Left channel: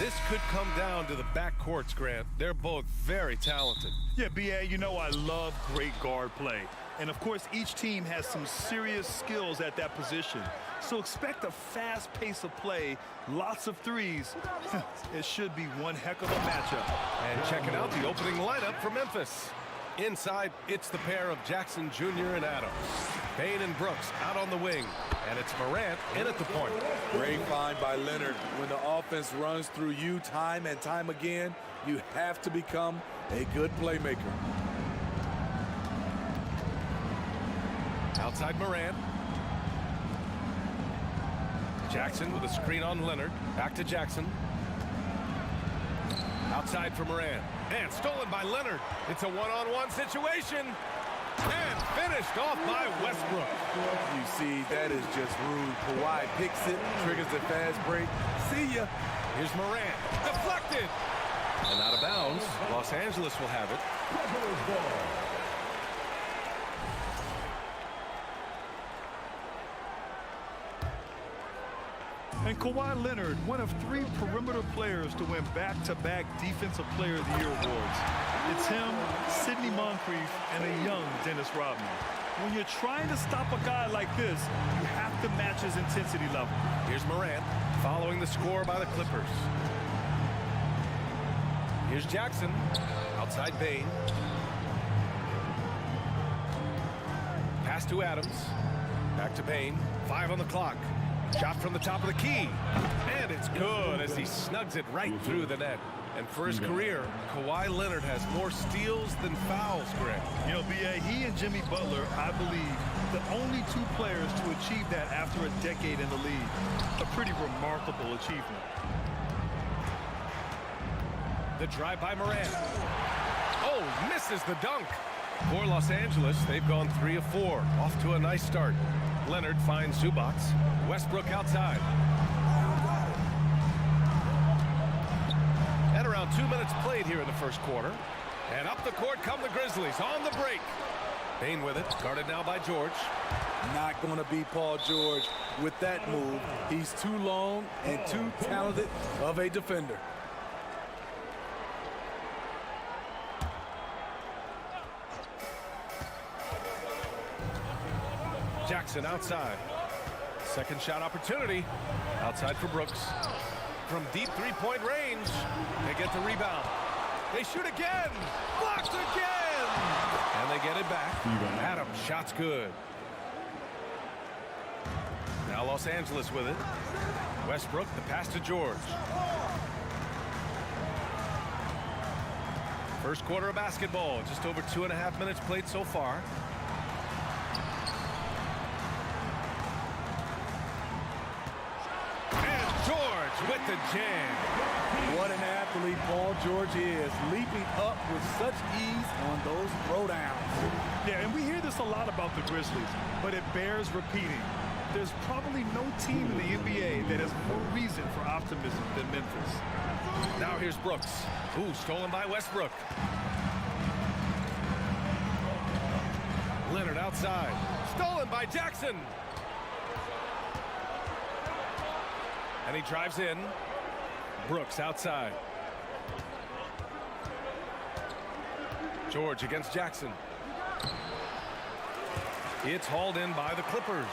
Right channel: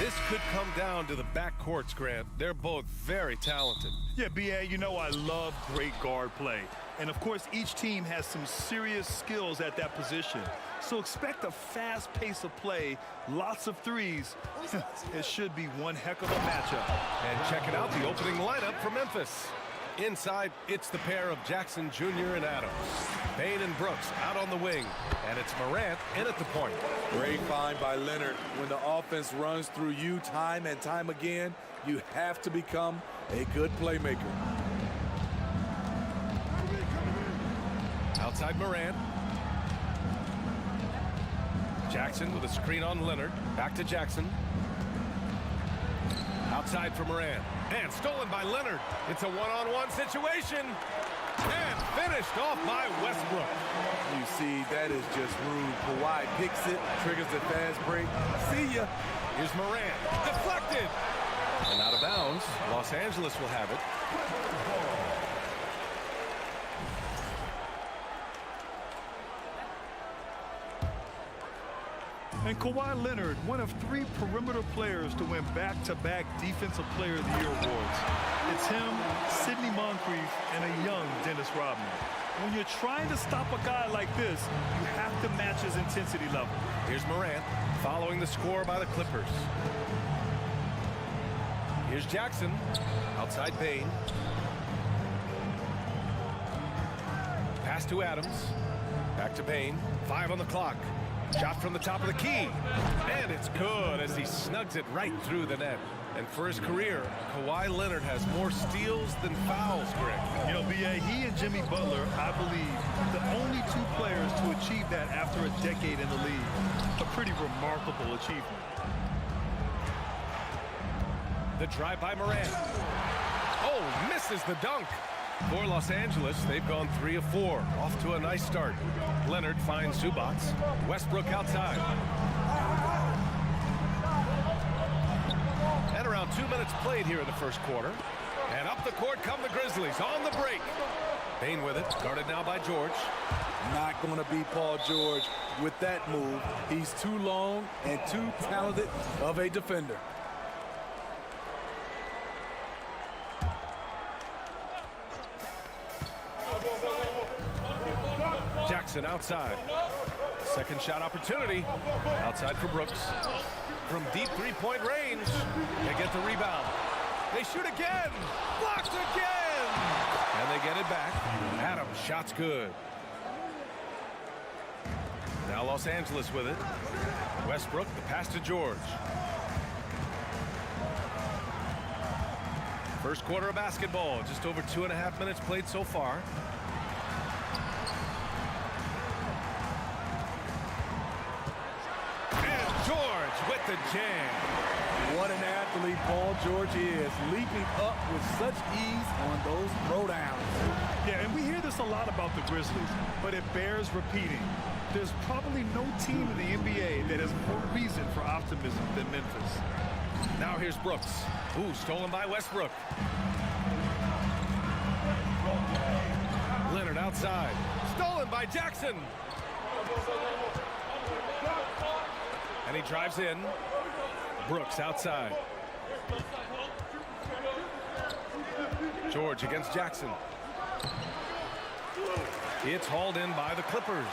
This could come down to the backcourts, Grant. They're both very talented. Yeah, B.A., you know I love great guard play. And, of course, each team has some serious skills at that position. So expect a fast pace of play, lots of threes. It should be one heck of a matchup. And checking out the opening lineup for Memphis. Inside, it's the pair of Jackson Jr. and Adams. Bane and Brooks out on the wing. And it's Morant in at the point. Great find by Leonard. When the offense runs through you time and time again, you have to become a good playmaker. Outside Morant. Jackson with a screen on Leonard. Back to Jackson. Outside for Morant. And stolen by Leonard. It's a one-on-one situation. And finished off by Westbrook. You see, that is just rude. Kawhi picks it, triggers the fast break. See ya. Here's Morant. Deflected. And out of bounds. Los Angeles will have it. And Kawhi Leonard, one of 3 perimeter players to win back-to-back Defensive Player of the Year awards. It's him, Sidney Moncrief, and a young Dennis Rodman. When you're trying to stop a guy like this, you have to match his intensity level. Here's Morant following the score by the Clippers. Here's Jackson. Outside Bane. Pass to Adams. Back to Bane. 5 on the clock. Shot from the top of the key. And it's good as he snugs it right through the net. And for his career, Kawhi Leonard has more steals than fouls, Greg. You know, B.A., he and Jimmy Butler, I believe, the only 2 players to achieve that after a decade in the league. A pretty remarkable achievement. The drive by Morant. Oh, he misses the dunk. For Los Angeles, they've gone 3 of 4. Off to a nice start. Leonard finds Zubac. Westbrook outside. And around 2 minutes played here in the first quarter. And up the court come the Grizzlies on the break. Bane with it, guarded now by George. Not going to be Paul George with that move. He's too long and too talented of a defender. Jackson outside. Second shot opportunity. Outside for Brooks. From deep three-point range. They get the rebound. They shoot again. Blocked again. And they get it back. Adams, shot's good. Now Los Angeles with it. Westbrook, the pass to George. First quarter of basketball. Just over 2.5 minutes played so far. George with the jam. What an athlete Paul George is, leaping up with such ease on those throwdowns. Yeah, and we hear this a lot about the Grizzlies, but it bears repeating. There's probably no team in the NBA that has more reason for optimism than Memphis. Now here's Brooks. Ooh, stolen by Westbrook. Leonard outside. Stolen by Jackson. And he drives in. Brooks outside. George against Jackson. It's hauled in by the Clippers.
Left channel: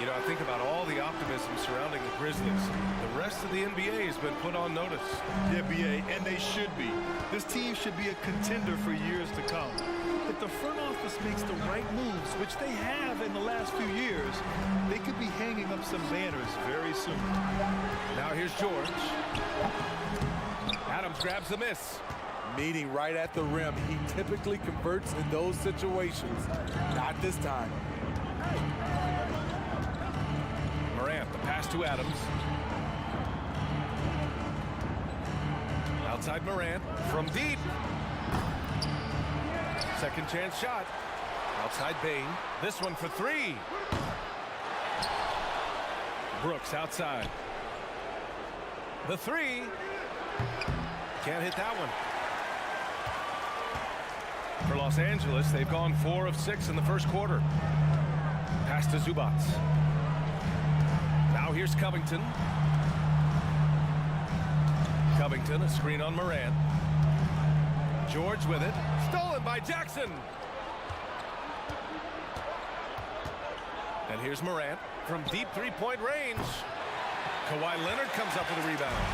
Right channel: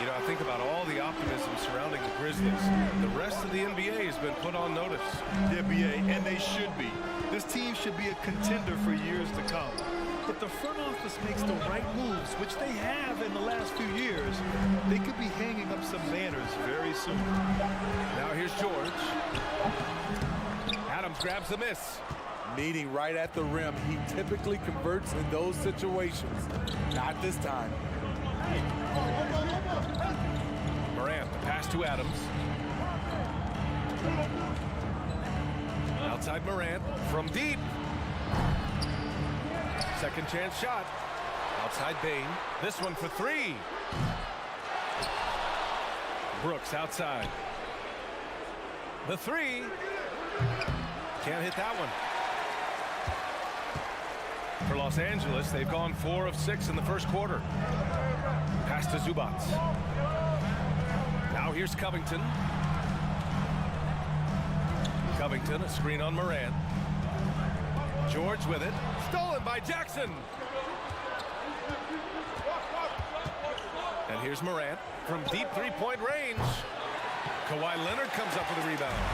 You know, I think about all the optimism surrounding the Grizzlies. The rest of the NBA has been put on notice. Yeah, B.A., and they should be. This team should be a contender for years to come. If the front office makes the right moves, which they have in the last few years, they could be hanging up some banners very soon. Now here's George. Adams grabs the miss. Meeting right at the rim. He typically converts in those situations. Not this time. Morant, the pass to Adams. Outside Morant from deep. Second chance shot. Outside Bane. This one for 3. Brooks outside. The 3. Can't hit that one. For Los Angeles, they've gone 4 of 6 in the first quarter. Pass to Zubac. Now here's Covington. Covington, a screen on Morant. George with it. Stolen by Jackson. And here's Morant from deep three-point range. Kawhi Leonard comes up with a rebound.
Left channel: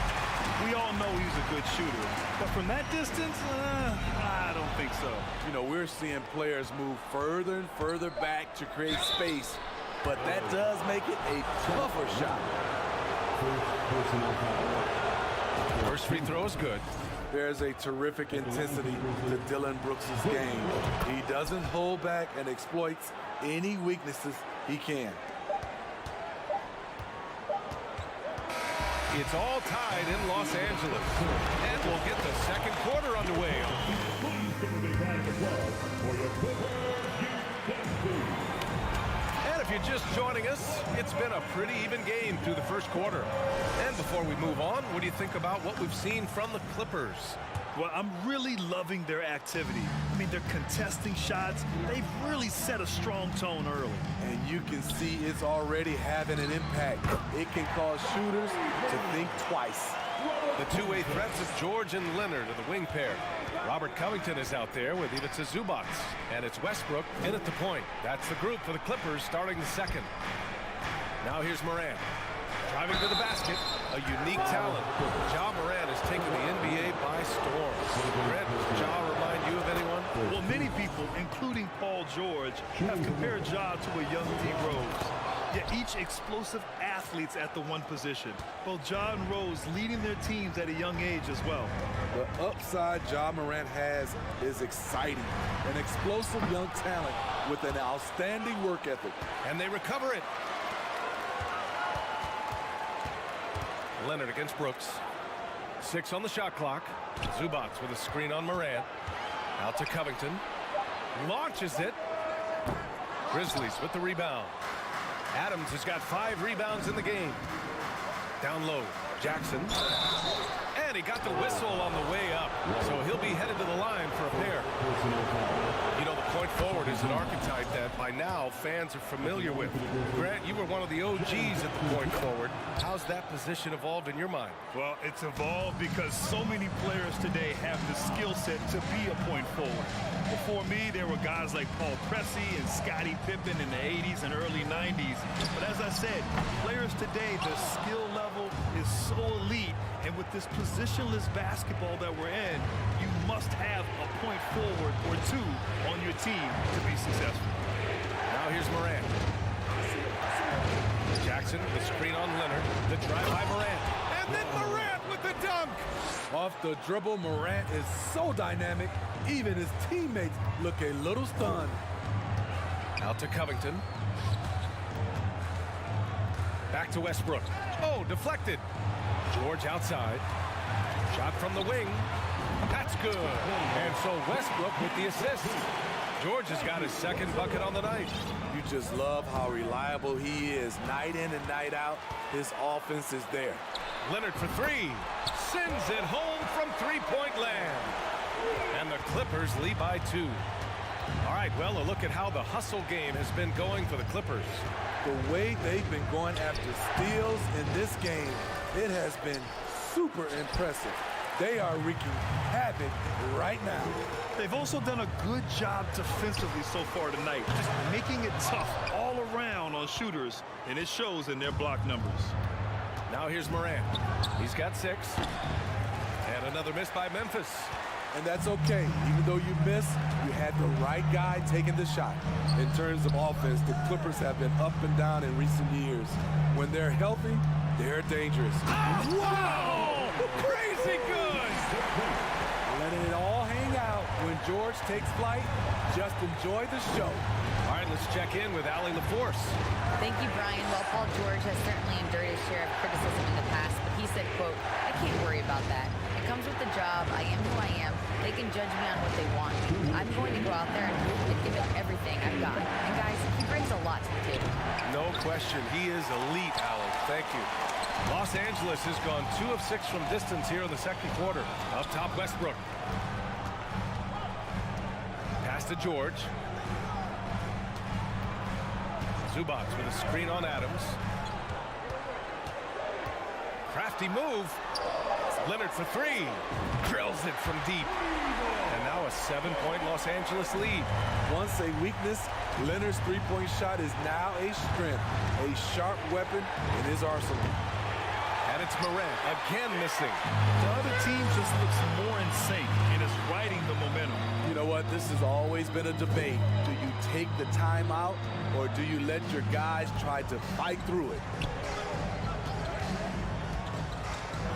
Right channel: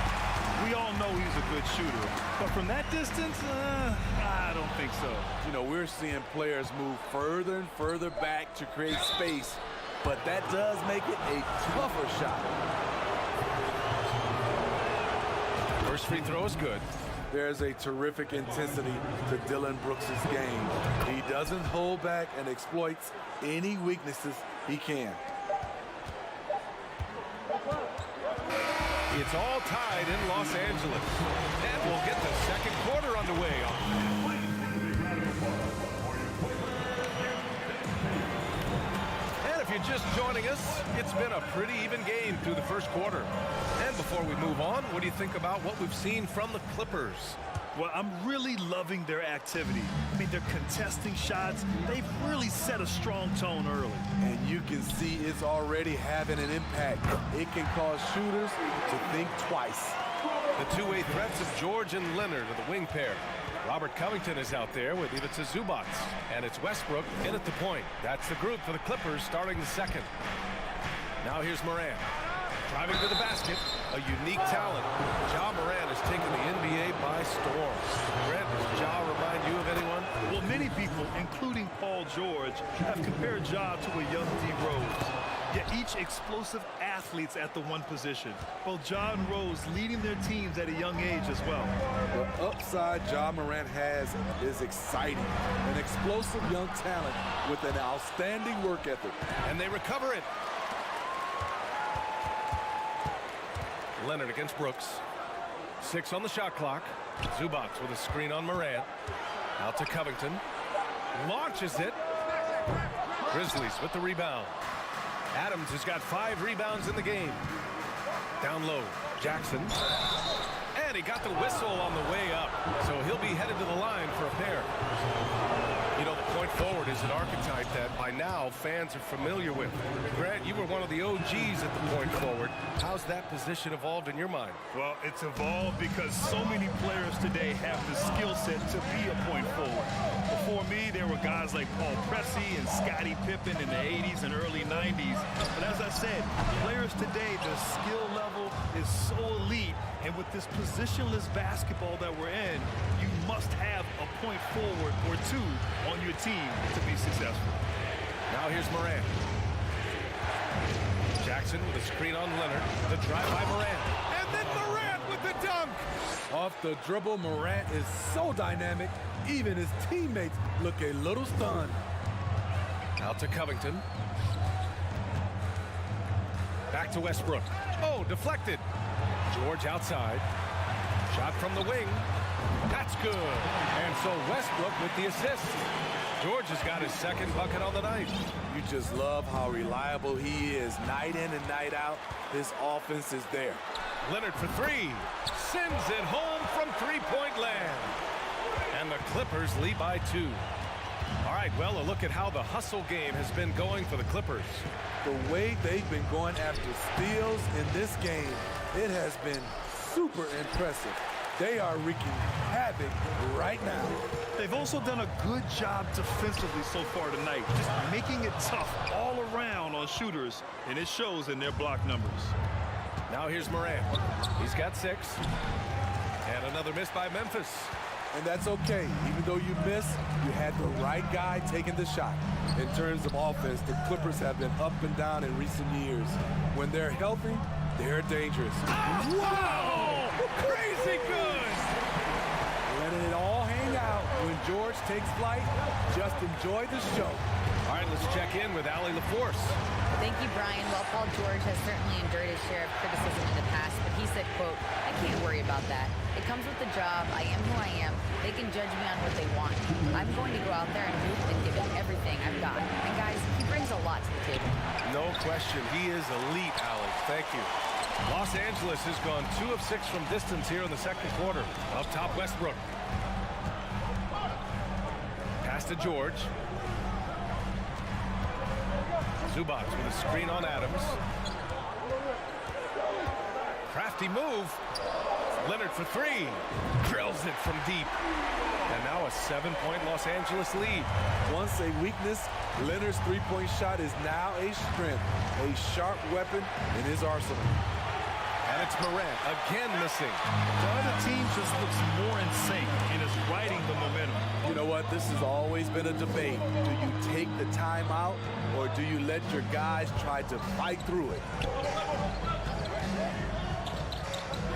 We all know he's a good shooter, but from that distance, I don't think so. You know, we're seeing players move further and further back to create space, but that does make it a tougher shot. First free throw is good. There's a terrific intensity to Dillon Brooks' game. He doesn't hold back and exploits any weaknesses he can. It's all tied in Los Angeles. And we'll get the second quarter underway. And if you're just joining us, it's been a pretty even game through the first quarter. And before we move on, what do you think about what we've seen from the Clippers? Well, I'm really loving their activity. I mean, they're contesting shots. They've really set a strong tone early. And you can see it's already having an impact. It can cause shooters to think twice. The two-way threats of George and Leonard are the wing pair. Robert Covington is out there with Ivica Zubac. And it's Westbrook in at the point. That's the group for the Clippers starting the second. Now here's Morant. Driving to the basket, a unique talent. Ja Morant has taken the NBA by storm. Grant, does Ja remind you of anyone? Well, many people, including Paul George, have compared Ja to a young D. Rose. Yet each explosive athletes at the one position. Both Ja and Rose leading their teams at a young age as well. The upside Ja Morant has is exciting. An explosive young talent with an outstanding work ethic. And they recover it. Leonard against Brooks. 6 on the shot clock. Zubac with a screen on Morant. Out to Covington. Launches it. Grizzlies with the rebound. Adams has got 5 rebounds in the game. Down low, Jackson. And he got the whistle on the way up. So he'll be headed to the line for a pair. You know, the point forward is an archetype that by now fans are familiar with. Grant, you were one of the OGs at the point forward. How's that position evolved in your mind? Well, it's evolved because so many players today have the skill set to be a point forward. Before me, there were guys like Paul Pressey and Scottie Pippen in the 80s and early 90s. But as I said, players today, the skill level is so elite. And with this positionless basketball that we're in, you must have a point forward or two on your team to be successful. Now here's Morant. Jackson with a screen on Leonard. The drive by Morant. And then Morant with the dunk. Off the dribble, Morant is so dynamic, even his teammates look a little stunned. Out to Covington. Back to Westbrook. Oh, deflected. George outside. Shot from the wing. That's good. And so Westbrook with the assist. George has got his second bucket on the night. You just love how reliable he is. Night in and night out, his offense is there. Leonard for 3. Sends it home from three-point land. And the Clippers lead by 2. All right, well, a look at how the hustle game has been going for the Clippers. The way they've been going after steals in this game, it has been super impressive. They are wreaking havoc right now. They've also done a good job defensively so far tonight, just making it tough all around on shooters, and it shows in their block numbers. Now here's Morant. He's got 6. And another miss by Memphis. And that's okay. Even though you miss, you had the right guy taking the shot. In terms of offense, the Clippers have been up and down in recent years. When they're healthy, they're dangerous. Wow! Crazy good! Letting it all hang out. When George takes flight, just enjoy the show. All right, let's check in with Allie LaForce. Thank you, Brian. Well, Paul George has certainly endured his share of criticism in the past, but he said, quote, "I can't worry about that. It comes with the job. I am who I am. They can judge me on what they want. I'm going to go out there and hoop and give it everything I've got." And guys, he brings a lot to the table. No question. He is elite, Allie. Thank you. Los Angeles has gone 2 of 6 from distance here in the second quarter. Up top, Westbrook. Pass to George. Zubac with a screen on Adams. Crafty move. Leonard for three. Drills it from deep. And now a 7-point Los Angeles lead. Once a weakness, Leonard's three-point shot is now a strength, a sharp weapon in his arsenal. And it's Morant again missing. The other team just looks more in sync and is riding the momentum. You know what? This has always been a debate. Do you take the timeout or do you let your guys try to fight through it?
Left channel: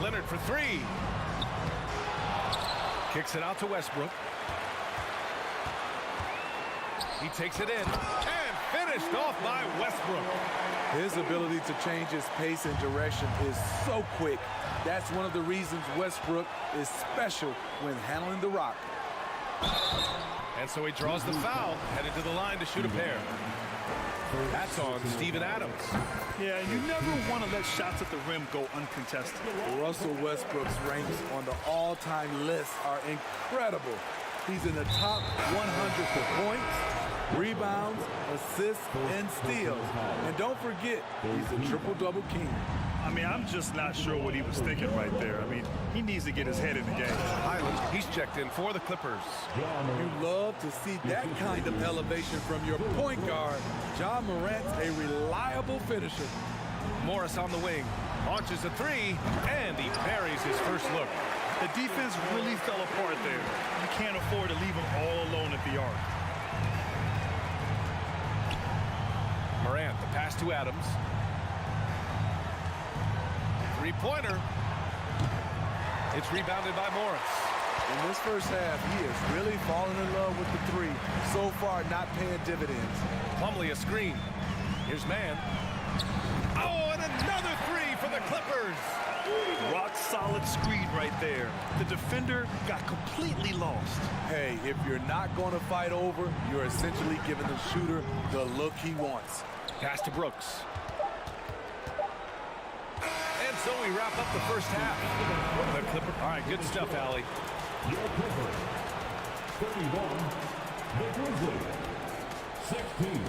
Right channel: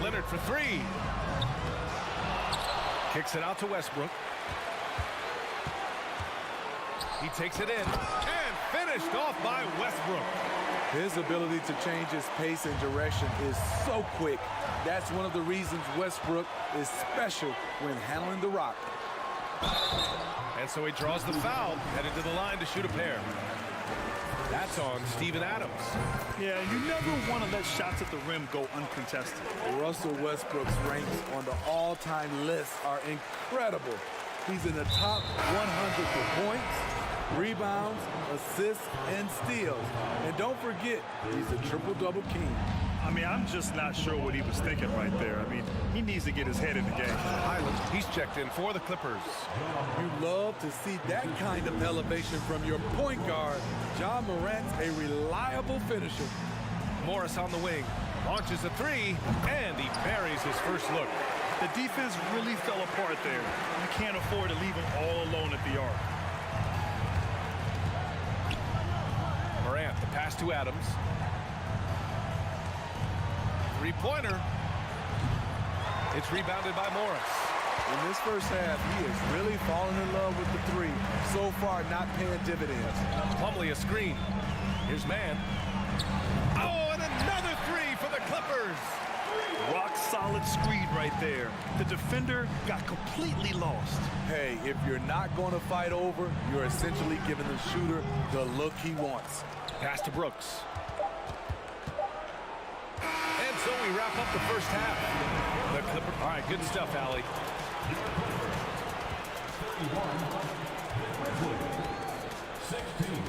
Leonard for three. Kicks it out to Westbrook. He takes it in and finished off by Westbrook. His ability to change his pace and direction is so quick. That's one of the reasons Westbrook is special when handling the rock. And so he draws the foul, headed to the line to shoot a pair. That's on Steven Adams. Yeah, you never want to let shots at the rim go uncontested. Russell Westbrook's ranks on the all-time list are incredible. He's in the top 100 for points, rebounds, assists, and steals. And don't forget, he's a triple-double king. I mean, I'm just not sure what he was thinking right there. I mean, he needs to get his head in the game. Highland, he's checked in for the Clippers. You love to see that kind of elevation from your point guard. Ja Morant's a reliable finisher. Morris on the wing, launches a three, and he buries his first look. The defense really fell apart there. You can't afford to leave him all alone at the arc. Morant, the pass to Adams. Three-pointer. It's rebounded by Morris. In this first half, he is really falling in love with the three. So far, not paying dividends. Plumlee a screen. Here's Mann. Oh, and another three for the Clippers. Rock solid screen right there. The defender got completely lost. Hey, if you're not going to fight over, you're essentially giving the shooter the look he wants. Pass to Brooks. And so we wrap up the first half. The Clippers. All right, good stuff, Allie. Your Clippers, 31. The Grizzlies, 16.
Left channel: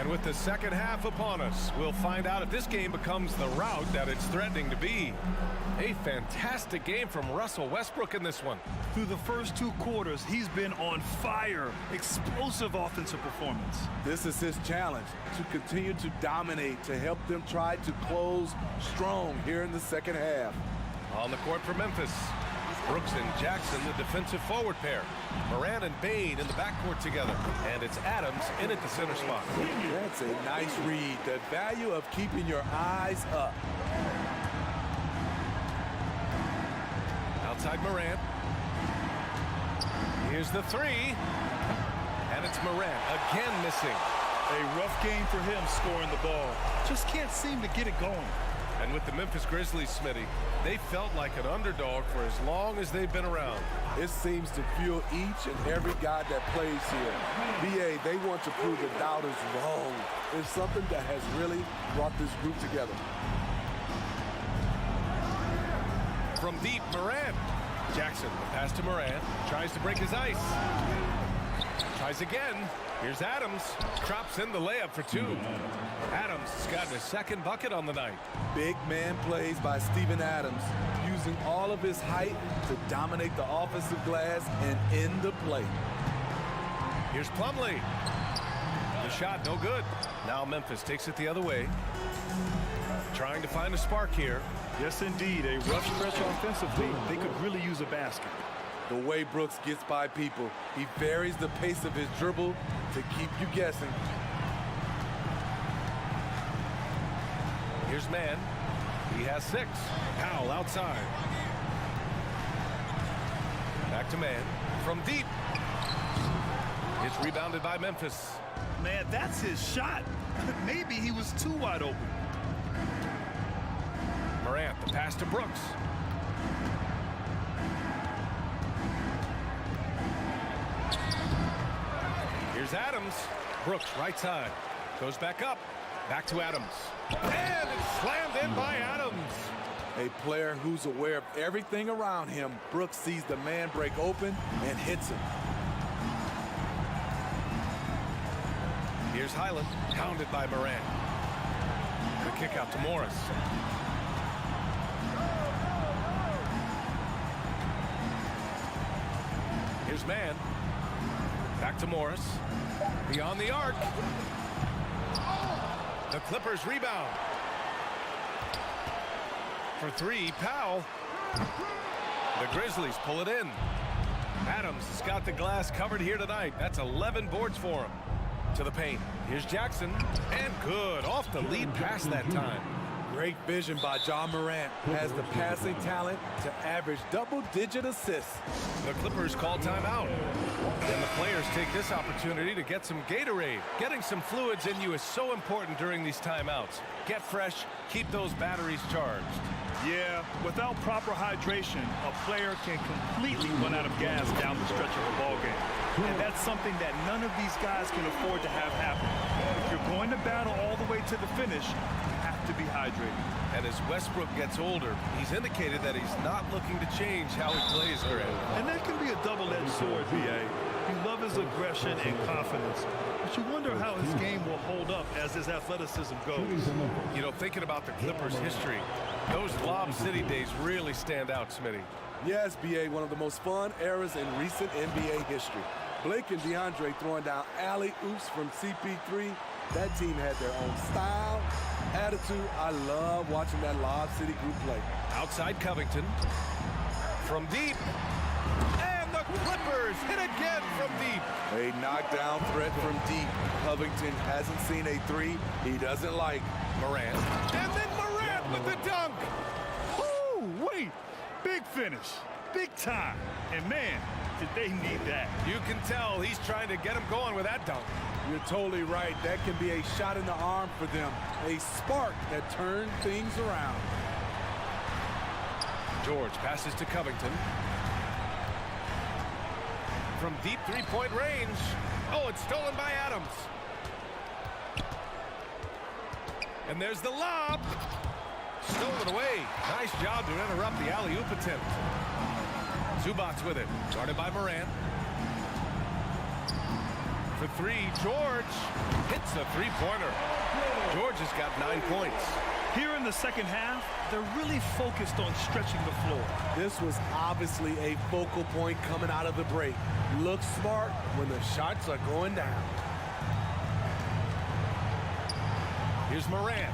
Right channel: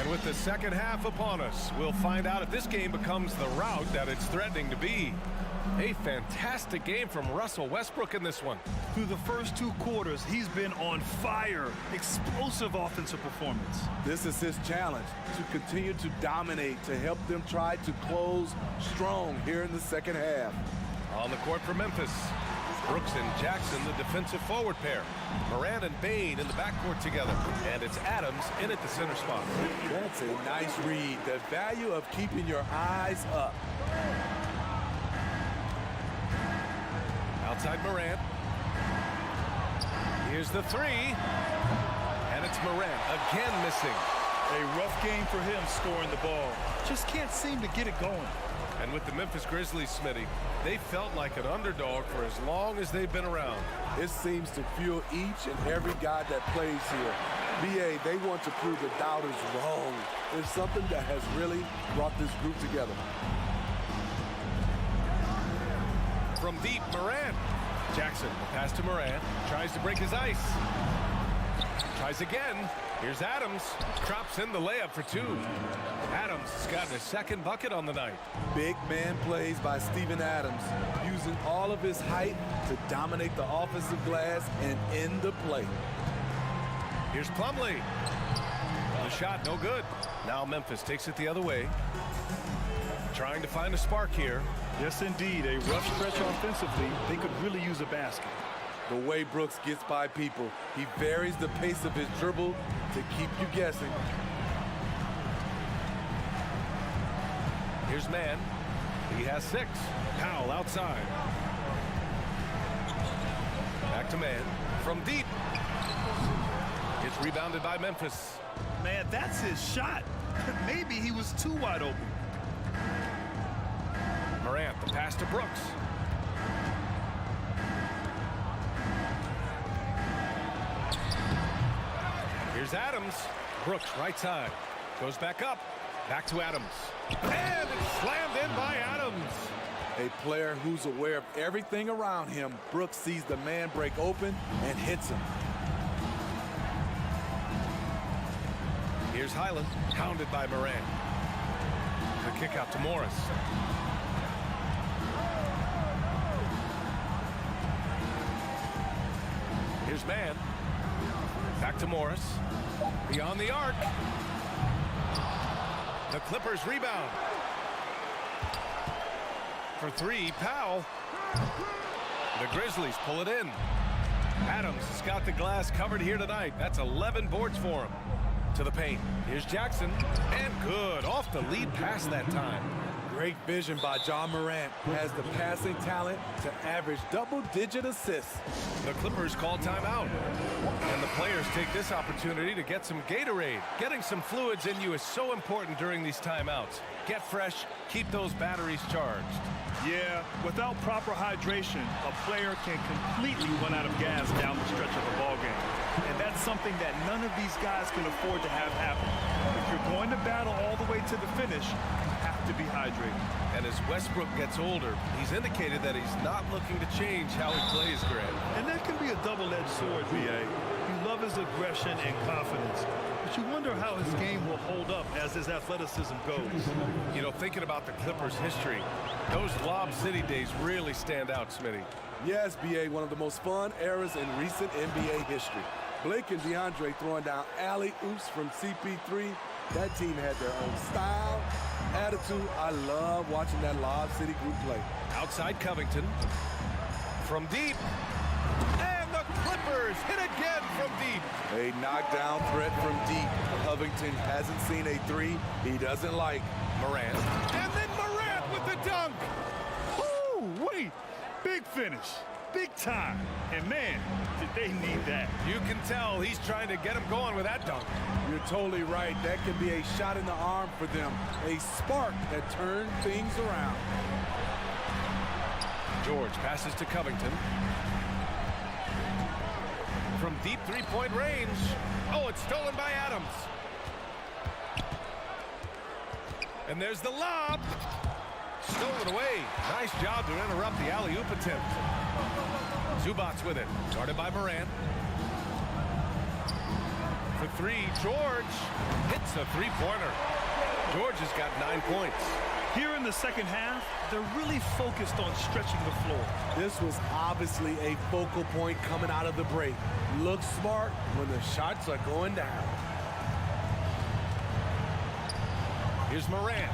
And with the second half upon us, we'll find out if this game becomes the rout that it's threatening to be. A fantastic game from Russell Westbrook in this one. Through the first two quarters, he's been on fire. Explosive offensive performance. This is his challenge, to continue to dominate, to help them try to close strong here in the second half. On the court for Memphis, Brooks and Jackson, the defensive forward pair. Morant and Bane in the backcourt together. And it's Adams in at the center spot. That's a nice read. The value of keeping your eyes up. Outside Morant. Here's the three. And it's Morant again missing. A rough game for him scoring the ball. Just can't seem to get it going. And with the Memphis Grizzlies, Smitty, they felt like an underdog for as long as they've been around. It seems to fuel each and every guy that plays here. BA, they want to prove the doubters wrong. It's something that has really brought this group together. From deep, Morant. Jackson, the pass to Morant. Tries to break his ice. Tries again. Here's Adams. Drops in the layup for two. Adams has gotten his second bucket on the night. Big man plays by Steven Adams, using all of his height to dominate the offensive glass and end the play. Here's Plumlee. The shot, no good. Now Memphis takes it the other way. Trying to find a spark here. Yes, indeed. A rough stretch offensively. They could really use a basket. The way Brooks gets by people, he varies the pace of his dribble to keep you guessing. Here's Mann. He has 6. Powell outside. Back to Mann. From deep. It's rebounded by Memphis. Man, that's his shot. Maybe he was too wide open. Morant, the pass to Brooks. Here's Adams. Brooks, right side. Goes back up. Back to Adams. And it's slammed in by Adams. A player who's aware of everything around him. Brooks sees the man break open and hits him. Here's Highland, hounded by Morant. The kick out to Morris. Here's Mann. Back to Morris. Beyond the arc. The Clippers rebound. For three, Powell. The Grizzlies pull it in. Adams has got the glass covered here tonight. That's 11 boards for him. To the paint. Here's Jackson. And good. Off the lead pass that time. Great vision by Ja Morant. Has the passing talent to average double-digit assists. The Clippers call timeout. And the players take this opportunity to get some Gatorade. Getting some fluids in you is so important during these timeouts. Get fresh. Keep those batteries charged. Yeah, without proper hydration, a player can completely run out of gas down the stretch of a ball game. And that's something that none of these guys can afford to have happen. If you're going to battle all the way to the finish, you have to be hydrated. And as Westbrook gets older, he's indicated that he's not looking to change how he plays, Grant. And that can be a double-edged sword, B.A. You love his aggression and confidence, but you wonder how his game will hold up as his athleticism goes. You know, thinking about the Clippers' history, those Lob City days really stand out, Smitty. Yes, B.A., one of the most fun eras in recent NBA history. Blake and DeAndre throwing down alley-oops from CP3. That team had their own style, attitude. I love watching that Lob City group play. Outside Covington. From deep. And the Clippers hit again from deep. A knockdown threat from deep. Covington hasn't seen a three he doesn't like. Morant. And then Morant with the dunk. Ooh, wait. Big finish. Big time. And, man, did they need that. You can tell he's trying to get him going with that dunk. You're totally right. That can be a shot in the arm for them. A spark that turns things around. George passes to Covington. From deep three-point range. Oh, it's stolen by Adams. And there's the lob. Stolen away. Nice job to interrupt the alley-oop attempt. Zubac's with it. Guarded by Morant. For three, George hits a three-pointer. George has got 9 points. Here in the second half, they're really focused on stretching the floor. This was obviously a focal point coming out of the break. Look smart when the shots are going down. Here's Morant.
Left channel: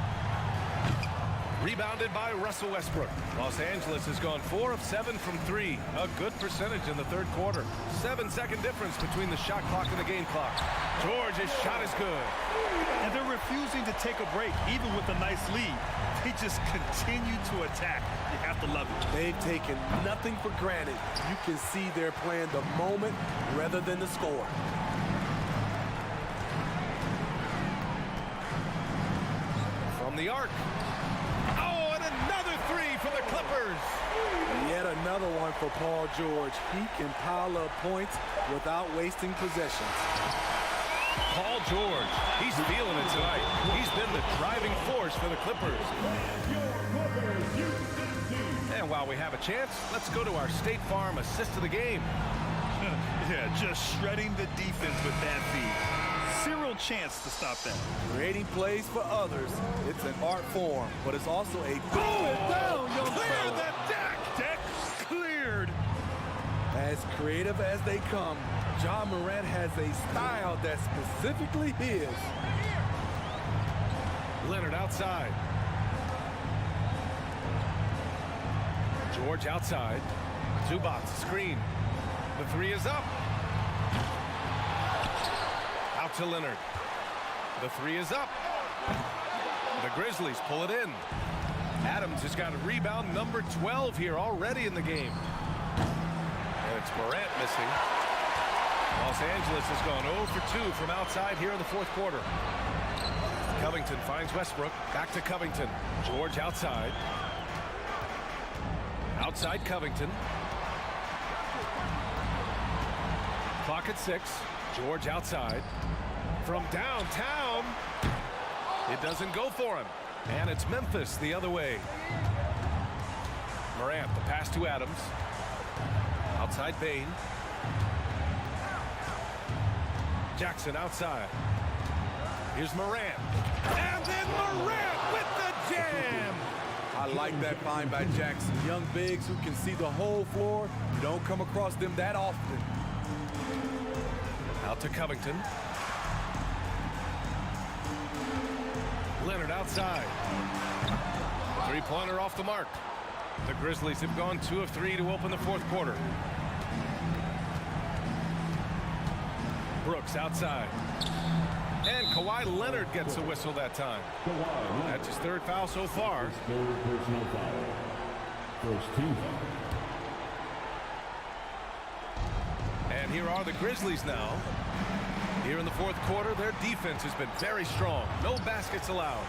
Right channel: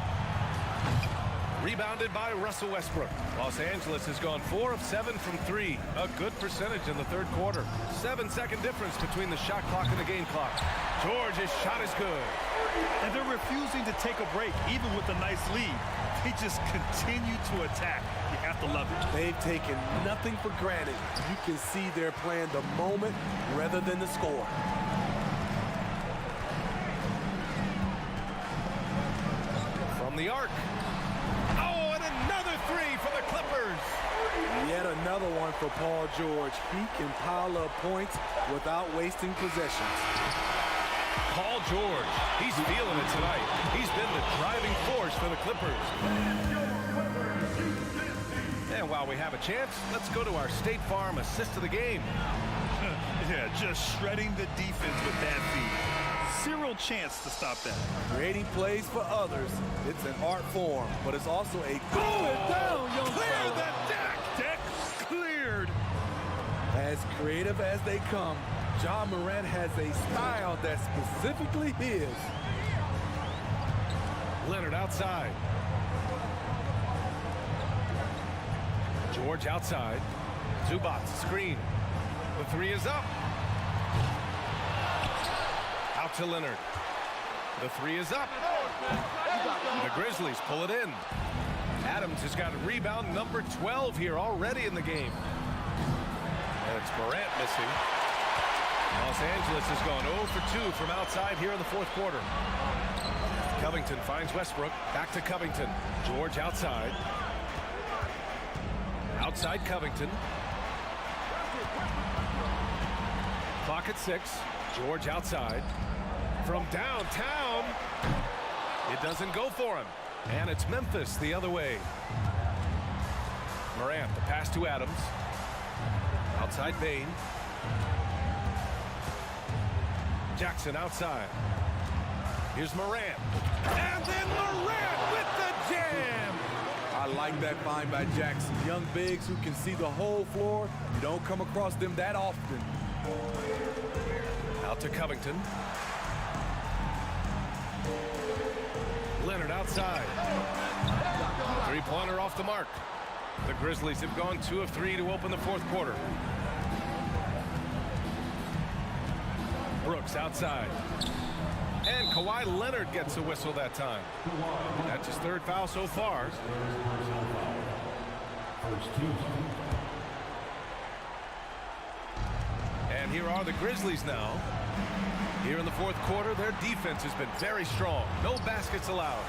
Rebounded by Russell Westbrook. Los Angeles has gone 4 of 7 from 3. A good percentage in the third quarter. 7-second difference between the shot clock and the game clock. George's shot is good. And they're refusing to take a break, even with a nice lead. They just continue to attack. You have to love it. They've taken nothing for granted. You can see they're playing the moment rather than the score. From the arc. Oh, and another three for the Clippers. Yet another one for Paul George. He can pile up points without wasting possessions. Paul George, he's feeling it tonight. He's been the driving force for the Clippers. And while we have a chance, let's go to our State Farm assist of the game. Yeah, just shredding the defense with that feed. Zero chance to stop that. Creating plays for others, it's an art form, but it's also a down, young Clear fella. the deck! Deck cleared. As creative as they come, Ja Morant has a style that's specifically his. Leonard outside. George outside. Zubac screen. The three is up. Out to Leonard. The three is up. The Grizzlies pull it in. Adams has got a rebound number 12 here already in the game. And it's Morant missing. Los Angeles has gone 0 for 2 from outside here in the fourth quarter. Covington finds Westbrook. Back to Covington. George outside. Outside Covington. Clock at 6. George outside. From downtown. It doesn't go for him. And it's Memphis the other way. Morant, the pass to Adams. Outside Bain. Jackson outside. Here's Morant. And then Morant with the jam. I like that find by Jackson. Young bigs who can see the whole floor. You don't come across them that often. Out to Covington. Leonard outside. Three-pointer off the mark. The Grizzlies have gone 2 of 3 to open the fourth quarter. Brooks outside. And Kawhi Leonard gets a whistle that time. That's his third foul so far. Third personal foul. First team foul. And here are the Grizzlies now. Here in the fourth quarter, their defense has been very strong. No baskets allowed.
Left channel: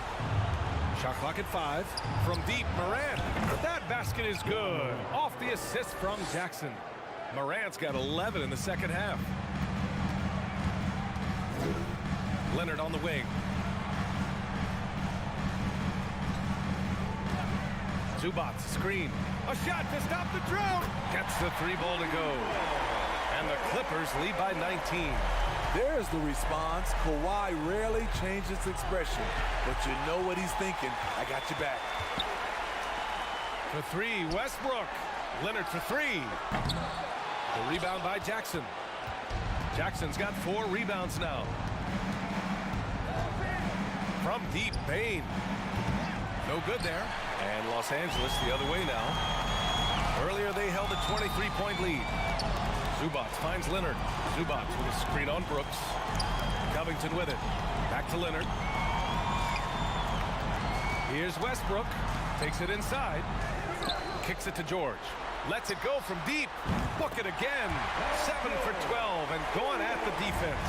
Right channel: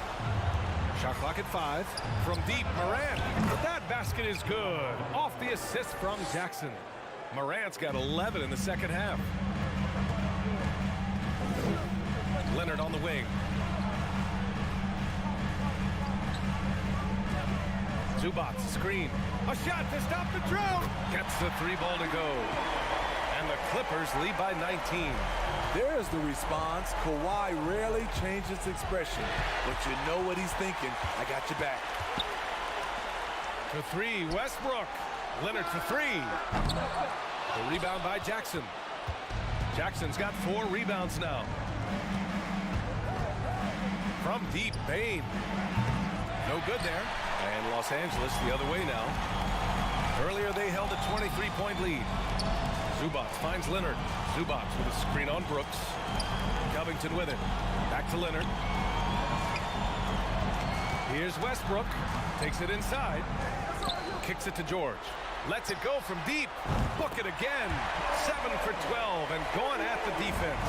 Shot clock at 5. From deep, Morant. That basket is good. Off the assist from Jackson. Morant's got 11 in the second half. Leonard on the wing. Zubac screen. A shot to stop the drought. Gets the 3-ball to go. And the Clippers lead by 19. There's the response. Kawhi rarely changes expression, but you know what he's thinking. I got your back. For 3, Westbrook. Leonard for 3. The rebound by Jackson. Jackson's got 4 rebounds now. From deep, Bain. No good there. And Los Angeles the other way now. Earlier they held a 23-point lead. Zubac finds Leonard. Zubac with a screen on Brooks. Covington with it. Back to Leonard. Here's Westbrook. Takes it inside. Kicks it to George. Lets it go from deep. Book it again. 7 for 12 and going at the defense.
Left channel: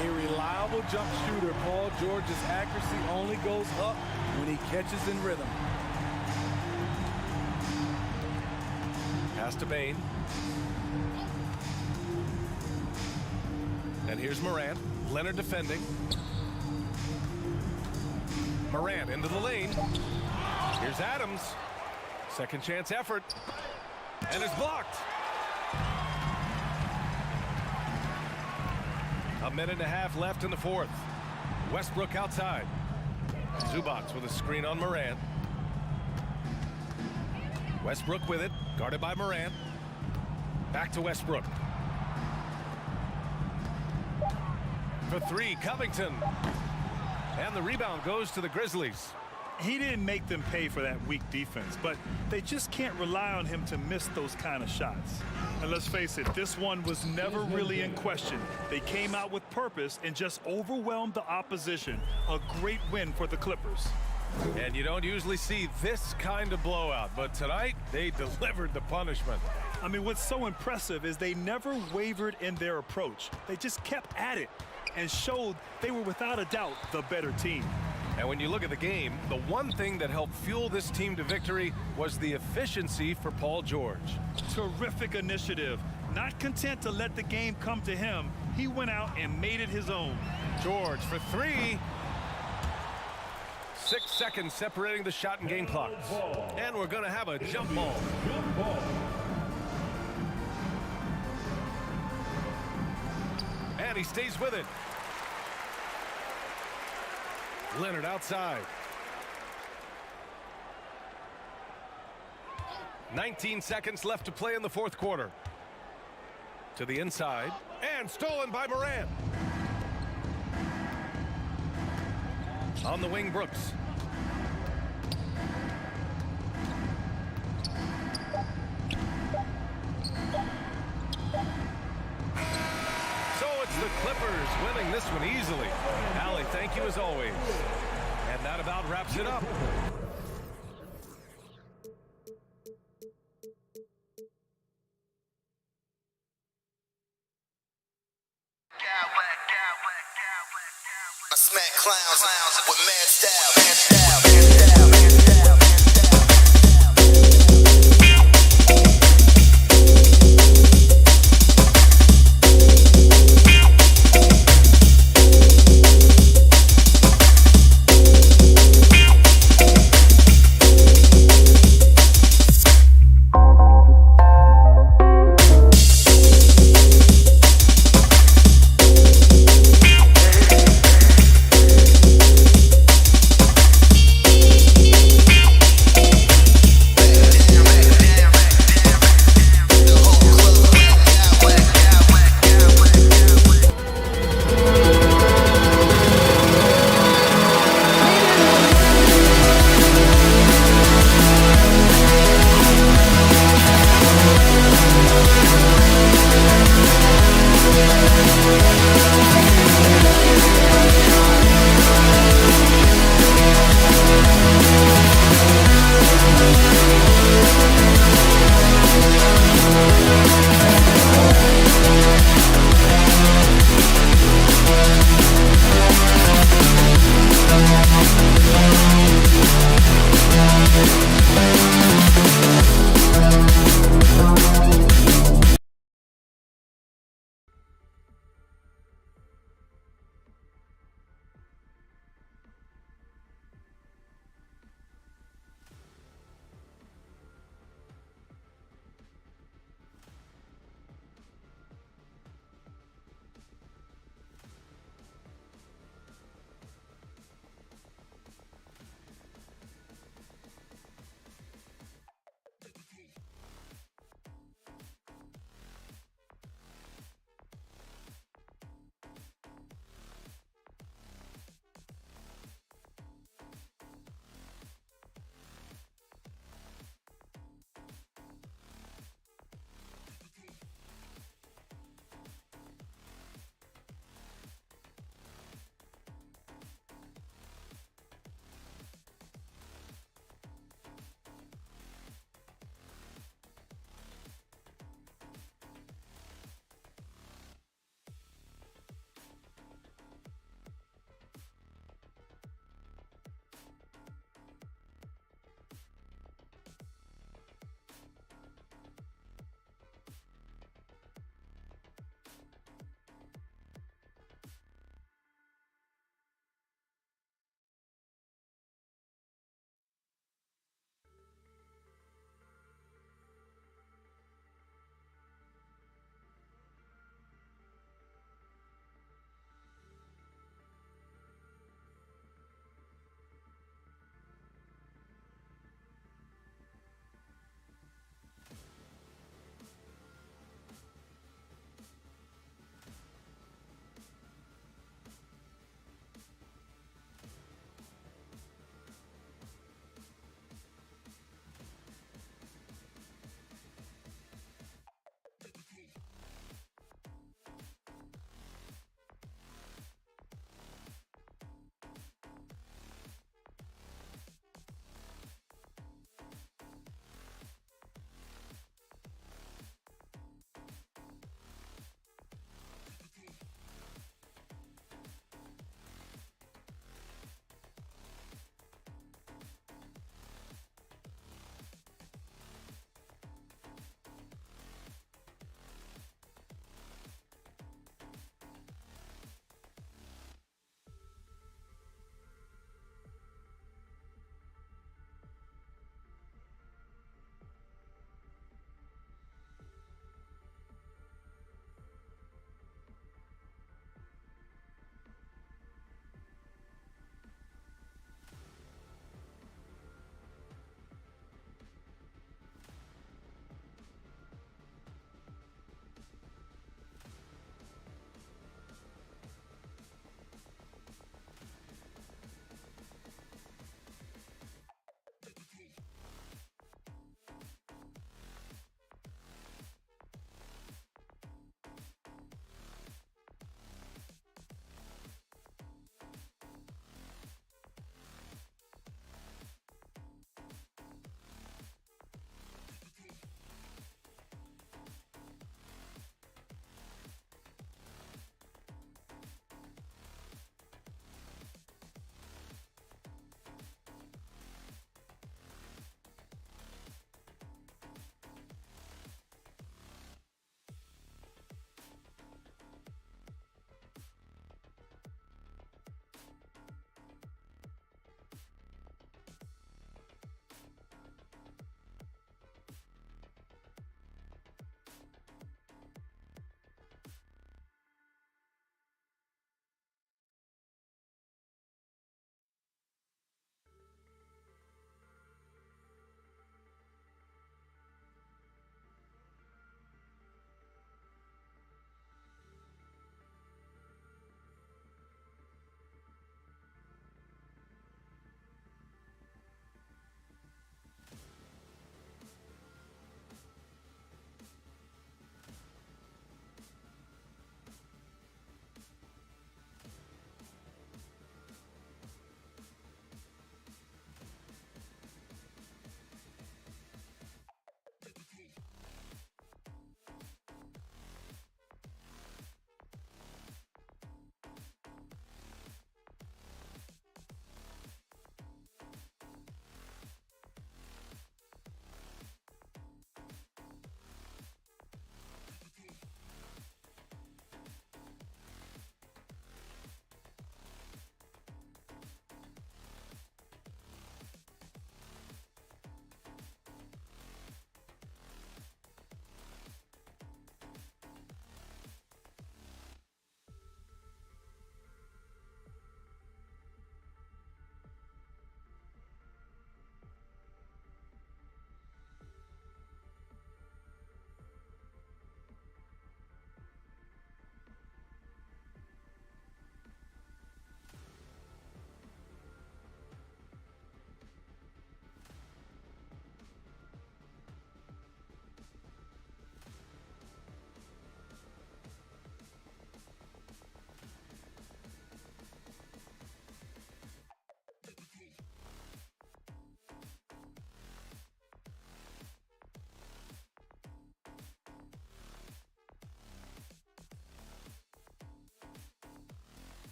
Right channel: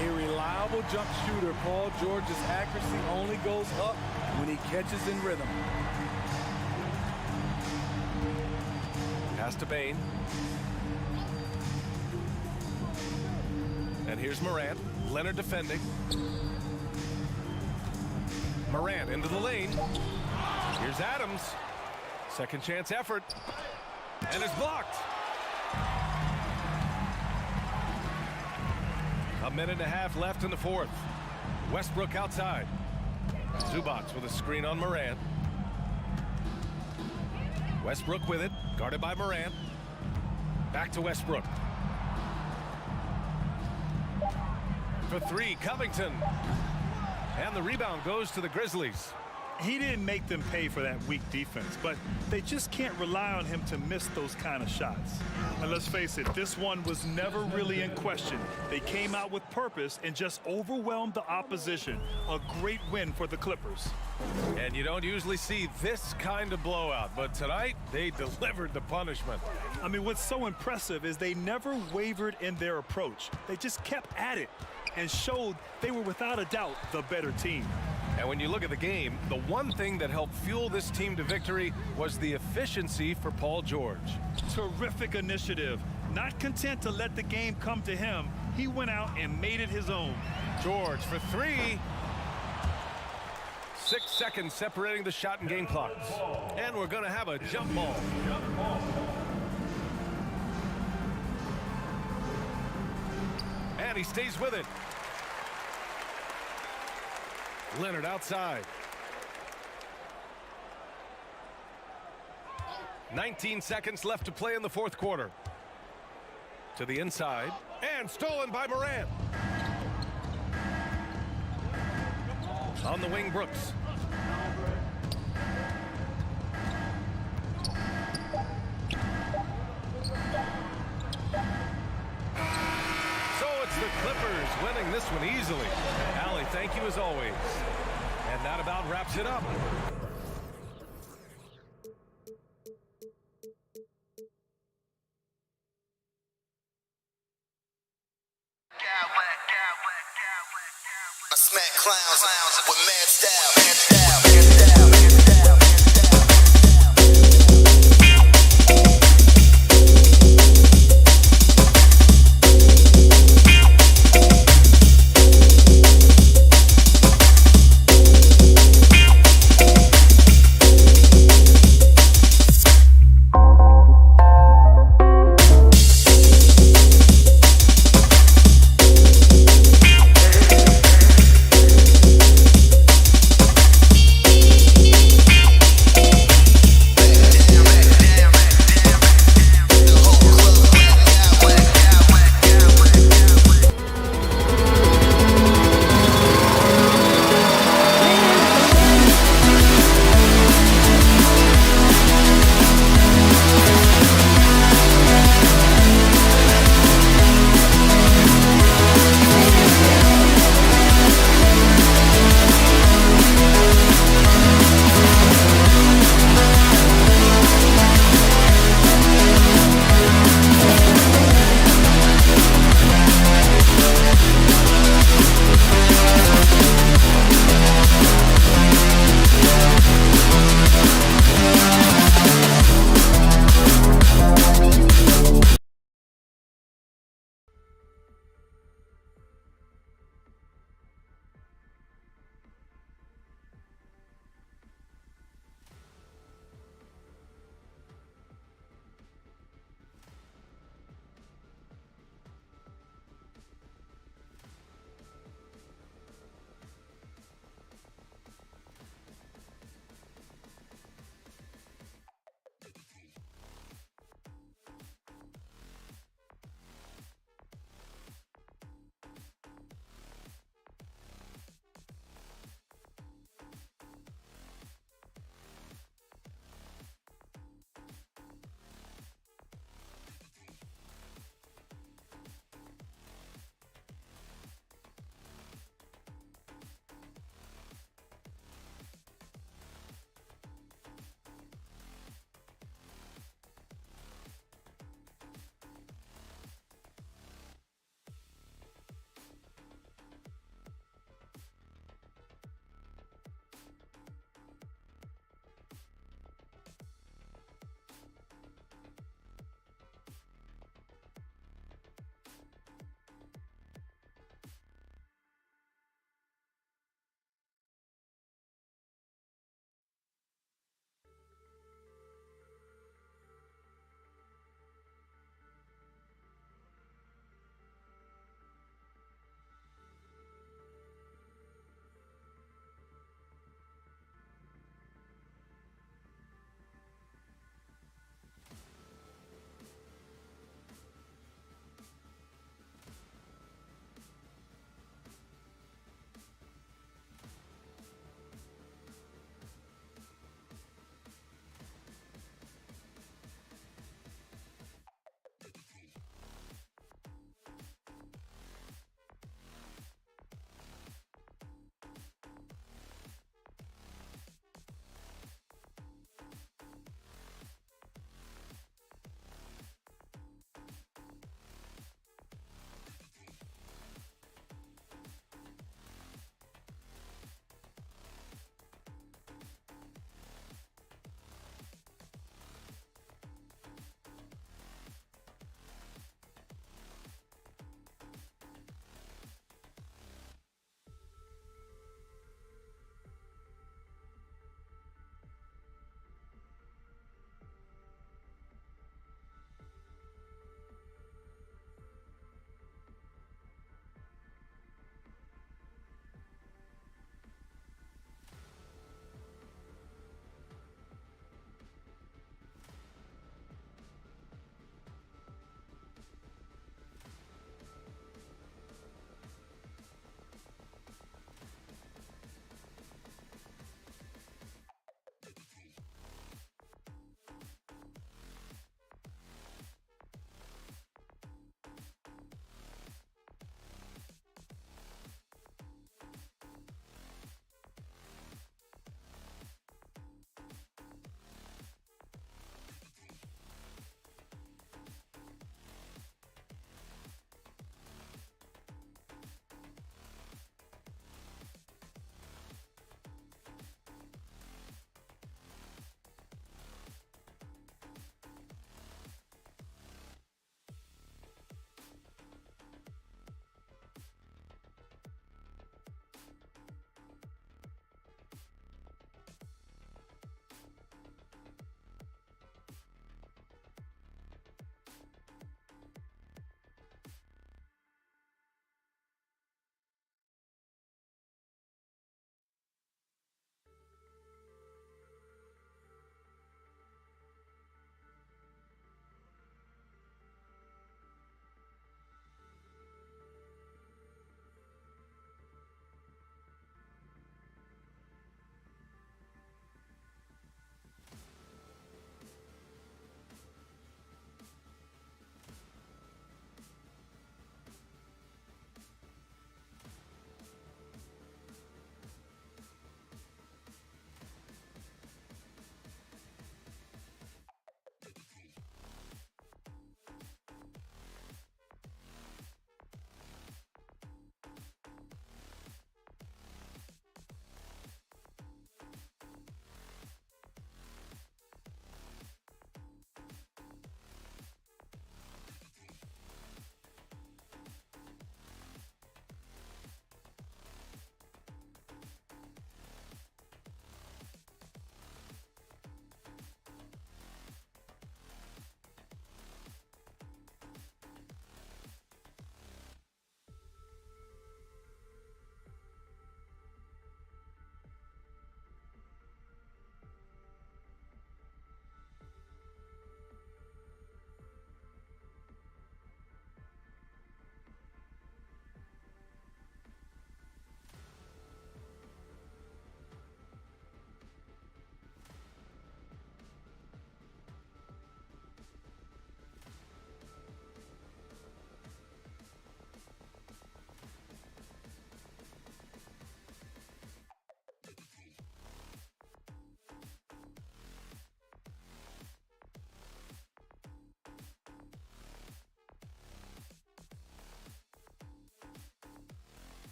A reliable jump shooter. Paul George's accuracy only goes up when he catches in rhythm. Pass to Bain. And here's Morant. Leonard defending. Morant into the lane. Here's Adams. Second chance effort. And it's blocked. A minute and a half left in the fourth. Westbrook outside. Zubac with a screen on Morant. Westbrook with it. Guarded by Morant. Back to Westbrook. For 3, Covington. And the rebound goes to the Grizzlies. He didn't make them pay for that weak defense, but they just can't rely on him to miss those kind of shots. And let's face it, this one was never really in question. They came out with purpose and just overwhelmed the opposition. A great win for the Clippers. And you don't usually see this kind of blowout, but tonight they delivered the punishment. I mean, what's so impressive is they never wavered in their approach. They just kept at it and showed they were without a doubt the better team. And when you look at the game, the one thing that helped fuel this team to victory was the efficiency for Paul George. Terrific initiative. Not content to let the game come to him, he went out and made it his own. George for 3. 6 seconds separating the shot and game clocks. And we're going to have a jump ball. And he stays with it. Leonard outside. 19 seconds left to play in the fourth quarter. To the inside. And stolen by Morant. On the wing, Brooks. So it's the Clippers winning this one easily. Allie, thank you as always. And that about wraps it up. I smack clowns with mad style.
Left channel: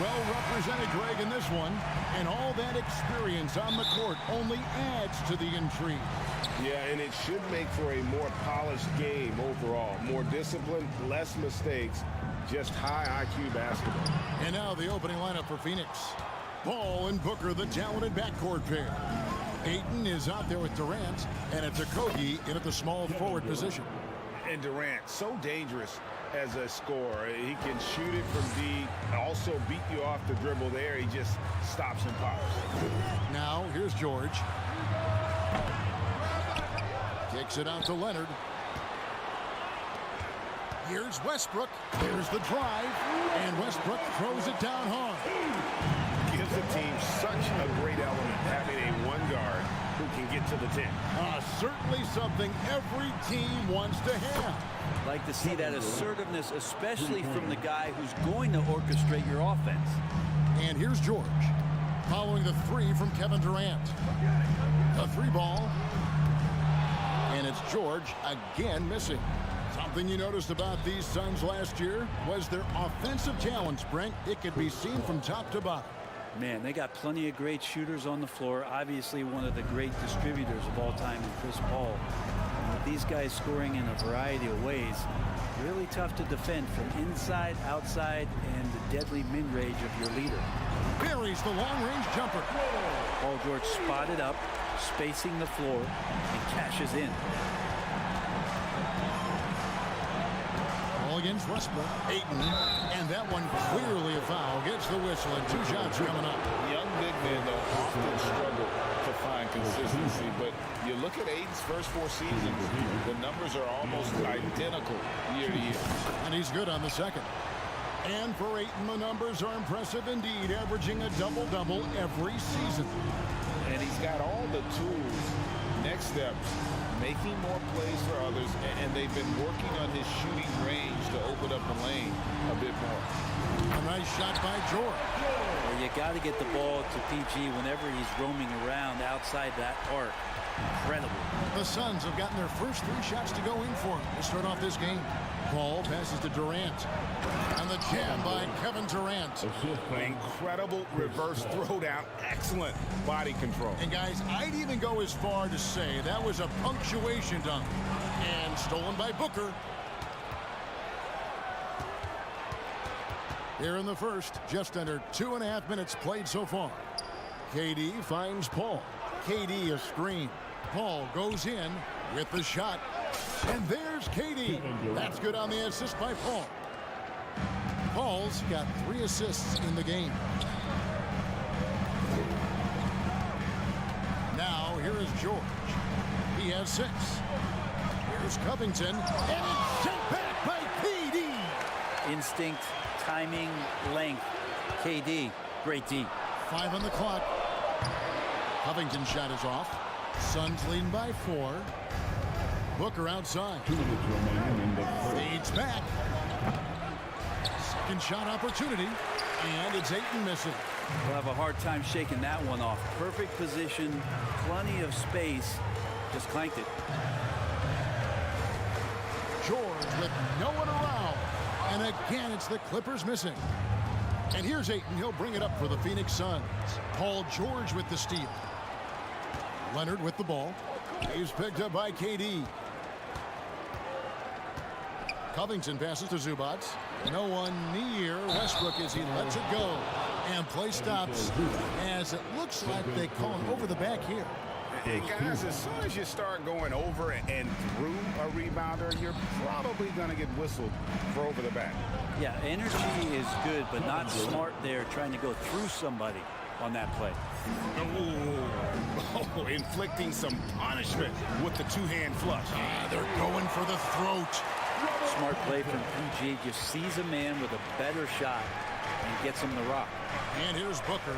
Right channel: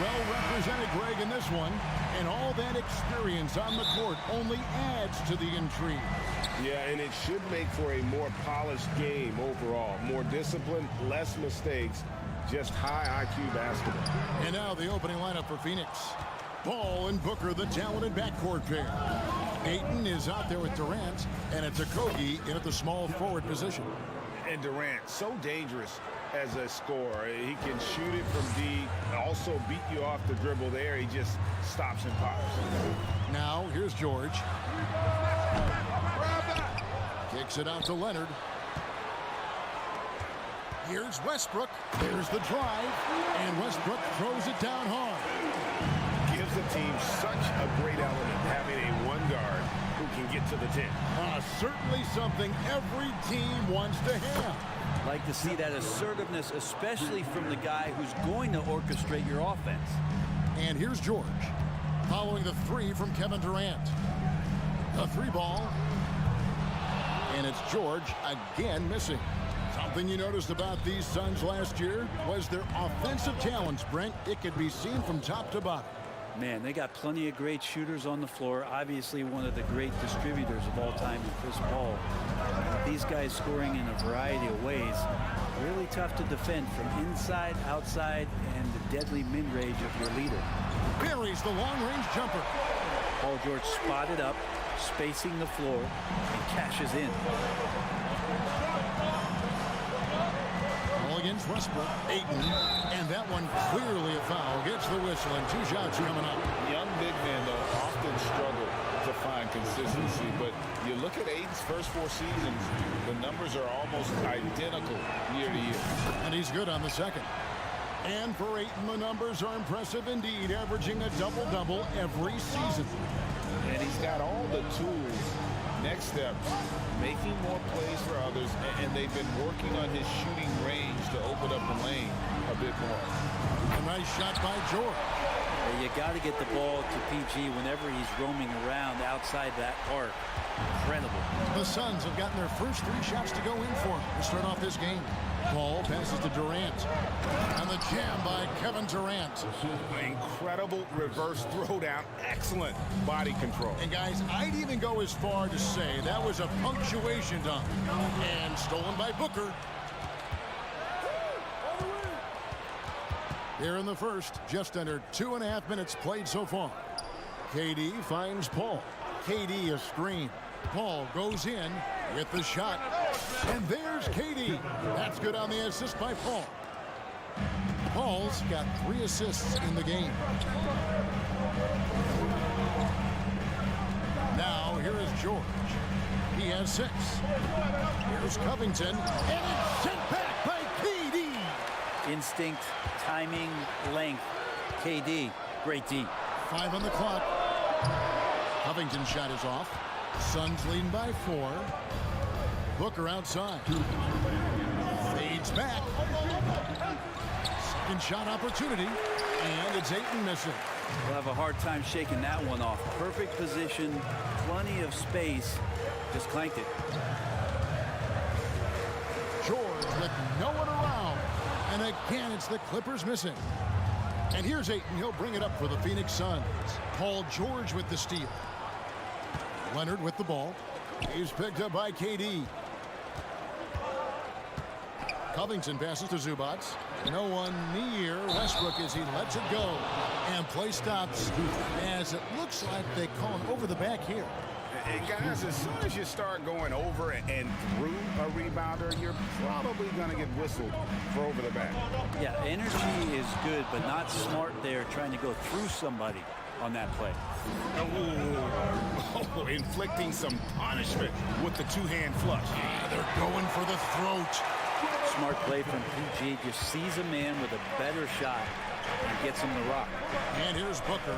well represented, Greg, in this one. And all that experience on the court only adds to the intrigue. Yeah, and it should make for a more polished game overall. More discipline, less mistakes, just high IQ basketball. And now the opening lineup for Phoenix. Ball and Booker, the talented backcourt pair. Ayton is out there with Durant, and it's Okogie in at the small forward position. And Durant, so dangerous as a scorer. He can shoot it from deep, also beat you off the dribble there. He just stops and pops. Now, here's George. Kicks it out to Leonard. Here's Westbrook. There's the drive, and Westbrook throws it down hard. Gives the team such a great element, having a one guard who can get to the 10. Certainly something every team wants to have. Like to see that assertiveness, especially from the guy who's going to orchestrate your offense. And here's George, following the three from Kevin Durant. The three ball. And it's George again missing. Something you noticed about these Suns last year was their offensive talents, Brent. It could be seen from top to bottom. Man, they got plenty of great shooters on the floor. Obviously, one of the great distributors of all time in Chris Paul. With these guys scoring in a variety of ways, really tough to defend from inside, outside, and the deadly mid-range of your leader. Buries the long-range jumper. Paul George spotted up, spacing the floor, and cashes in. Ball against Westbrook. Ayton, and that one clearly a foul. Gets the whistle, and two shots coming up. Young big men, though, often struggle to find consistency, but you look at Ayton's first 4 seasons, the numbers are almost identical year to year. And he's good on the second. And for Ayton, the numbers are impressive indeed, averaging a double-double every season. And he's got all the tools. Next steps, making more plays for others, and they've been working on his shooting range to open up the lane a bit more. A nice shot by George. Yeah, you got to get the ball to PG whenever he's roaming around outside that arc. Incredible. The Suns have gotten their first 3 shots to go in for him to start off this game. Ball passes to Durant. And the jam by Kevin Durant. Incredible reverse throwdown. Excellent body control. And guys, I'd even go as far to say that was a punctuation dunk. And stolen by Booker. Here in the first, just under 2.5 minutes played so far. KD finds Paul. KD a screen. Paul goes in with the shot. And there's KD. That's good on the assist by Paul. Paul's got 3 assists in the game. Now here is George. He has 6. Here's Covington. And it's sent back by KD. Instinct, timing, length. KD, great D. 5 on the clock. Covington's shot is off. Suns leading by 4. Booker outside. Fades back. Second shot opportunity. And it's Ayton missing. We'll have a hard time shaking that one off. Perfect position, plenty of space. Just clanked it. George with no one around. And again, it's the Clippers missing. And here's Ayton. He'll bring it up for the Phoenix Suns. Paul George with the steal. Leonard with the ball. He's picked up by KD. Covington passes to Zubac. No one near Westbrook as he lets it go. And play stops as it looks like they call him over the back here. And guys, as soon as you start going over and through a rebounder, you're probably going to get whistled for over the back. Yeah, energy is good, but not smart there trying to go through somebody on that play. Oh, inflicting some punishment with the 2-hand flush. They're going for the throat. Smart play from PG. Just sees a man with a better shot and gets him the rock. And here's Booker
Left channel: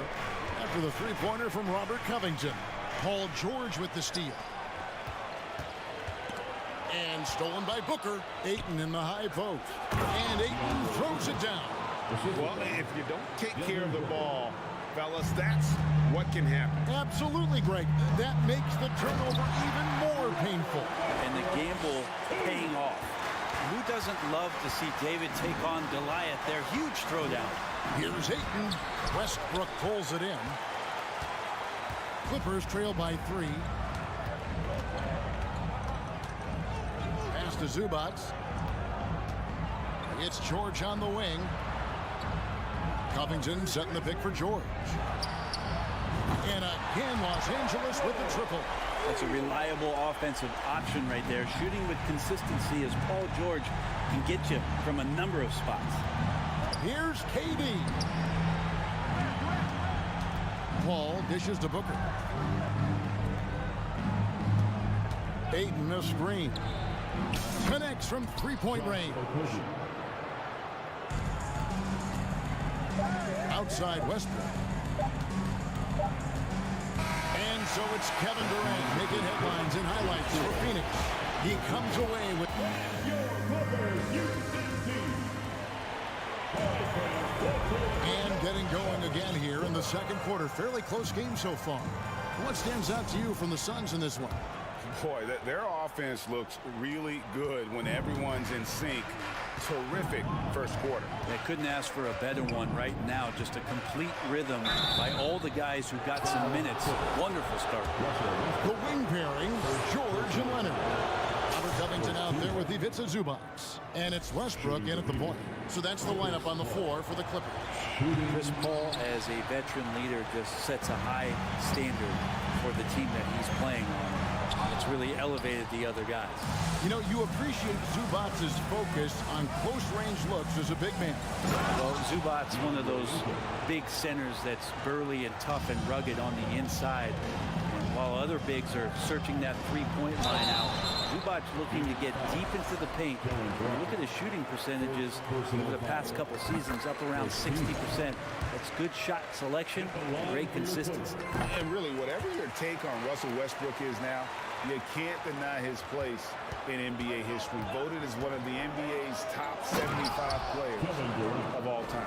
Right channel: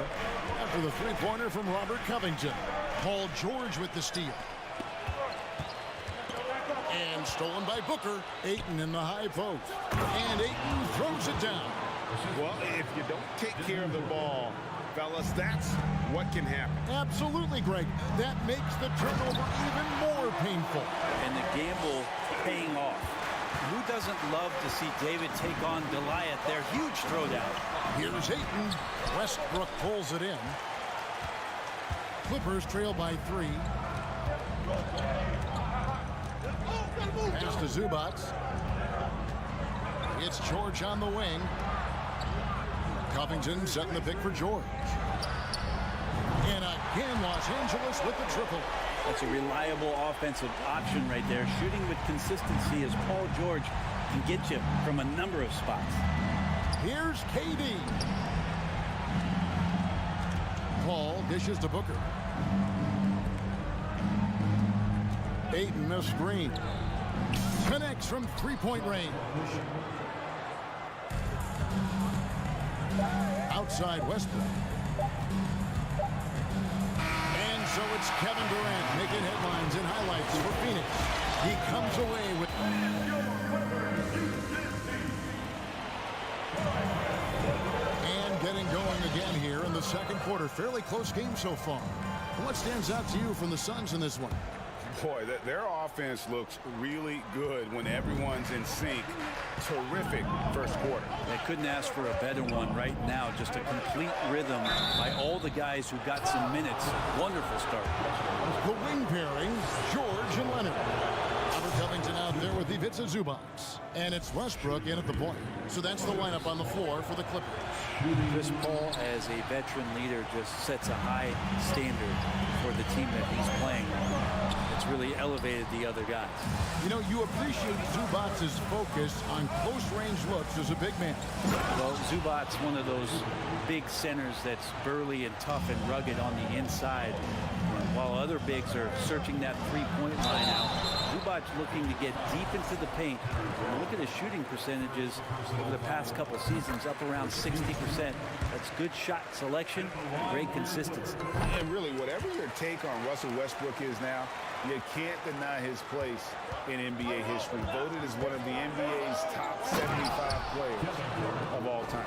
after the three-pointer from Robert Covington. Paul George with the steal. And stolen by Booker. Ayton in the high post. And Ayton throws it down. Well, if you don't take care of the ball, fellas, that's what can happen. Absolutely, Greg. That makes the turnover even more painful. And the gamble paying off. Who doesn't love to see David take on Goliath? Their huge throwdown. Here's Ayton. Westbrook pulls it in. Clippers trail by 3. Pass to Zubac. It's George on the wing. Covington setting the pick for George. And again, Los Angeles with the triple. That's a reliable offensive option right there. Shooting with consistency as Paul George can get you from a number of spots. Here's KD. Paul dishes to Booker. Ayton a screen. Connects from three-point range. Outside Westbrook. And so it's Kevin Durant making headlines and highlights for Phoenix. He comes away with... And getting going again here in the second quarter. Fairly close game so far. What stands out to you from the Suns in this one? Boy, their offense looks really good when everyone's in sync. Terrific first quarter. They couldn't ask for a better one right now. Just a complete rhythm by all the guys who got some minutes. Wonderful start. The wing pairing, George and Leonard. Robert Covington out there with Ivica Zubac. And it's Westbrook in at the point. So that's the lineup on the floor for the Clippers. Chris Paul, as a veteran leader, just sets a high standard for the team that he's playing on. It's really elevated the other guys. You know, you appreciate Zubac's focus on close-range looks as a big man. Well, Zubac's one of those big centers that's burly and tough and rugged on the inside. And while other bigs are searching that three-point line out, Zubac's looking to get deep into the paint. When you look at his shooting percentages over the past couple seasons, up around 60%. That's good shot selection, great consistency. And really, whatever your take on Russell Westbrook is now, you can't deny his place in NBA history. Voted as one of the NBA's top 75 players of all time.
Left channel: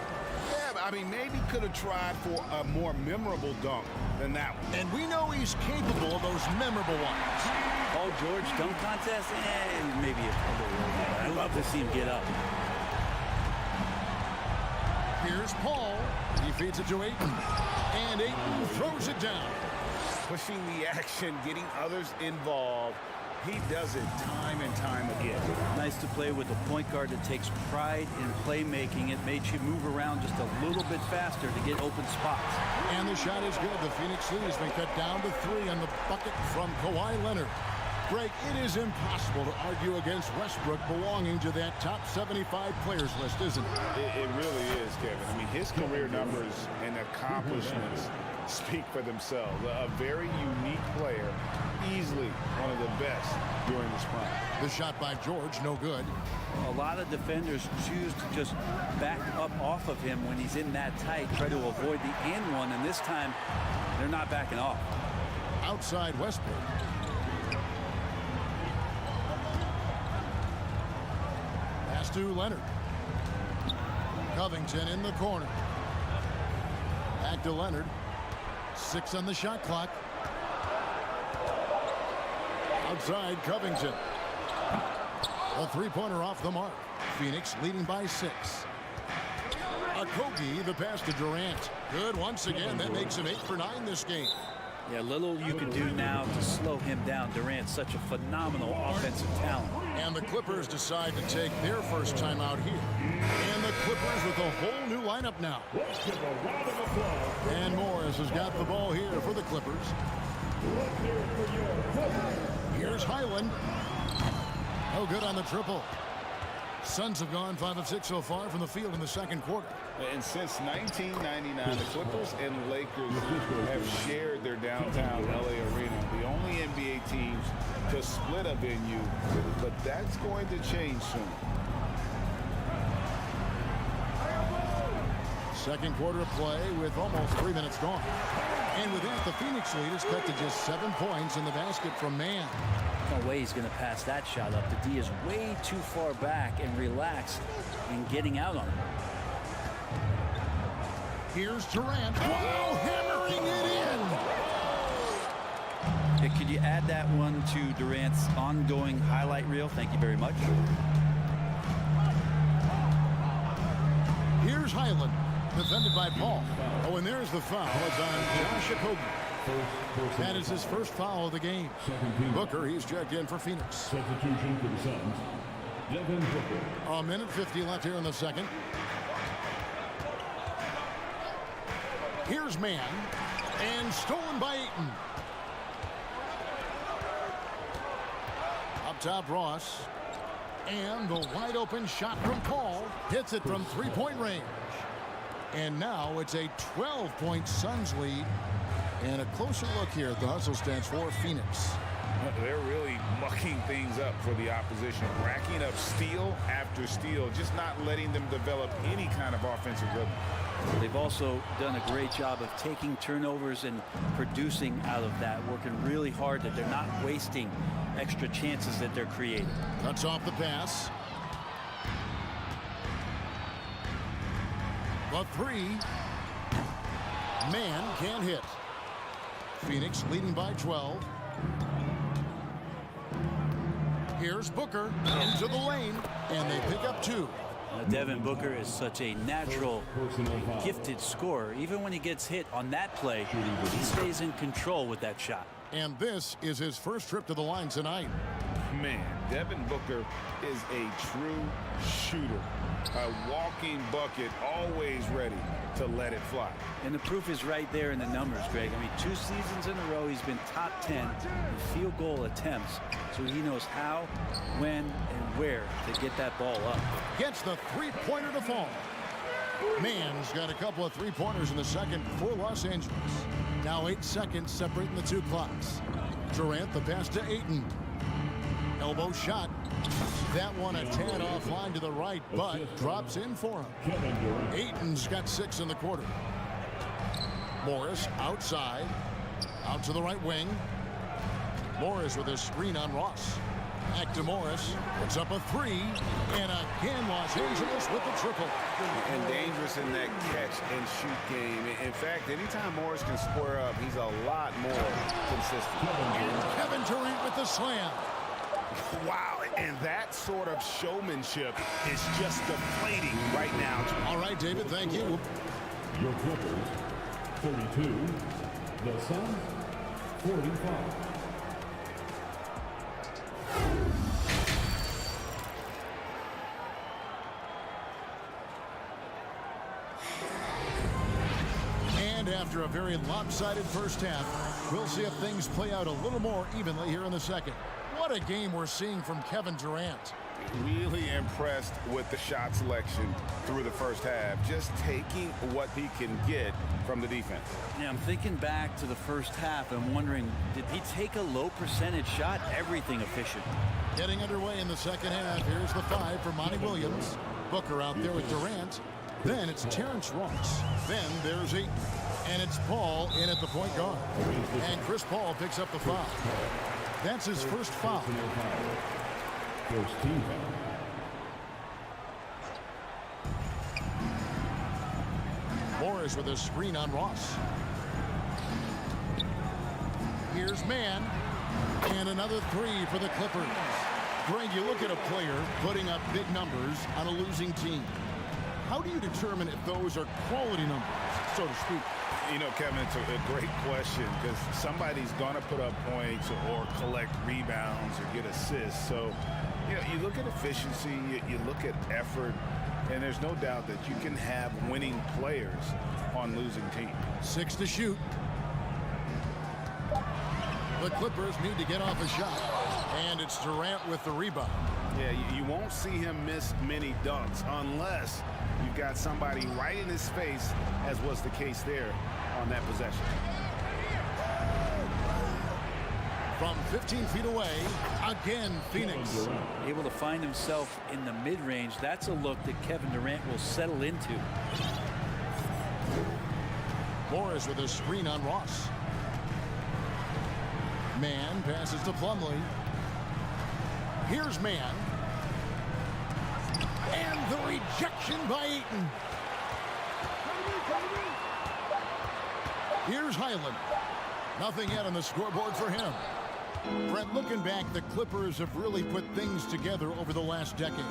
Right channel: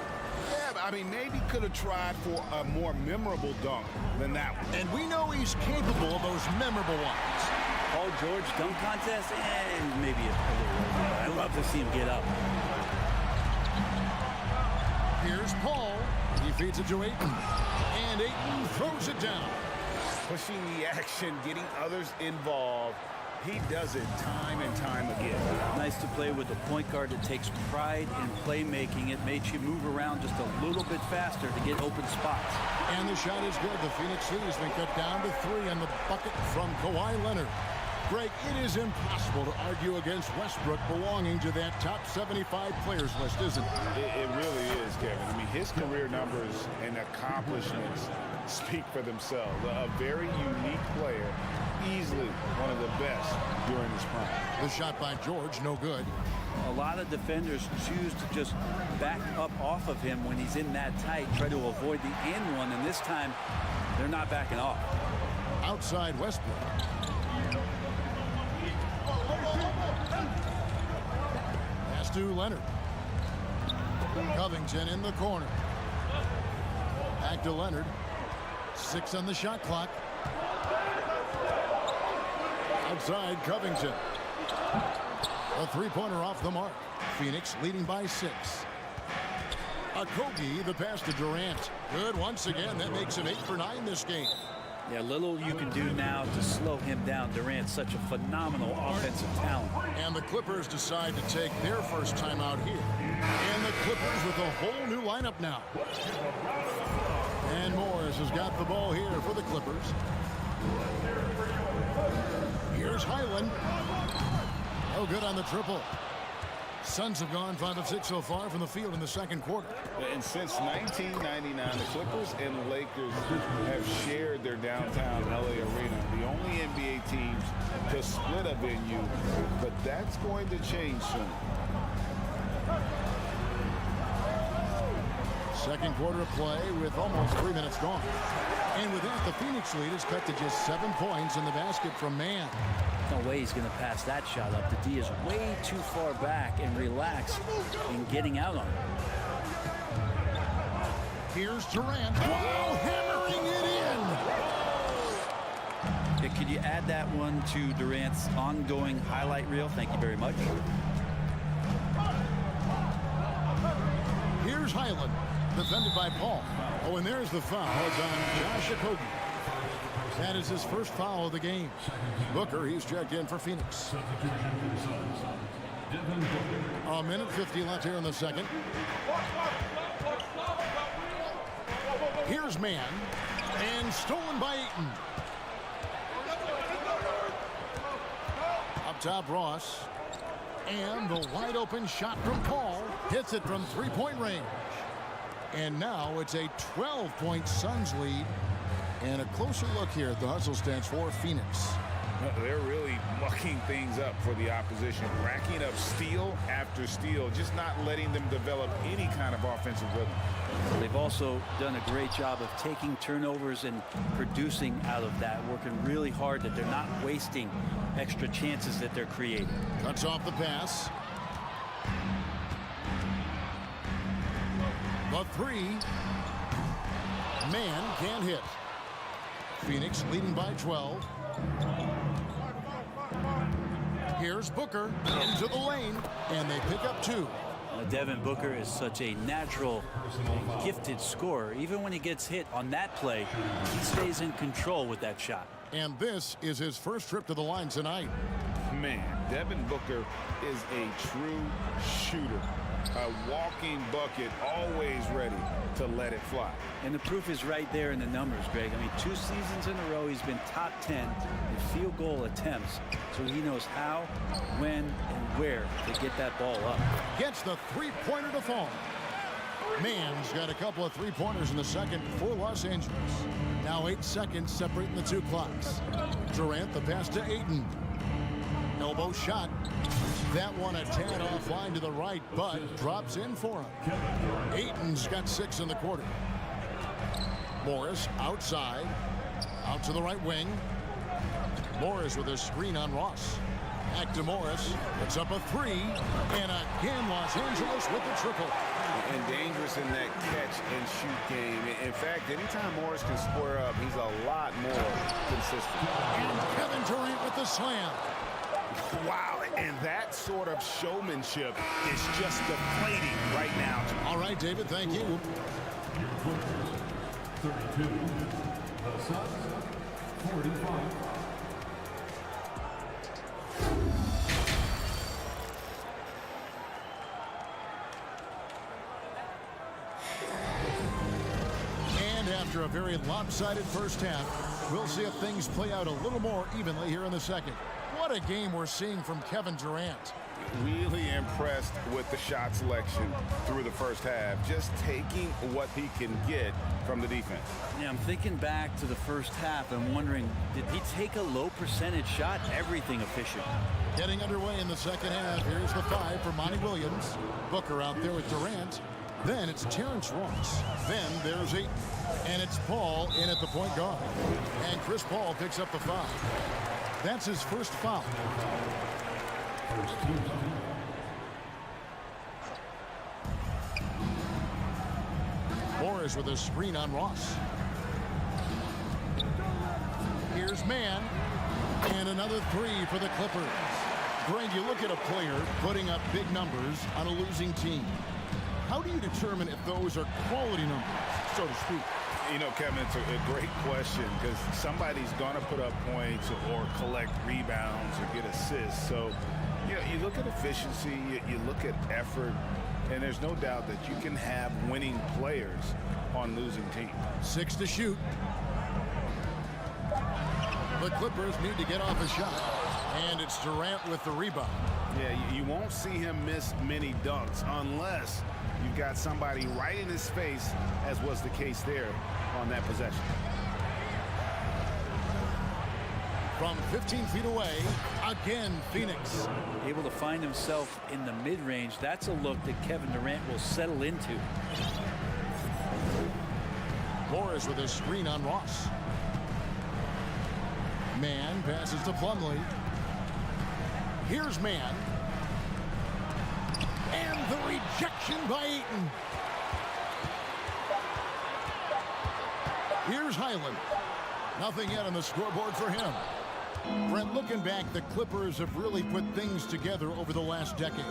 Yeah, I mean, maybe could have tried for a more memorable dunk than that one. And we know he's capable of those memorable ones. Paul George dunk contest, maybe a little over, but I love to see him get up. Here's Paul. He feeds it to Ayton. And Ayton throws it down. Pushing the action, getting others involved. He does it time and time again. Nice to play with a point guard that takes pride in playmaking. It makes you move around just a little bit faster to get open spots. And the shot is good. The Phoenix lead has been cut down to 3 on the bucket from Kawhi Leonard. Greg, it is impossible to argue against Westbrook belonging to that top 75 players list, isn't it? It really is, Kevin. I mean, his career numbers and accomplishments speak for themselves. A very unique player, easily one of the best during his prime. The shot by George, no good. A lot of defenders choose to just back up off of him when he's in that tight, try to avoid the and one, and this time they're not backing off. Outside Westbrook. Pass to Leonard. Covington in the corner. Back to Leonard. 6 on the shot clock. Outside Covington. A three-pointer off the mark. Phoenix leading by 6. Okogie, the pass to Durant. Good once again. That makes him 8 for 9 this game. Yeah, little you can do now to slow him down. Durant's such a phenomenal offensive talent. And the Clippers decide to take their first time out here. And the Clippers with a whole new lineup now. And Morris has got the ball here for the Clippers. Here's Highland. No good on the triple. Suns have gone 5 of 6 so far from the field in the second quarter. And since 1999, the Clippers and Lakers have shared their downtown LA arena. The only NBA teams to split a venue, but that's going to change soon. Second quarter of play with almost 3 minutes gone. And with that, the Phoenix lead is cut to just 7 points in the basket from Mann. No way he's going to pass that shot up. The D is way too far back and relaxed in getting out on it. Here's Durant. Wow, hammering it in. Yeah, could you add that one to Durant's ongoing highlight reel? Thank you very much. Here's Highland, defended by Paul. Oh, and there's the foul. It's on Josh Okogie. That is his first foul of the game. Booker, he's checked in for Phoenix. Substitution for the Suns. Devin Booker. A minute 50 left here in the second. Here's Mann, and stolen by Ayton. Up top, Ross. And the wide open shot from Paul. Hits it from three-point range. And now it's a 12-point Suns lead. And a closer look here at the hustle stats for Phoenix. They're really mucking things up for the opposition, racking up steal after steal, just not letting them develop any kind of offensive rhythm. They've also done a great job of taking turnovers and producing out of that, working really hard that they're not wasting extra chances that they're creating. Cuts off the pass. The three. Man can't hit. Phoenix leading by 12. Here's Booker into the lane, and they pick up two. Devin Booker is such a natural and gifted scorer. Even when he gets hit on that play, he stays in control with that shot. And this is his first trip to the line tonight. Man, Devin Booker is a true shooter. A walking bucket, always ready to let it fly. And the proof is right there in the numbers, Greg. I mean, 2 seasons in a row, he's been top 10 in field goal attempts. So he knows how, when, and where to get that ball up. Gets the three-pointer to fall. Mann's got a couple of three-pointers in the second for Los Angeles. Now 8 seconds separating the two clocks. Durant the pass to Ayton. Elbow shot. That one a tad offline to the right, but drops in for him. Ayton's got 6 in the quarter. Morris outside. Out to the right wing. Morris with a screen on Ross. Back to Morris. Puts up a 3. And again, Los Angeles with the triple. And dangerous in that catch and shoot game. In fact, anytime Morris can square up, he's a lot more consistent. And Kevin Durant with the slam. Wow, and that sort of showmanship is just deflating right now. All right, David, thank you. Your Clippers, 32. The Suns, 45. And after a very lopsided first half, we'll see if things play out a little more evenly here in the second. What a game we're seeing from Kevin Durant. Really impressed with the shot selection through the first half, just taking what he can get from the defense. Yeah, I'm thinking back to the first half and wondering, did he take a low percentage shot? Everything efficient. Getting underway in the second half. Here's the 5 for Monty Williams. Booker out there with Durant. Then it's Terrence Ross. Then there's Ayton. And it's Paul in at the point guard. And Chris Paul picks up the foul. That's his first foul. First team. Morris with a screen on Ross. Here's Mann. And another 3 for the Clippers. Greg, you look at a player putting up big numbers on a losing team. How do you determine if those are quality numbers, so to speak? You know, Kevin, it's a great question because somebody's going to put up points or collect rebounds or get assists. So, you know, you look at efficiency, you look at effort, and there's no doubt that you can have winning players on losing teams. 6 to shoot. The Clippers need to get off a shot. And it's Durant with the rebound. Yeah, you won't see him miss many dunks unless you've got somebody right in his face, as was the case there on that possession. From 15 feet away, again, Phoenix. Able to find himself in the mid-range. That's a look that Kevin Durant will settle into. Morris with a screen on Ross. Mann passes to Plumlee. Here's Mann. And the rejection by Ayton. Here's Highland. Nothing yet on the scoreboard for him. Brent, looking back, the Clippers have really put things together over the last decade.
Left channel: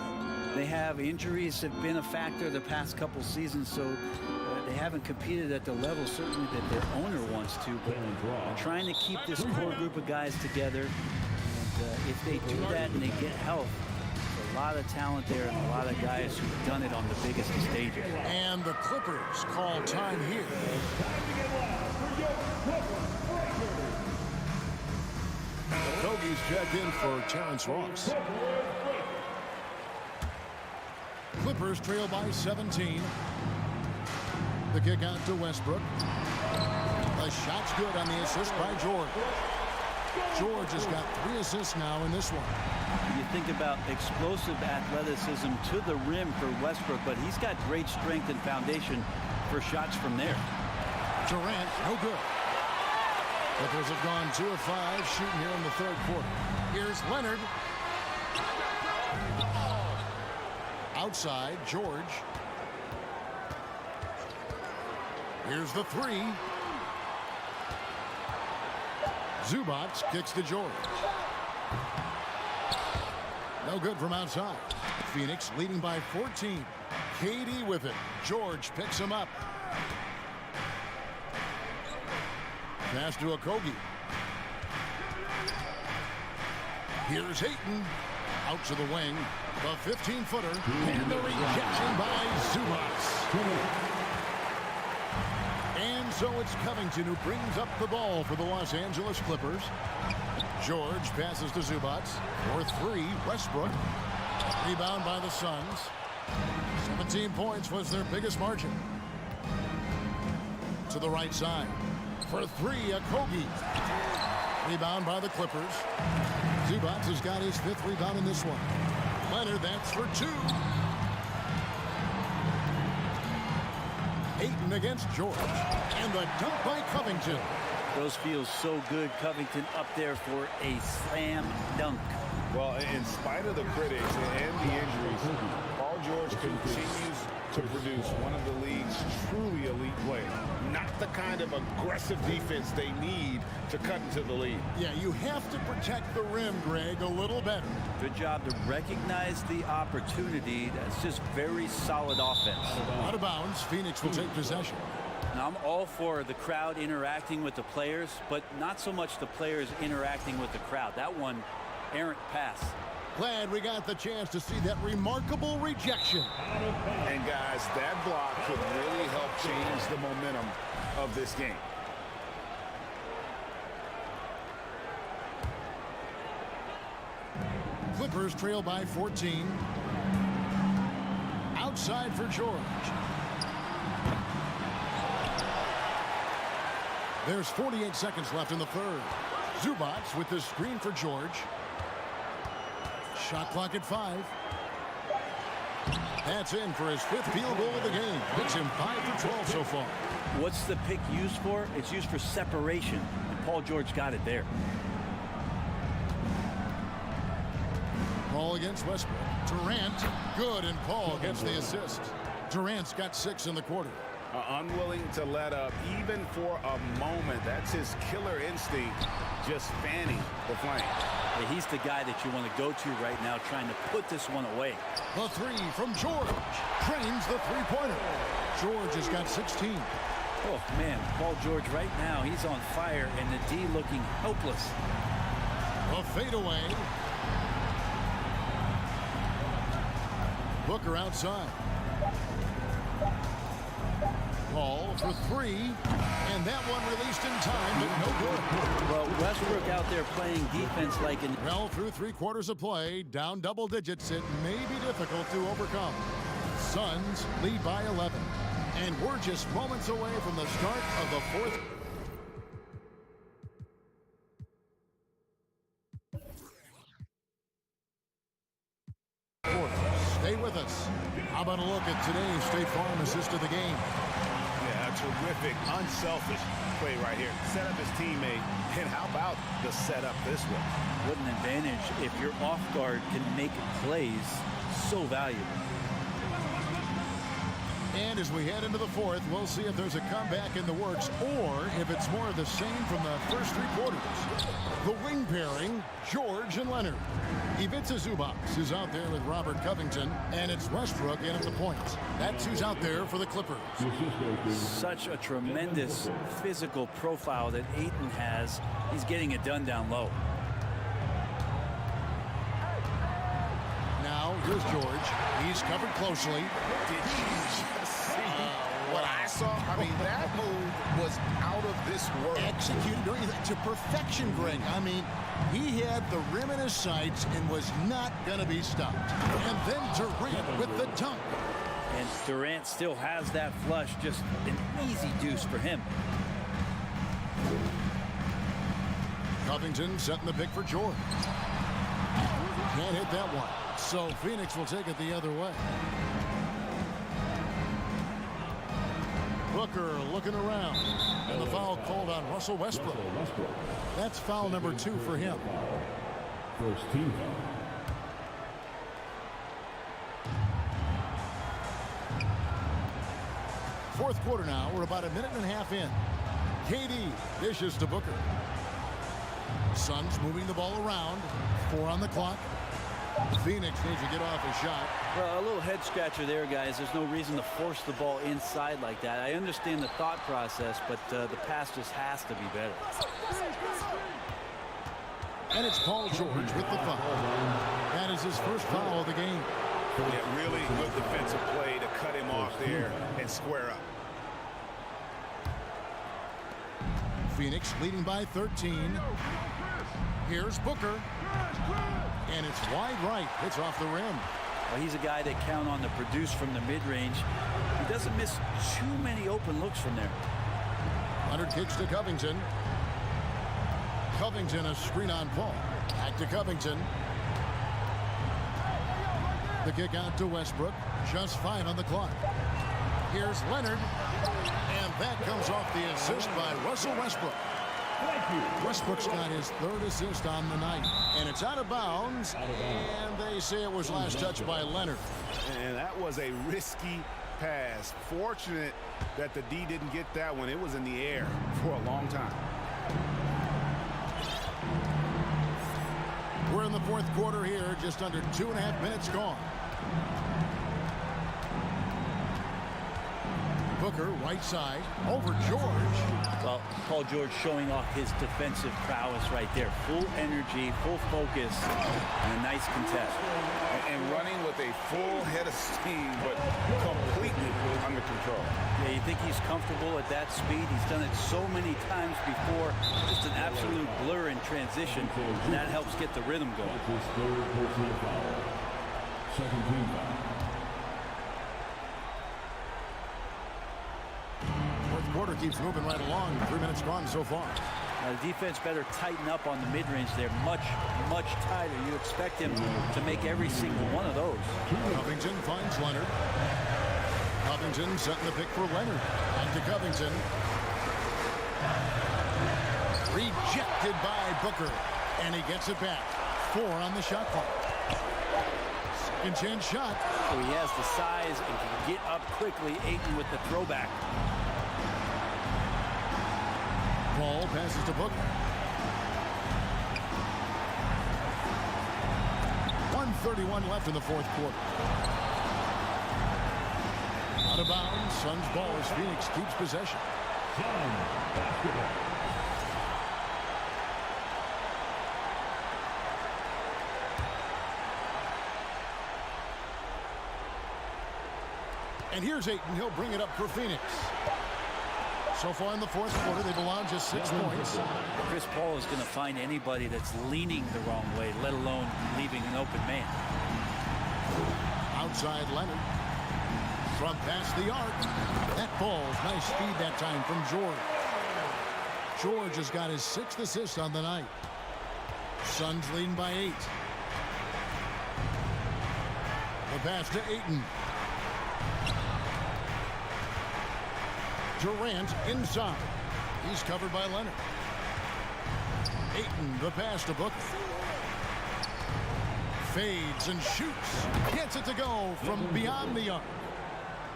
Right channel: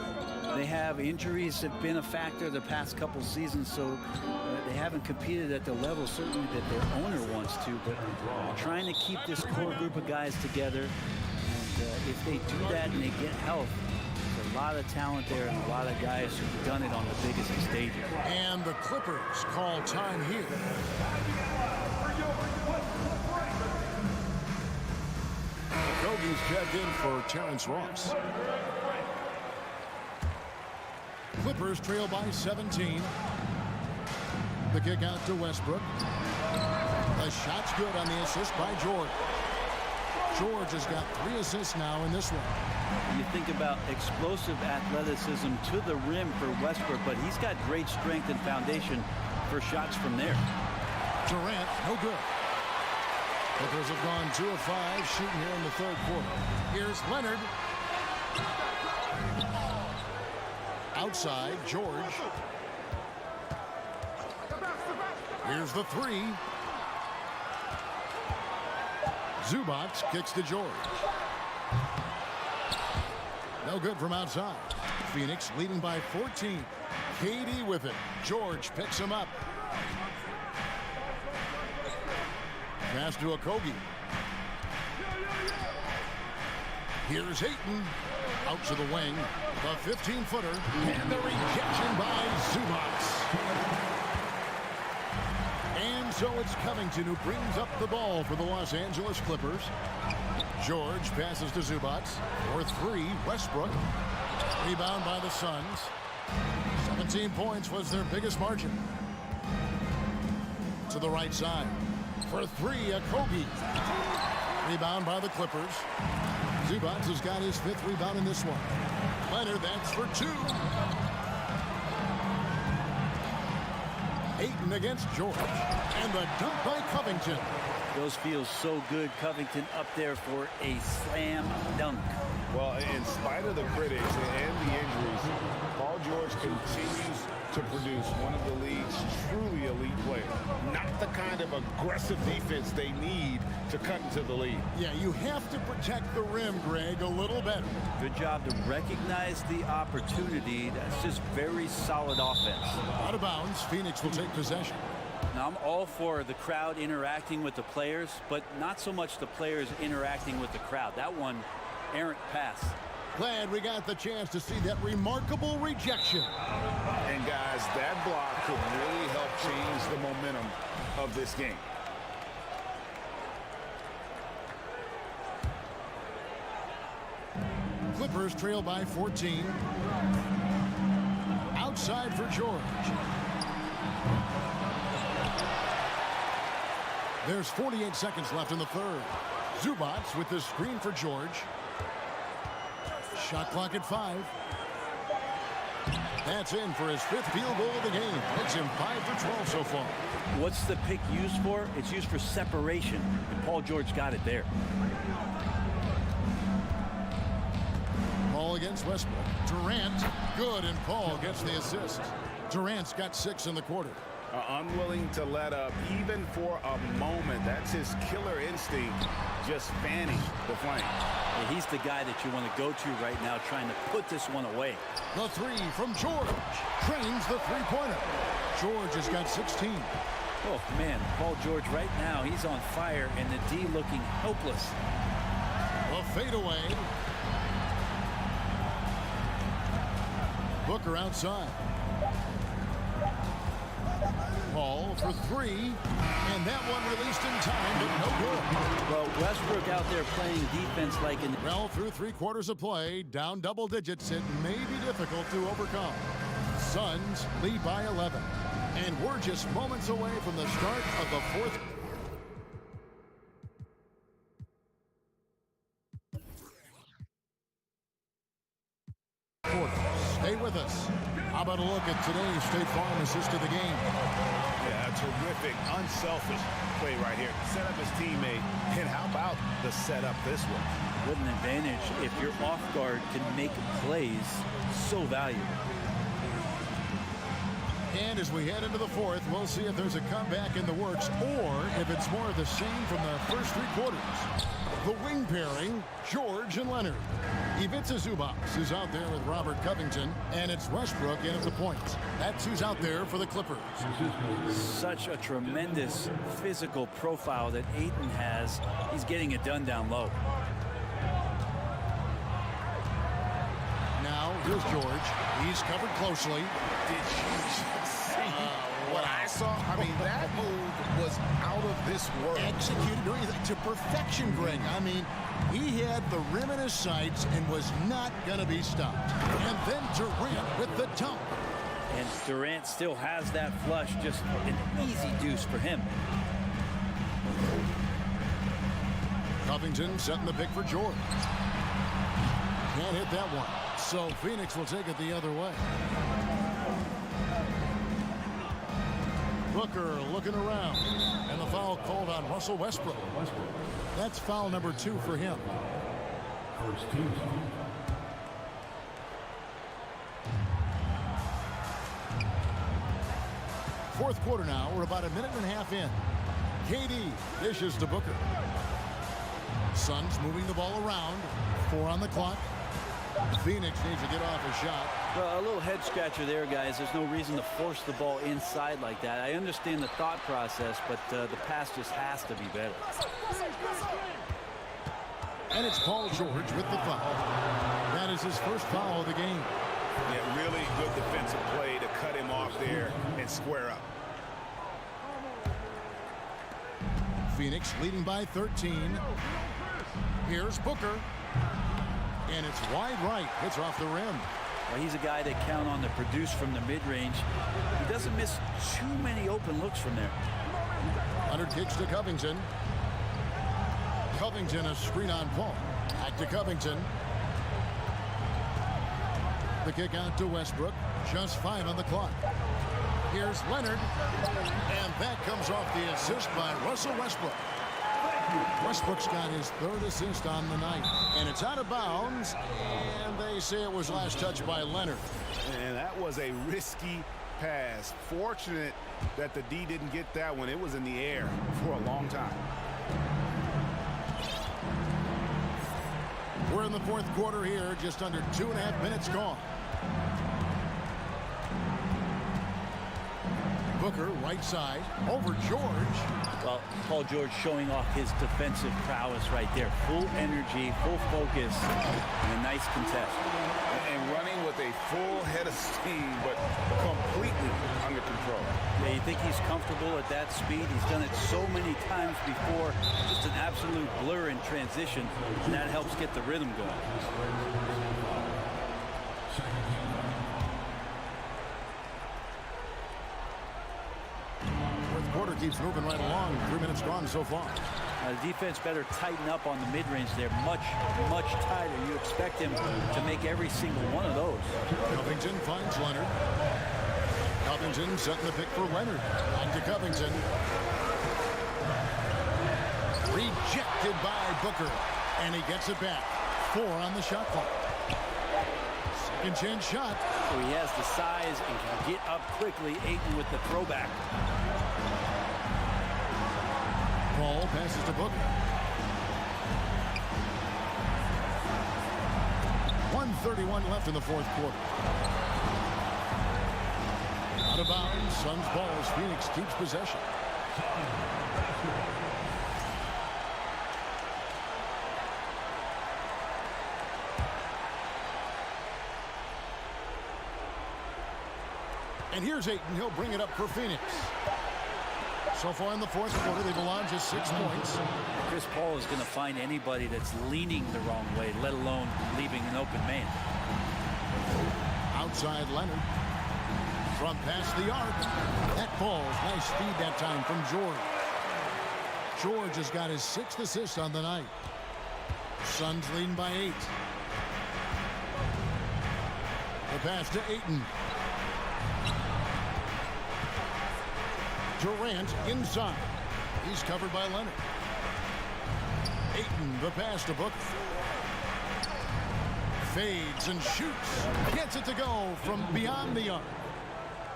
They have injuries have been a factor the past couple seasons, so they haven't competed at the level certainly that their owner wants to, but trying to keep this core group of guys together. And if they do that and they get health, there's a lot of talent there and a lot of guys who've done it on the biggest of stages. And the Clippers call time here. Okogie's checked in for Terrence Ross. Clippers trail by 17. The kick out to Westbrook. The shot's good on the assist by George. George has got 3 assists now in this one. You think about explosive athleticism to the rim for Westbrook, but he's got great strength and foundation for shots from there. Durant, no good. Clippers have gone 2 of 5 shooting here in the third quarter. Here's Leonard. Outside, George. Here's the 3. Zubac kicks to George. No good from outside. Phoenix leading by 14. KD with it. George picks him up. Pass to Okogie. Here's Ayton. Out to the wing. The 15-footer. And the rejection by Zubac. And so it's Covington who brings up the ball for the Los Angeles Clippers. George passes to Zubac. For 3, Westbrook. Rebound by the Suns. 17 points was their biggest margin. To the right side. For 3, Okogie. Rebound by the Clippers. Zubac has got his 5th rebound in this one. Leonard, that's for 2. Ayton against George. And the dunk by Covington. Those feel so good. Covington up there for a slam dunk. Well, in spite of the critics and the injuries, Paul George continues to produce one of the league's truly elite players. Not the kind of aggressive defense they need to cut into the lead. Yeah, you have to protect the rim, Greg, a little better. Good job to recognize the opportunity. That's just very solid offense. Out of bounds, Phoenix will take possession. Now, I'm all for the crowd interacting with the players, but not so much the players interacting with the crowd. That one, errant pass. Glad we got the chance to see that remarkable rejection. And guys, that block could really help change the momentum of this game. Clippers trail by 14. Outside for George. There's 48 seconds left in the third. Zubac with the screen for George. Shot clock at 5. That's in for his 5th field goal of the game. Makes him 5 for 12 so far. What's the pick used for? It's used for separation, and Paul George got it there. Paul against Westbrook. Durant, good, and Paul gets the assist. Durant's got 6 in the quarter. Unwilling to let up even for a moment. That's his killer instinct, just fanning the flame. Yeah, he's the guy that you want to go to right now, trying to put this one away. The 3 from George. Trains the 3-pointer. George has got 16. Oh, man, Paul George right now, he's on fire, and the D looking helpless. A fadeaway. Booker outside. Paul for 3, and that one released in time, but no good. Well, Westbrook out there playing defense like in... Well, through 3 quarters of play, down double digits, it may be difficult to overcome. Suns lead by 11, and we're just moments away from the start of the 4th. Stay with us. How about a look at today's State Farm assist of the game? Yeah, a terrific, unselfish play right here. Set up his teammate, and how about the setup this way? What an advantage if your off guard can make plays so valuable. And as we head into the fourth, we'll see if there's a comeback in the works or if it's more of the same from the first 3 quarters. The wing pairing, George and Leonard. Ivica Zubac is out there with Robert Covington, and it's Westbrook in at the points. That's who's out there for the Clippers. Such a tremendous physical profile that Ayton has. He's getting it done down low. Now, here's George. He's covered closely. Did you just see what I saw? I mean, that move was out of this world. Executed to perfection, Greg. I mean, he had the rim in his sights and was not going to be stopped. And then Durant with the dunk. And Durant still has that flush, just an easy deuce for him. Covington setting the pick for George. Can't hit that one. So Phoenix will take it the other way. Booker looking around. And the foul called on Russell Westbrook. That's foul number 2 for him. First team foul. Fourth quarter now. We're about a minute and a half in. KD dishes to Booker. Suns moving the ball around. 4 on the clock. Phoenix needs to get off a shot. Well, a little head scratcher there, guys. There's no reason to force the ball inside like that. I understand the thought process, but the pass just has to be better. And it's Paul George with the foul. That is his first foul of the game. Yeah, really good defensive play to cut him off there and square up. Phoenix leading by 13. Here's Booker. And it's wide right. Hits off the rim. Well, he's a guy that count on to produce from the mid-range. He doesn't miss too many open looks from there. Leonard kicks to Covington. Covington a screen on Paul. Back to Covington. The kick out to Westbrook. Just 5 on the clock. Here's Leonard. And that comes off the assist by Russell Westbrook. Westbrook's got his 3rd assist on the night. And it's out of bounds. And they say it was last touched by Leonard. And that was a risky pass. Fortunate that the D didn't get that one. It was in the air for a long time. We're in the fourth quarter here. Just under 2.5 minutes gone. Booker, right side, over George. Well, Paul George showing off his defensive prowess right there. Full energy, full focus, and a nice contest. And running with a full head of steam, but completely under control. Yeah, you think he's comfortable at that speed? He's done it so many times before. Just an absolute blur in transition, and that helps get the rhythm going. His 3rd personal foul. Second team foul. Quarter keeps moving right along. 3 minutes gone so far. The defense better tighten up on the mid-range there. Much, much tighter. You expect him to make every single one of those. Covington finds Leonard. Covington setting the pick for Leonard. Back to Covington. Rejected by Booker. And he gets it back. 4 on the shot clock. Second chance shot. So he has the size and can get up quickly. Ayton with the throwback. Paul passes to Booker. 1:31 left in the fourth quarter. Out of bounds. Suns ball as Phoenix keeps possession. And here's Ayton. He'll bring it up for Phoenix. So far in the fourth quarter, they've allowed just 6 points. Chris Paul is going to find anybody that's leaning the wrong way, let alone leaving an open man. Outside Leonard. From past the arc. That ball's nice speed that time from George. George has got his 6th assist on the night. Suns leading by 8. The pass to Ayton. Durant inside. He's covered by Leonard. Ayton, the pass to Booker. Fades and shoots. Gets it to go from beyond the arc.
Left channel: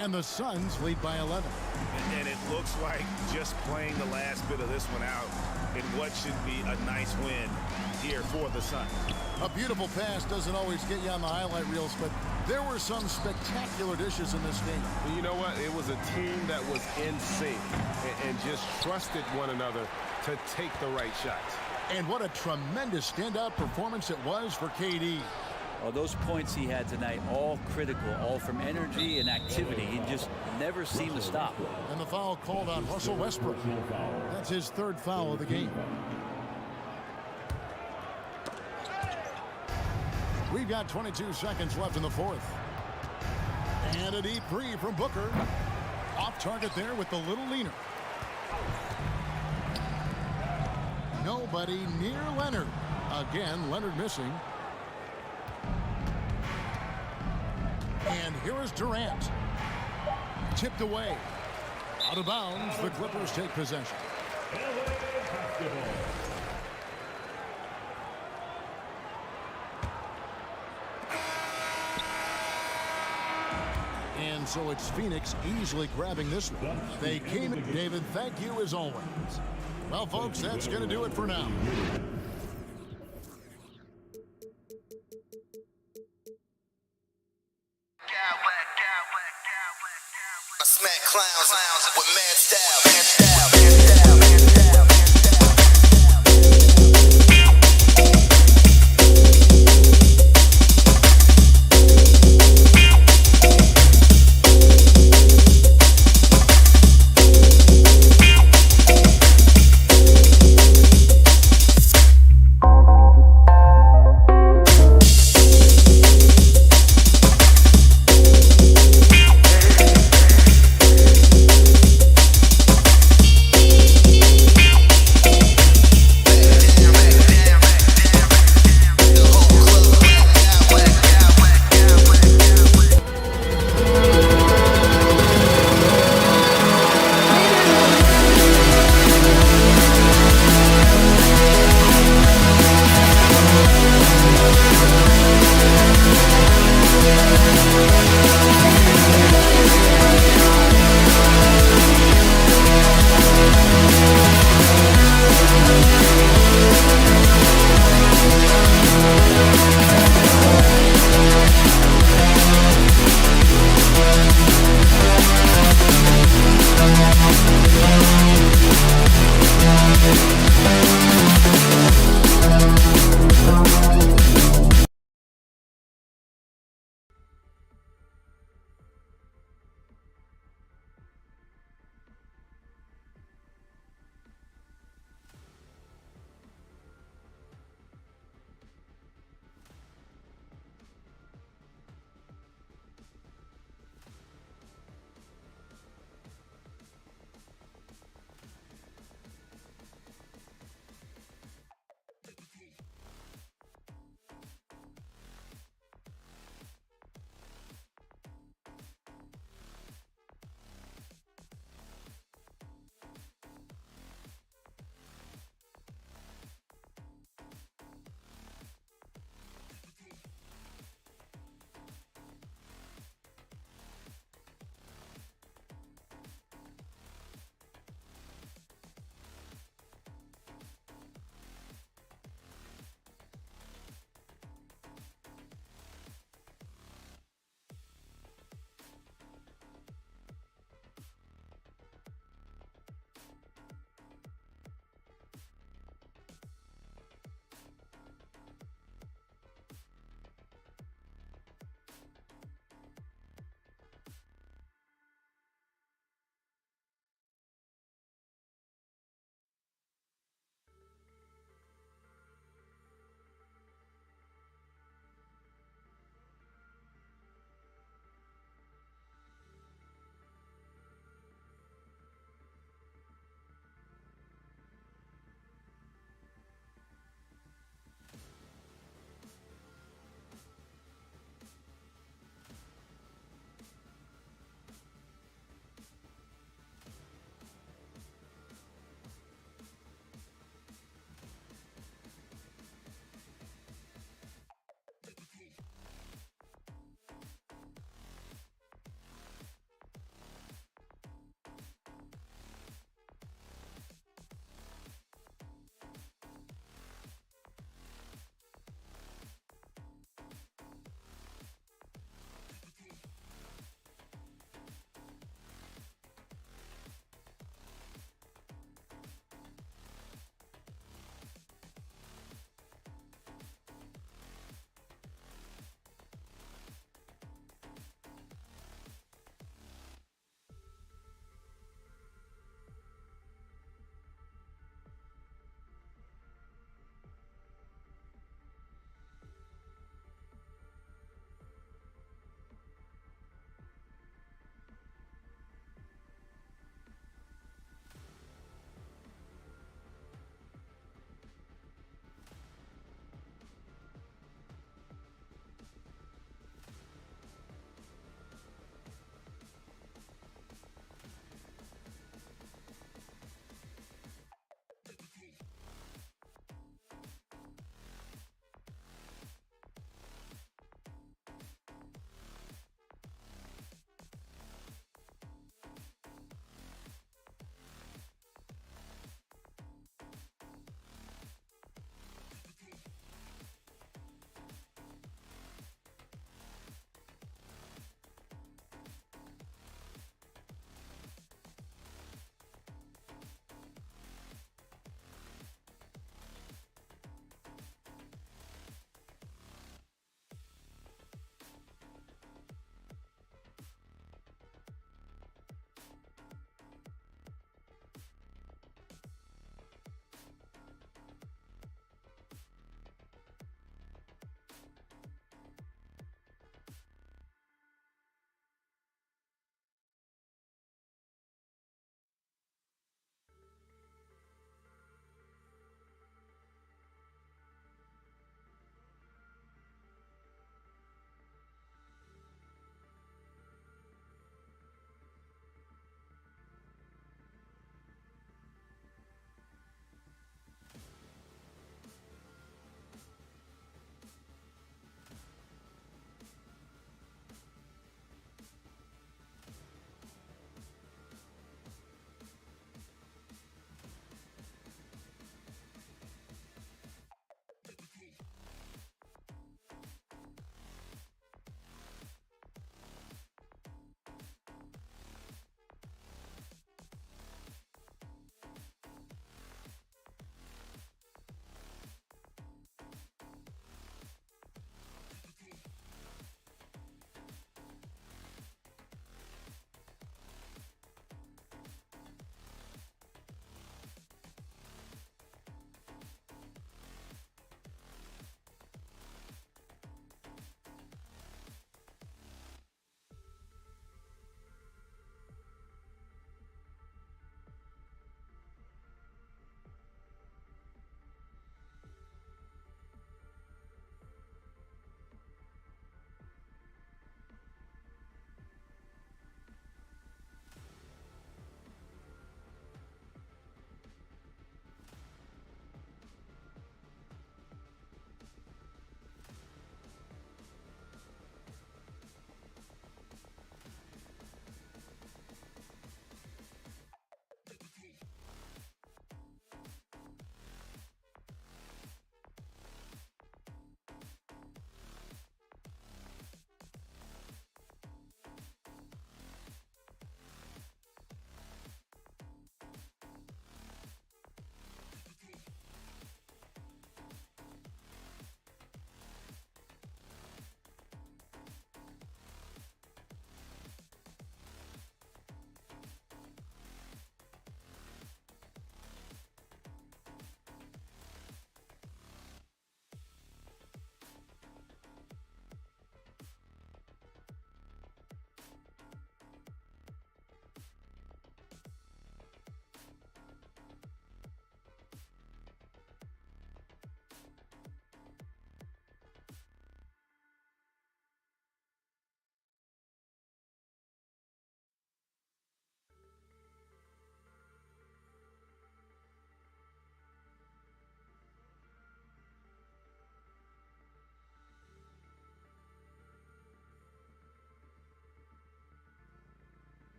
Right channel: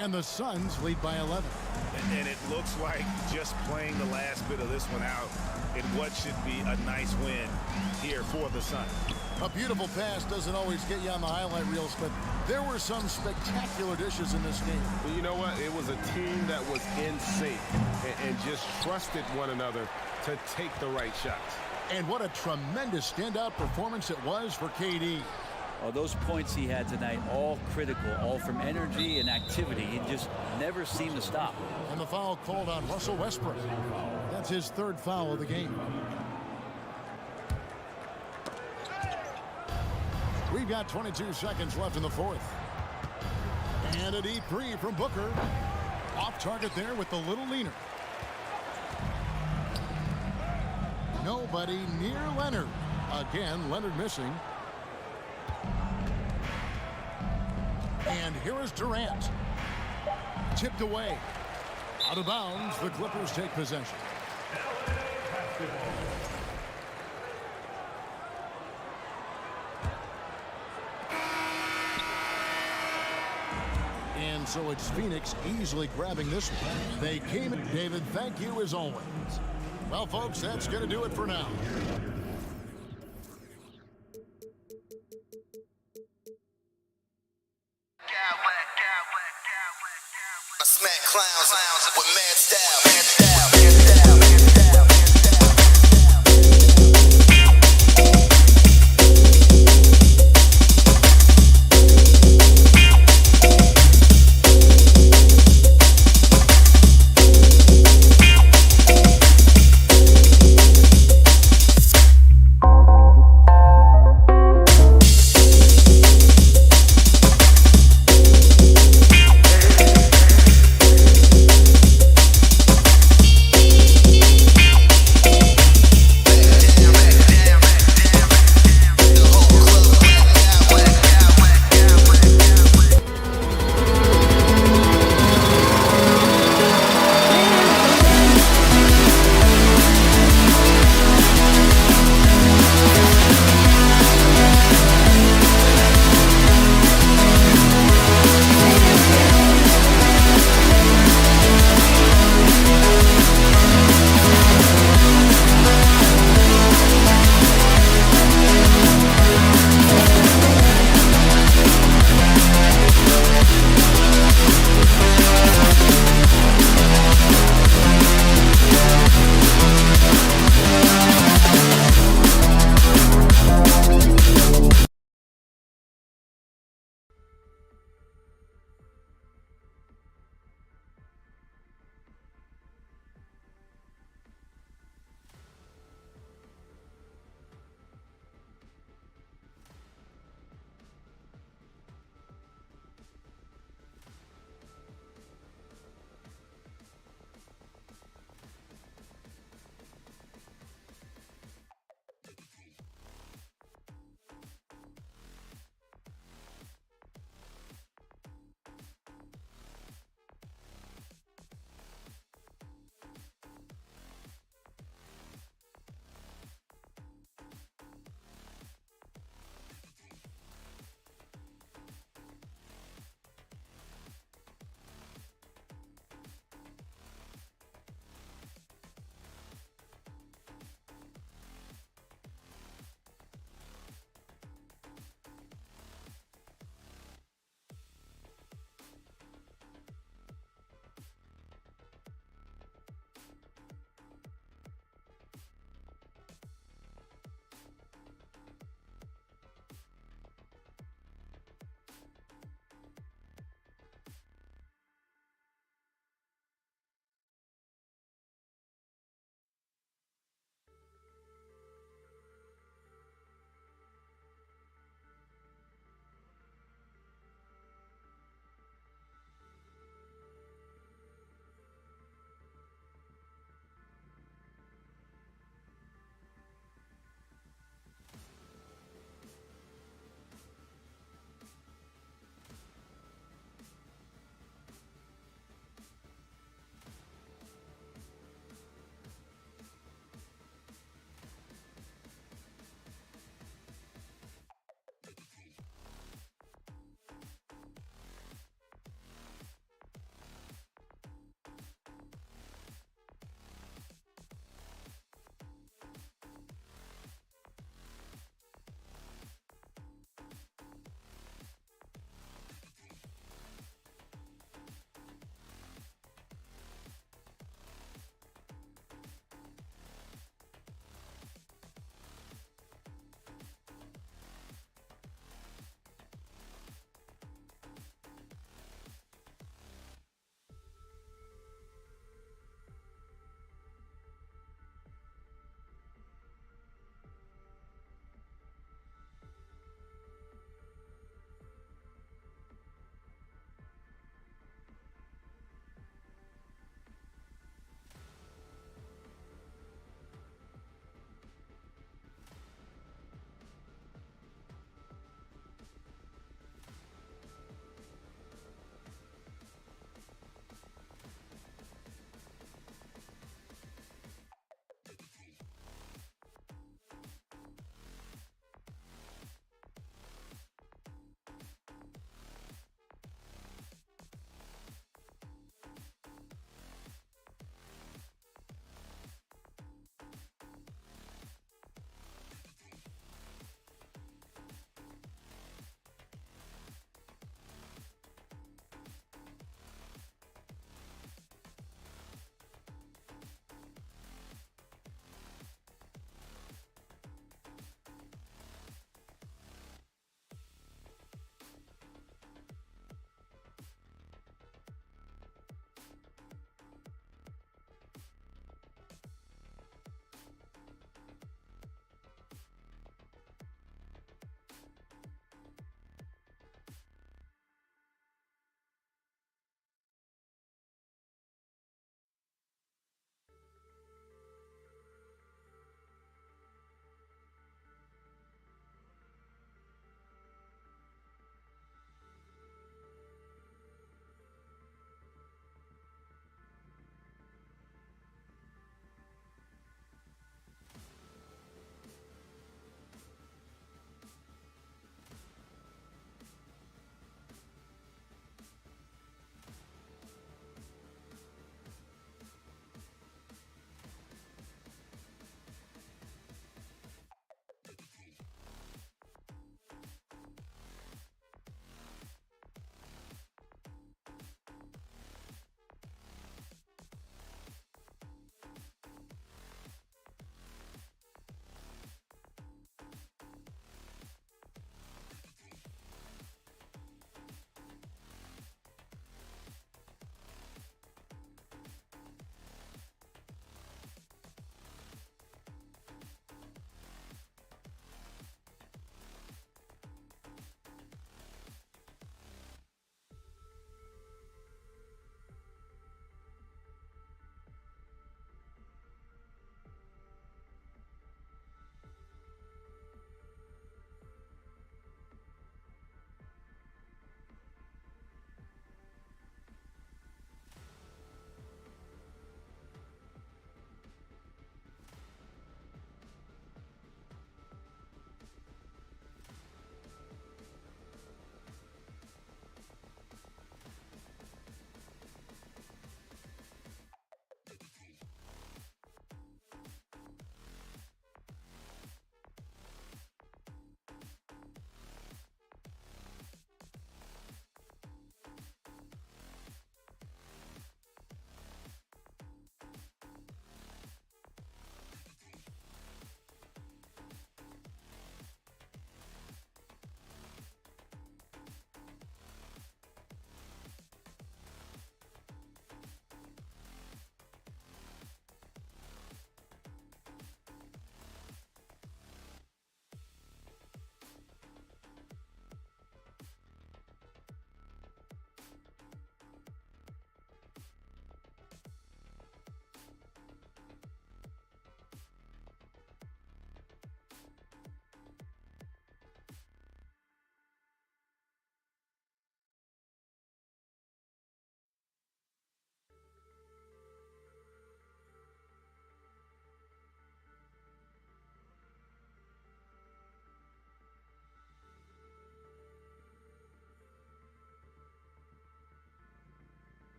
And the Suns lead by 11. And it looks like just playing the last bit of this one out in what should be a nice win here for the Suns. A beautiful pass doesn't always get you on the highlight reels, but there were some spectacular dishes in this game. You know what? It was a team that was in sync and just trusted one another to take the right shots. And what a tremendous standout performance it was for KD. Well, those points he had tonight, all critical, all from energy and activity. He just never seemed to stop. And the foul called on Russell Westbrook. That's his third foul of the game. We've got 22 seconds left in the fourth. And a deep three from Booker. Off target there with the little leaner. Nobody near Leonard. Again, Leonard missing. And here is Durant. Tipped away. Out of bounds, the Clippers take possession. And so it's Phoenix easily grabbing this one. They came in. David, thank you as always. Well, folks, that's going to do it for now. I smack clowns with mad style.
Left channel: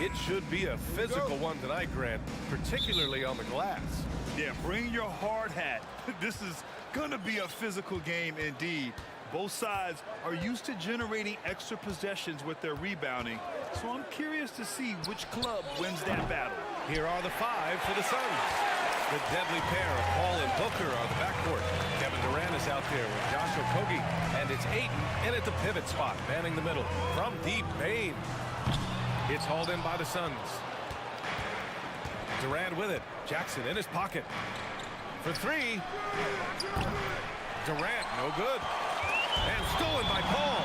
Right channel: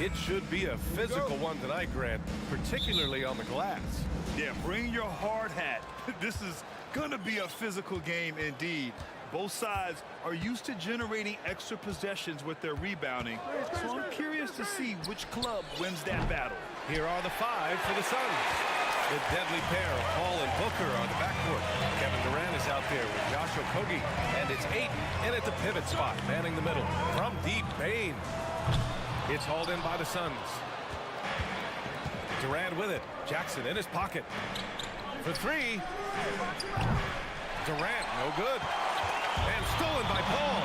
It should be a physical one tonight, Grant, particularly on the glass. Yeah, bring your hard hat. This is going to be a physical game indeed. Both sides are used to generating extra possessions with their rebounding, so I'm curious to see which club wins that battle. Here are the five for the Suns. The deadly pair of Paul and Booker are the backcourt. Kevin Durant is out there with Josh Okogie, and it's Ayton in at the pivot spot, manning the middle. From deep, Bane. It's hauled in by the Suns. Durant with it. Jackson in his pocket. For three. Durant, no good. And stolen by Paul.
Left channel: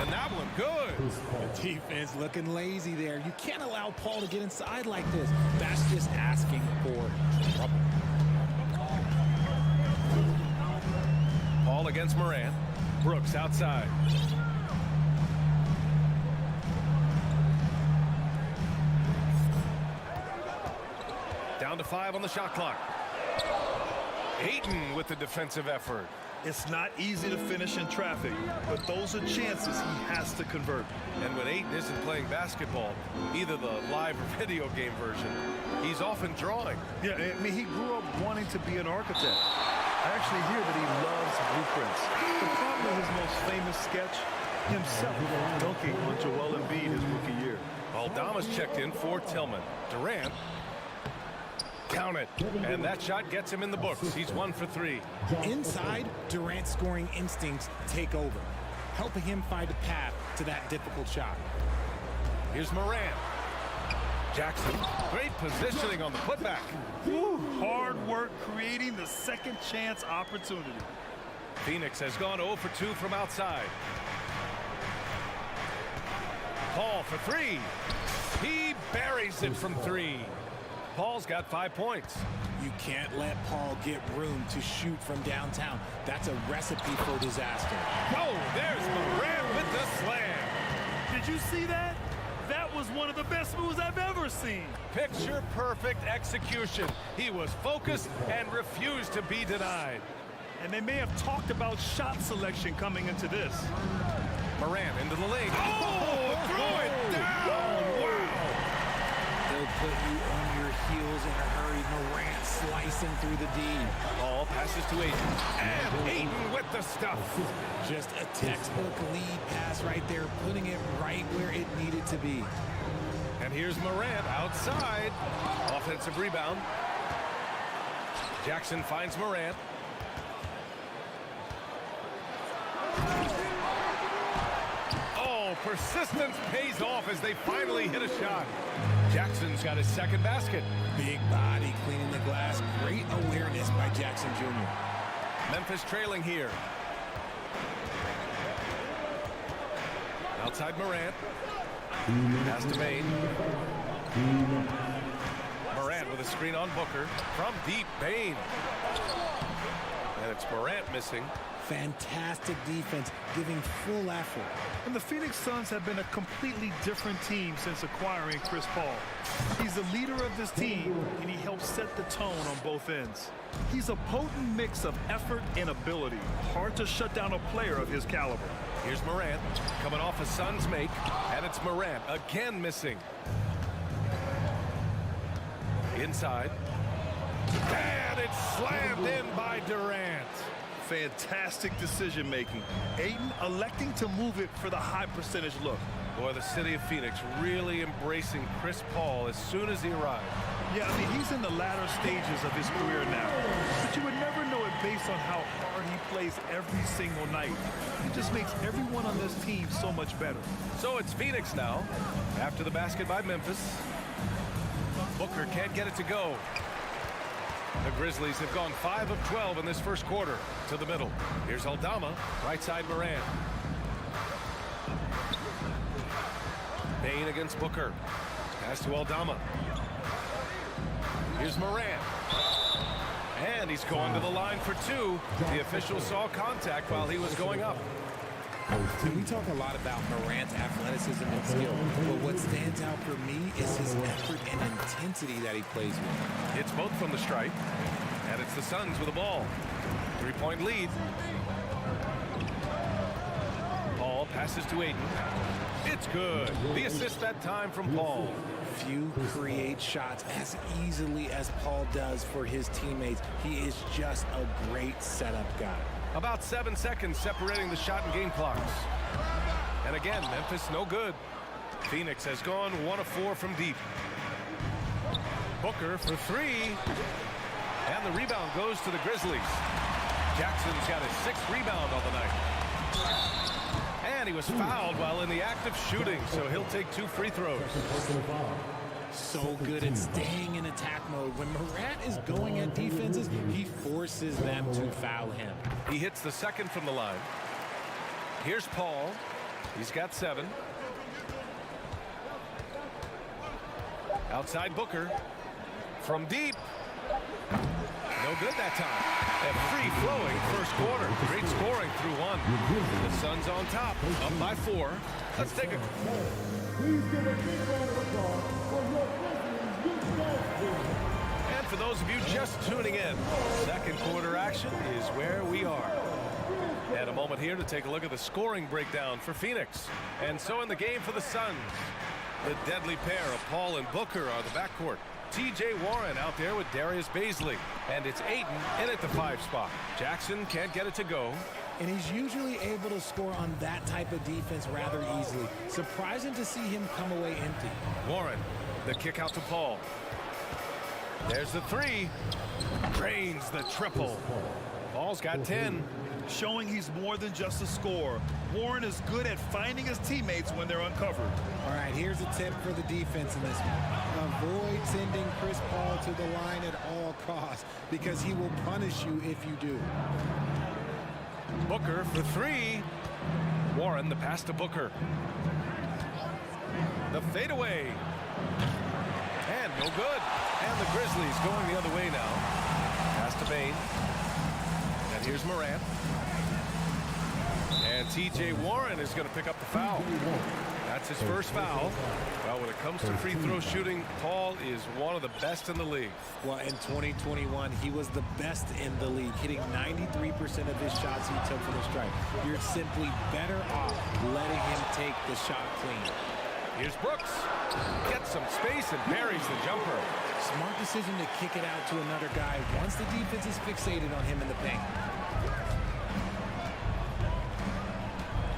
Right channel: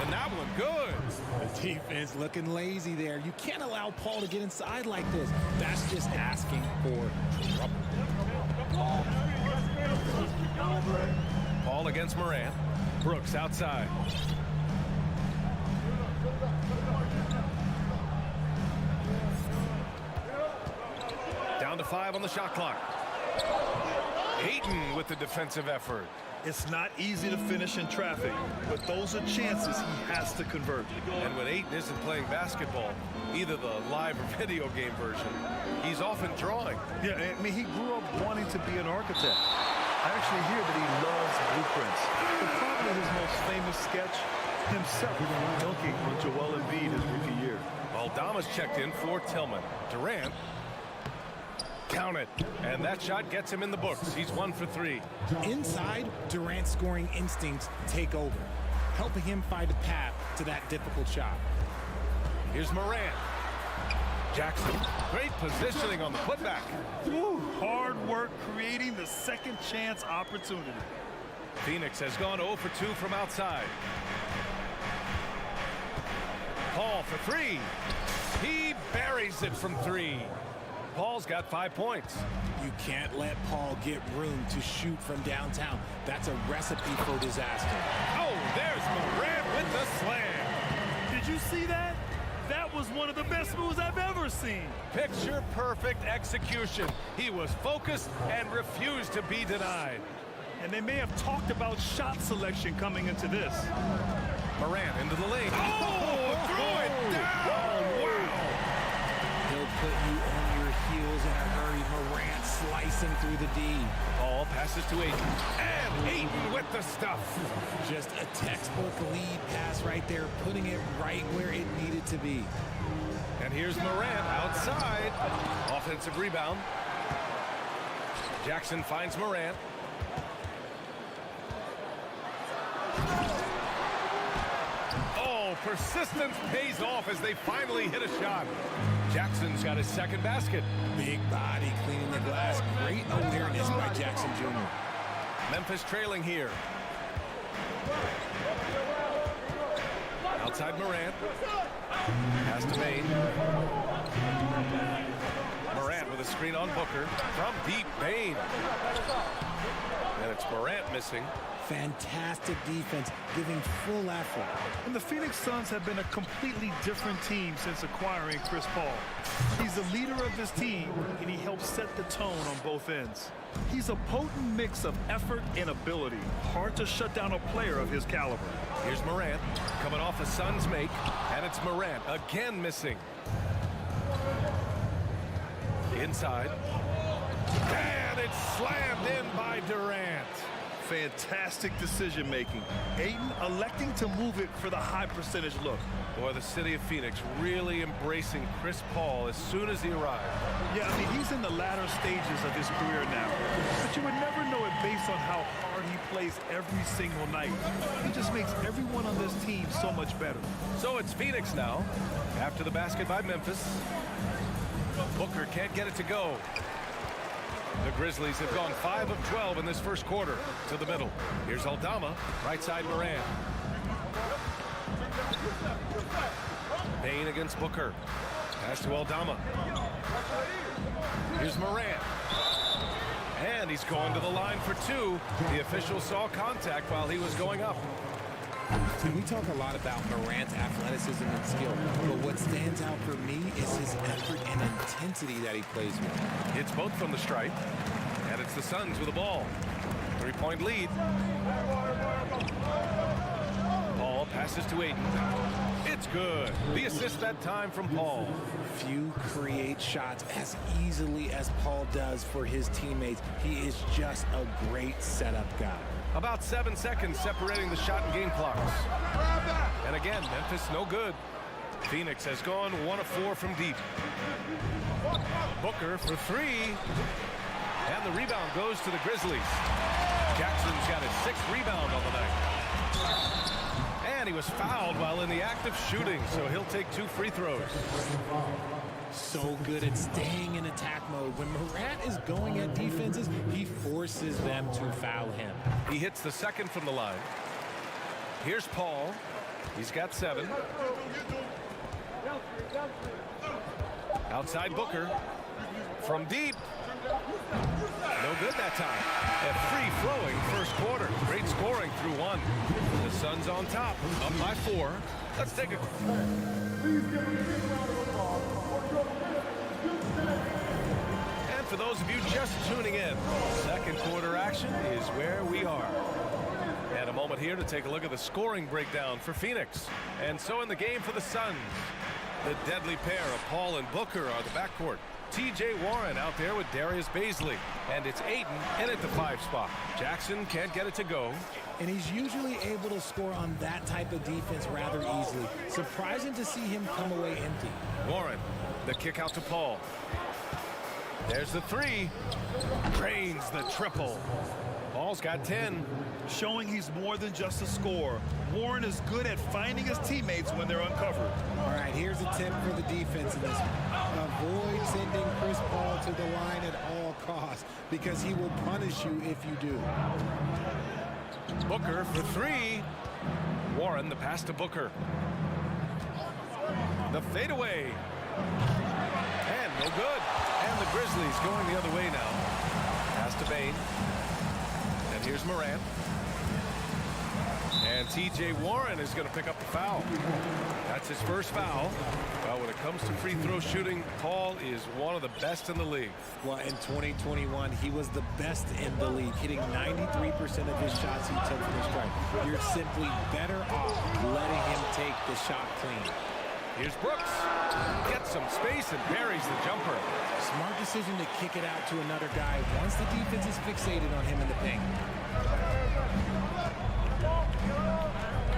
And that one good. The defense looking lazy there. You can't allow Paul to get inside like this. That's just asking for trouble. Paul against Morant. Brooks outside. Down to 5 on the shot clock. Ayton with the defensive effort. It's not easy to finish in traffic, but those are chances he has to convert. And when Ayton isn't playing basketball, either the live or video game version, he's often drawing. Yeah, I mean, he grew up wanting to be an architect. I actually hear that he loves blueprints. But probably his most famous sketch, himself dunking on Joel Embiid his rookie year. Aldama's checked in for Tillman. Durant. Count it. And that shot gets him in the books. He's 1 for 3. Inside, Durant's scoring instincts take over, helping him find a path to that difficult shot. Here's Morant. Jackson. Great positioning on the putback. Woo, hard work creating the second chance opportunity. Phoenix has gone 0 for 2 from outside. Paul for 3. He buries it from 3. Paul's got 5 points. You can't let Paul get room to shoot from downtown. That's a recipe for disaster. Oh, there's Morant with the slam. Did you see that? That was one of the best moves I've ever seen. Picture perfect execution. He was focused and refused to be denied. And they may have talked about shot selection coming into this. Morant into the lane. Oh, throw it down. Wow. He'll put you on your heels in a hurry. Morant slicing through the D. Ball passes to Ayton. And Ayton with the stuff. Just a textbook lead pass right there, putting it right where it needed to be. And here's Morant outside. Offensive rebound. Jackson finds Morant. Oh, persistence pays off as they finally hit a shot. Jackson's got his second basket. Big body cleaning the glass. Great awareness by Jackson Jr. Memphis trailing here. Outside Morant. Pass to Bane. Morant with a screen on Booker. From deep, Bane. And it's Morant missing. Fantastic defense, giving full effort. And the Phoenix Suns have been a completely different team since acquiring Chris Paul. He's the leader of this team, and he helps set the tone on both ends. He's a potent mix of effort and ability. Hard to shut down a player of his caliber. Here's Morant, coming off a Suns make, and it's Morant again missing. Inside. And it's slammed in by Durant. Fantastic decision-making. Ayton electing to move it for the high percentage look. Boy, the city of Phoenix really embracing Chris Paul as soon as he arrived. Yeah, I mean, he's in the latter stages of his career now. But you would never know it based on how hard he plays every single night. He just makes everyone on this team so much better. So it's Phoenix now, after the basket by Memphis. Booker can't get it to go. The Grizzlies have gone 5 of 12 in this first quarter. To the middle. Here's Aldama, right side Morant. Bane against Booker. Pass to Aldama. Here's Morant. And he's going to the line for 2. The official saw contact while he was going up. And we talk a lot about Morant's athleticism and skill, but what stands out for me is his effort and intensity that he plays with. It's both from the stripe, and it's the Suns with the ball. 3-point lead. Paul passes to Aiden. It's good. The assist that time from Paul. Few create shots as easily as Paul does for his teammates. He is just a great setup guy. About 7 seconds separating the shot and game clocks. And again, Memphis no good. Phoenix has gone 1 of 4 from deep. Booker for 3. And the rebound goes to the Grizzlies. Jackson's got his 6th rebound on the night. And he was fouled while in the act of shooting, so he'll take 2 free throws. So good at staying in attack mode. When Morant is going at defenses, he forces them to foul him. He hits the 2nd from the line. Here's Paul. He's got 7. Outside Booker. From deep. No good that time. A free-flowing first quarter. Great scoring through 1. The Suns on top, up by 4. Let's take a... Please give a big round of applause for your Grizzlies. And for those of you just tuning in, second quarter action is where we are. And a moment here to take a look at the scoring breakdown for Phoenix. And so in the game for the Suns, the deadly pair of Paul and Booker are the backcourt. T.J. Warren out there with Darius Baisley. And it's Ayton in at the 5 spot. Jackson can't get it to go. And he's usually able to score on that type of defense rather easily. Surprising to see him come away empty. Warren, the kick out to Paul. There's the 3. Drains the triple. Paul's got 10. Showing he's more than just a scorer. Warren is good at finding his teammates when they're uncovered. All right, here's a tip for the defense in this one. Avoid sending Chris Paul to the line at all costs because he will punish you if you do. Booker for 3. Warren, the pass to Booker. The fadeaway. And no good. And the Grizzlies going the other way now. Pass to Bane. And here's Morant. And T.J. Warren is going to pick up the foul. That's his first foul. Well, when it comes to free throw shooting, Paul is one of the best in the league. Well, in 2021, he was the best in the league, hitting 93% of his shots he took from the stripe. You're simply better off letting him take the shot clean. Here's Brooks. Gets some space and buries the jumper. Smart decision to kick it out to another guy once the defense is fixated on him in the paint.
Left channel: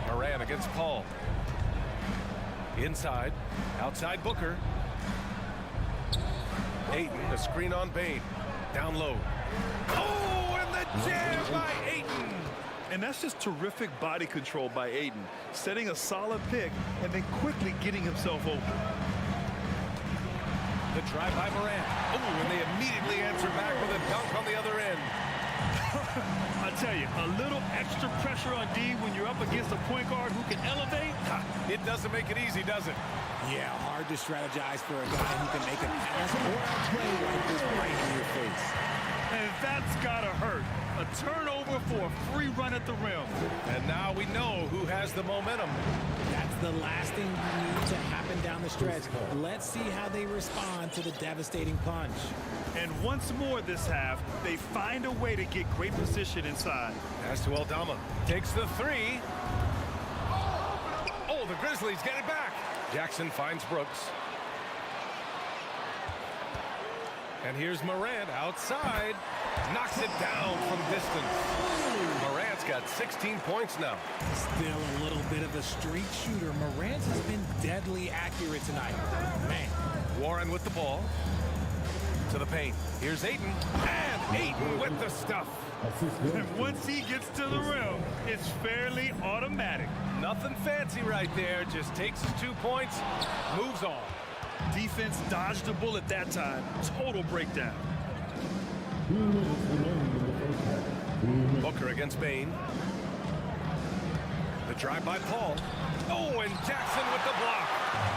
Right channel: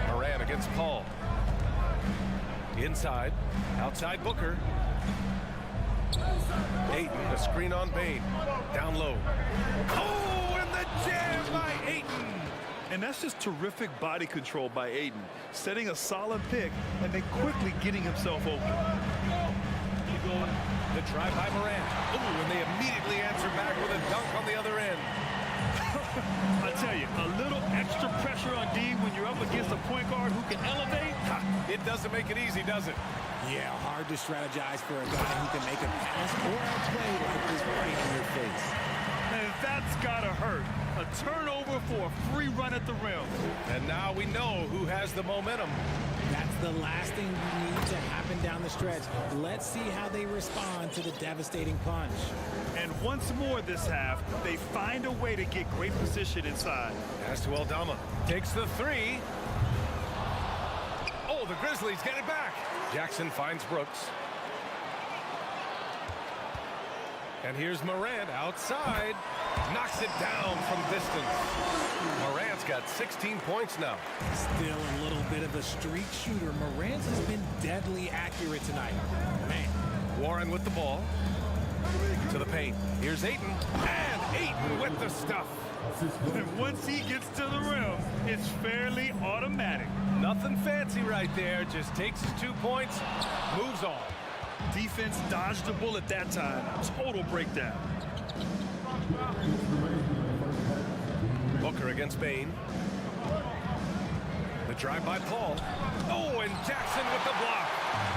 Moran against Paul. Inside. Outside Booker. Ayton, a screen on Bane. Down low. Oh, and the jam by Ayton. And that's just terrific body control by Ayton, setting a solid pick and then quickly getting himself open. The drive by Morant. Oh, and they immediately answer back with a dunk on the other end. I tell you, a little extra pressure on D when you're up against a point guard who can elevate. It doesn't make it easy, does it? Yeah, hard to strategize for a guy who can make a pass or a play like this right in your face. And that's gotta hurt. A turnover for a free run at the rim. And now we know who has the momentum. That's the last thing you need to happen down the stretch. Let's see how they respond to the devastating punch. And once more this half, they find a way to get great position inside. Pass to Aldama. Takes the 3. Oh, the Grizzlies get it back. Jackson finds Brooks. And here's Morant outside. Knocks it down from distance. Morant's got 16 points now. Still a little bit of a streak shooter. Morant has been deadly accurate tonight. Man. Warren with the ball. To the paint. Here's Ayton. And Ayton with the stuff. And once he gets to the rim, it's fairly automatic. Nothing fancy right there. Just takes his 2 points. Moves on. Defense dodged the bullet that time. Total breakdown. Booker against Bane. The drive by Paul. Oh, and Jackson with the block.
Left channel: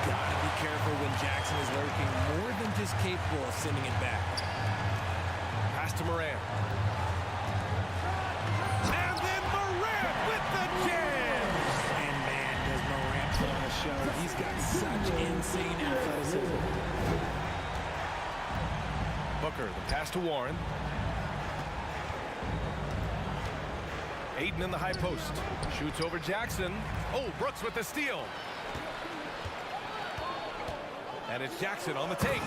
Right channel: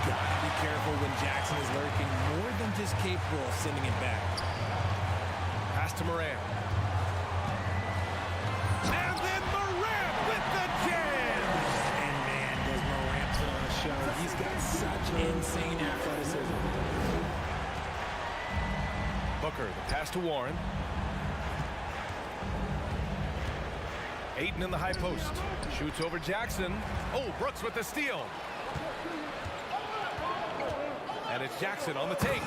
Gotta be careful when Jackson is lurking, more than just capable of sending it back. Pass to Morant. And then Morant with the jam. show. He's got such insane athleticism. Booker, the pass to Warren. Ayton in the high post. Shoots over Jackson. Oh, Brooks with the steal. And it's Jackson on the take.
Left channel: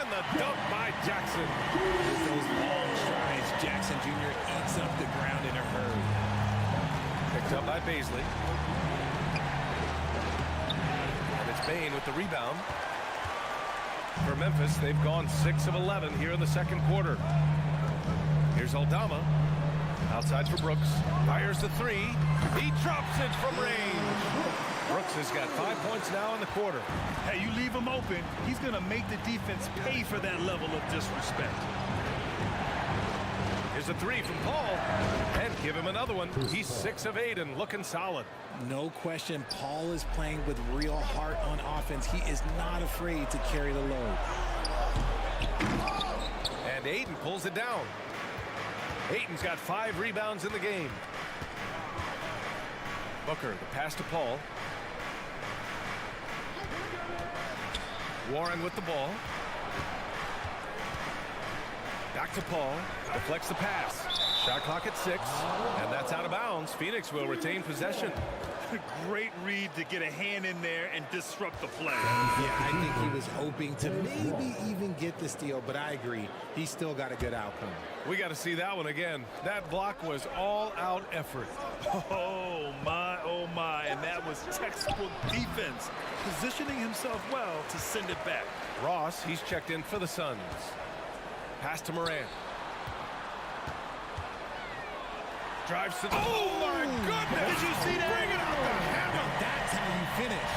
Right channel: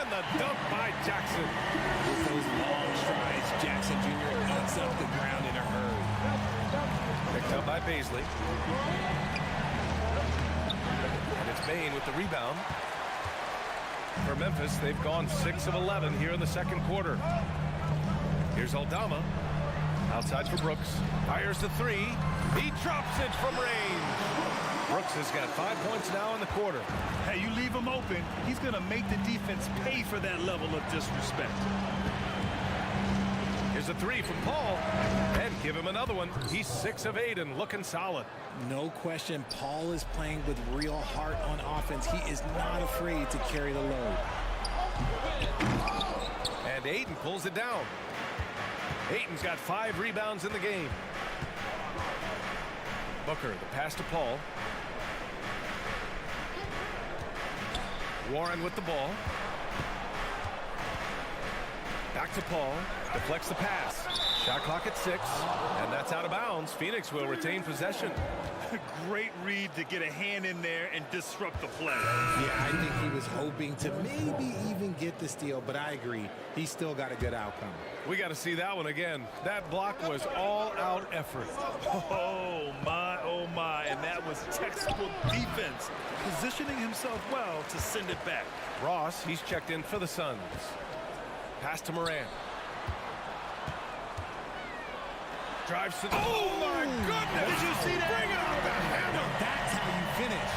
And the dunk by Jackson. With those long strides, Jackson Jr. eats up the ground in a hurry. Picked up by Baisley. And it's Bane with the rebound. For Memphis, they've gone 6 of 11 here in the second quarter. Here's Aldama. Outside for Brooks. Fires the three. He drops it from range. Brooks has got 5 points now in the quarter. Hey, you leave him open, he's going to make the defense pay for that level of disrespect. Here's a three from Paul. And give him another one. He's 6 of 8 and looking solid. No question, Paul is playing with real heart on offense. He is not afraid to carry the load. And Ayton pulls it down. Ayton's got 5 rebounds in the game. Booker, the pass to Paul. Warren with the ball. Back to Paul. Deflects the pass. Shot clock at 6. And that's out of bounds. Phoenix will retain possession. Great read to get a hand in there and disrupt the play. Yeah, I think he was hoping to maybe even get the steal, but I agree. He still got a good outcome. We got to see that one again. That block was all-out effort. Oh, my. And that was textbook defense. Positioning himself well to send it back. Ross, he's checked in for the Suns. Pass to Morant. Drives to the... Oh, my goodness! Did you see that? Bring it out the hammer! Now that's how you finish.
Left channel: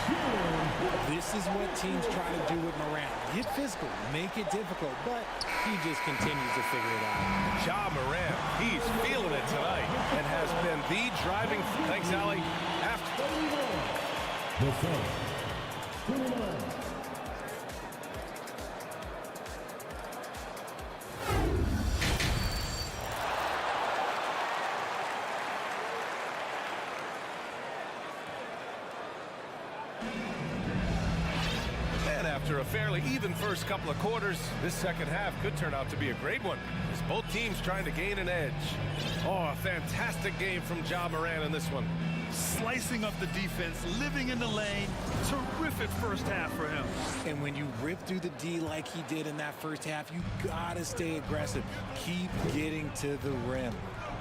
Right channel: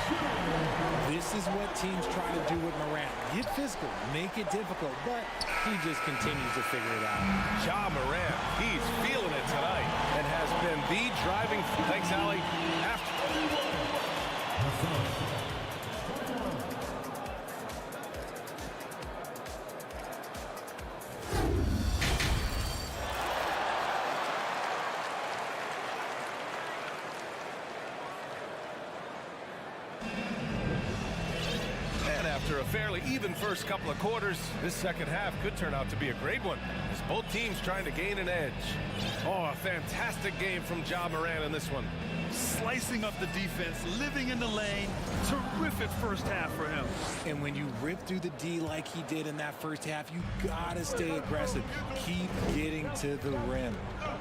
This is what teams try to do with Morant. Get physical, make it difficult, but he just continues to figure it out. Ja Morant, he's feeling it tonight and has been the driving... Thanks, Allie. After... After a fairly even first couple of quarters, this second half could turn out to be a great one as both teams trying to gain an edge. Oh, a fantastic game from Ja Morant in this one. Slicing up the defense, living in the lane. Terrific first half for him. And when you rip through the D like he did in that first half, you gotta stay aggressive. Keep getting to the rim.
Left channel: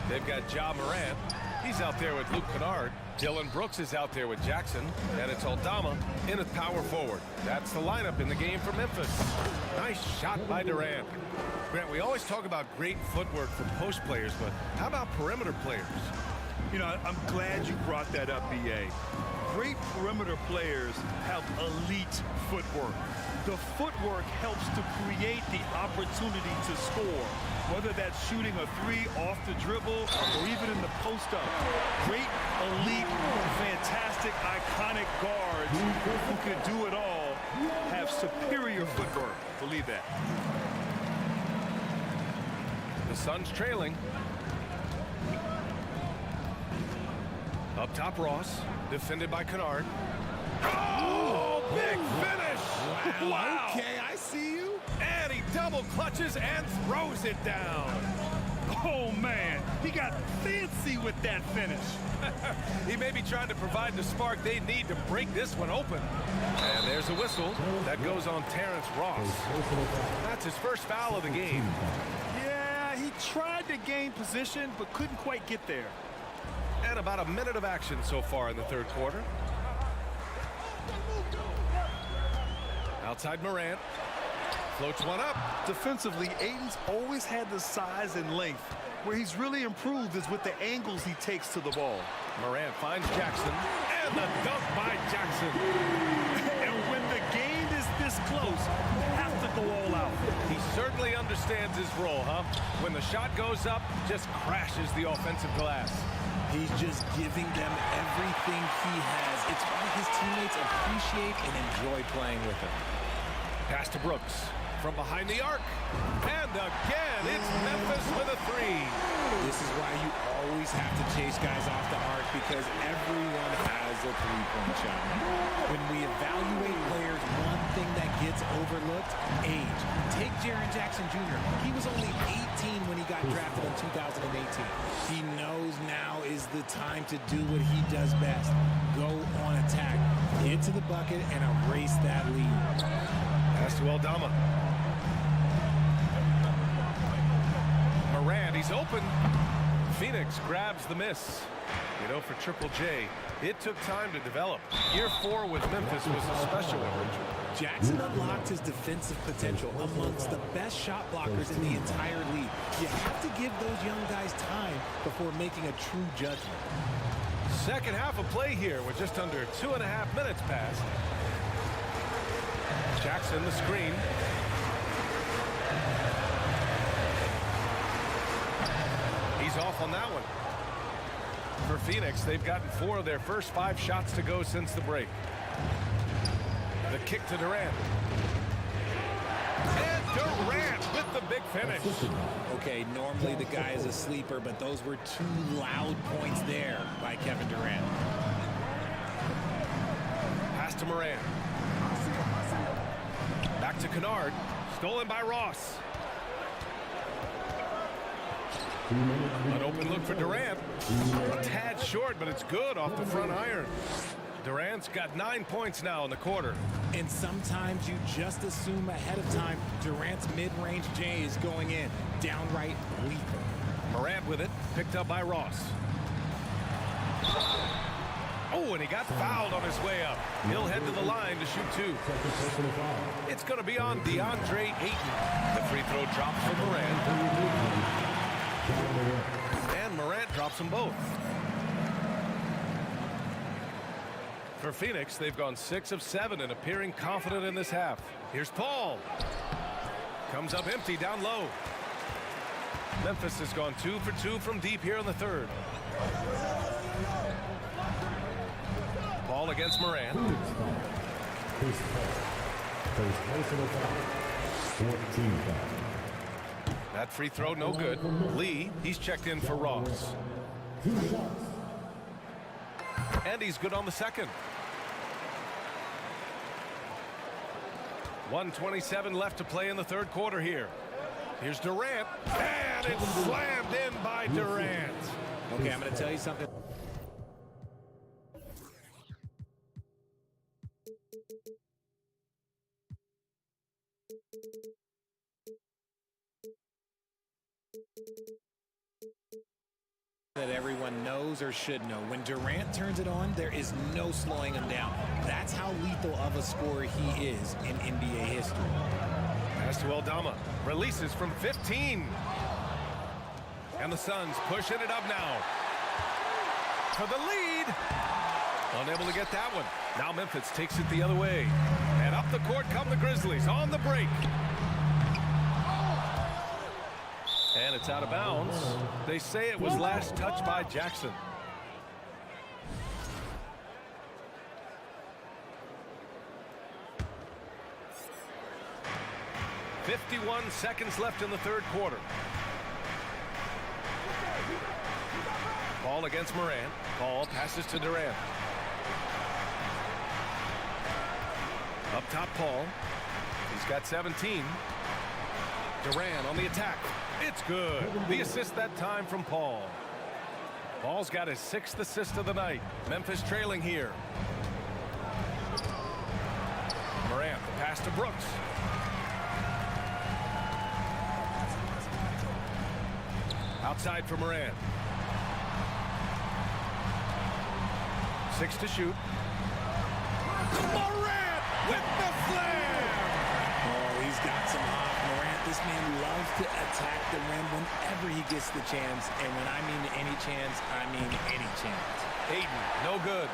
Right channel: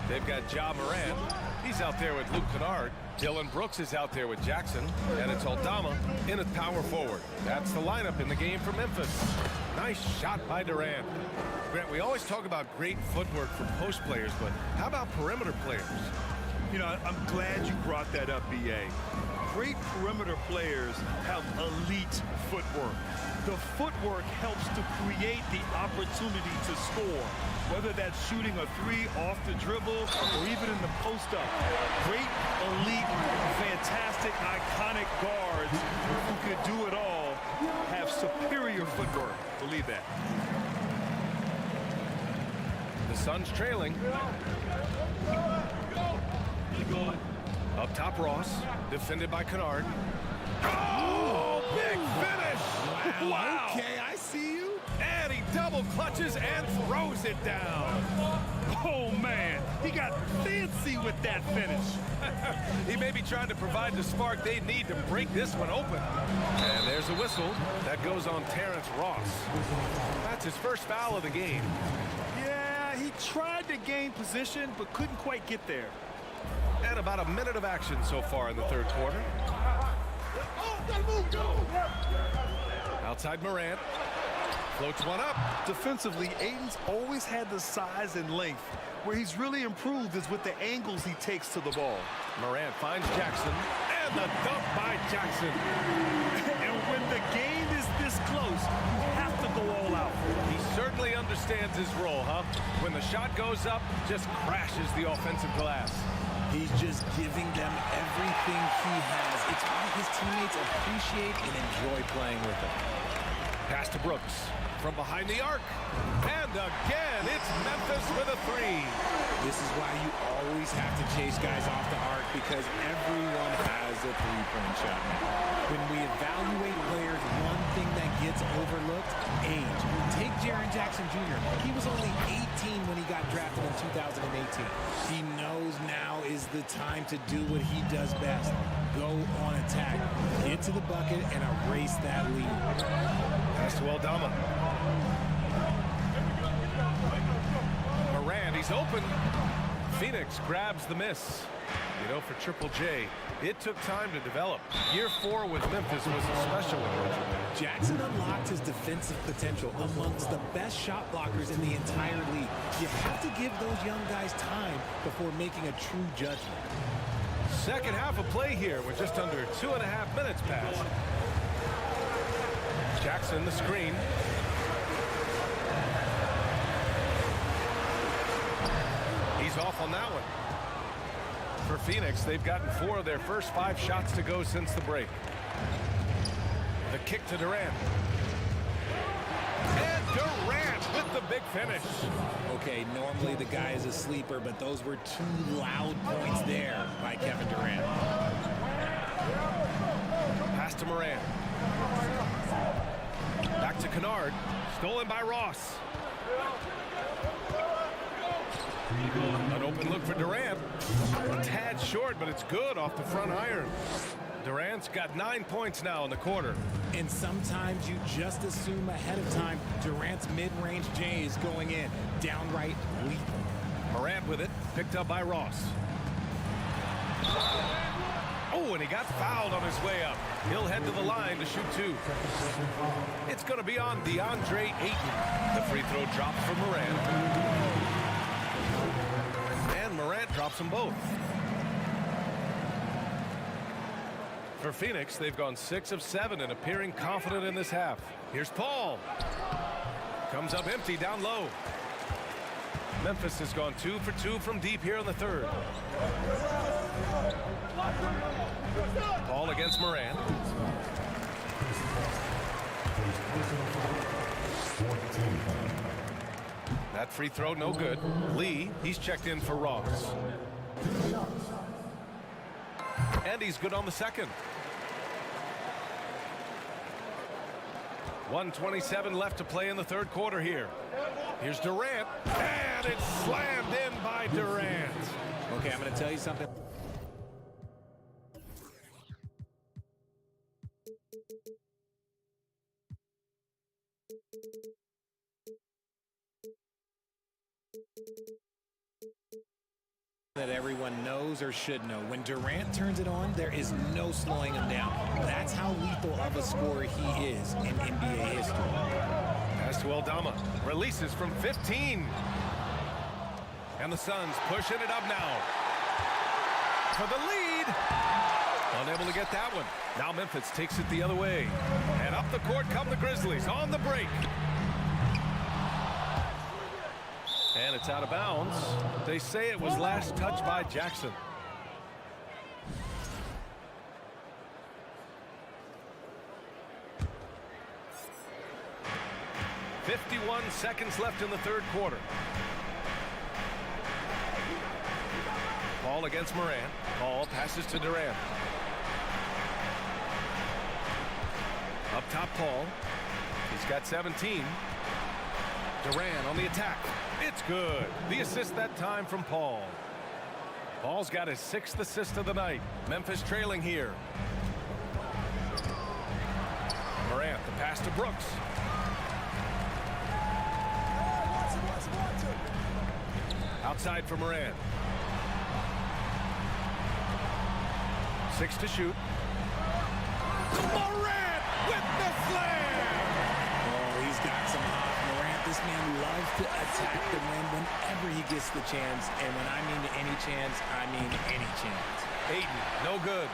They've got Ja Morant. He's out there with Luke Kennard. Dylan Brooks is out there with Jackson. And it's Aldama in at power forward. That's the lineup in the game for Memphis. Nice shot by Durant. Grant, we always talk about great footwork for post players, but how about perimeter players? You know, I'm glad you brought that up, B.A. Great perimeter players have elite footwork. The footwork helps to create the opportunity to score, whether that's shooting a three off the dribble or even in the post-up. Great, elite, fantastic, iconic guards who could do it all have superior footwork. Believe that. The Suns trailing. Up top, Ross. Defended by Kennard. Oh, big finish! Wow. Okay, I see you. And he double clutches and throws it down. Oh, man. He got fancy with that finish. He may be trying to provide the spark they need to break this one open. And there's a whistle. That goes on Terrence Ross. That's his first foul of the game. Yeah, he tried to gain position, but couldn't quite get there. And about a minute of action so far in the third quarter. Outside Morant. Floats one up. Defensively, Ayton's always had the size and length. Where he's really improved is with the angles he takes to the ball. Morant finds Jackson. And the dunk by Jackson. And when the game is this close, you have to go all out. He certainly understands his role, huh? When the shot goes up, just crashes the offensive glass. He's just giving them everything he has. It's why his teammates appreciate and enjoy playing with him. Pass to Brooks. from behind the arc. And again, it's Memphis with a three. This is why you always have to chase guys off the arc, because everyone has a three-point shot now. When we evaluate players, one thing that gets overlooked, age. Take Jaren Jackson Jr. He was only 18 when he got drafted in 2018. He knows now is the time to do what he does best. Go on attack. Get to the bucket and erase that lead. Pass to Aldama. Morant, he's open. Phoenix grabs the miss. You know, for Triple J, it took time to develop. Year 4 with Memphis was a special one, Richard. Jackson unlocked his defensive potential amongst the best shot blockers in the entire league. You have to give those young guys time before making a true judgment. Second half of play here with just under 2.5 minutes passed. Jackson, the screen. He's off on that one. For Phoenix, they've gotten 4 of their first 5 shots to go since the break. The kick to Durant. And Durant with the big finish. Okay, normally the guy is a sleeper, but those were 2 loud points there by Kevin Durant. Pass to Morant. Back to Kennard. Stolen by Ross. An open look for Durant. A tad short, but it's good off the front iron. Durant's got 9 points now in the quarter. And sometimes you just assume ahead of time Durant's mid-range J is going in. Downright lethal. Morant with it. Picked up by Ross. Oh, and he got fouled on his way up. He'll head to the line to shoot 2. It's going to be on DeAndre Ayton. The free throw drops for Morant. And Morant drops them both. For Phoenix, they've gone 6 of 7 and appearing confident in this half. Here's Paul. Comes up empty down low. Memphis has gone 2 for 2 from deep here in the third. Paul against Morant. That free throw no good. Lee, he's checked in for Ross. And he's good on the second. 1:27 left to play in the third quarter here. Here's Durant. And it's slammed in by Durant. Okay, I'm going to tell you something. That everyone knows or should know. When Durant turns it on, there is no slowing him down. That's how lethal of a scorer he is in NBA history. Pass to Aldama. Releases from 15. And the Suns pushing it up now. For the lead. Unable to get that one. Now Memphis takes it the other way. And up the court come the Grizzlies on the break. And it's out of bounds. They say it was last touched by Jackson. .51 seconds left in the third quarter. Paul against Morant. Paul passes to Durant. Up top, Paul. He's got 17. Durant on the attack. It's good. The assist that time from Paul. Paul's got his 6th assist of the night. Memphis trailing here. Morant, the pass to Brooks. Outside for Morant. 6 to shoot. Morant with the slam! Oh, he's got some hop. Morant, this man loves to attack the rim whenever he gets the chance. And when I mean any chance, I mean any chance. Ayton, no good.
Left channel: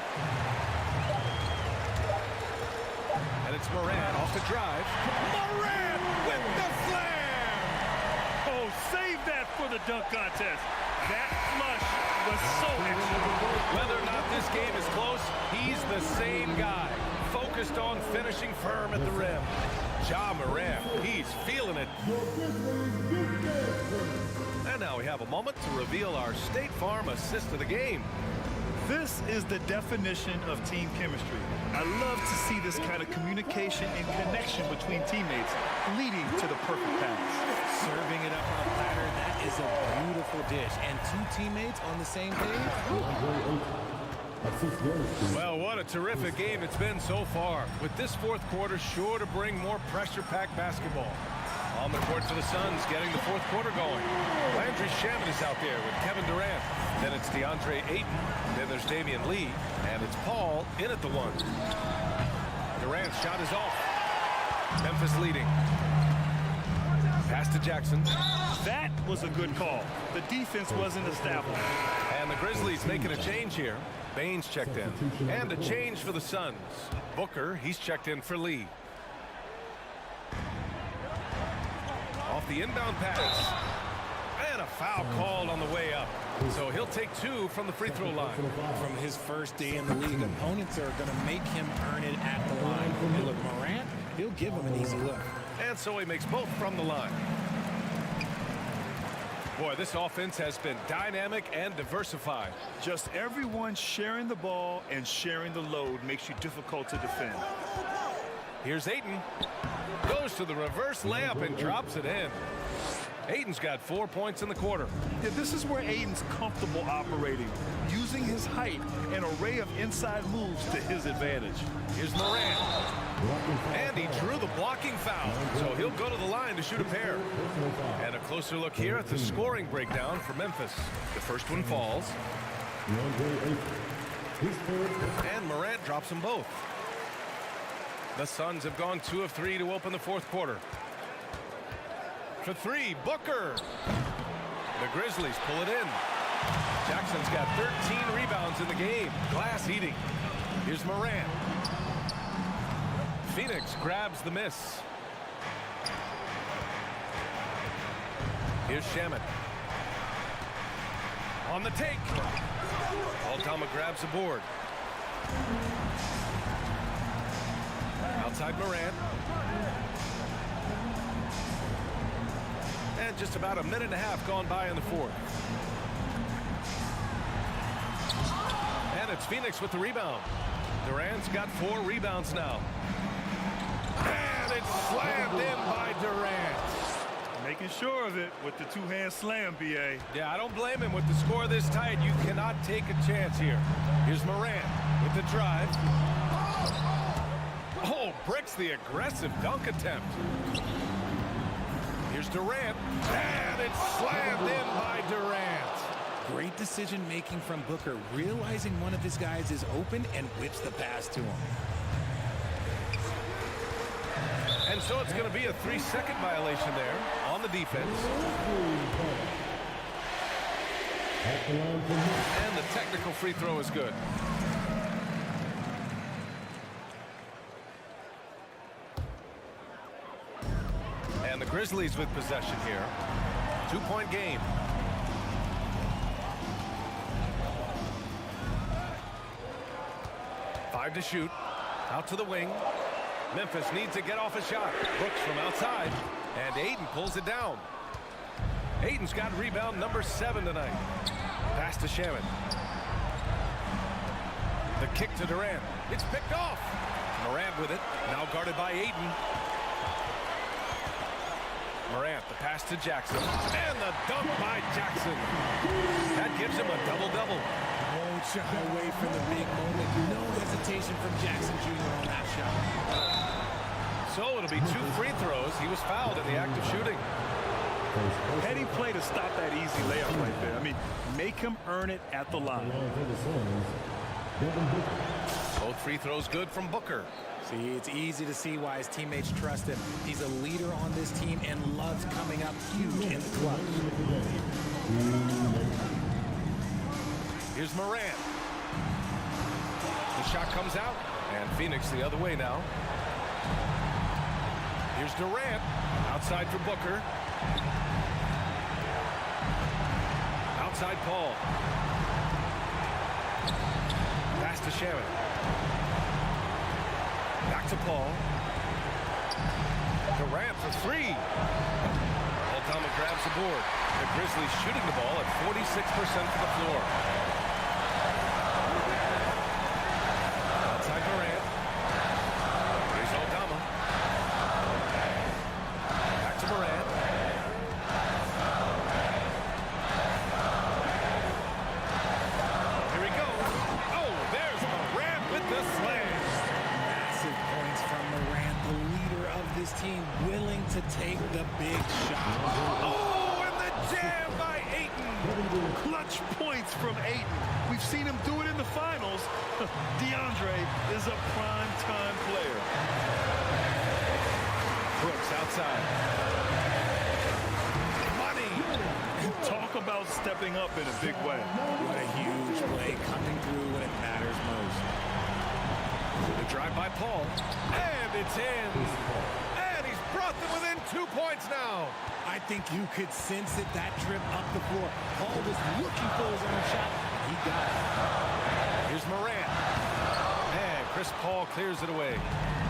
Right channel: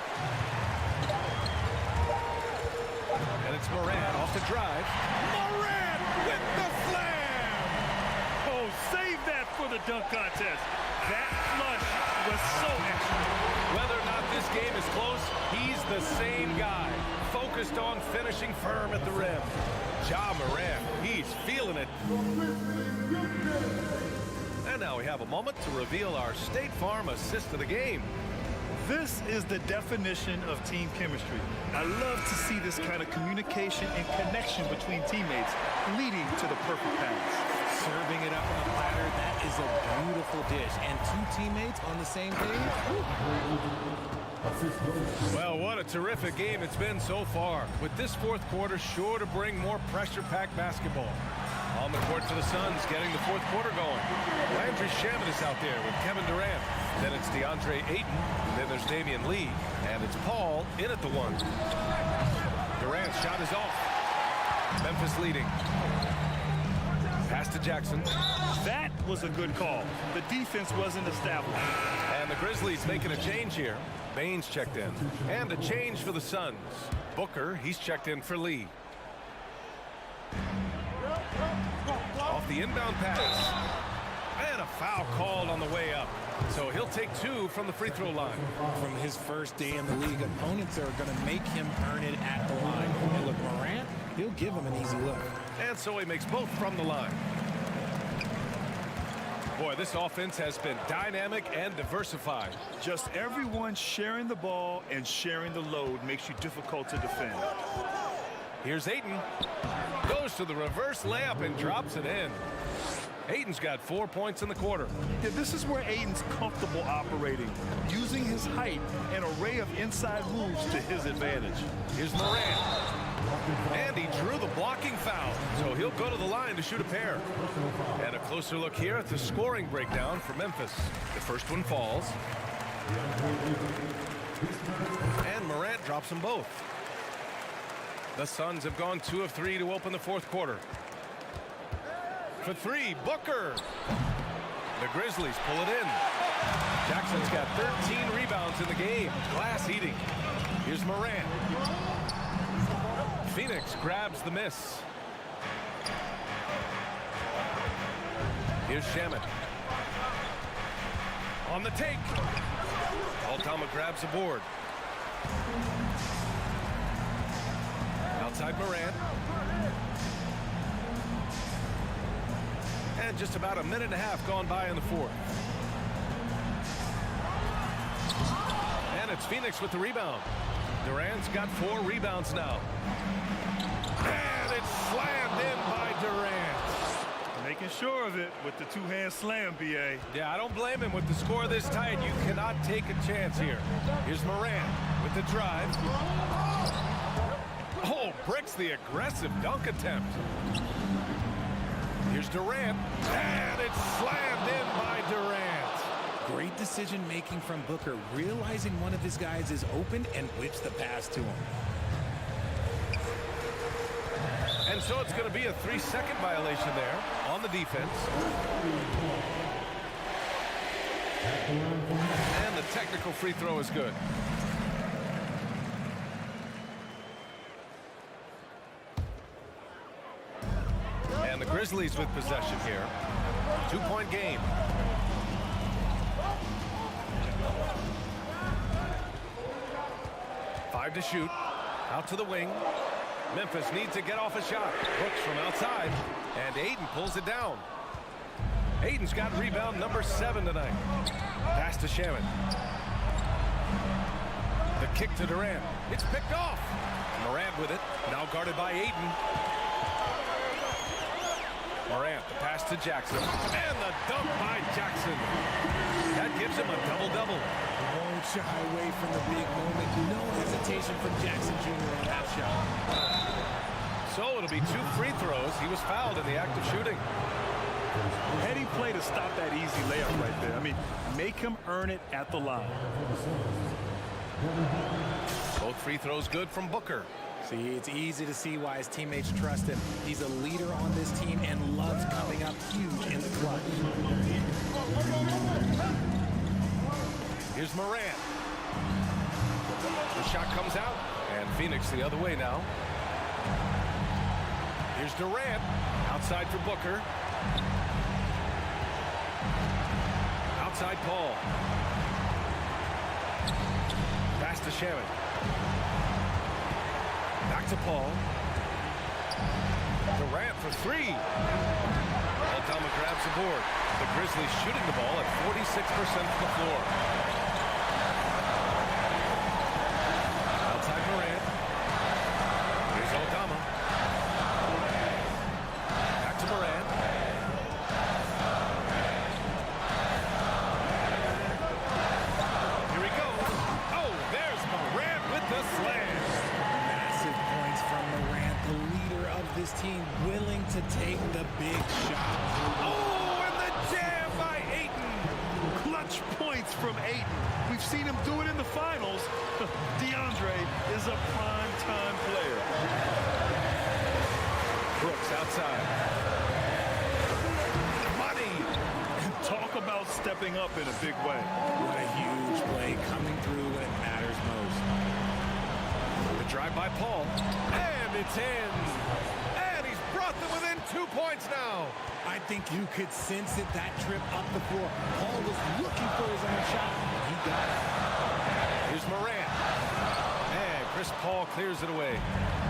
And it's Morant off the drive. Morant with the slam! Oh, save that for the dunk contest. That flush was so extra. Whether or not this game is close, he's the same guy. Focused on finishing firm at the rim. Ja Morant, he's feeling it. And now we have a moment to reveal our State Farm assist of the game. This is the definition of team chemistry. I love to see this kind of communication and connection between teammates leading to the perfect pass. Serving it up on a platter, that is a beautiful dish. And two teammates on the same page. Well, what a terrific game it's been so far, with this fourth quarter sure to bring more pressure-packed basketball. On the court for the Suns, getting the fourth quarter going. Landry Shamet is out there with Kevin Durant. Then it's DeAndre Ayton. Then there's Damian Lee. And it's Paul in at the one. Durant's shot is off. Memphis leading. Pass to Jackson. That was a good call. The defense wasn't established. And the Grizzlies making a change here. Baines checked in. And a change for the Suns. Booker, he's checked in for Lee. Off the inbound pass. And a foul called on the way up. So he'll take two from the free throw line. From his first day in the league, opponents are going to make him earn it at the line. And look, Morant, he'll give him an easy look. And so he makes both from the line. Boy, this offense has been dynamic and diversified. Just everyone sharing the ball and sharing the load makes you difficult to defend. Here's Ayton. Goes to the reverse layup and drops it in. Ayton's got 4 points in the quarter. Yeah, this is where Ayton's comfortable operating, using his height and array of inside moves to his advantage. Here's Morant. And he drew the blocking foul, so he'll go to the line to shoot a pair. And a closer look here at the scoring breakdown for Memphis. The first one falls. And Morant drops them both. The Suns have gone 2 of 3 to open the fourth quarter. For three, Booker. The Grizzlies pull it in. Jackson's got 13 rebounds in the game. Glass eating. Here's Morant. Phoenix grabs the miss. Here's Shamet. On the take. Aldama grabs the board. Outside Morant. And just about a minute and a half gone by in the fourth. And it's Phoenix with the rebound. Durant's got 4 rebounds now. And it's slammed in by Durant. Making sure of it with the two-hand slam, B.A. Yeah, I don't blame him with the score this tight. You cannot take a chance here. Here's Morant with the drive. Oh, breaks the aggressive dunk attempt. Here's Durant, and it's slammed in by Durant. Great decision-making from Booker, realizing one of his guys is open and whips the pass to him. And so it's going to be a 3-second violation there on the defense. And the technical free throw is good. And the Grizzlies with possession here. 2-point game. Five to shoot. Out to the wing. Memphis needs to get off a shot. Brooks from outside. And Ayton pulls it down. Ayton's got rebound number 7 tonight. Pass to Shamet. The kick to Durant. It's picked off. Morant with it. Now guarded by Ayton. Morant, the pass to Jackson. And the dunk by Jackson. That gives him a double-double. Won't shy away from the big moment. No hesitation from Jackson Jr. on that shot. So it'll be 2 free throws. He was fouled in the act of shooting. Heady play to stop that easy layup right there. I mean, make him earn it at the line. Both free throws good from Booker. See, it's easy to see why his teammates trust him. He's a leader on this team and loves coming up huge in the clutch. Here's Morant. The shot comes out, and Phoenix the other way now. Here's Durant, outside for Booker. Outside Paul. Pass to Shamet. Back to Paul. Durant for three. Aldama grabs the board. The Grizzlies shooting the ball at 46% from the floor. Outside Morant. Here's Aldama. Back to Morant. Here he goes. Oh, there's Morant with the slam. Massive points from Morant, the leader of this team, willing to take the big shot. Oh, and the jam by Ayton. Clutch points from Ayton. We've seen him do it in the finals. DeAndre is a prime-time player. Brooks outside. Money. Talk about stepping up in a big way. What a huge play coming through when it matters most. The drive by Paul. And it's in. And he's brought them within 2 points now. I think you could sense it, that trip up the floor. Paul was looking for his own shot, and he got it. Here's Morant. Man, Chris Paul clears it away.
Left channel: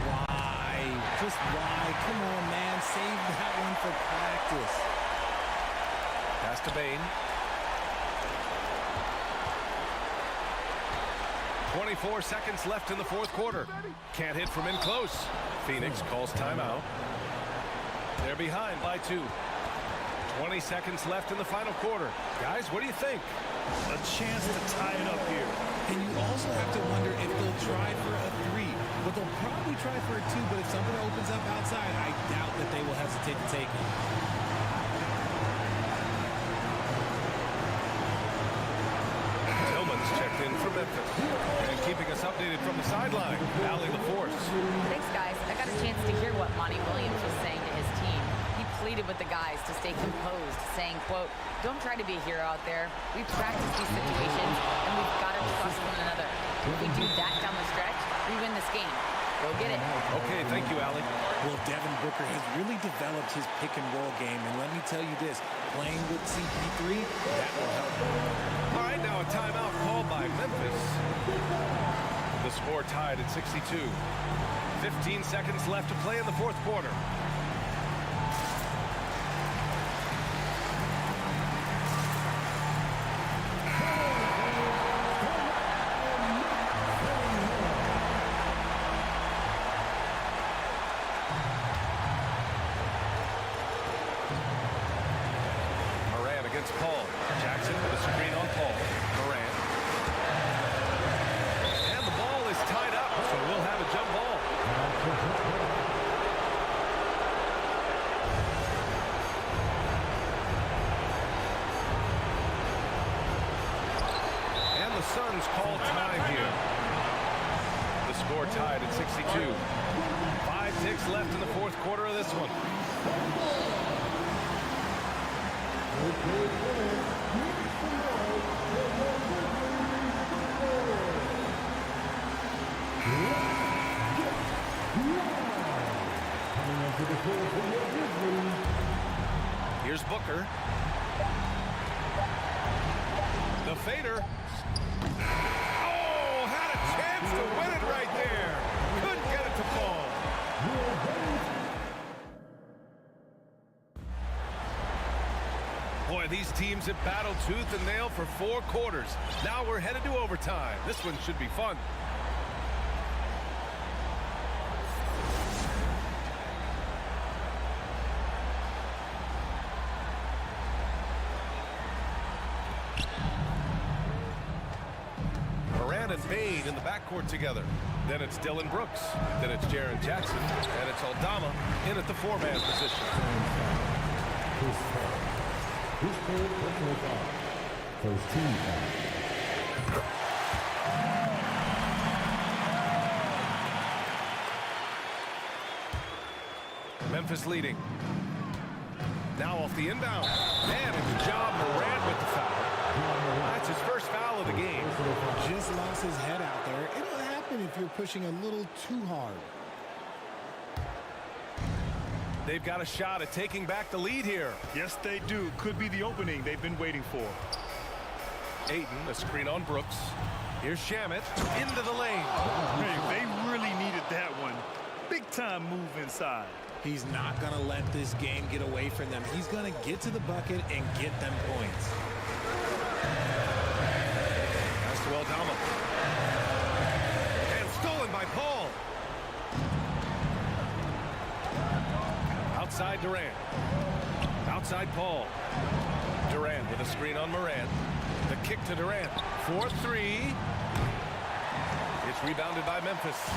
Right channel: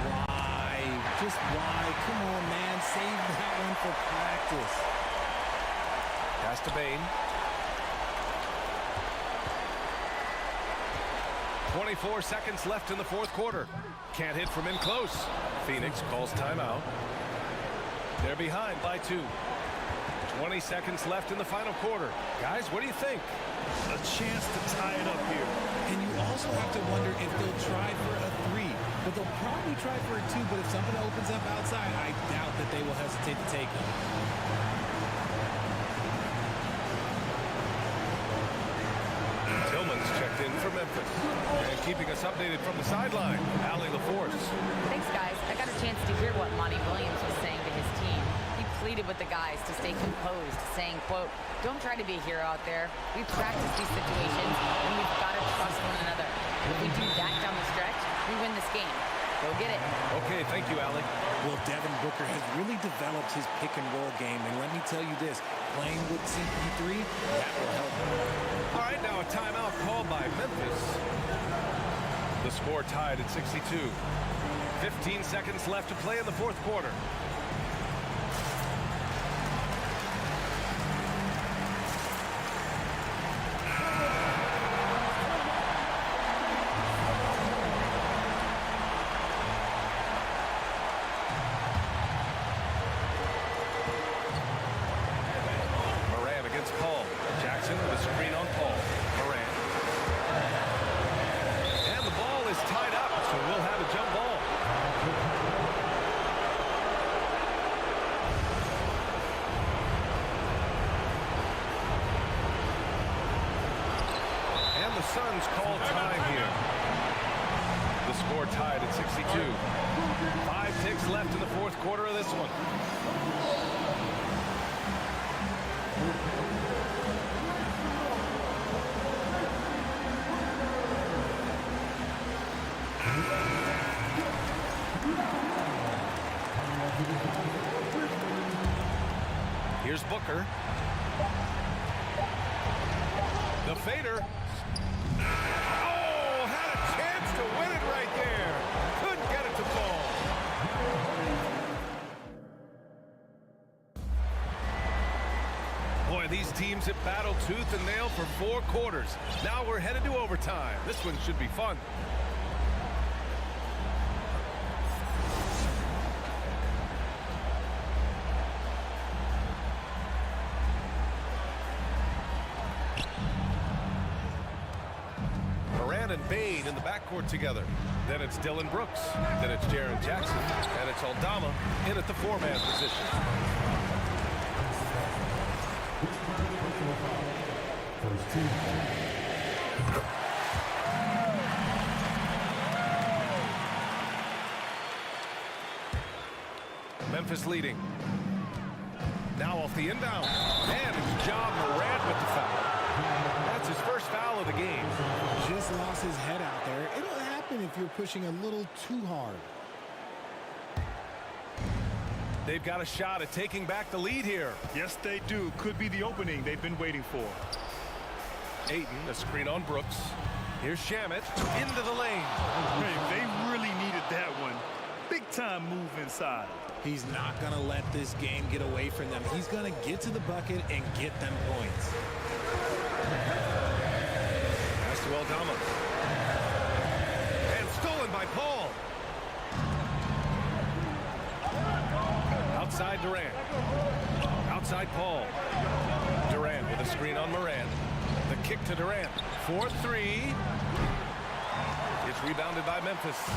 Why? Just why? Come on, man. Save that one for practice. Pass to Bane. 24 seconds left in the fourth quarter. Can't hit from in close. Phoenix calls timeout. They're behind by 2. 20 seconds left in the final quarter. Guys, what do you think? A chance to tie it up here. And you also have to wonder if they'll try for a 3. But they'll probably try for a 2. But if something opens up outside, I doubt that they will hesitate to take it. Tillman's checked in for Memphis. And keeping us updated from the sideline, Allie LaForce. Thanks, guys. I got a chance to hear what Monty Williams was saying to his team. He pleaded with the guys to stay composed, saying, quote, "Don't try to be a hero out there. We've practiced these situations, and we've got to trust one another. If we do that down the stretch, we win this game. Go get it." Okay, thank you, Allie. Well, Devin Booker has really developed his pick-and-roll game, and let me tell you this, playing with CP3, that will help him. All right, now a timeout called by Memphis. The score tied at 62. 15 seconds left to play in the fourth quarter. Paul. Jackson with a screen on Paul. Morant. And the ball is tied up, so we'll have a jump ball. And the Suns call time here. The score tied at 62. 5 ticks left in the fourth quarter of this one. Here's Booker. The fader. Oh, had a chance to win it right there. Couldn't get it to fall. Boy, these teams have battled tooth and nail for 4 quarters. Now we're headed to overtime. This one should be fun. Morant and Bane in the backcourt together. Then it's Dylan Brooks. Then it's Jaren Jackson. And it's Aldama in at the 4-man position. First team. Memphis leading. Now off the inbound. And it's Ja Morant with the foul. That's his first foul of the game. Just lost his head out there. It'll happen if you're pushing a little too hard. They've got a shot at taking back the lead here. Yes, they do. Could be the opening they've been waiting for. Ayton, a screen on Brooks. Here's Shamet into the lane. Hey, they really needed that one. Big-time move inside. He's not going to let this game get away from them. He's going to get to the bucket and get them points. Pass to Aldama. And stolen by Paul. Outside Durant. Outside Paul. Durant with a screen on Morant. The kick to Durant. 4-3. It's rebounded by Memphis.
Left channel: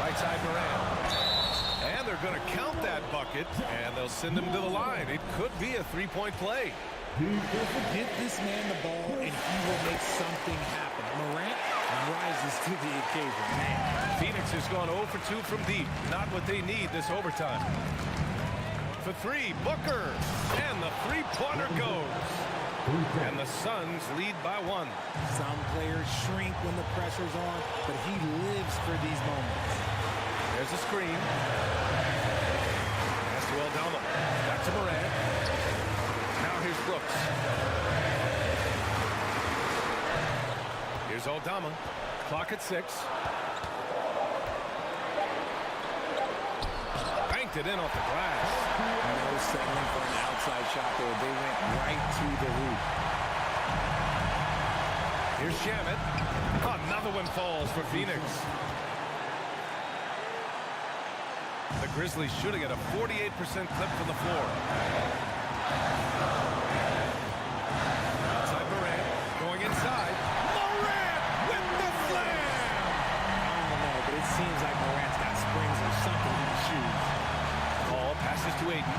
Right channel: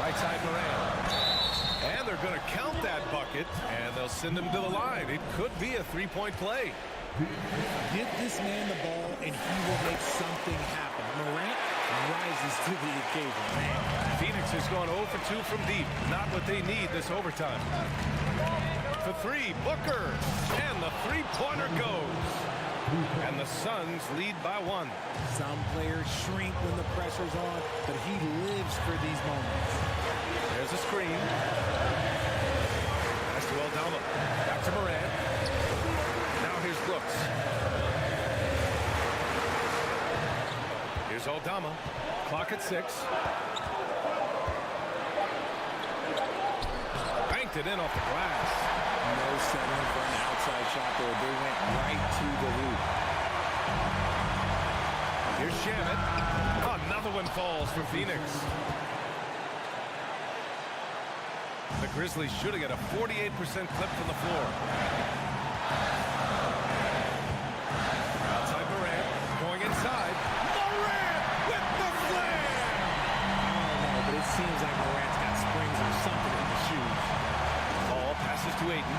Right side Morant. And they're going to count that bucket, and they'll send him to the line. It could be a three-point play. Give this man the ball, and he will make something happen. Morant rises to the occasion. Man. Phoenix has gone 0 for 2 from deep. Not what they need this overtime. For three, Booker. And the three-pointer goes. And the Suns lead by 1. Some players shrink when the pressure's on, but he lives for these moments. There's a screen. Pass to Aldama. Back to Morant. Now here's Brooks. Here's Aldama. Clock at 6. Banked it in off the glass. No settling for an outside shot there. They went right to the hoop. Here's Shamet. Another one falls for Phoenix. The Grizzlies shooting at a 48% clip from the floor. Outside Morant. Going inside. Morant with the slam! I don't know, but it seems like Morant's got springs or something in his shoes. Paul passes to Aiden.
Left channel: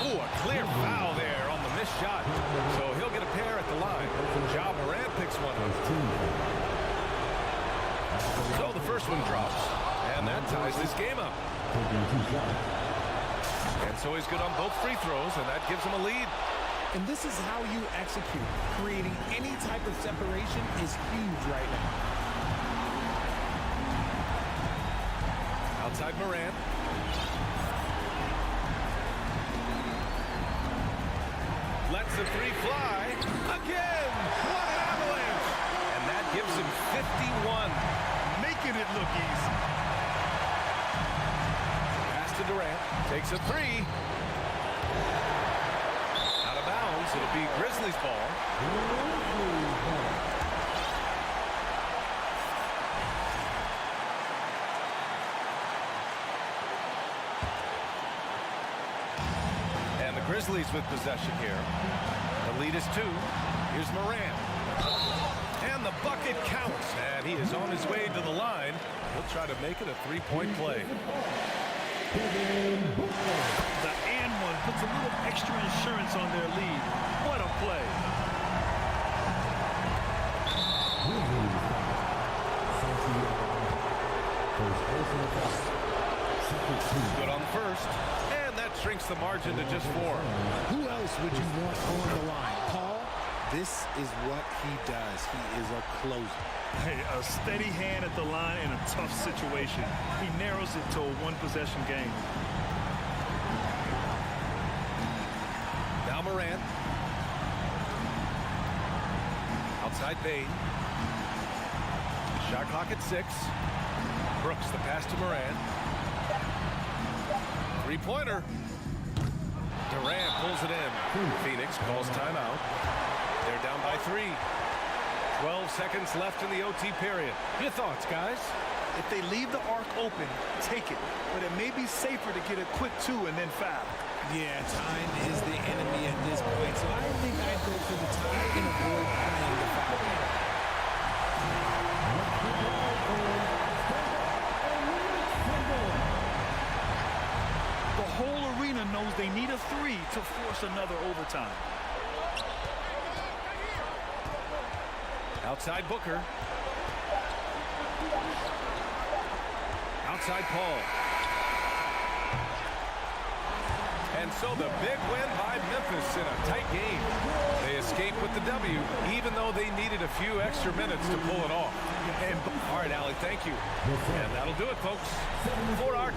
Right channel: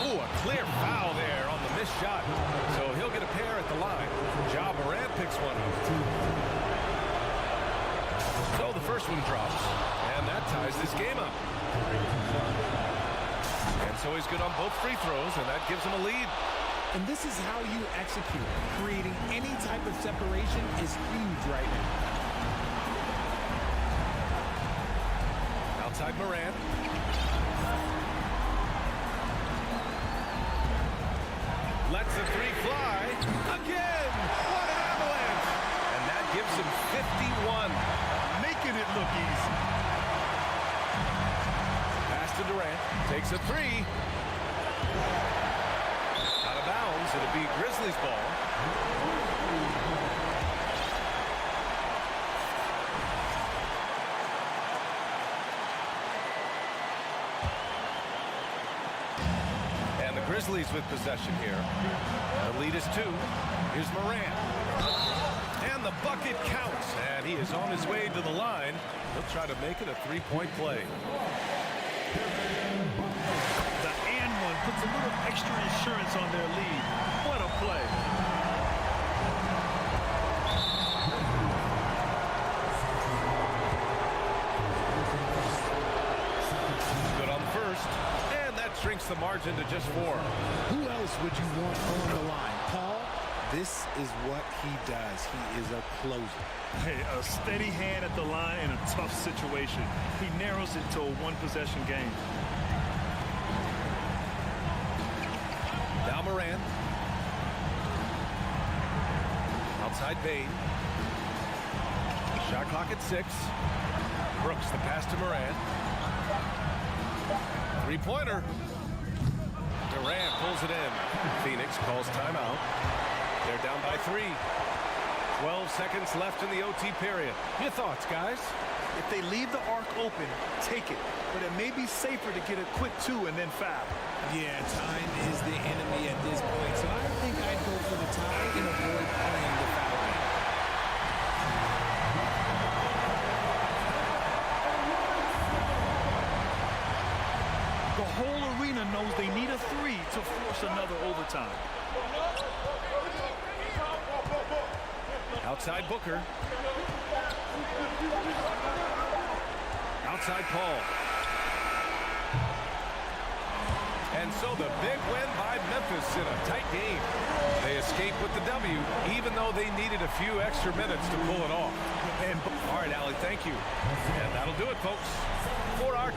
Oh, a clear foul there on the missed shot. So he'll get a pair at the line. Ja Morant picks one up. So the first one drops. And that ties this game up. And so he's good on both free throws, and that gives him a lead. And this is how you execute. Creating any type of separation is huge right now. Outside Morant. Lets the three fly. Again! What an avalanche! And that gives him 51. Making it look easy. Pass to Durant. Takes a three. Out of bounds. It'll be Grizzlies ball. And the Grizzlies with possession here. The lead is 2. Here's Morant. And the bucket counts. And he is on his way to the line. He'll try to make it a three-point play. The and one puts a little extra insurance on their lead. What a play. Good on the first. And that shrinks the margin to just 4. Who else would you want on the line? Paul, this is what he does. He is a closer. Hey, a steady hand at the line in a tough situation. He narrows it to a one-possession game. Now Morant. Outside Bain. Shot clock at 6. Brooks, the pass to Morant. Three-pointer. Durant pulls it in. Phoenix calls timeout. They're down by 3. 12 seconds left in the OT period. Your thoughts, guys? If they leave the arc open, take it. But it may be safer to get a quick 2 and then foul. Yeah, time is the enemy at this point. So I think I'd go for the tie and avoid playing the foul game. The whole arena knows they need a 3 to force another overtime. Outside Booker. Outside Paul. And so the big win by Memphis in a tight game. They escape with the W, even though they needed a few extra minutes to pull it off. All right, Allie, thank you. And that'll do it, folks, for our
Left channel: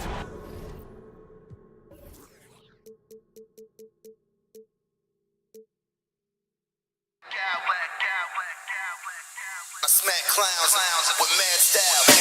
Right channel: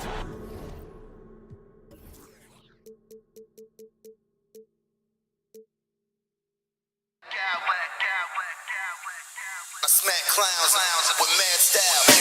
I smack clowns with mad style.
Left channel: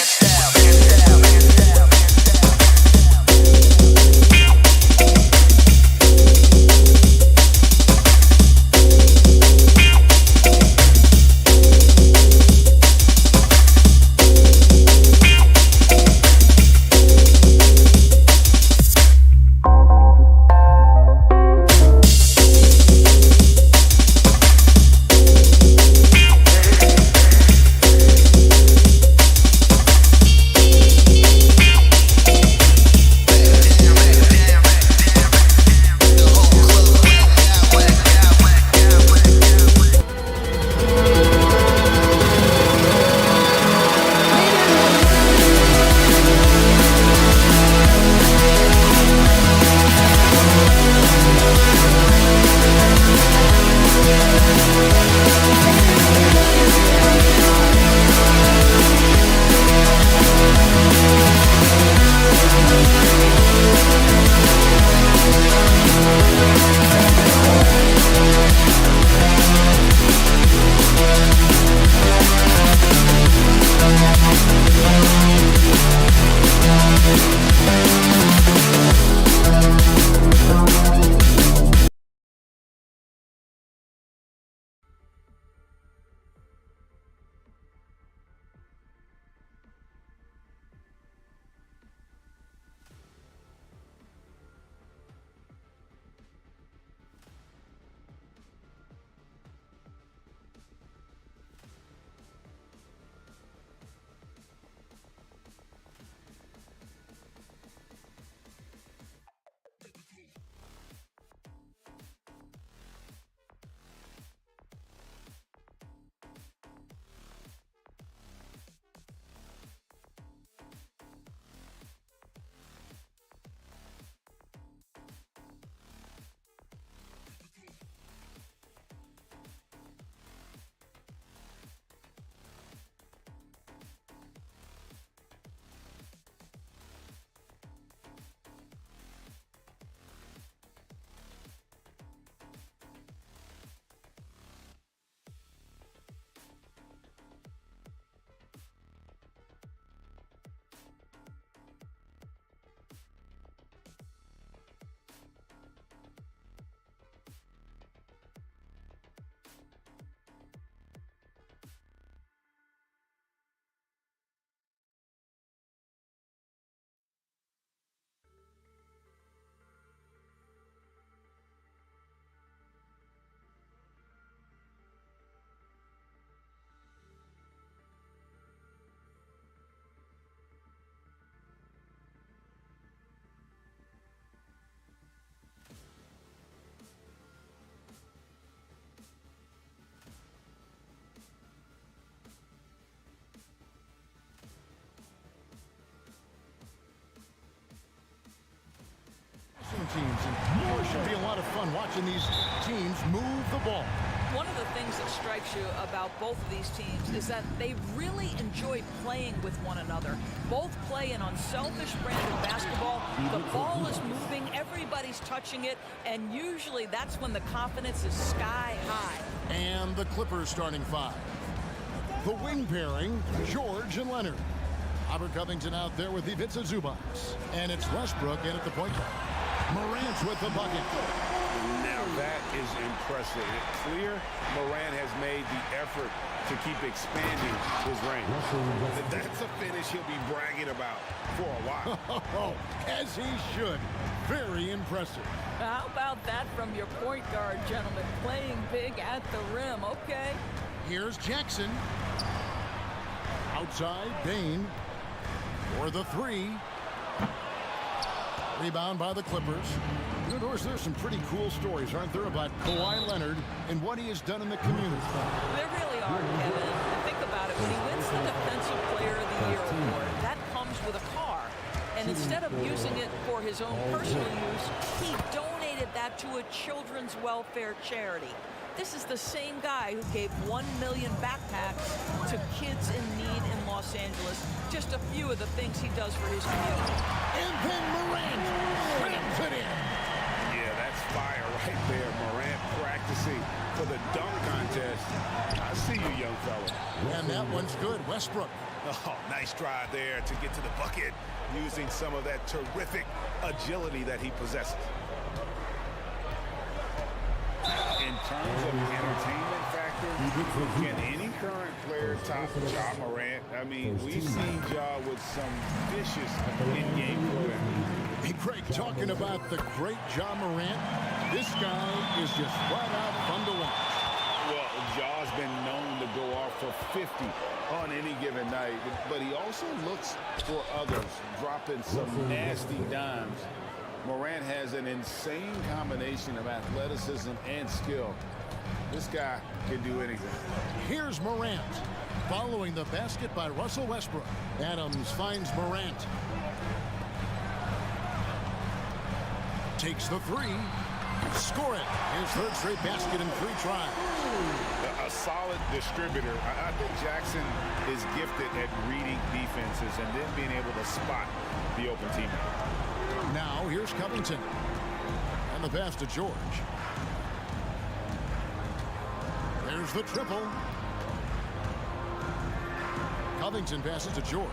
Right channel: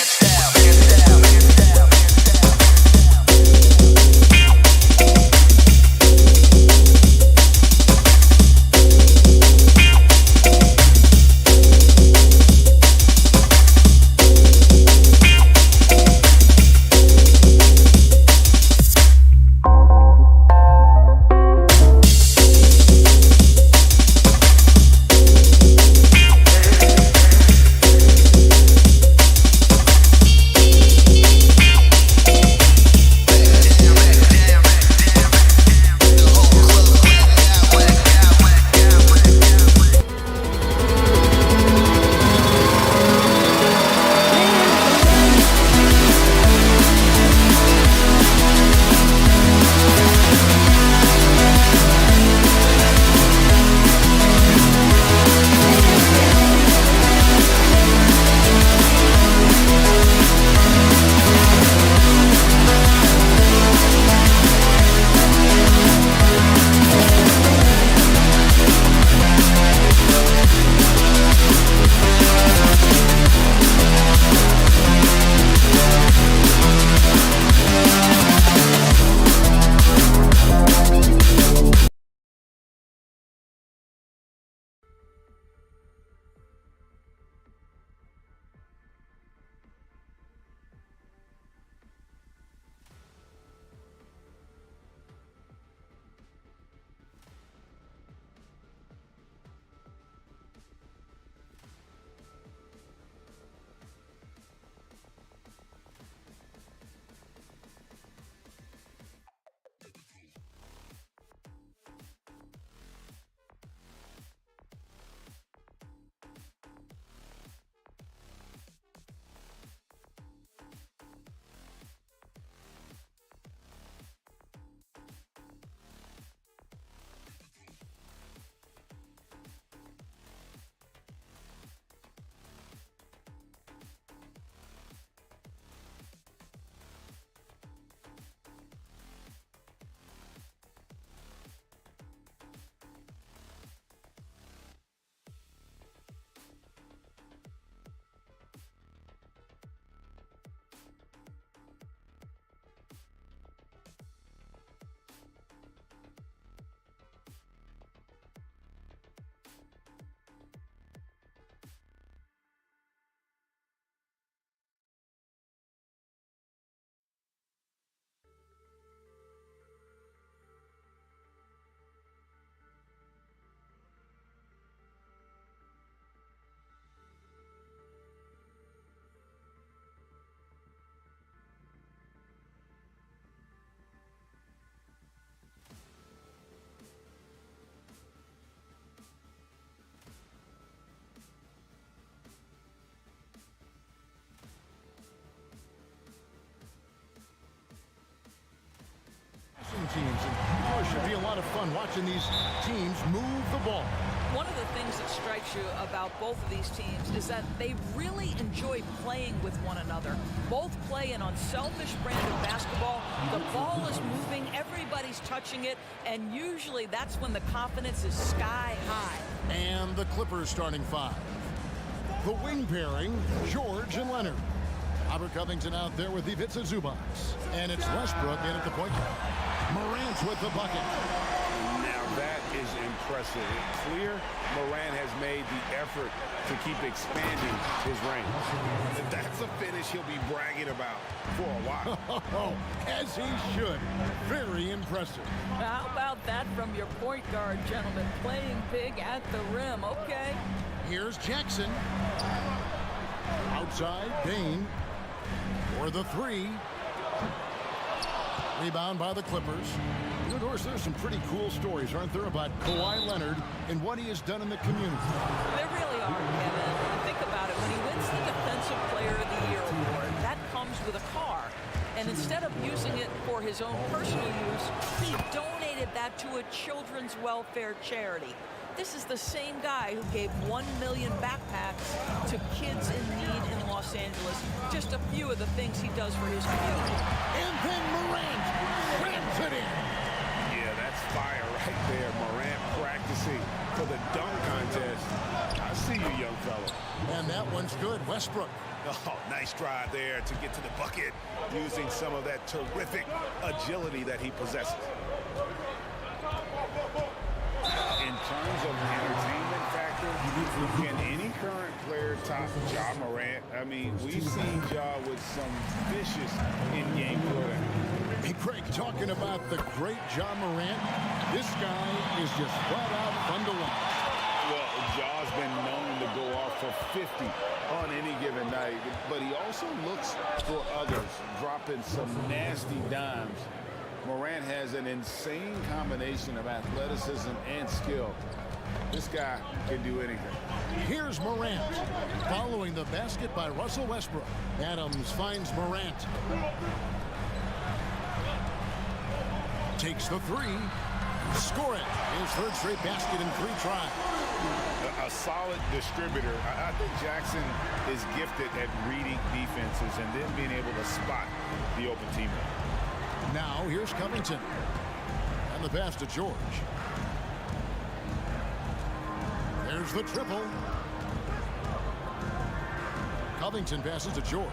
Teams, and it should be a lot of fun watching these teams move the ball. One of the things that strikes you about both of these teams is that they really enjoy playing with one another. Both play an unselfish brand of basketball. The ball is moving, everybody's touching it, and usually that's when the confidence is sky high. And the Clippers starting five. The wing pairing, George and Leonard. Robert Covington out there with Ivica Zubac. And it's Westbrook in at the point guard. Morant with the bucket. Now that is impressive. It's clear Morant has made the effort to keep expanding his range. That's a finish he'll be bragging about for a while. As he should. Very impressive. How about that from your point guard, gentlemen? Playing big at the rim, okay. Here's Jackson. Outside, Bain for the three. Rebound by the Clippers. You know, Doris, there's some pretty cool stories, aren't there, about Kawhi Leonard and what he has done in the community. There really are, Kevin. And think about it. When he wins the Defensive Player of the Year award, that comes with a car. And instead of using it for his own personal use, he donated that to a children's welfare charity. This is the same guy who gave 1 million backpacks to kids in need in Los Angeles. Just a few of the things he does for his community. And then Morant slams it in. Yeah, that's fire right there. Morant practicing for the dunk contest. I see you, young fella. And that one's good. Westbrook. Oh, nice drive there to get to the bucket using some of that terrific agility that he possesses. In terms of entertainment factor, can any current player top Ja Morant? I mean, we've seen Ja with some vicious in-game throwdown. Hey, Craig, talking about the great Ja Morant, this guy is just flat out fun to watch. Well, Ja's been known to go off for 50 on any given night, but he also looks for others, dropping some nasty dimes. Morant has an insane combination of athleticism and skill. This guy can do anything. Here's Morant, following the basket by Russell Westbrook. Adams finds Morant. Takes the three. Score it. His third straight basket in 3 tries. A solid distributor. I think Jackson is gifted at reading defenses and then being able to spot the open teammate. Now here's Covington. And the pass to George. There's the triple. Covington passes to George.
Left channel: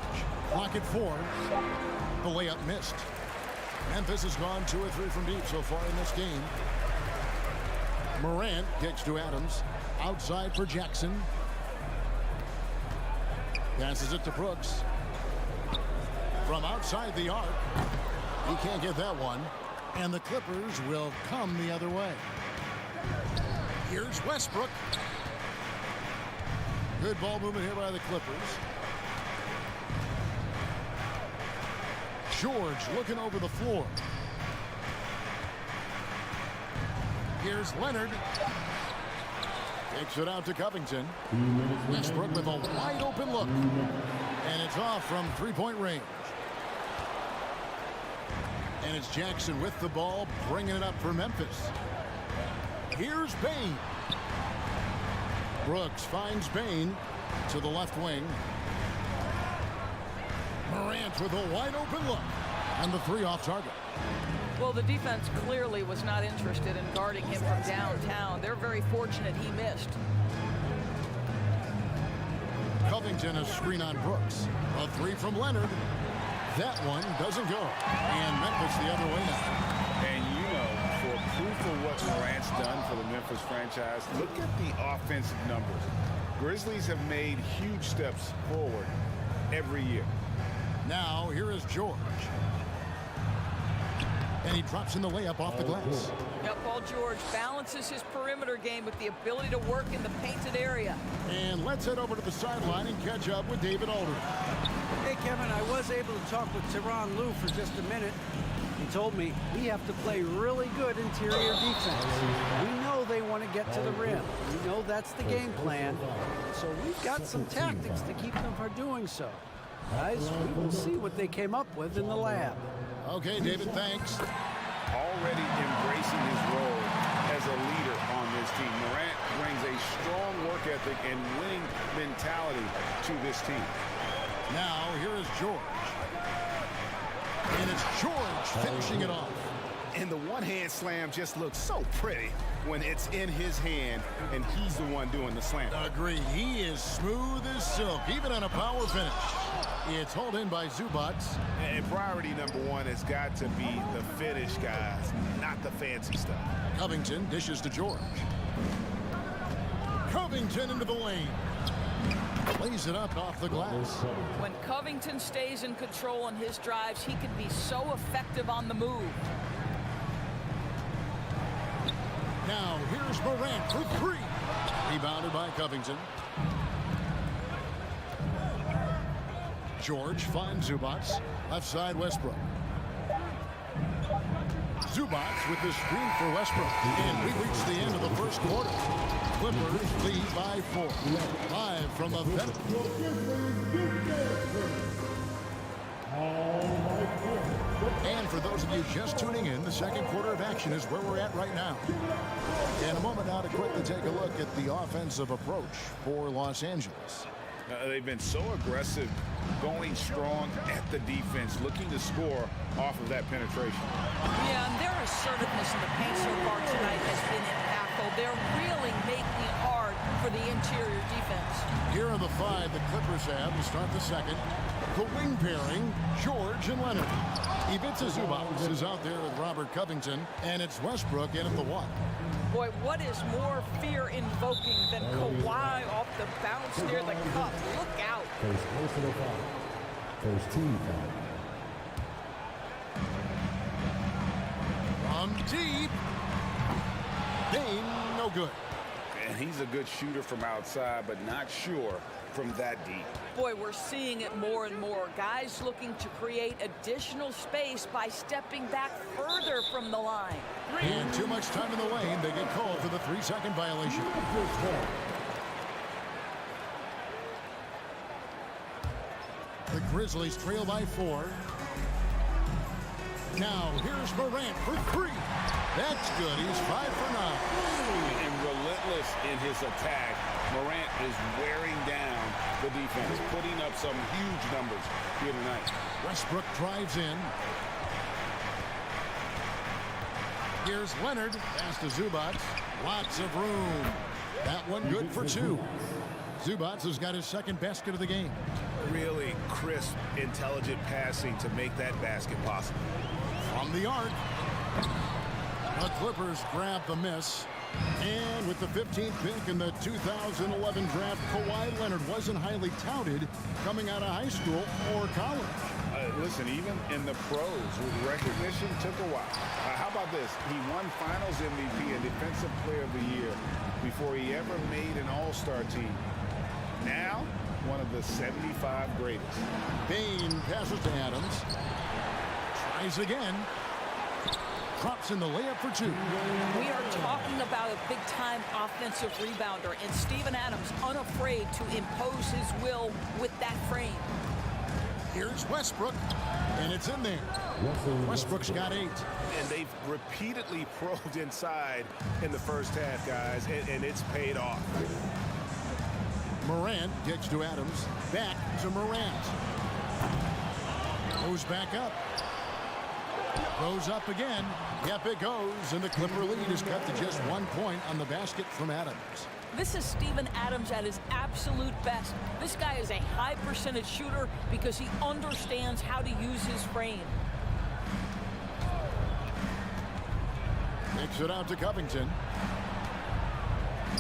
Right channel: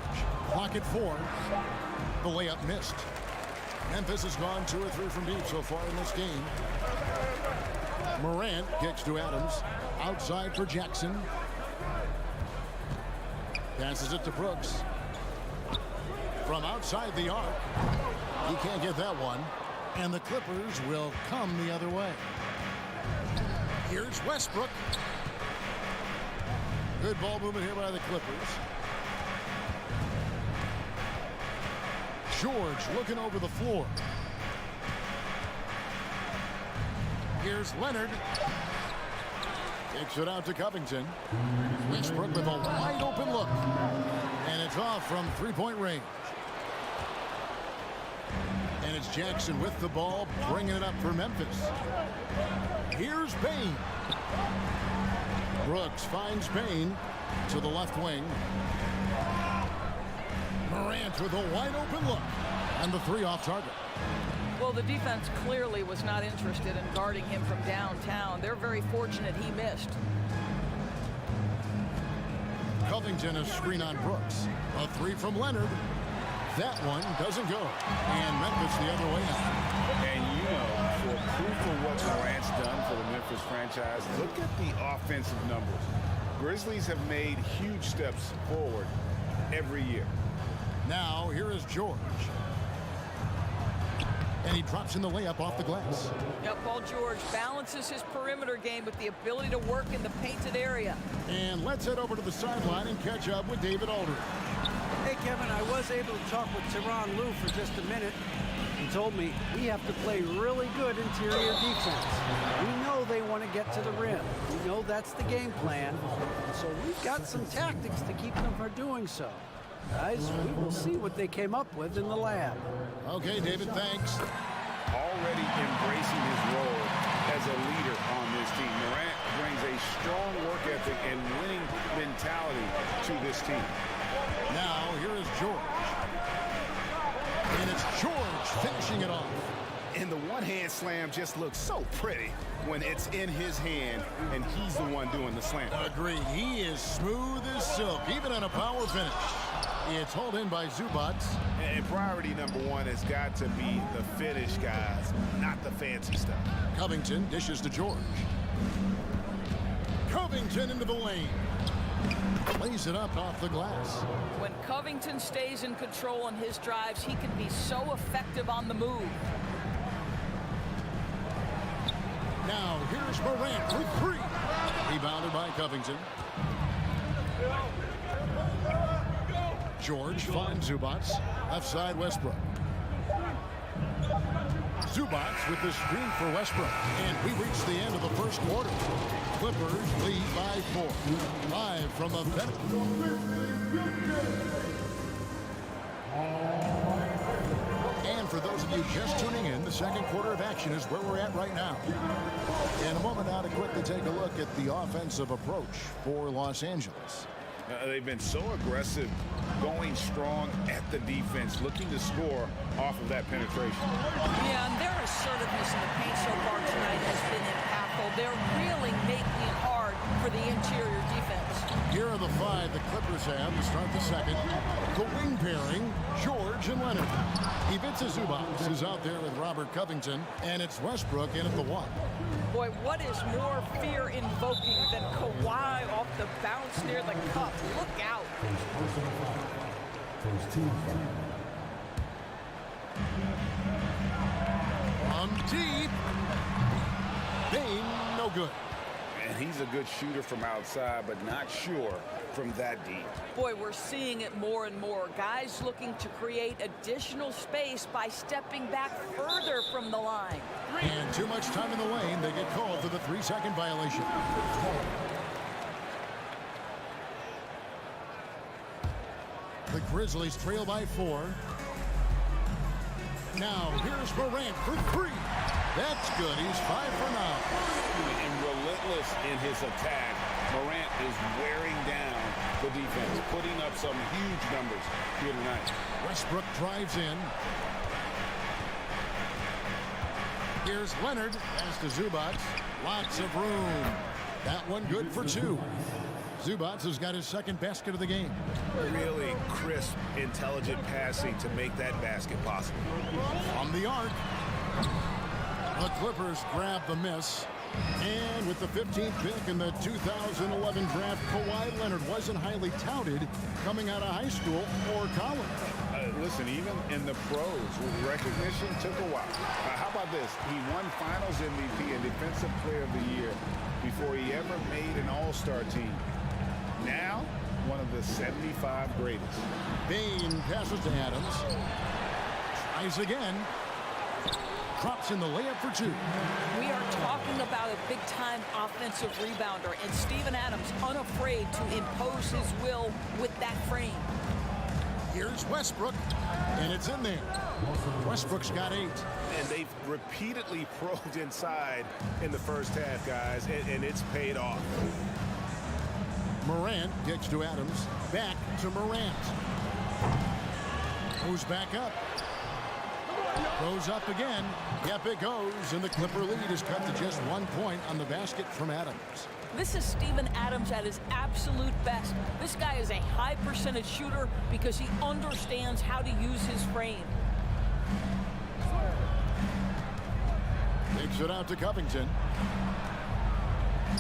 Clock at 4. The layup missed. Memphis has gone 2 or 3 from deep so far in this game. Morant kicks to Adams. Outside for Jackson. Passes it to Brooks. From outside the arc. He can't get that one. And the Clippers will come the other way. Here's Westbrook. Good ball movement here by the Clippers. George looking over the floor. Here's Leonard. Kicks it out to Covington. Westbrook with a wide open look. And it's off from 3-point range. And it's Jackson with the ball, bringing it up for Memphis. Here's Bain. Brooks finds Bain to the left wing. Morant with a wide open look. And the 3 off target. Well, the defense clearly was not interested in guarding him from downtown. They're very fortunate he missed. Covington a screen on Brooks. A 3 from Leonard. That one doesn't go. And Memphis the other way now. And you know, for proof of what Morant's done for the Memphis franchise, look at the offensive numbers. Grizzlies have made huge steps forward every year. Now, here is George. And he drops in the layup off the glass. Yep, Paul George balances his perimeter game with the ability to work in the painted area. And let's head over to the sideline and catch up with David Aldridge. Hey, Kevin, I was able to talk with Tyronn Lue for just a minute. He told me we have to play really good interior defense. We know they want to get to the rim. We know that's the game plan. And so we've got some tactics to keep them from doing so. Guys, we will see what they came up with in the lab. Okay, David, thanks. Already embracing his role as a leader on this team. Morant brings a strong work ethic and winning mentality to this team. Now, here is George. And it's George finishing it off. And the one-hand slam just looks so pretty when it's in his hand and he's the one doing the slam. Agreed. He is smooth as silk, even on a power finish. It's hauled in by Zubac. And priority number 1 has got to be the finish, guys, not the fancy stuff. Covington dishes to George. Covington into the lane. Plays it up off the glass. When Covington stays in control on his drives, he can be so effective on the move. Now, here's Morant for 3. Rebounded by Covington. George finds Zubac. Left side, Westbrook. Zubac with the screen for Westbrook. And we reach the end of the first quarter. Clippers lead by 4. Live from the bench. And for those of you just tuning in, the second quarter of action is where we're at right now. In a moment now to quickly take a look at the offensive approach for Los Angeles. They've been so aggressive, going strong at the defense, looking to score off of that penetration. Yeah, and their assertiveness in the paint so far tonight has been impactful. They're really making it hard for for the interior defense. Here are the 5 the Clippers have to start the second. The wing pairing, George and Leonard. Ivica Zubac is out there with Robert Covington, and it's Westbrook in at the 1. Boy, what is more fear-invoking than Kawhi off the bounce near the cup? Look out. From deep. Bane, no good. And he's a good shooter from outside, but not sure from that deep. Boy, we're seeing it more and more. Guys looking to create additional space by stepping back further from the line. And too much time in the lane. They get called for the 3-second violation. The Grizzlies trail by 4. Now, here's Morant for 3. That's good. He's 5 for 9. And relentless in his attack, Morant is wearing down the defense, putting up some huge numbers here tonight. Westbrook drives in. Here's Leonard. Pass to Zubac. Lots of room. That one good for 2. Zubac has got his second basket of the game. Really crisp, intelligent passing to make that basket possible. On the arc. The Clippers grab the miss. And with the 15th pick in the 2011 draft, Kawhi Leonard wasn't highly touted coming out of high school or college. Listen, even in the pros, recognition took a while. How about this? He won Finals MVP and Defensive Player of the Year before he ever made an All-Star team. Now, one of the 75 greatest. Bane passes to Adams. Tries again. Drops in the layup for 2. We are talking about a big-time offensive rebounder, and Steven Adams unafraid to impose his will with that frame. Here's Westbrook, and it's in there. Westbrook's got 8. And they've repeatedly probed inside in the first half, guys, and it's paid off. Morant gets to Adams. Back to Morant. Goes back up. Goes up again. Yep, it goes. And the Clipper lead is cut to just 1 point on the basket from Adams. This is Steven Adams at his absolute best. This guy is a high percentage shooter because he understands how to use his frame. Takes it out to Covington.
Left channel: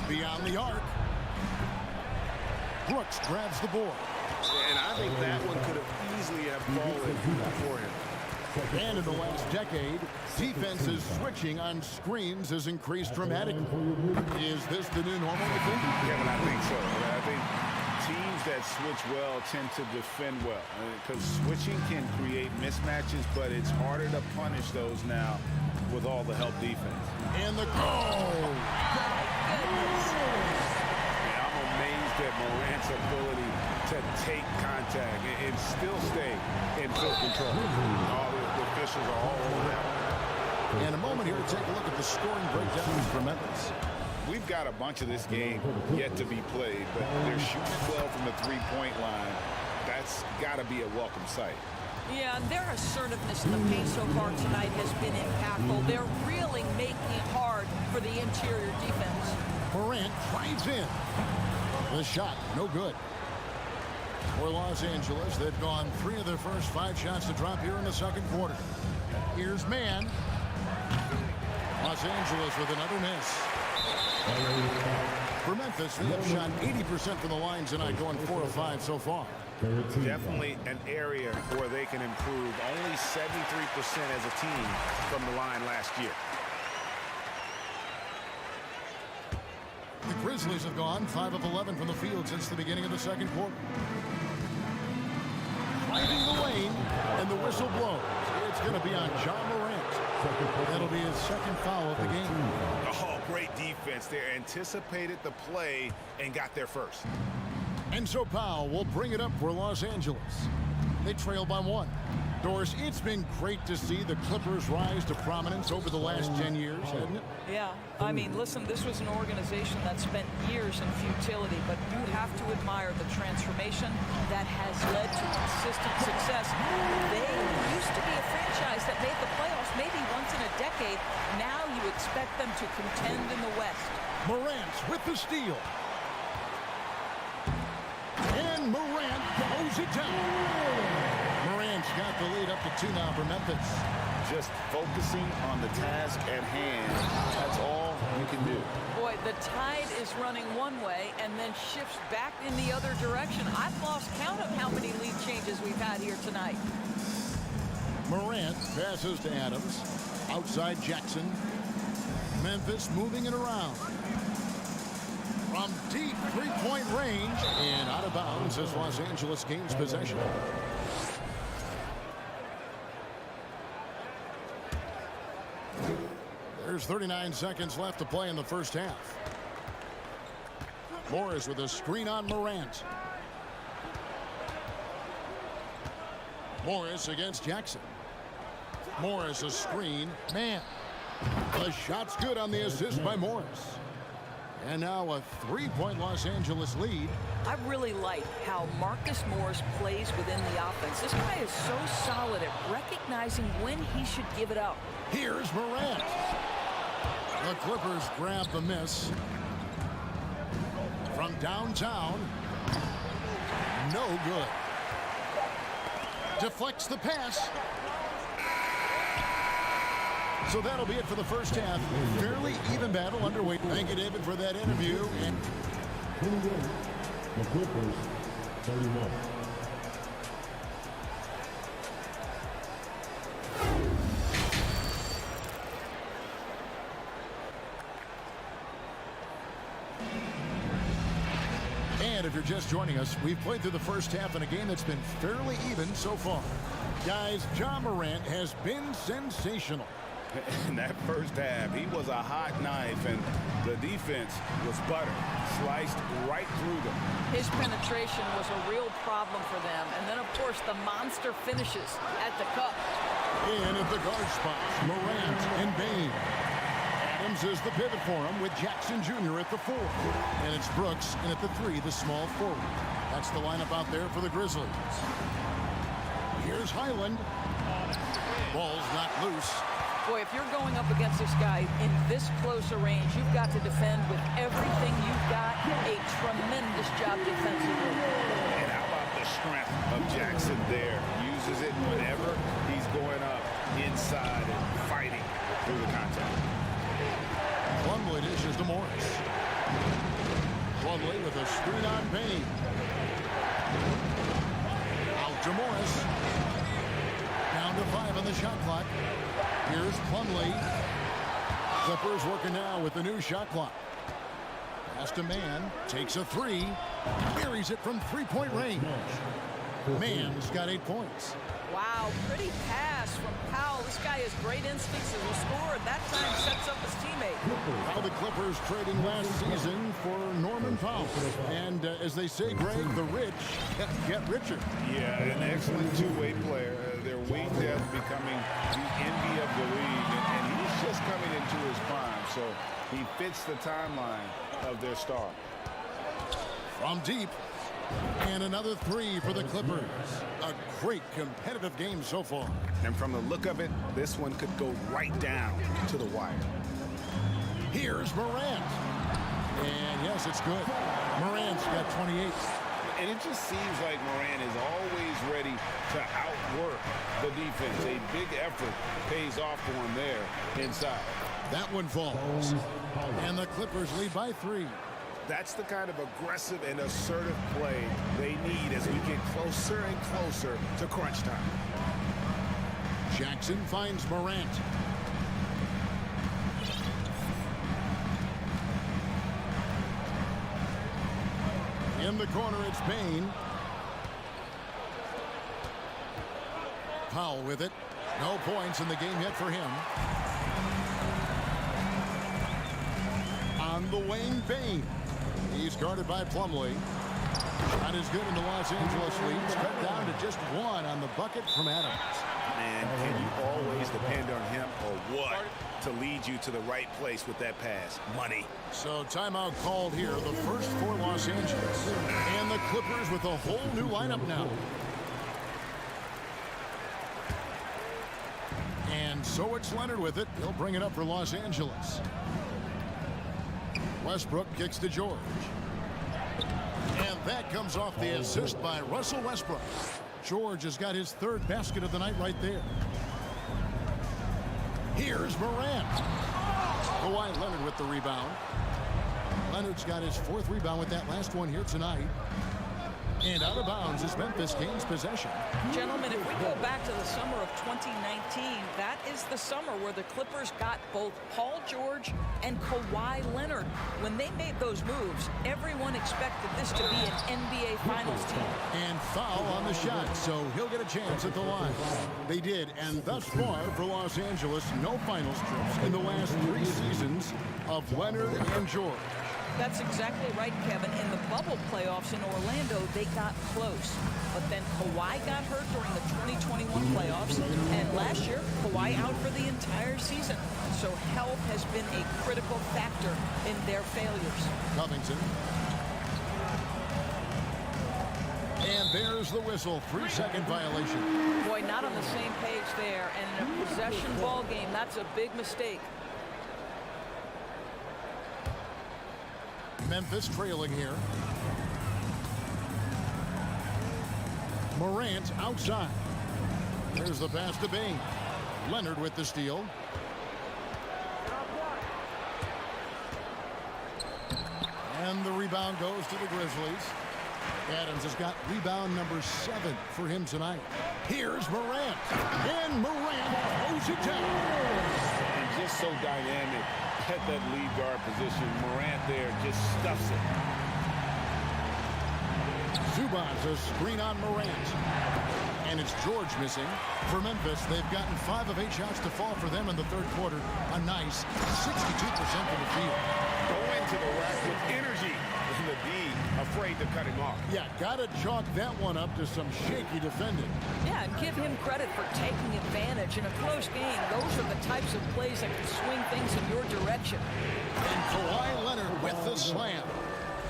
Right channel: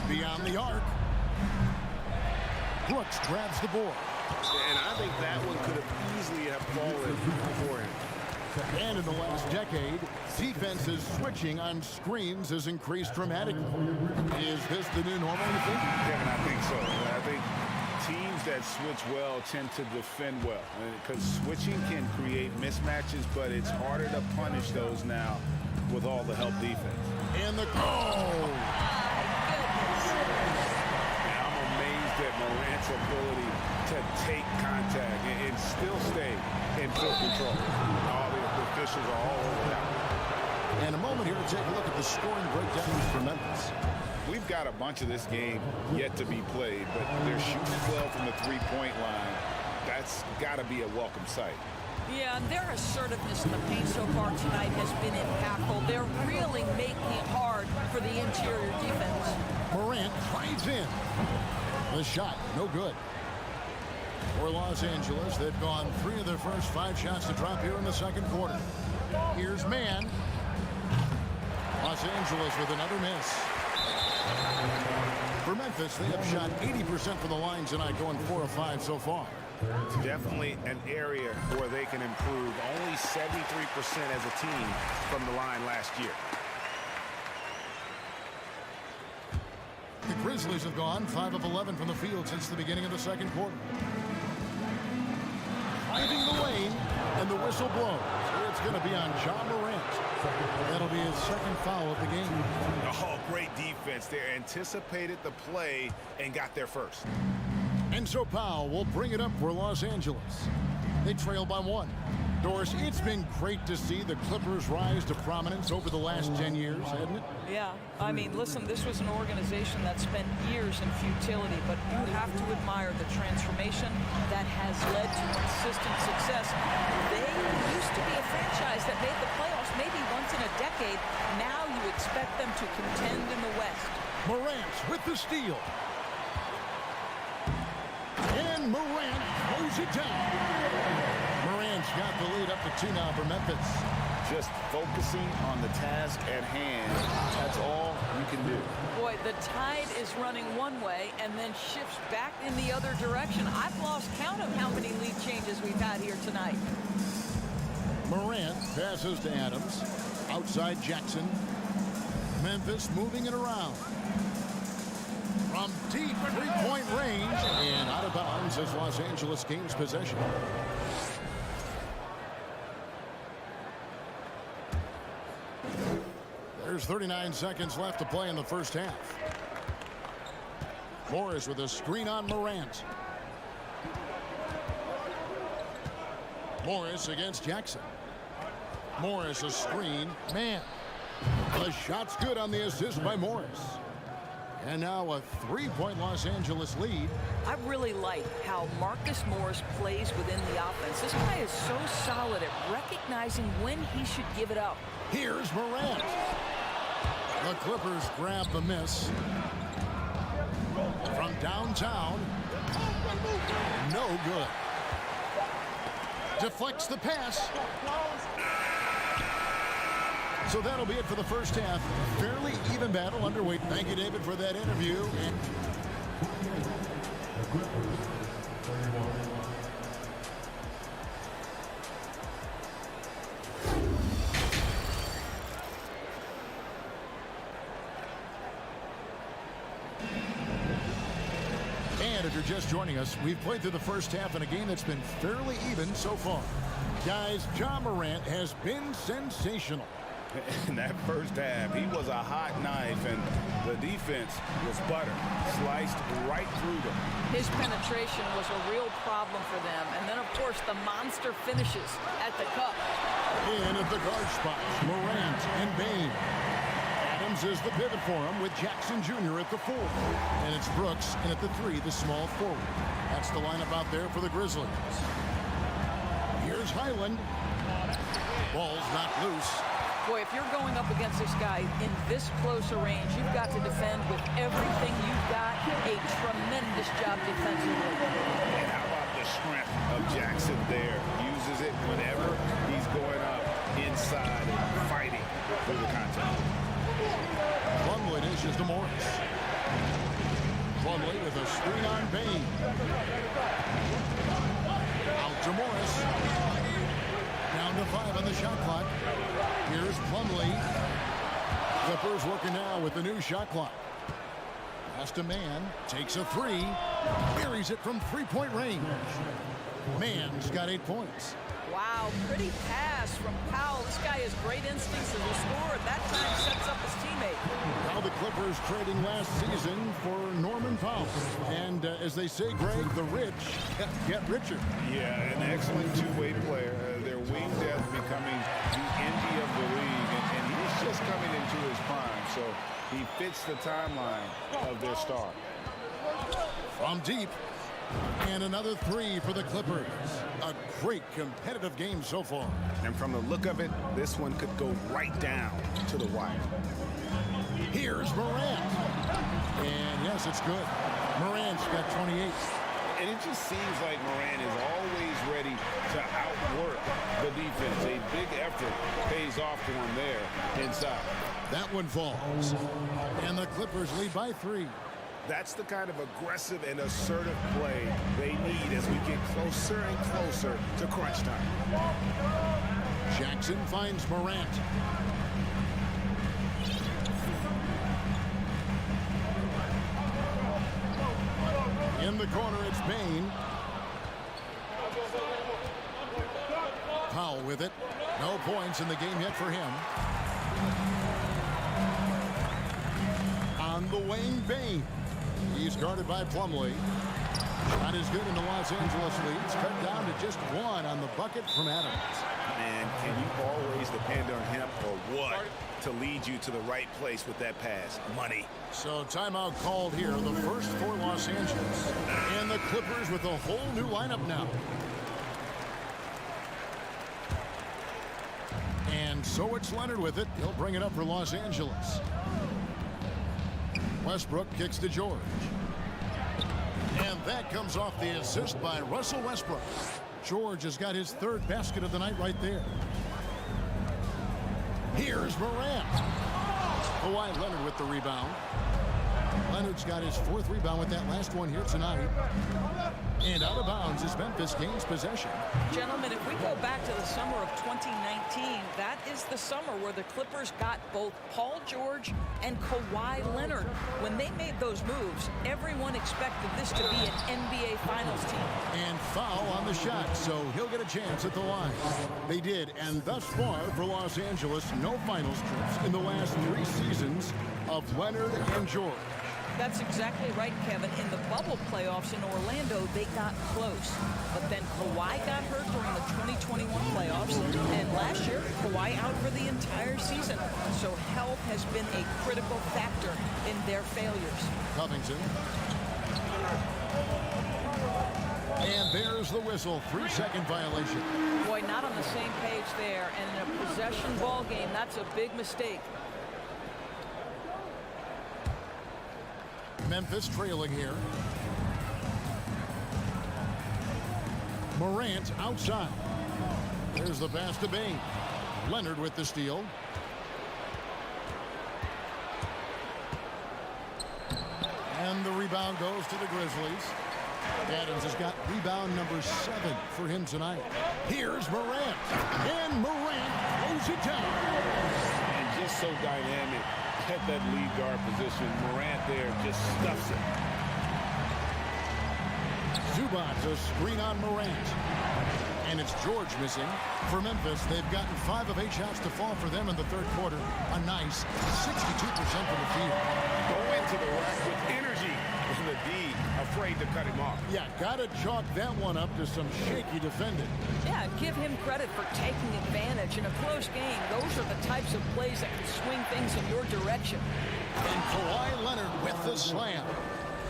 Beyond the arc. Brooks grabs the board. And I think that one could have easily have fallen for him. And in the last decade, defenses switching on screens has increased dramatically. Is this the new normal, you think? Kevin, I think so. I think teams that switch well tend to defend well. Because switching can create mismatches, but it's harder to punish those now with all the help defense. And the goal! My goodness. Yeah, I'm amazed at Morant's ability to take contact and still stay in full control. All the officials are all over that one. And a moment here to take a look at the scoring breakdowns for Memphis. We've got a bunch of this game yet to be played, but they're shooting well from the three-point line. That's got to be a welcome sight. Yeah, and their assertiveness in the paint so far tonight has been impactful. They're really making it hard for the interior defense. Morant drives in. The shot, no good. For Los Angeles, they've gone 3 of their first 5 shots to drop here in the second quarter. Here's Mann. Los Angeles with another miss. For Memphis, they have shot 80% from the line tonight, going 4 of 5 so far. Definitely an area where they can improve. Only 73% as a team from the line last year. The Grizzlies have gone 5 of 11 from the field since the beginning of the second quarter. Driving the lane, and the whistle blows. It's going to be on John Morant. That'll be his second foul of the game. Oh, great defense there. Anticipated the play and got there first. And so Powell will bring it up for Los Angeles. They trail by 1. Doris, it's been great to see the Clippers rise to prominence over the last 10 years, hasn't it? Yeah, I mean, listen, this was an organization that spent years in futility, but you have to admire the transformation that has led to consistent success. They used to be a franchise that made the playoffs maybe once in a decade. Now you expect them to contend in the West. Morant with the steal. And Morant throws it down. Morant's got the lead up to 2 now for Memphis. Just focusing on the task at hand. That's all you can do. Boy, the tide is running one way and then shifts back in the other direction. I've lost count of how many lead changes we've had here tonight. Morant passes to Adams. Outside Jackson. Memphis moving it around. From deep three-point range and out of bounds as Los Angeles gains possession. There's 39 seconds left to play in the first half. Morris with a screen on Morant. Morris against Jackson. Morris a screen. Man. The shot's good on the assist by Morris. And now a 3-point Los Angeles lead. I really like how Marcus Morris plays within the offense. This guy is so solid at recognizing when he should give it up. Here's Morant. The Clippers grab the miss. From downtown. No good. Deflects the pass. So that'll be it for the first half. Fairly even battle underway. Thank you, David, for that interview. And the Clippers, 31. And if you're just joining us, we've played through the first half in a game that's been fairly even so far. Guys, Ja Morant has been sensational. In that first half, he was a hot knife, and the defense was butter, sliced right through them. His penetration was a real problem for them. And then, of course, the monster finishes at the cup. In at the guard spots, Morant and Bain. Adams is the pivot for him with Jackson Jr. at the 4. And it's Brooks in at the 3, the small forward. That's the lineup out there for the Grizzlies. Here's Highland. Ball's knocked loose. Boy, if you're going up against this guy in this close a range, you've got to defend with everything you've got. A tremendous job defensively. And how about the strength of Jackson there? Uses it whenever he's going up inside and fighting through the contact. Plumlee dishes to Morris. Plumlee with a screen on Bain. Out to Morris. Down to 5 on the shot clock. Here's Plumlee. Clippers working now with the new shot clock. Pass to Mann. Takes a 3. Buries it from 3-point range. Mann's got 8 points. Wow, pretty pass from Powell. This guy has great instincts as a scorer. That time sets up his teammate. How the Clippers trading last season for Norman Powell. And as they say, Greg, the rich get richer. Yeah, an excellent two-way player. Their wing depth becoming the envy of the league. And he's just coming into his prime. So he fits the timeline of their star. From deep. And another 3 for the Clippers. A great competitive game so far. And from the look of it, this one could go right down to the wire. Here's Morant. And yes, it's good. Morant's got 28. And it just seems like Morant is always ready to outwork the defense. A big effort pays off for him there inside. That one falls. And the Clippers lead by 3. That's the kind of aggressive and assertive play they need as we get closer and closer to crunch time. Jackson finds Morant. In the corner, it's Bain. Powell with it. No points in the game yet for him. On the wing, Bain. He's guarded by Plumlee. Shot is good in the Los Angeles leads. Cut down to just 1 on the bucket from Adams. Man, can you always depend on him or what to lead you to the right place with that pass? Money. So timeout called here. The first for Los Angeles. And the Clippers with a whole new lineup now. And so it's Leonard with it. He'll bring it up for Los Angeles. Westbrook kicks to George. And that comes off the assist by Russell Westbrook. George has got his third basket of the night right there. Here's Morant. Kawhi Leonard with the rebound. Leonard's got his fourth rebound with that last one here tonight. And out of bounds as Memphis gains possession. Gentlemen, if we go back to the summer of 2019, that is the summer where the Clippers got both Paul George and Kawhi Leonard. When they made those moves, everyone expected this to be an NBA Finals team. And foul on the shot, so he'll get a chance at the line. They did, and thus far for Los Angeles, no finals trips in the last 3 seasons of Leonard and George. That's exactly right, Kevin. In the bubble playoffs in Orlando, they got close. But then Kawhi got hurt during the 2021 playoffs. And last year, Kawhi out for the entire season. So health has been a critical factor in their failures. Covington. And there's the whistle. 3-second violation. Boy, not on the same page there. And in a possession ball game, that's a big mistake. Memphis trailing here. Morant outside. There's the pass to Bain. Leonard with the steal. And the rebound goes to the Grizzlies. Adams has got rebound number 7 for him tonight. Here's Morant. And Morant throws it down. And just so dynamic at that lead guard position. Morant there just stuffs it. Zubac's a screen on Morant. And it's George missing. For Memphis, they've gotten 5 of 8 shots to fall for them in the third quarter. A nice 62% from the field. Go into the rack with energy. And the D afraid to cut him off. Yeah, gotta chalk that one up to some shaky defending. Yeah, and give him credit for taking advantage. In a close game, those are the types of plays that can swing things in your direction. And Kawhi Leonard with the slam.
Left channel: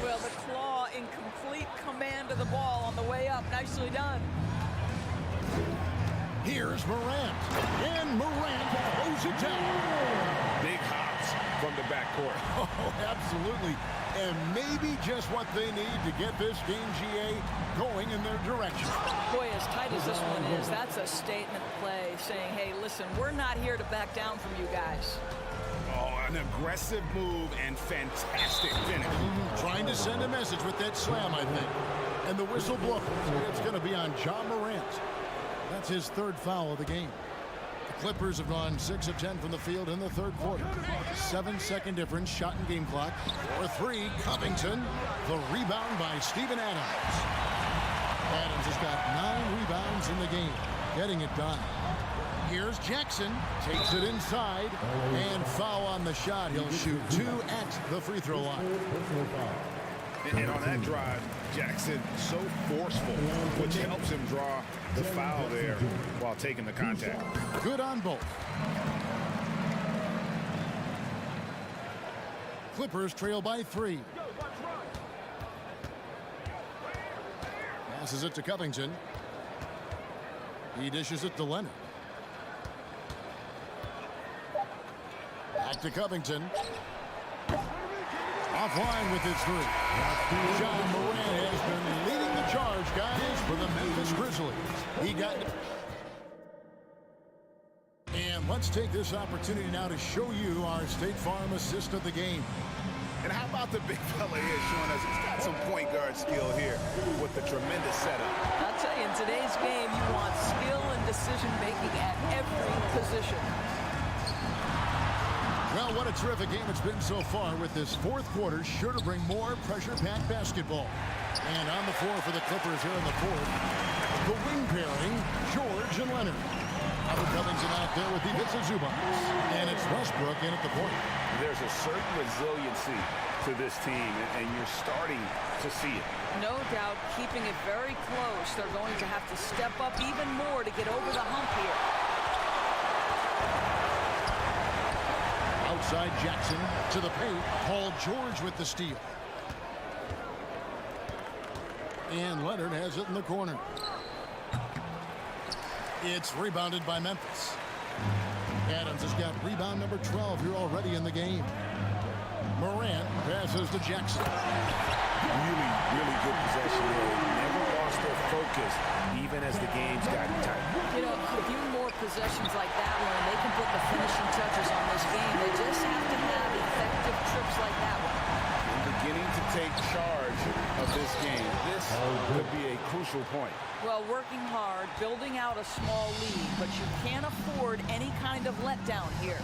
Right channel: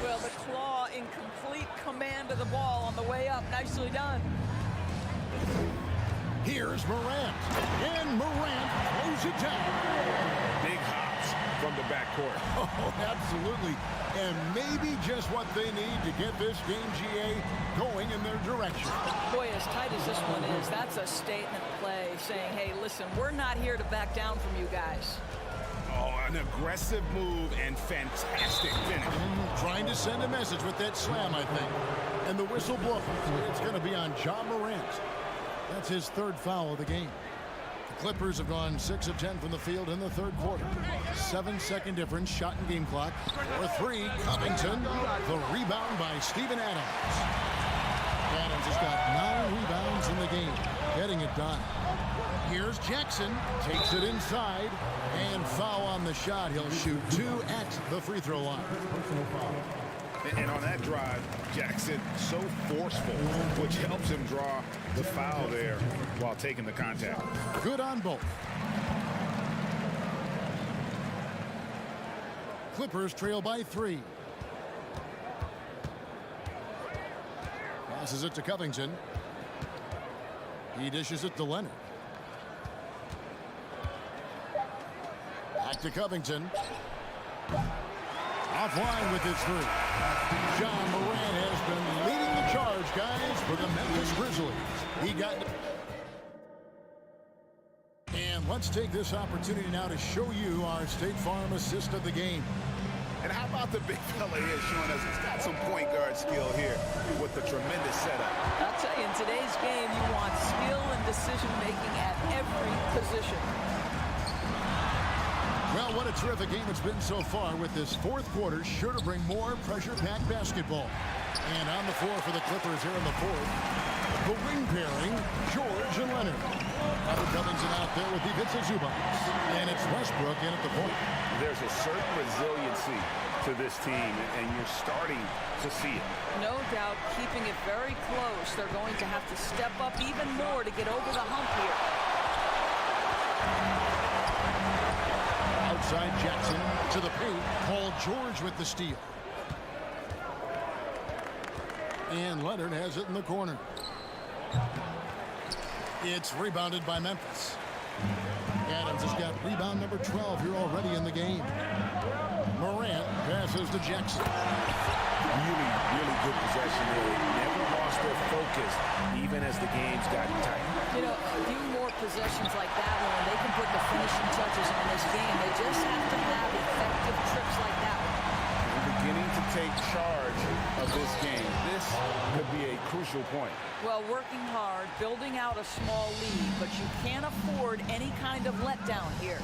Well, the claw in complete command of the ball on the way up. Nicely done. Here's Morant. And Morant throws it down. Big hops from the backcourt. Oh, absolutely. And maybe just what they need to get this game, GA, going in their direction. Boy, as tight as this one is, that's a statement play saying, hey, listen, we're not here to back down from you guys. Oh, an aggressive move and fantastic finish. Trying to send a message with that slam, I think. And the whistle blows. It's going to be on Ja Morant. That's his third foul of the game. The Clippers have gone 6 of 10 from the field in the third quarter. 7-second difference, shot and game clock. For 3, Covington. The rebound by Steven Adams. Adams has got 9 rebounds in the game, getting it done. Here's Jackson, takes it inside, and foul on the shot. He'll shoot 2 at the free throw line. And on that drive, Jackson so forceful, which helps him draw the foul there while taking the contact. Good on both. Clippers trail by 3. Passes it to Covington. He dishes it to Leonard. Back to Covington. Offline with his 3. Ja Morant has been leading the charge, guys, for the Memphis Grizzlies. He got... And let's take this opportunity now to show you our State Farm assist of the game. And how about the big fella here showing us he's got some point guard skill here with the tremendous setup. I'll tell you, in today's game, you want skill and decision-making at every position. Well, what a terrific game it's been so far, with this fourth quarter sure to bring more pressure-packed basketball. And on the floor for the Clippers here in the fourth, the wing pairing, George and Leonard. Robert Covington out there with Ivica Zubac. And it's Westbrook in at the point. There's a certain resiliency to this team, and you're starting to see it. No doubt, keeping it very close. They're going to have to step up even more to get over the hump here. Outside Jackson to the paint. Paul George with the steal. And Leonard has it in the corner. It's rebounded by Memphis. Adams has got rebound number 12 here already in the game. Morant passes to Jackson. Really, really good possession there. They never lost their focus, even as the game's gotten tight. You know, a few more possessions like that one, and they can put the finishing touches on this game. They just have to have effective trips like that one. And beginning to take charge of this game. This could be a crucial point. Well, working hard, building out a small lead, but you can't afford any kind of letdown here.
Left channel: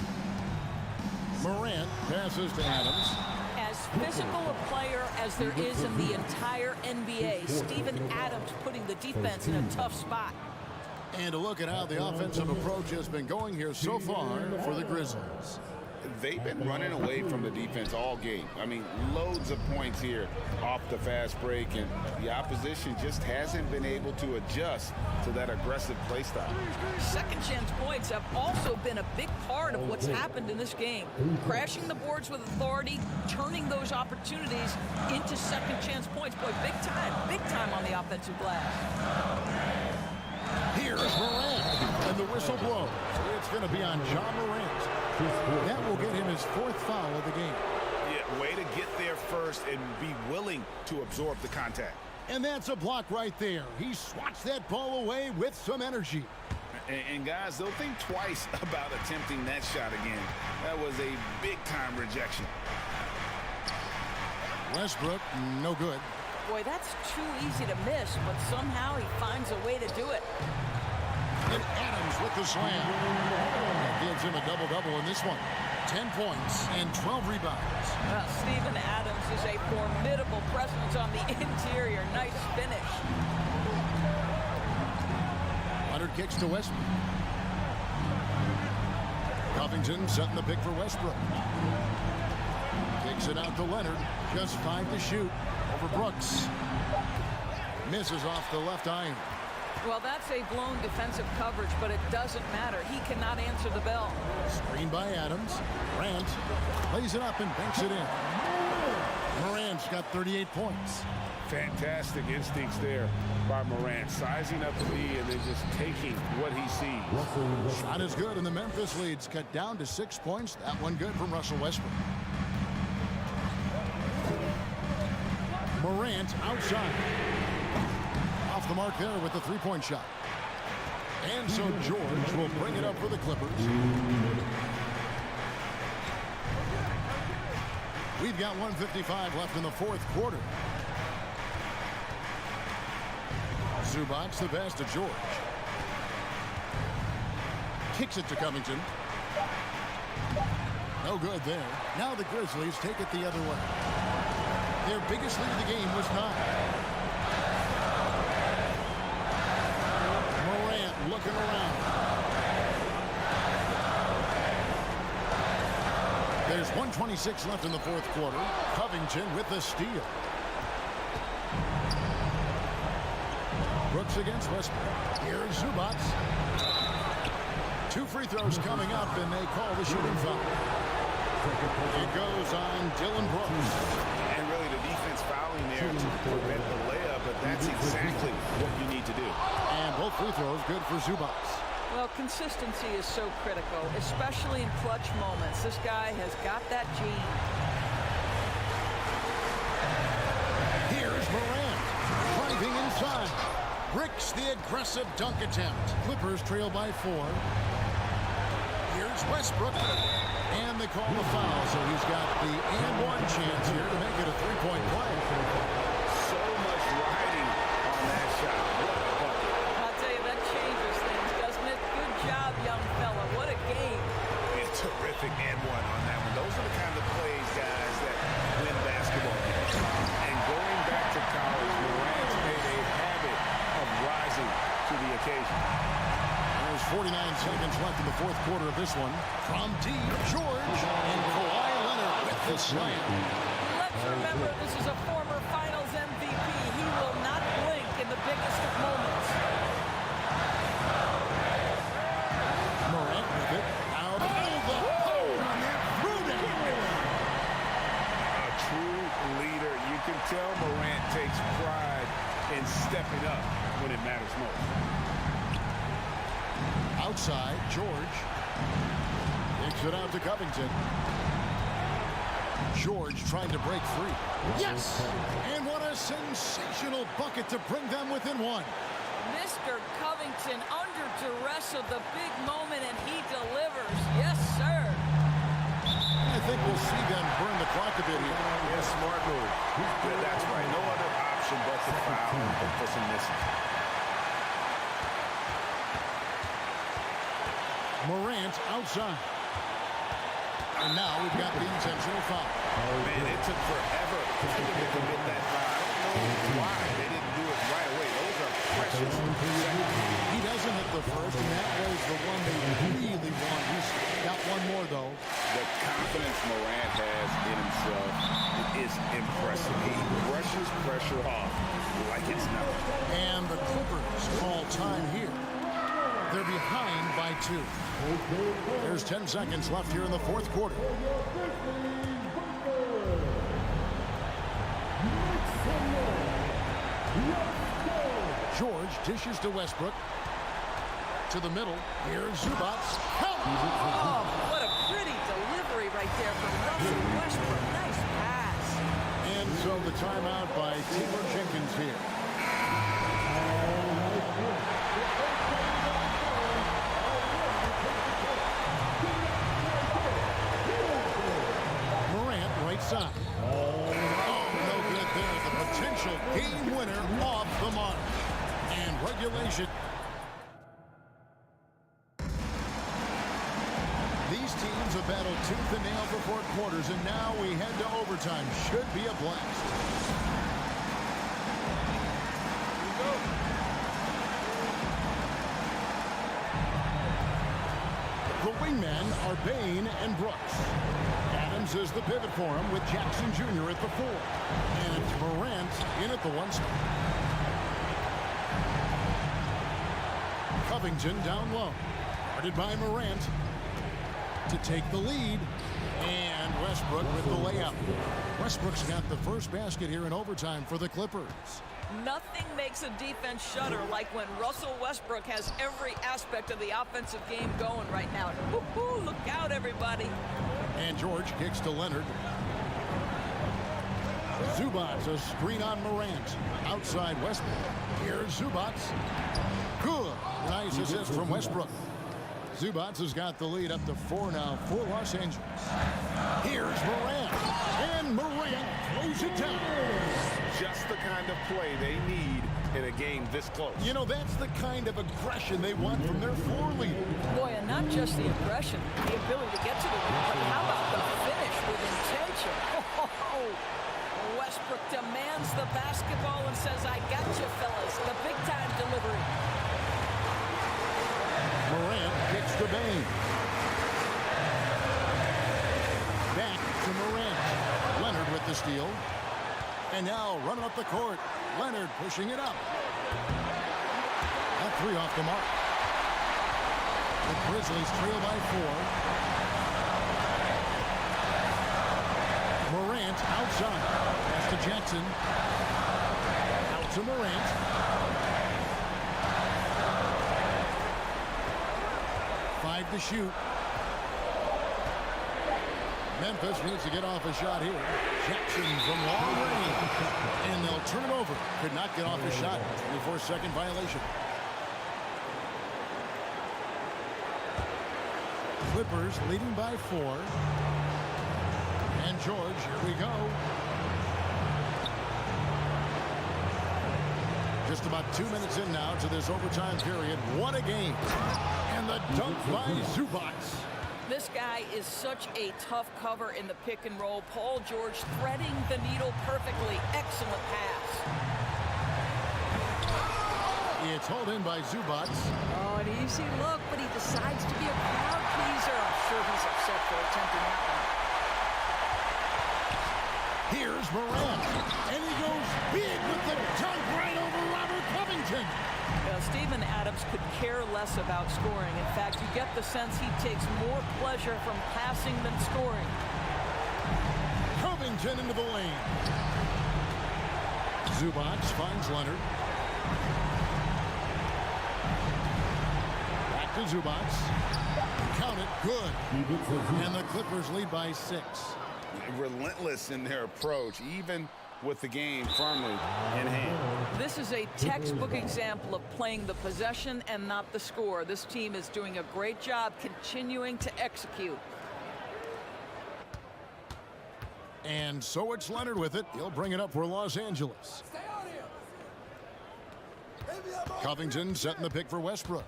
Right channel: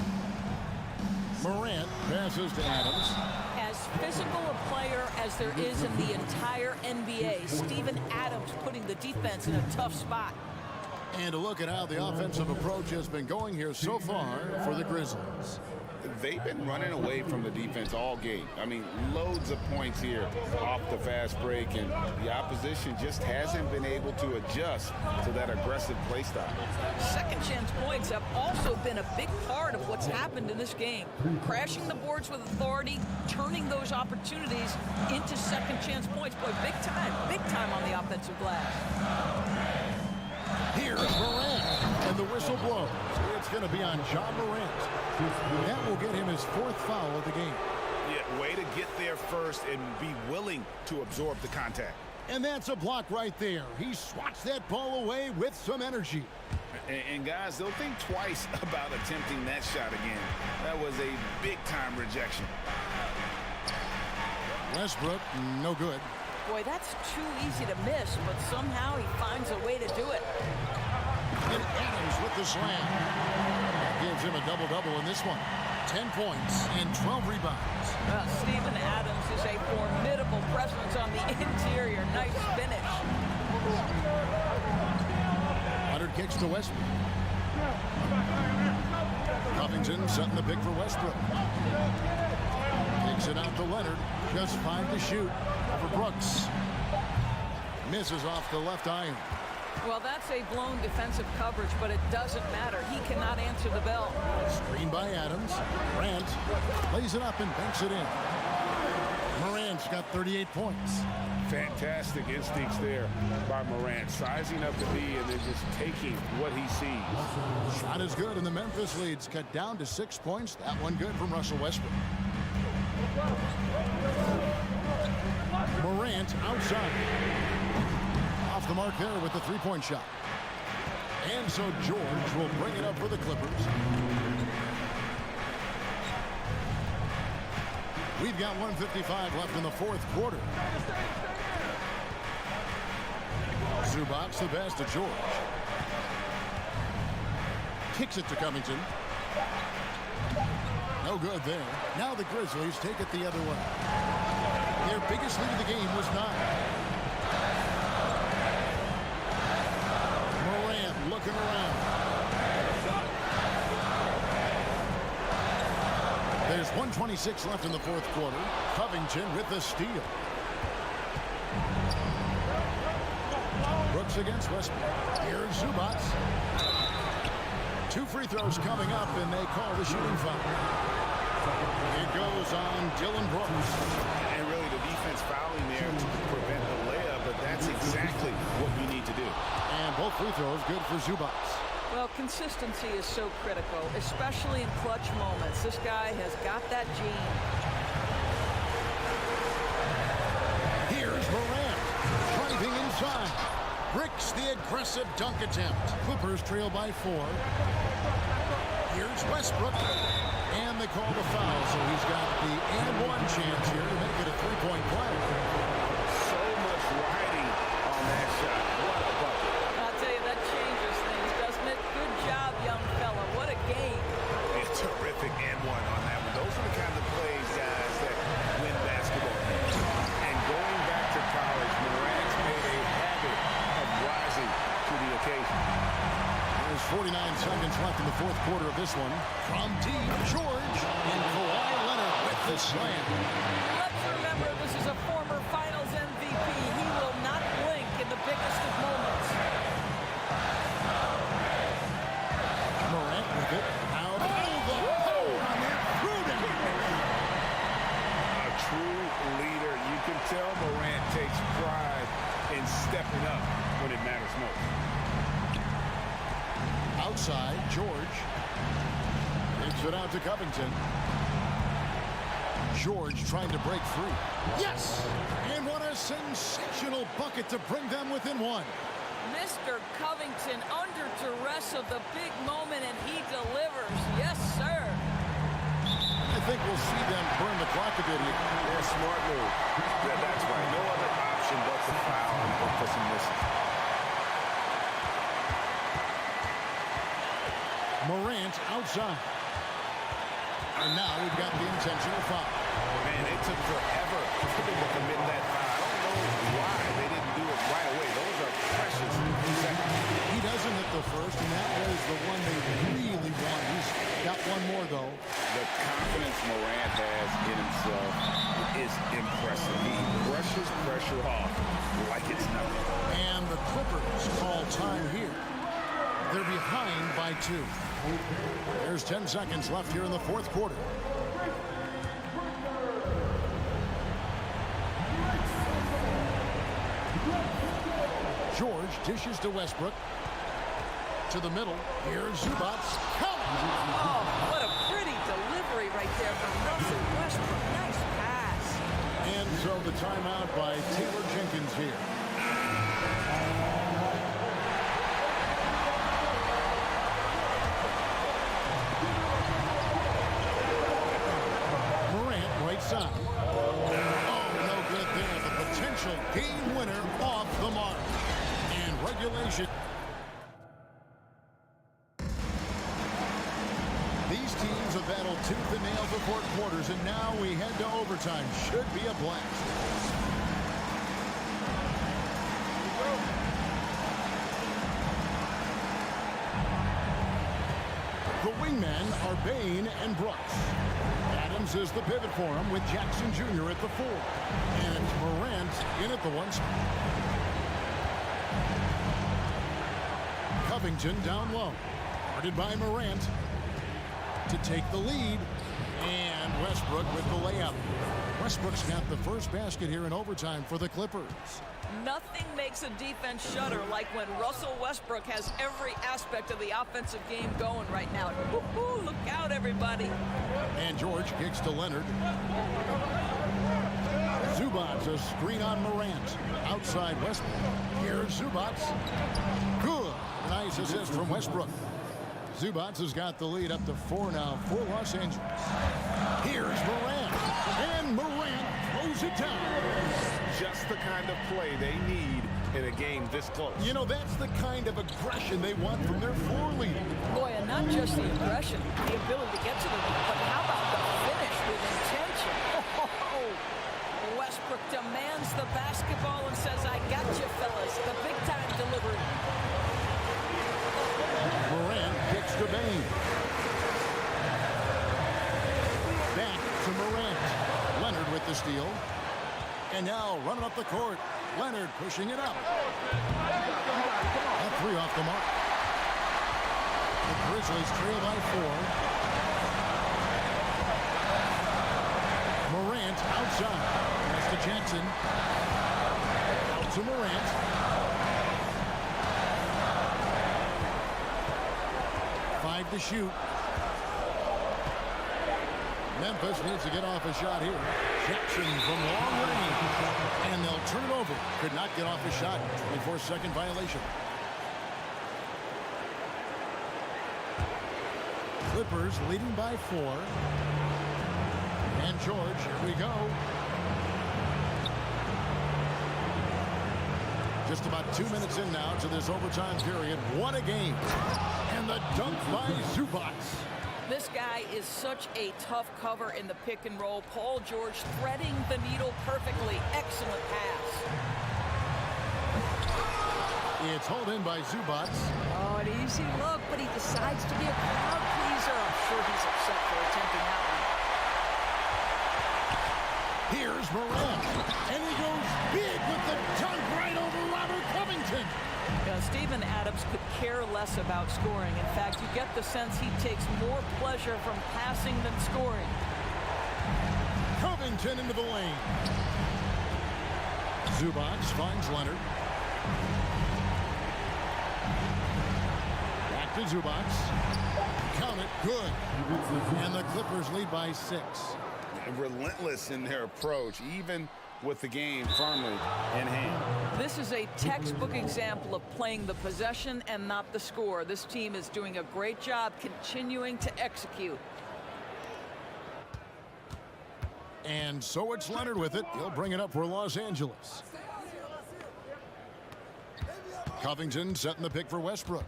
Morant passes to Adams. As physical a player as there is in the entire NBA, Steven Adams putting the defense in a tough spot. And a look at how the offensive approach has been going here so far for the Grizzlies. They've been running away from the defense all game. I mean, loads of points here off the fast break, and the opposition just hasn't been able to adjust to that aggressive play style. Second chance points have also been a big part of what's happened in this game. Crashing the boards with authority, turning those opportunities into second chance points. Boy, big time on the offensive glass. Here's Morant, and the whistle blows. It's going to be on John Morant. That will get him his fourth foul of the game. Yeah, way to get there first and be willing to absorb the contact. And that's a block right there. He swats that ball away with some energy. And guys, they'll think twice about attempting that shot again. That was a big-time rejection. Westbrook, no good. Boy, that's too easy to miss, but somehow he finds a way to do it. And Adams with the slam. That gives him a double-double in this one. 10 points and 12 rebounds. Well, Steven Adams is a formidable presence on the interior. Nice finish. Leonard kicks to Westbrook. Covington setting the pick for Westbrook. Kicks it out to Leonard. Just 5 to shoot over Brooks. Misses off the left iron. Well, that's a blown defensive coverage, but it doesn't matter. He cannot answer the bell. Screen by Adams. Morant lays it up and banks it in. Morant's got 38 points. Fantastic instincts there by Morant, sizing up the D and then just taking what he sees. Shot is good, and the Memphis lead's cut down to 6 points. That one good from Russell Westbrook. Morant outside. Off the mark there with the three-point shot. And so George will bring it up for the Clippers. We've got 1:55 left in the fourth quarter. Zubac the pass to George. Kicks it to Covington. No good there. Now the Grizzlies take it the other way. Their biggest lead of the game was 9. Morant looking around. There's 1:26 left in the fourth quarter. Covington with the steal. Brooks against Westbrook. Here's Zubac. 2 free throws coming up, and they call the shooting foul. It goes on Dylan Brooks. And really the defense fouling there to prevent the layup, but that's exactly what you need to do. And both free throws good for Zubac. Well, consistency is so critical, especially in clutch moments. This guy has got that gene. Here's Morant driving inside. Bricks the aggressive dunk attempt. Clippers trail by 4. Here's Westbrook. And they call the foul, so he's got the and-one chance here to make it a three-point play. So much riding on that shot. What a bucket. I'll tell you, that changes things, doesn't it? Good job, young fella. What a game. A terrific and-one on that one. Those are the kind of plays, guys, that win basketball games. And going back to college, Morant's made a habit of rising to the occasion. There's 49 seconds left in the fourth quarter of this one. From deep, George and Kawhi Leonard with the slam. Let's remember this is a former Finals MVP. He will not blink in the biggest of moments. Morant with it. Out of the power on that prudent. A true leader. You can tell Morant takes pride in stepping up when it matters most. Outside, George takes it out to Covington. George trying to break free. Yes! And what a sensational bucket to bring them within one. Mr. Covington under duress of the big moment, and he delivers. Yes, sir. And I think we'll see them burn the clock a bit here. Yeah, smart move. Yeah, that's right. No other option but to foul and hope for some misses. Morant outside. And now we've got the intentional foul. Man, it took forever for them to commit that foul. I don't know why they didn't do it right away. Those are precious seconds. He doesn't hit the first, and that was the one they really want. He's got one more, though. The confidence Morant has in himself is impressive. He brushes pressure off like it's nothing. And the Clippers call time here. They're behind by 2. There's 10 seconds left here in the fourth quarter. George dishes to Westbrook. To the middle. Here's Zubac. Count. Oh, what a pretty delivery right there from Russell Westbrook. Nice pass. And so the timeout by Taylor Jenkins here. Morant right side. Oh, no good there. The potential game winner off the mark. And regulation. These teams have battled tooth and nail for 4 quarters, and now we head to overtime. Should be a blast. Here we go. The wingmen are Bain and Brooks. Adams is the pivot for him with Jackson Jr. at the 4. And it's Morant in at the 1 spot. Covington down low. Guarded by Morant to take the lead. And Westbrook with the layup. Westbrook's got the first basket here in overtime for the Clippers. Nothing makes a defense shudder like when Russell Westbrook has every aspect of the offensive game going right now. Woo-hoo, look out, everybody. And George kicks to Leonard. Zubac, a screen on Morant. Outside Westbrook. Here's Zubac. Good. Nice assist from Westbrook. Zubac has got the lead up to 4 now for Los Angeles. Here's Morant. And Morant throws it down. Just the kind of play they need in a game this close. You know, that's the kind of aggression they want from their floor leader. Boy, and not just the aggression, the ability to get to the rim, but how about the finish with intention? Oh, Westbrook demands the basketball and says, I got you, fellas. The big-time delivery. Morant kicks to Bain. Back to Morant. Leonard with the steal. And now running up the court. Leonard pushing it up. That 3 off the mark. The Grizzlies trail by 4. Morant outside. Pass to Jackson. Out to Morant. Five to shoot. Memphis needs to get off a shot here. Jackson from long range. And they'll turn it over. Could not get off a shot. 24-second violation. Clippers leading by 4. And George, here we go. Just about 2 minutes in now to this overtime period. What a game. And the dunk by Zubac. This guy is such a tough cover in the pick and roll. Paul George threading the needle perfectly. Excellent pass. It's hauled in by Zubac. Oh, an easy look, but he decides to be a crowd pleaser. I'm sure he's upset for attempting that one. Here's Morant. And he goes big with the dunk right over Robert Covington. Steven Adams could care less about scoring. In fact, you get the sense he takes more pleasure from passing than scoring. Covington into the lane. Zubac finds Leonard. Back to Zubac. Count it. Good. And the Clippers lead by 6. Relentless in their approach, even with the game firmly in hand. This is a textbook example of playing the possession and not the score. This team is doing a great job continuing to execute. And so it's Leonard with it. He'll bring it up for Los Angeles. Covington setting the pick for Westbrook.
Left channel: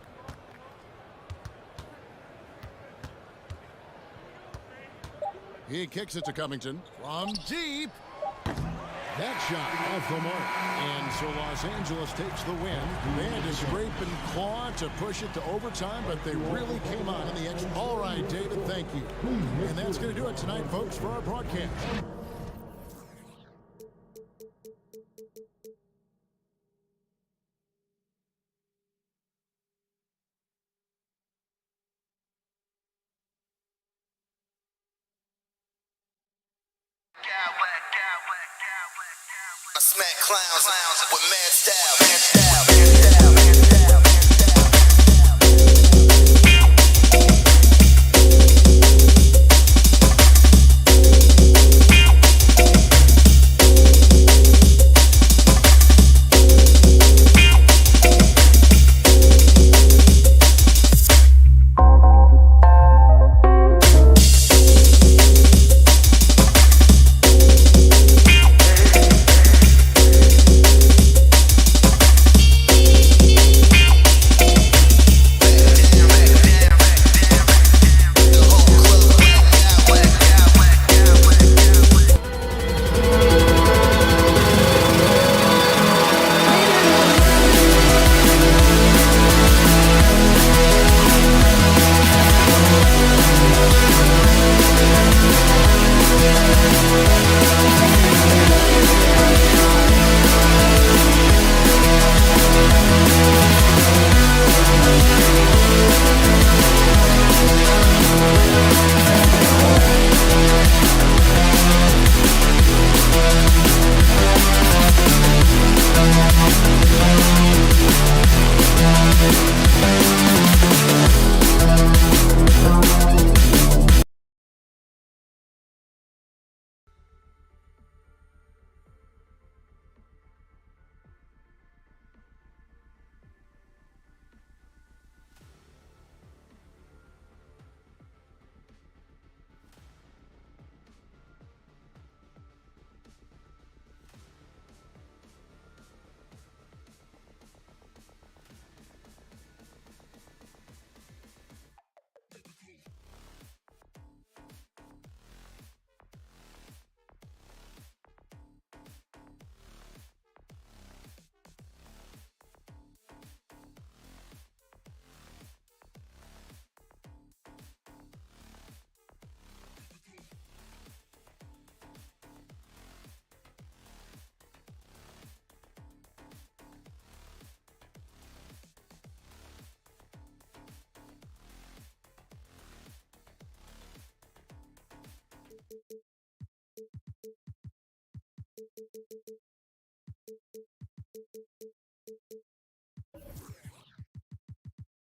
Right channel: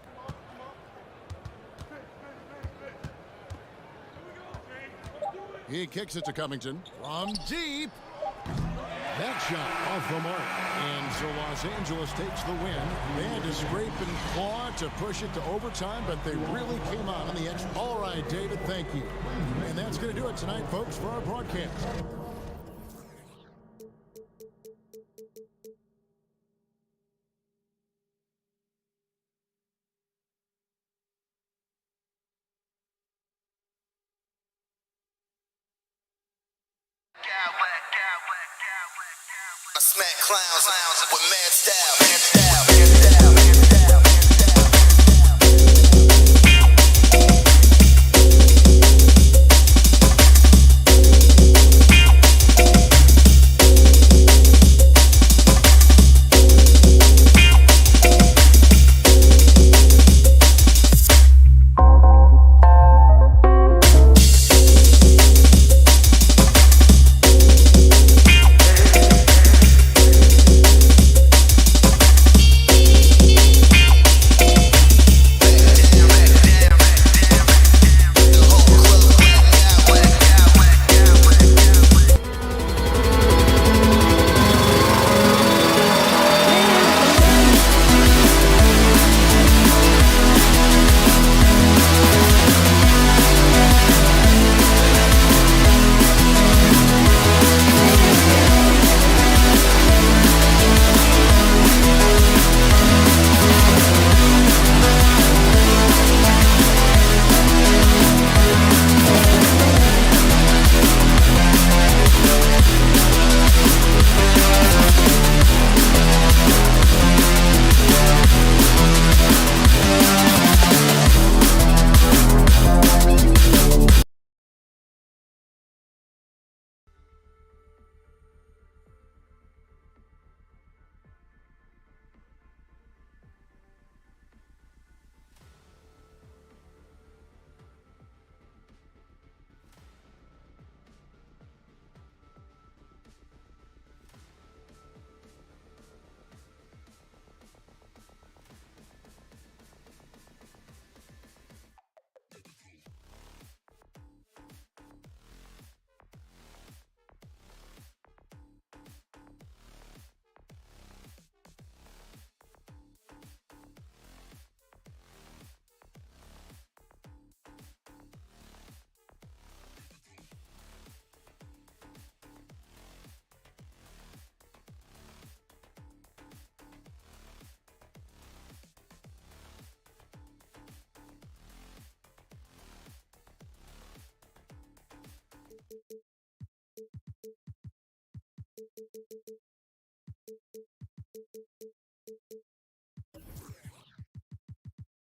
He kicks it to Covington from deep. That shot off the mark. And so Los Angeles takes the win. They had to scrape and claw to push it to overtime, but they really came out on the edge. All right, David, thank you. And that's going to do it tonight, folks, for our broadcast. I smack clowns with mad style.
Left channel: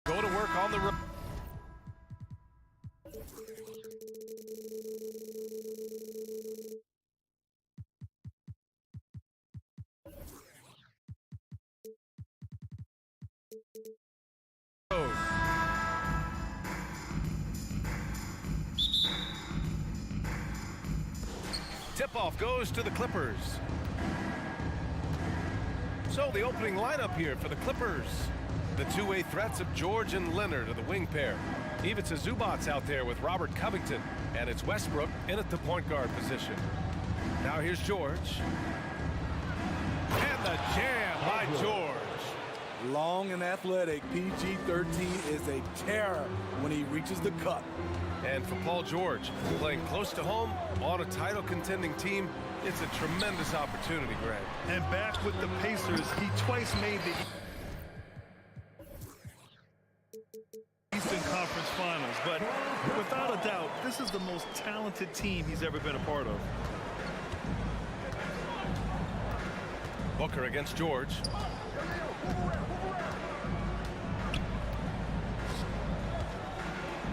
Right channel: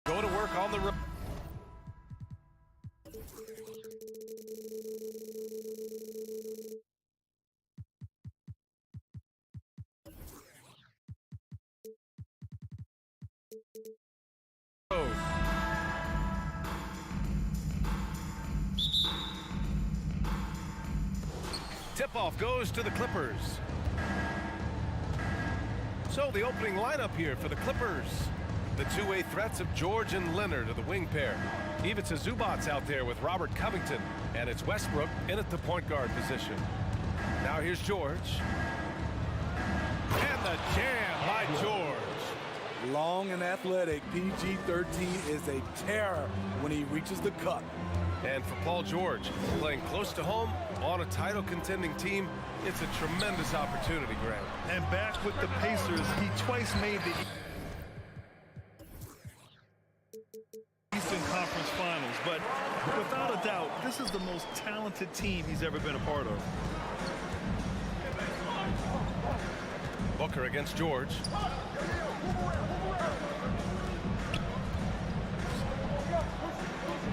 Go to work on the road. Tip-off goes to the Clippers. So the opening lineup here for the Clippers. The two-way threats of George and Leonard are the wing pair. Ivica Zubac's out there with Robert Covington, and it's Westbrook in at the point guard position. Now here's George. And the jam by George. Long and athletic, PG-13 is a terror when he reaches the cup. And for Paul George, playing close to home on a title contending team, it's a tremendous opportunity, Greg. And back with the Pacers, he twice made the Eastern Conference Finals, but without a doubt, this is the most talented team he's ever been a part of. Booker against George.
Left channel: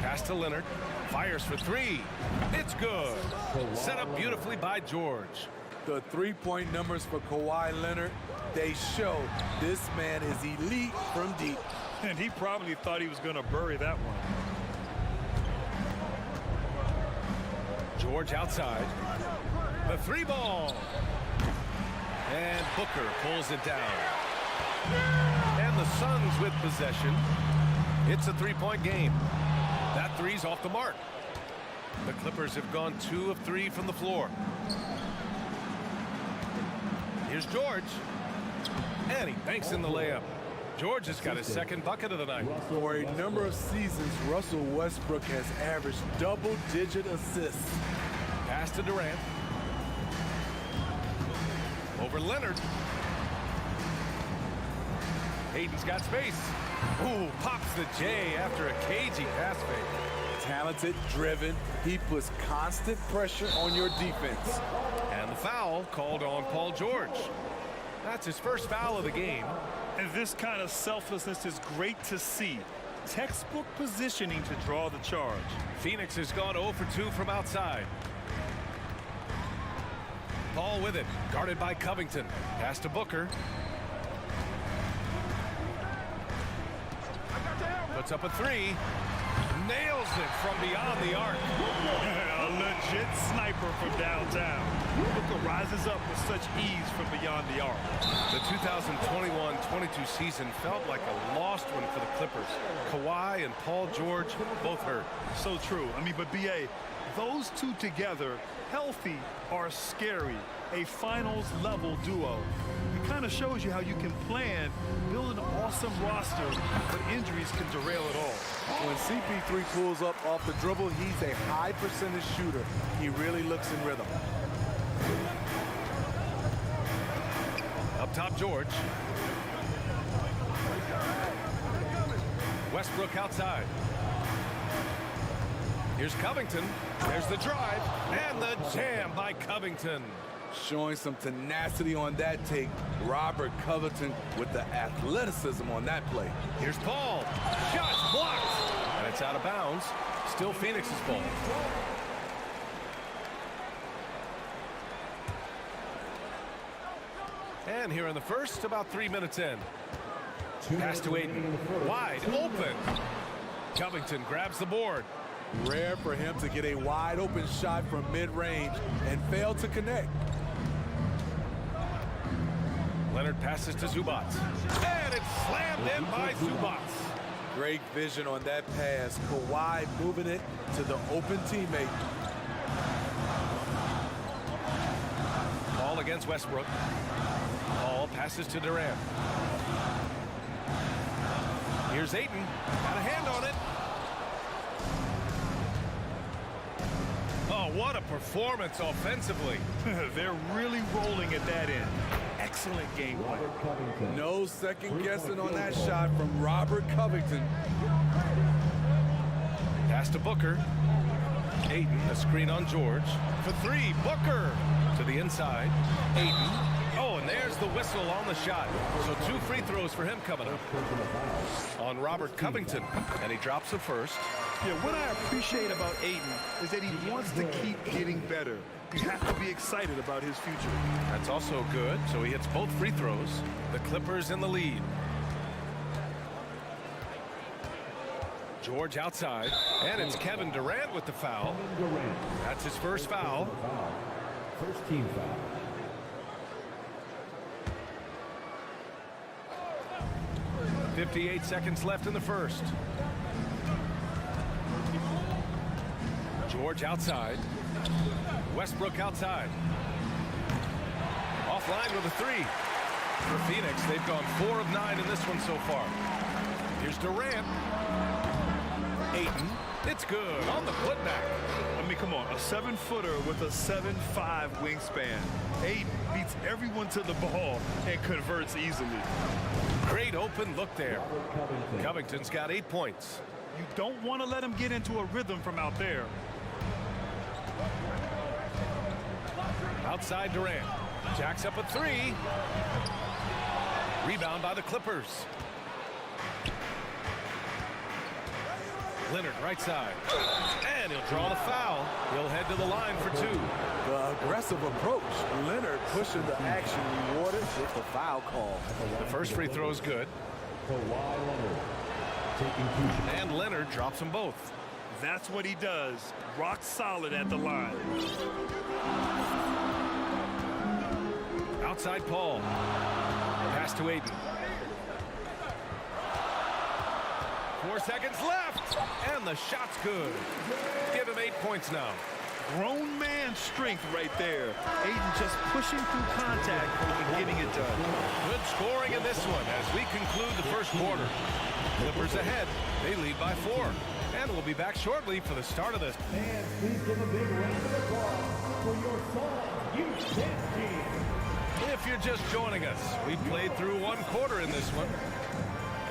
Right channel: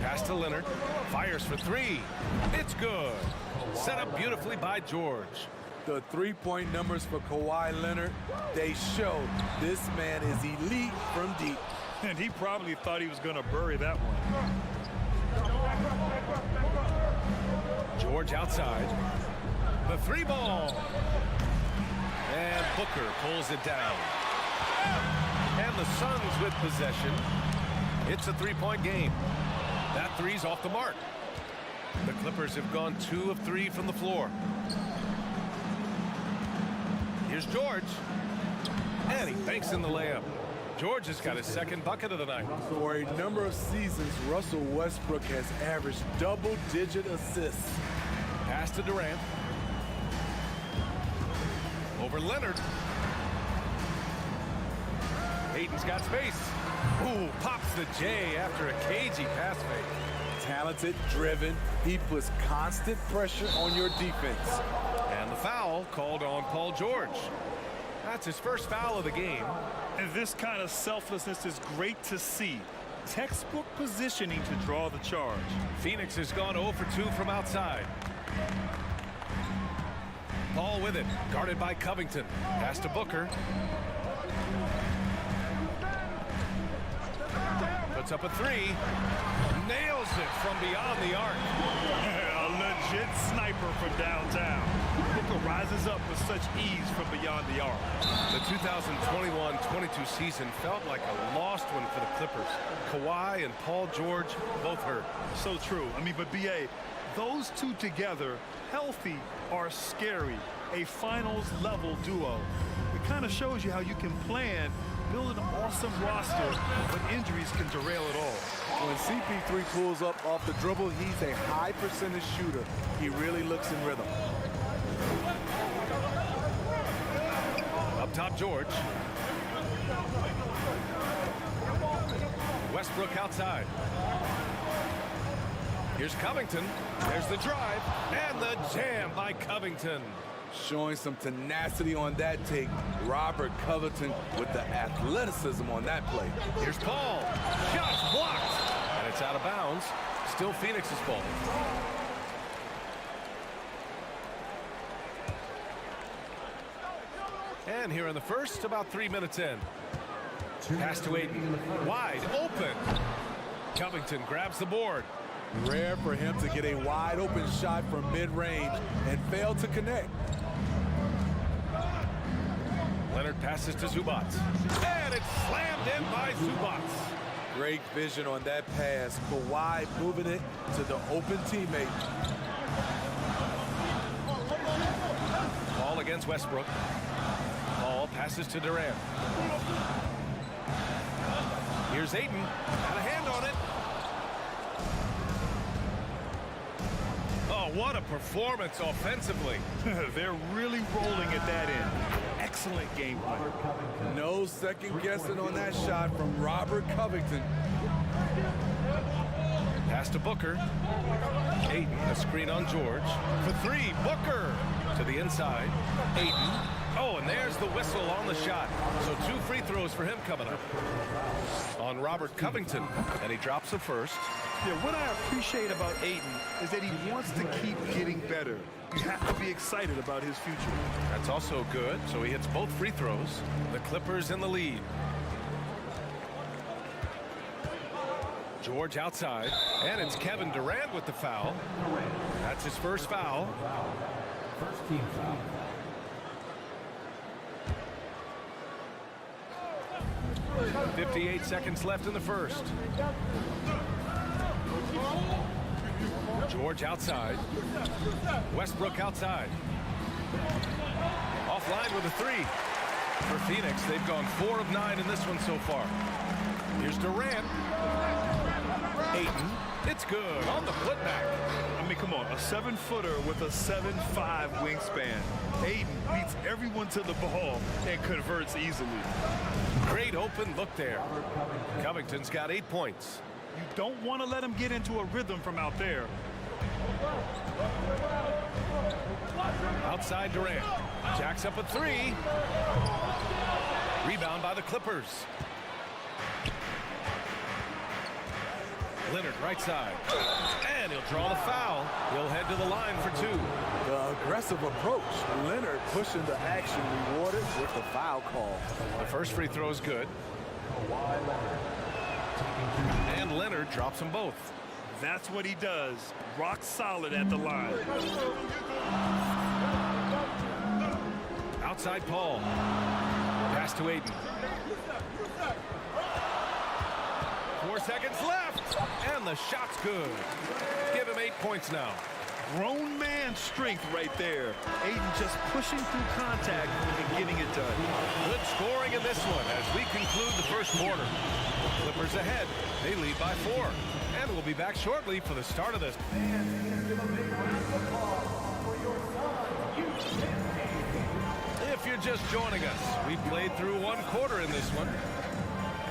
Pass to Leonard. Fires for three. It's good. Set up beautifully by George. The three-point numbers for Kawhi Leonard, they show this man is elite from deep. And he probably thought he was going to bury that one. George outside. The three ball. And Booker pulls it down. And the Suns with possession. It's a three-point game. That three's off the mark. The Clippers have gone 2 of 3 from the floor. Here's George. And he banks in the layup. George has got his second bucket of the night. For a number of seasons, Russell Westbrook has averaged double-digit assists. Pass to Durant. Over Leonard. Hayden's got space. Ooh, pops the J after a cagey pass fake. Talented, driven. He puts constant pressure on your defense. And the foul called on Paul George. That's his first foul of the game. And this kind of selflessness is great to see. Textbook positioning to draw the charge. Phoenix has gone 0 for 2 from outside. Paul with it, guarded by Covington. Pass to Booker. Puts up a three. Nails it from beyond the arc. A legit sniper from downtown. Booker rises up with such ease from beyond the arc. The 2021-22 season felt like a lost one for the Clippers. Kawhi and Paul George both hurt. So true. I mean, but BA, those two together, healthy, are scary. A finals-level duo. It kind of shows you how you can plan, build an awesome roster, but injuries can derail it all. When CP3 pulls up off the dribble, he's a high percentage shooter. He really looks in rhythm. Up top, George. Westbrook outside. Here's Covington. There's the drive and the jam by Covington. Showing some tenacity on that take. Robert Covington with the athleticism on that play. Here's Paul. Shot blocked. And it's out of bounds. Still Phoenix's ball. And here in the first, about 3 minutes in. Pass to Ayton. Wide open. Covington grabs the board. Rare for him to get a wide open shot from mid-range and fail to connect. Leonard passes to Zubac. And it's slammed in by Zubac. Great vision on that pass. Kawhi moving it to the open teammate. Ball against Westbrook. Paul passes to Durant. Here's Ayton. Got a hand on it. Oh, what a performance offensively. They're really rolling at that end. Excellent game plan. No second guessing on that shot from Robert Covington. Pass to Booker. Ayton, a screen on George. For three, Booker to the inside. Ayton. Oh, and there's the whistle on the shot. So 2 free throws for him coming up. On Robert Covington, and he drops the first. Yeah, what I appreciate about Ayton is that he wants to keep getting better. You have to be excited about his future. That's also good. So he hits both free throws. The Clippers in the lead. George outside. And it's Kevin Durant with the foul. That's his first foul. First team foul. .58 seconds left in the first. George outside. Westbrook outside. Offline with a three. For Phoenix, they've gone 4 of 9 in this one so far. Here's Durant. Ayton. It's good on the putback. I mean, come on, a 7-footer with a 7'5" wingspan. Ayton beats everyone to the ball and converts easily. Great open look there. Covington's got 8 points. You don't want to let him get into a rhythm from out there. Outside Durant. Jacks up a three. Rebound by the Clippers. Leonard right side. And he'll draw the foul. He'll head to the line for 2. The aggressive approach. Leonard pushing the action, rewarded with the foul call. The first free throw is good. And Leonard drops them both. That's what he does. Rock solid at the line. Outside Paul. Pass to Aiden. 4 seconds left. And the shot's good. Give him 8 points now. Grown man strength right there. Aiden just pushing through contact and getting it done. Good scoring in this one as we conclude the first quarter. Clippers ahead. They lead by 4. And we'll be back shortly for the start of this. And please give a big round of applause for your son, UKT. If you're just joining us, we played through 1 quarter in this one.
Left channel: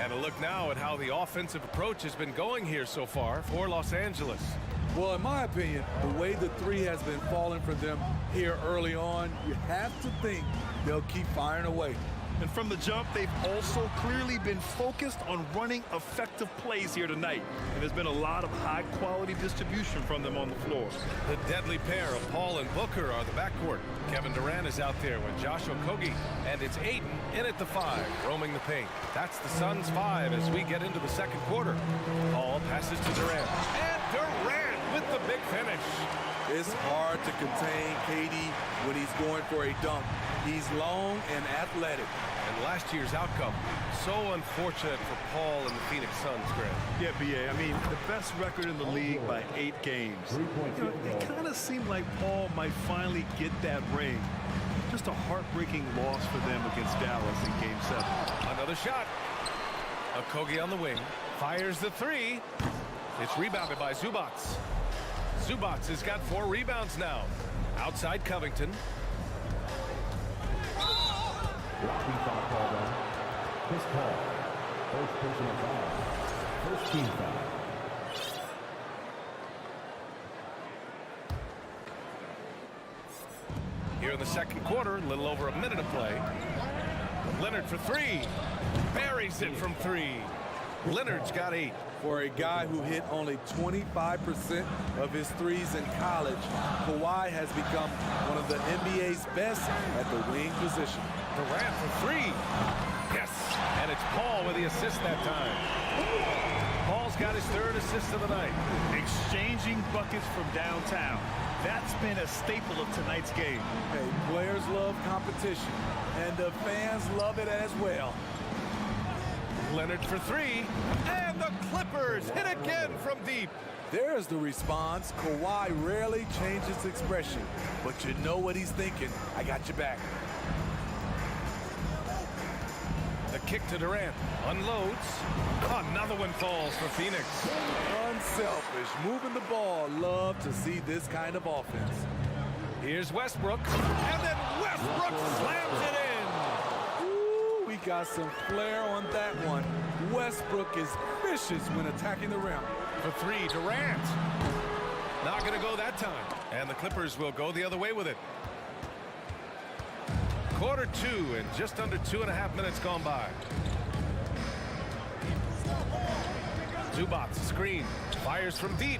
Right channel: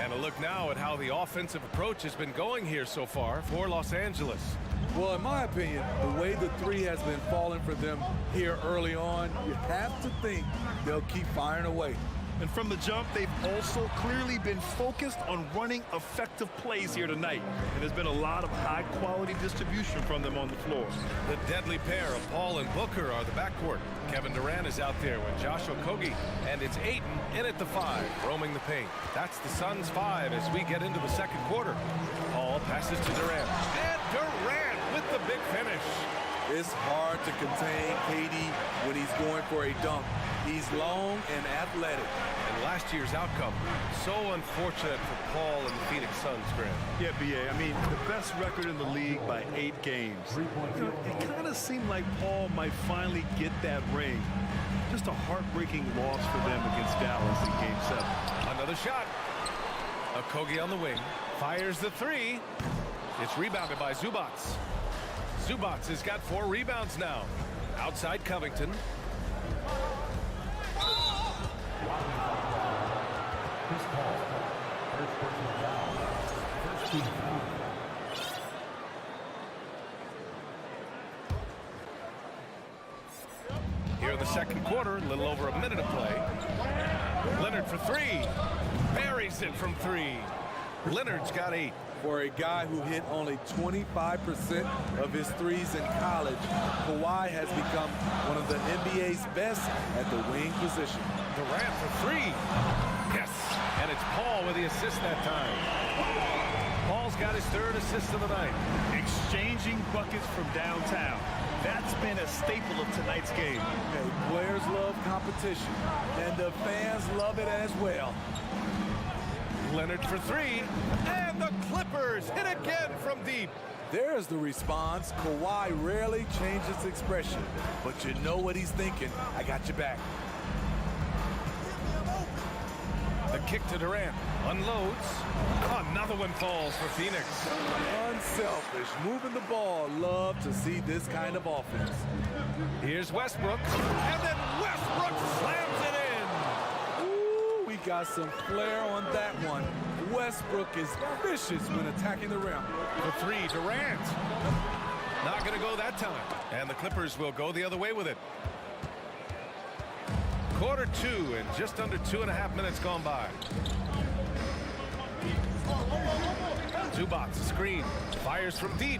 And a look now at how the offensive approach has been going here so far for Los Angeles. Well, in my opinion, the way the 3 has been falling for them here early on, you have to think they'll keep firing away. And from the jump, they've also clearly been focused on running effective plays here tonight. And there's been a lot of high-quality distribution from them on the floor. The deadly pair of Paul and Booker are the backcourt. Kevin Durant is out there with Josh Okogie, and it's Aiden in at the 5, roaming the paint. That's the Suns' 5 as we get into the second quarter. Paul passes to Durant, and Durant with the big finish. It's hard to contain KD when he's going for a dunk. He's long and athletic. And last year's outcome, so unfortunate for Paul and the Phoenix Suns, Grant. Yeah, B.A., I mean, the best record in the league by 8 games. You know, it kind of seemed like Paul might finally get that ring. Just a heartbreaking loss for them against Dallas in Game 7. Another shot. Okogie on the wing. Fires the 3. It's rebounded by Zubats. Zubats has got 4 rebounds now. Outside Covington. Chris Paul, first personal foul, first team foul. Here in the second quarter, a little over a minute of play. Leonard for 3. Buries it from 3. Leonard's got 8. For a guy who hit only 25% of his threes in college, Kawhi has become one of the NBA's best at the wing position. Durant for 3. Yes, and it's Paul with the assist that time. Paul's got his 3rd assist of the night. Exchanging buckets from downtown. That's been a staple of tonight's game. Hey, players love competition, and the fans love it as well. Leonard for 3, and the Clippers hit again from deep. There's the response. Kawhi rarely changes expression, but you know what he's thinking. I got your back. The kick to Durant. Unloads. Another one falls for Phoenix. Unselfish. Moving the ball. Love to see this kind of offense. Here's Westbrook. And then Westbrook slams it in. Ooh, we got some flair on that one. Westbrook is vicious when attacking the rim. For 3, Durant. Not going to go that time. And the Clippers will go the other way with it. Quarter 2 and just under 2.5 minutes gone by. Zubats screen. Fires from deep.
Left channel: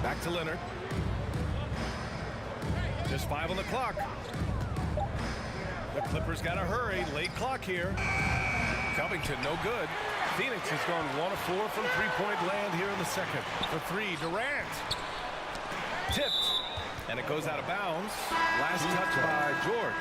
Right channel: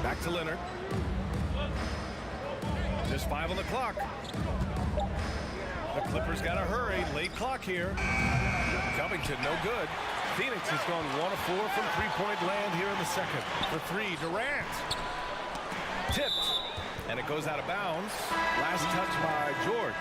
Back to Leonard. Just 5 on the clock. The Clippers got to hurry. Late clock here. Covington no good. Phoenix has gone 1 of 4 from 3-point land here in the second. For 3, Durant. Tipped. And it goes out of bounds. Last touch by George.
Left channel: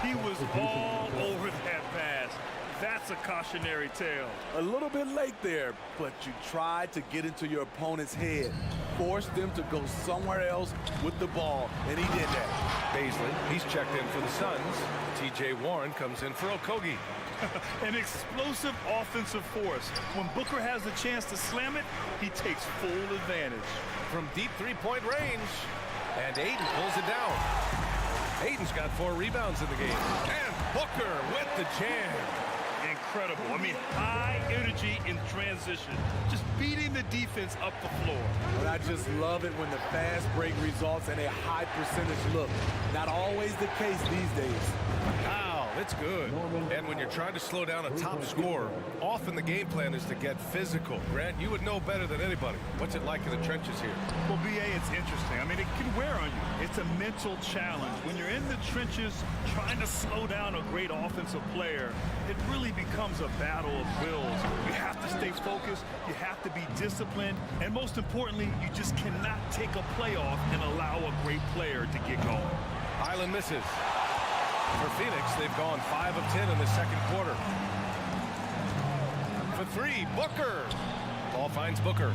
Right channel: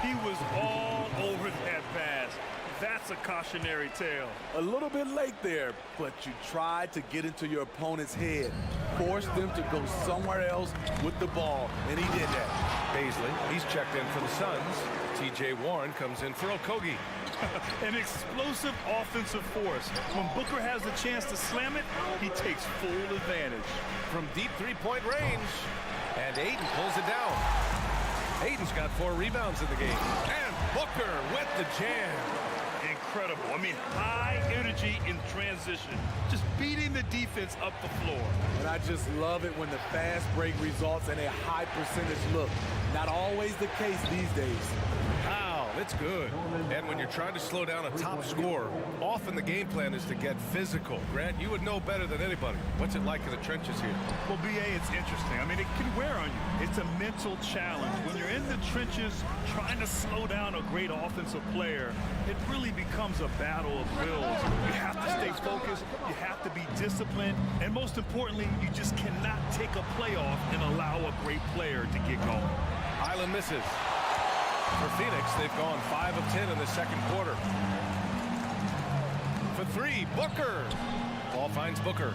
He was all over that pass. That's a cautionary tale. A little bit late there, but you tried to get into your opponent's head. Force them to go somewhere else with the ball, and he did that. Baisley, he's checked in for the Suns. T.J. Warren comes in for Okogie. An explosive offensive force. When Booker has a chance to slam it, he takes full advantage. From deep 3-point range. And Aiden pulls it down. Aiden's got 4 rebounds in the game. And Booker with the jam. Incredible. I mean, high energy in transition. Just beating the defense up the floor. And I just love it when the fast break results in a high percentage look. Not always the case these days. Foul. It's good. And when you're trying to slow down a top scorer, often the game plan is to get physical. Grant, you would know better than anybody. What's it like in the trenches here? Well, BA, it's interesting. I mean, it can wear on you. It's a mental challenge. When you're in the trenches trying to slow down a great offensive player, it really becomes a battle of wills. You have to stay focused. You have to be disciplined. And most importantly, you just cannot take a play off and allow a great player to get going. Highland misses. For Phoenix, they've gone 5 of 10 in the second quarter. For 3, Booker. Ball finds Booker.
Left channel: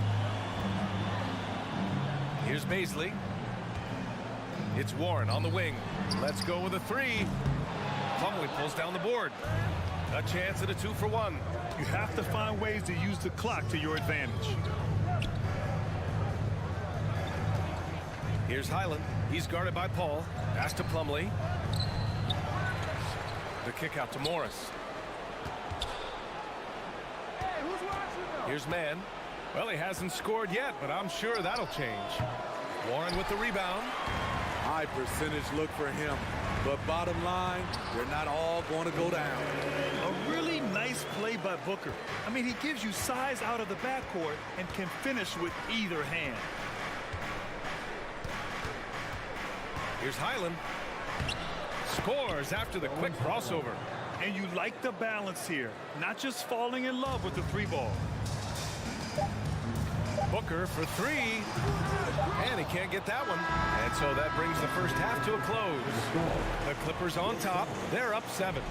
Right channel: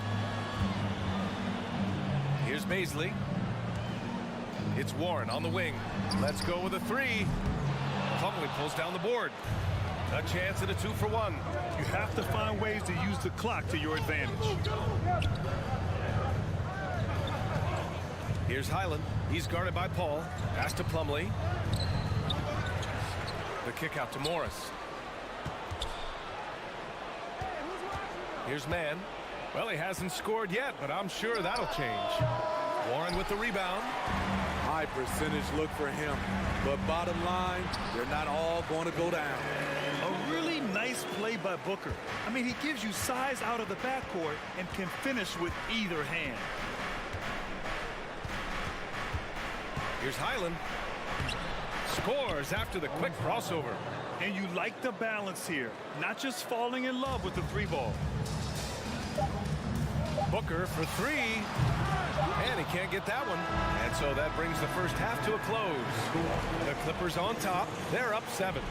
Here's Baisley. It's Warren on the wing. Let's go with a 3. Plumlee pulls down the board. A chance at a 2-for-1. You have to find ways to use the clock to your advantage. Here's Highland. He's guarded by Paul. Pass to Plumlee. The kick out to Morris. Here's Mann. Well, he hasn't scored yet, but I'm sure that'll change. Warren with the rebound. High percentage look for him. But bottom line, they're not all going to go down. A really nice play by Booker. I mean, he gives you size out of the backcourt and can finish with either hand. Here's Highland. Scores after the quick crossover. And you like the balance here, not just falling in love with the 3-ball. Booker for 3. And he can't get that one. And so that brings the first half to a close. The Clippers on top. They're up 7.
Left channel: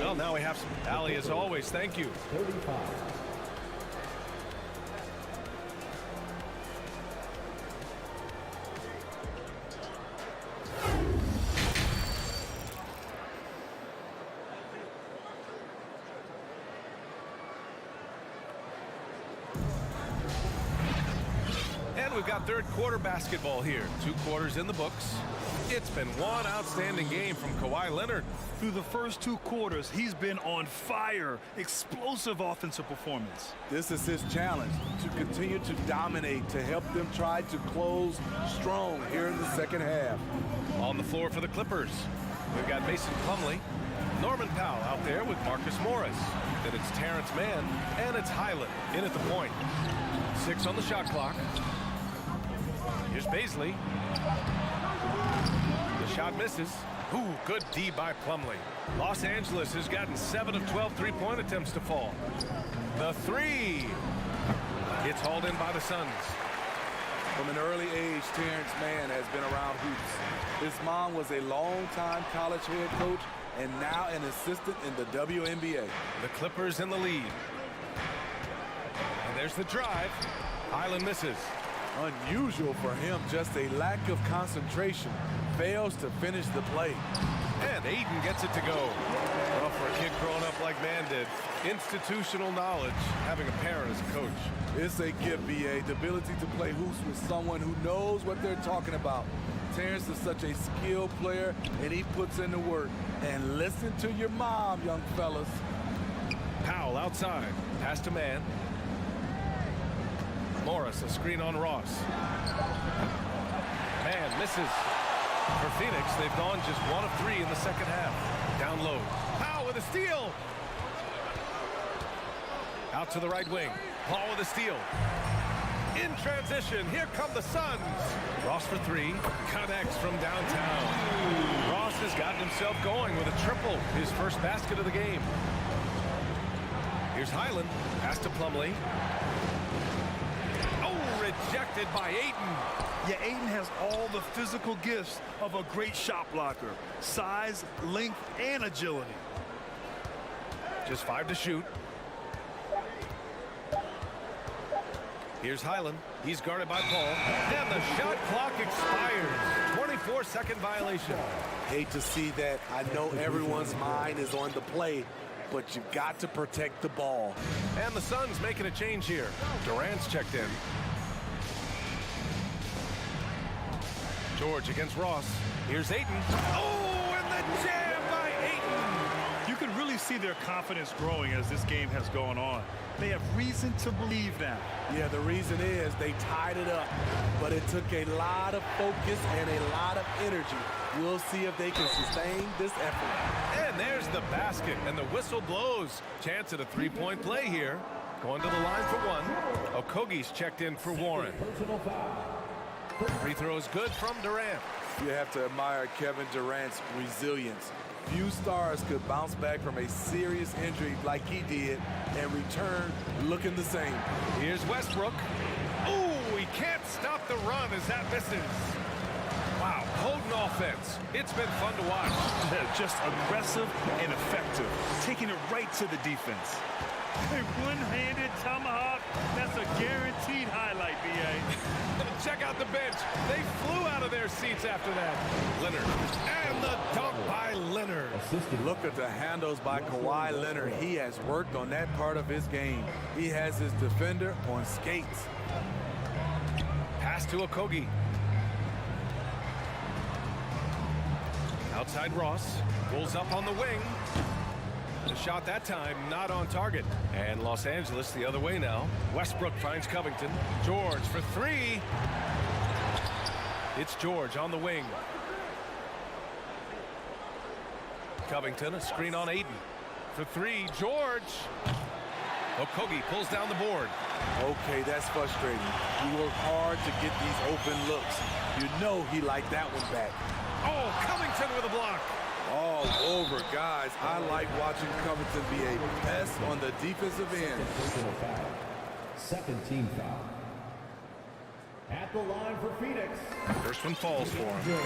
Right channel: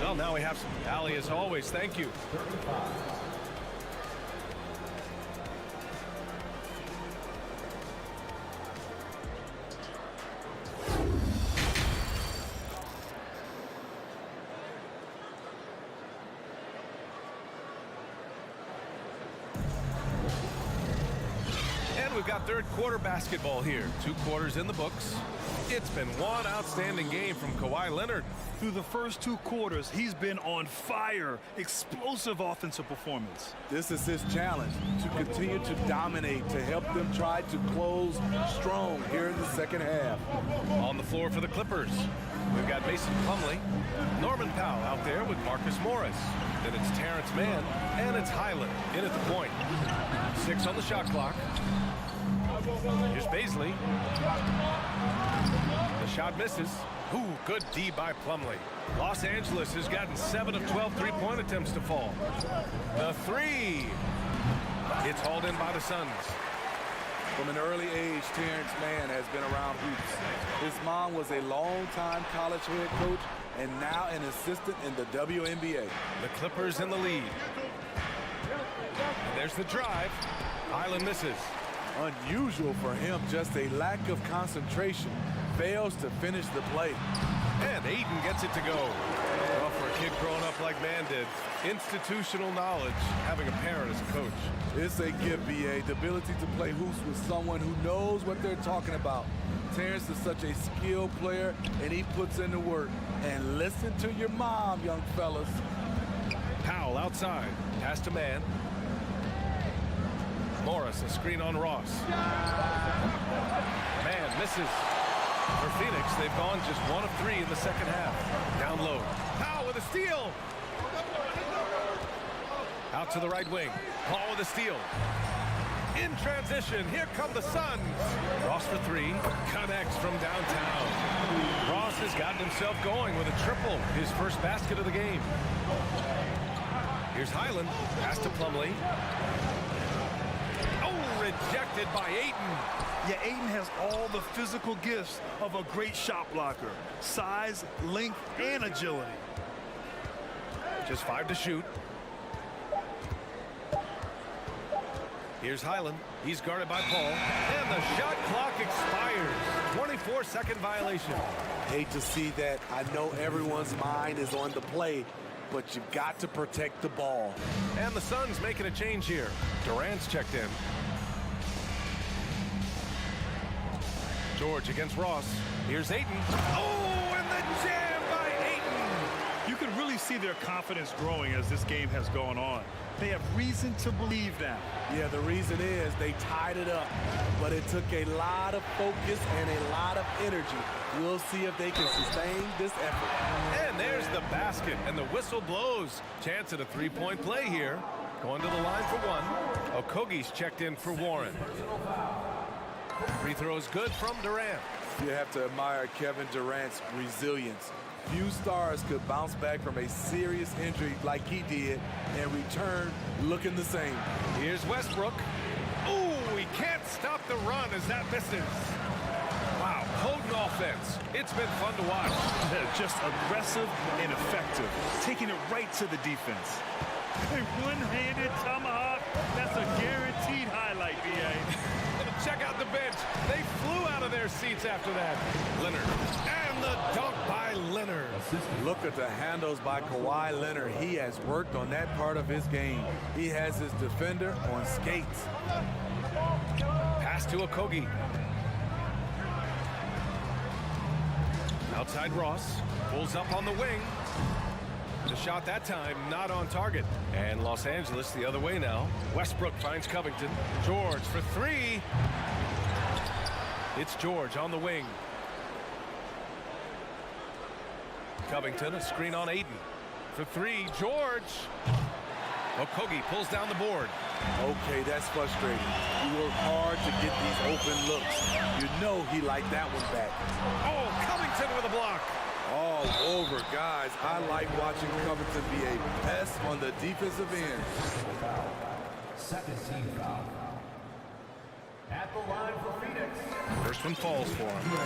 Well, now we have some Allie as always. Thank you. 35. And we've got third quarter basketball here. 2 quarters in the books. It's been one outstanding game from Kawhi Leonard. Through the first 2 quarters, he's been on fire. Explosive offensive performance. This is his challenge, to continue to dominate, to help them try to close strong here in the second half. On the floor for the Clippers, we've got Mason Plumlee, Norman Powell out there with Marcus Morris. Then it's Terrence Mann, and it's Highland in at the point. 6 on the shot clock. Here's Baisley. The shot misses. Ooh, good D by Plumlee. Los Angeles has gotten 7 of 12 3-point attempts to fall. The 3. It's hauled in by the Suns. From an early age, Terrence Mann has been around hoops. His mom was a longtime college head coach and now an assistant in the WNBA. The Clippers in the lead. And there's the drive. Highland misses. Unusual for him, just a lack of concentration. Fails to finish the play. And Aiden gets it to go. Well, for a kid growing up like Mann did, institutional knowledge, having a parent as a coach. It's a gift, BA, the ability to play hoops with someone who knows what they're talking about. Terrence is such a skilled player, and he puts in the work. And listen to your mom, young fellas. Powell outside. Pass to Mann. Morris, a screen on Ross. Mann misses. For Phoenix, they've gone just 1 of 3 in the second half. Down low. Powell with a steal. Out to the right wing. Paul with a steal. In transition, here come the Suns. Ross for 3. Connects from downtown. Ross has gotten himself going with a triple. His first basket of the game. Here's Highland. Pass to Plumlee. Oh, rejected by Ayton. Yeah, Ayton has all the physical gifts of a great shot blocker. Size, length, and agility. Just 5 to shoot. Here's Highland. He's guarded by Paul. And the shot clock expires. 24-second violation. Hate to see that. I know everyone's mind is on the play, but you've got to protect the ball. And the Suns making a change here. Durant's checked in. George against Ross. Here's Ayton. Oh, and the jam by Ayton. You can really see their confidence growing as this game has gone on. They have reason to believe now. Yeah, the reason is they tied it up, but it took a lot of focus and a lot of energy. We'll see if they can sustain this effort. And there's the basket, and the whistle blows. Chance at a three-point play here. Going to the line for one. Okogie's checked in for Warren. Free throw is good from Durant. You have to admire Kevin Durant's resilience. Few stars could bounce back from a serious injury like he did and return looking the same. Here's Westbrook. Ooh, he can't stop the run as that misses. Wow, potent offense. It's been fun to watch. Just aggressive and effective, taking it right to the defense. A one-handed tomahawk, that's a guaranteed highlight, B.A. Check out the bench. They flew out of their seats after that. Leonard, and the dunk by Leonard. Look at the handles by Kawhi Leonard. He has worked on that part of his game. He has his defender on skates. Pass to Okogie. Outside Ross. Pulls up on the wing. The shot that time not on target. And Los Angeles the other way now. Westbrook finds Covington. George for three. It's George on the wing. Covington, a screen on Ayton. For three, George. Okogie pulls down the board. Okay, that's frustrating. You work hard to get these open looks. You know he liked that one back. Oh, Covington with a block. All over, guys. I like watching Covington be a pest on the defensive end. Second team foul. At the line for Phoenix. First one falls for him.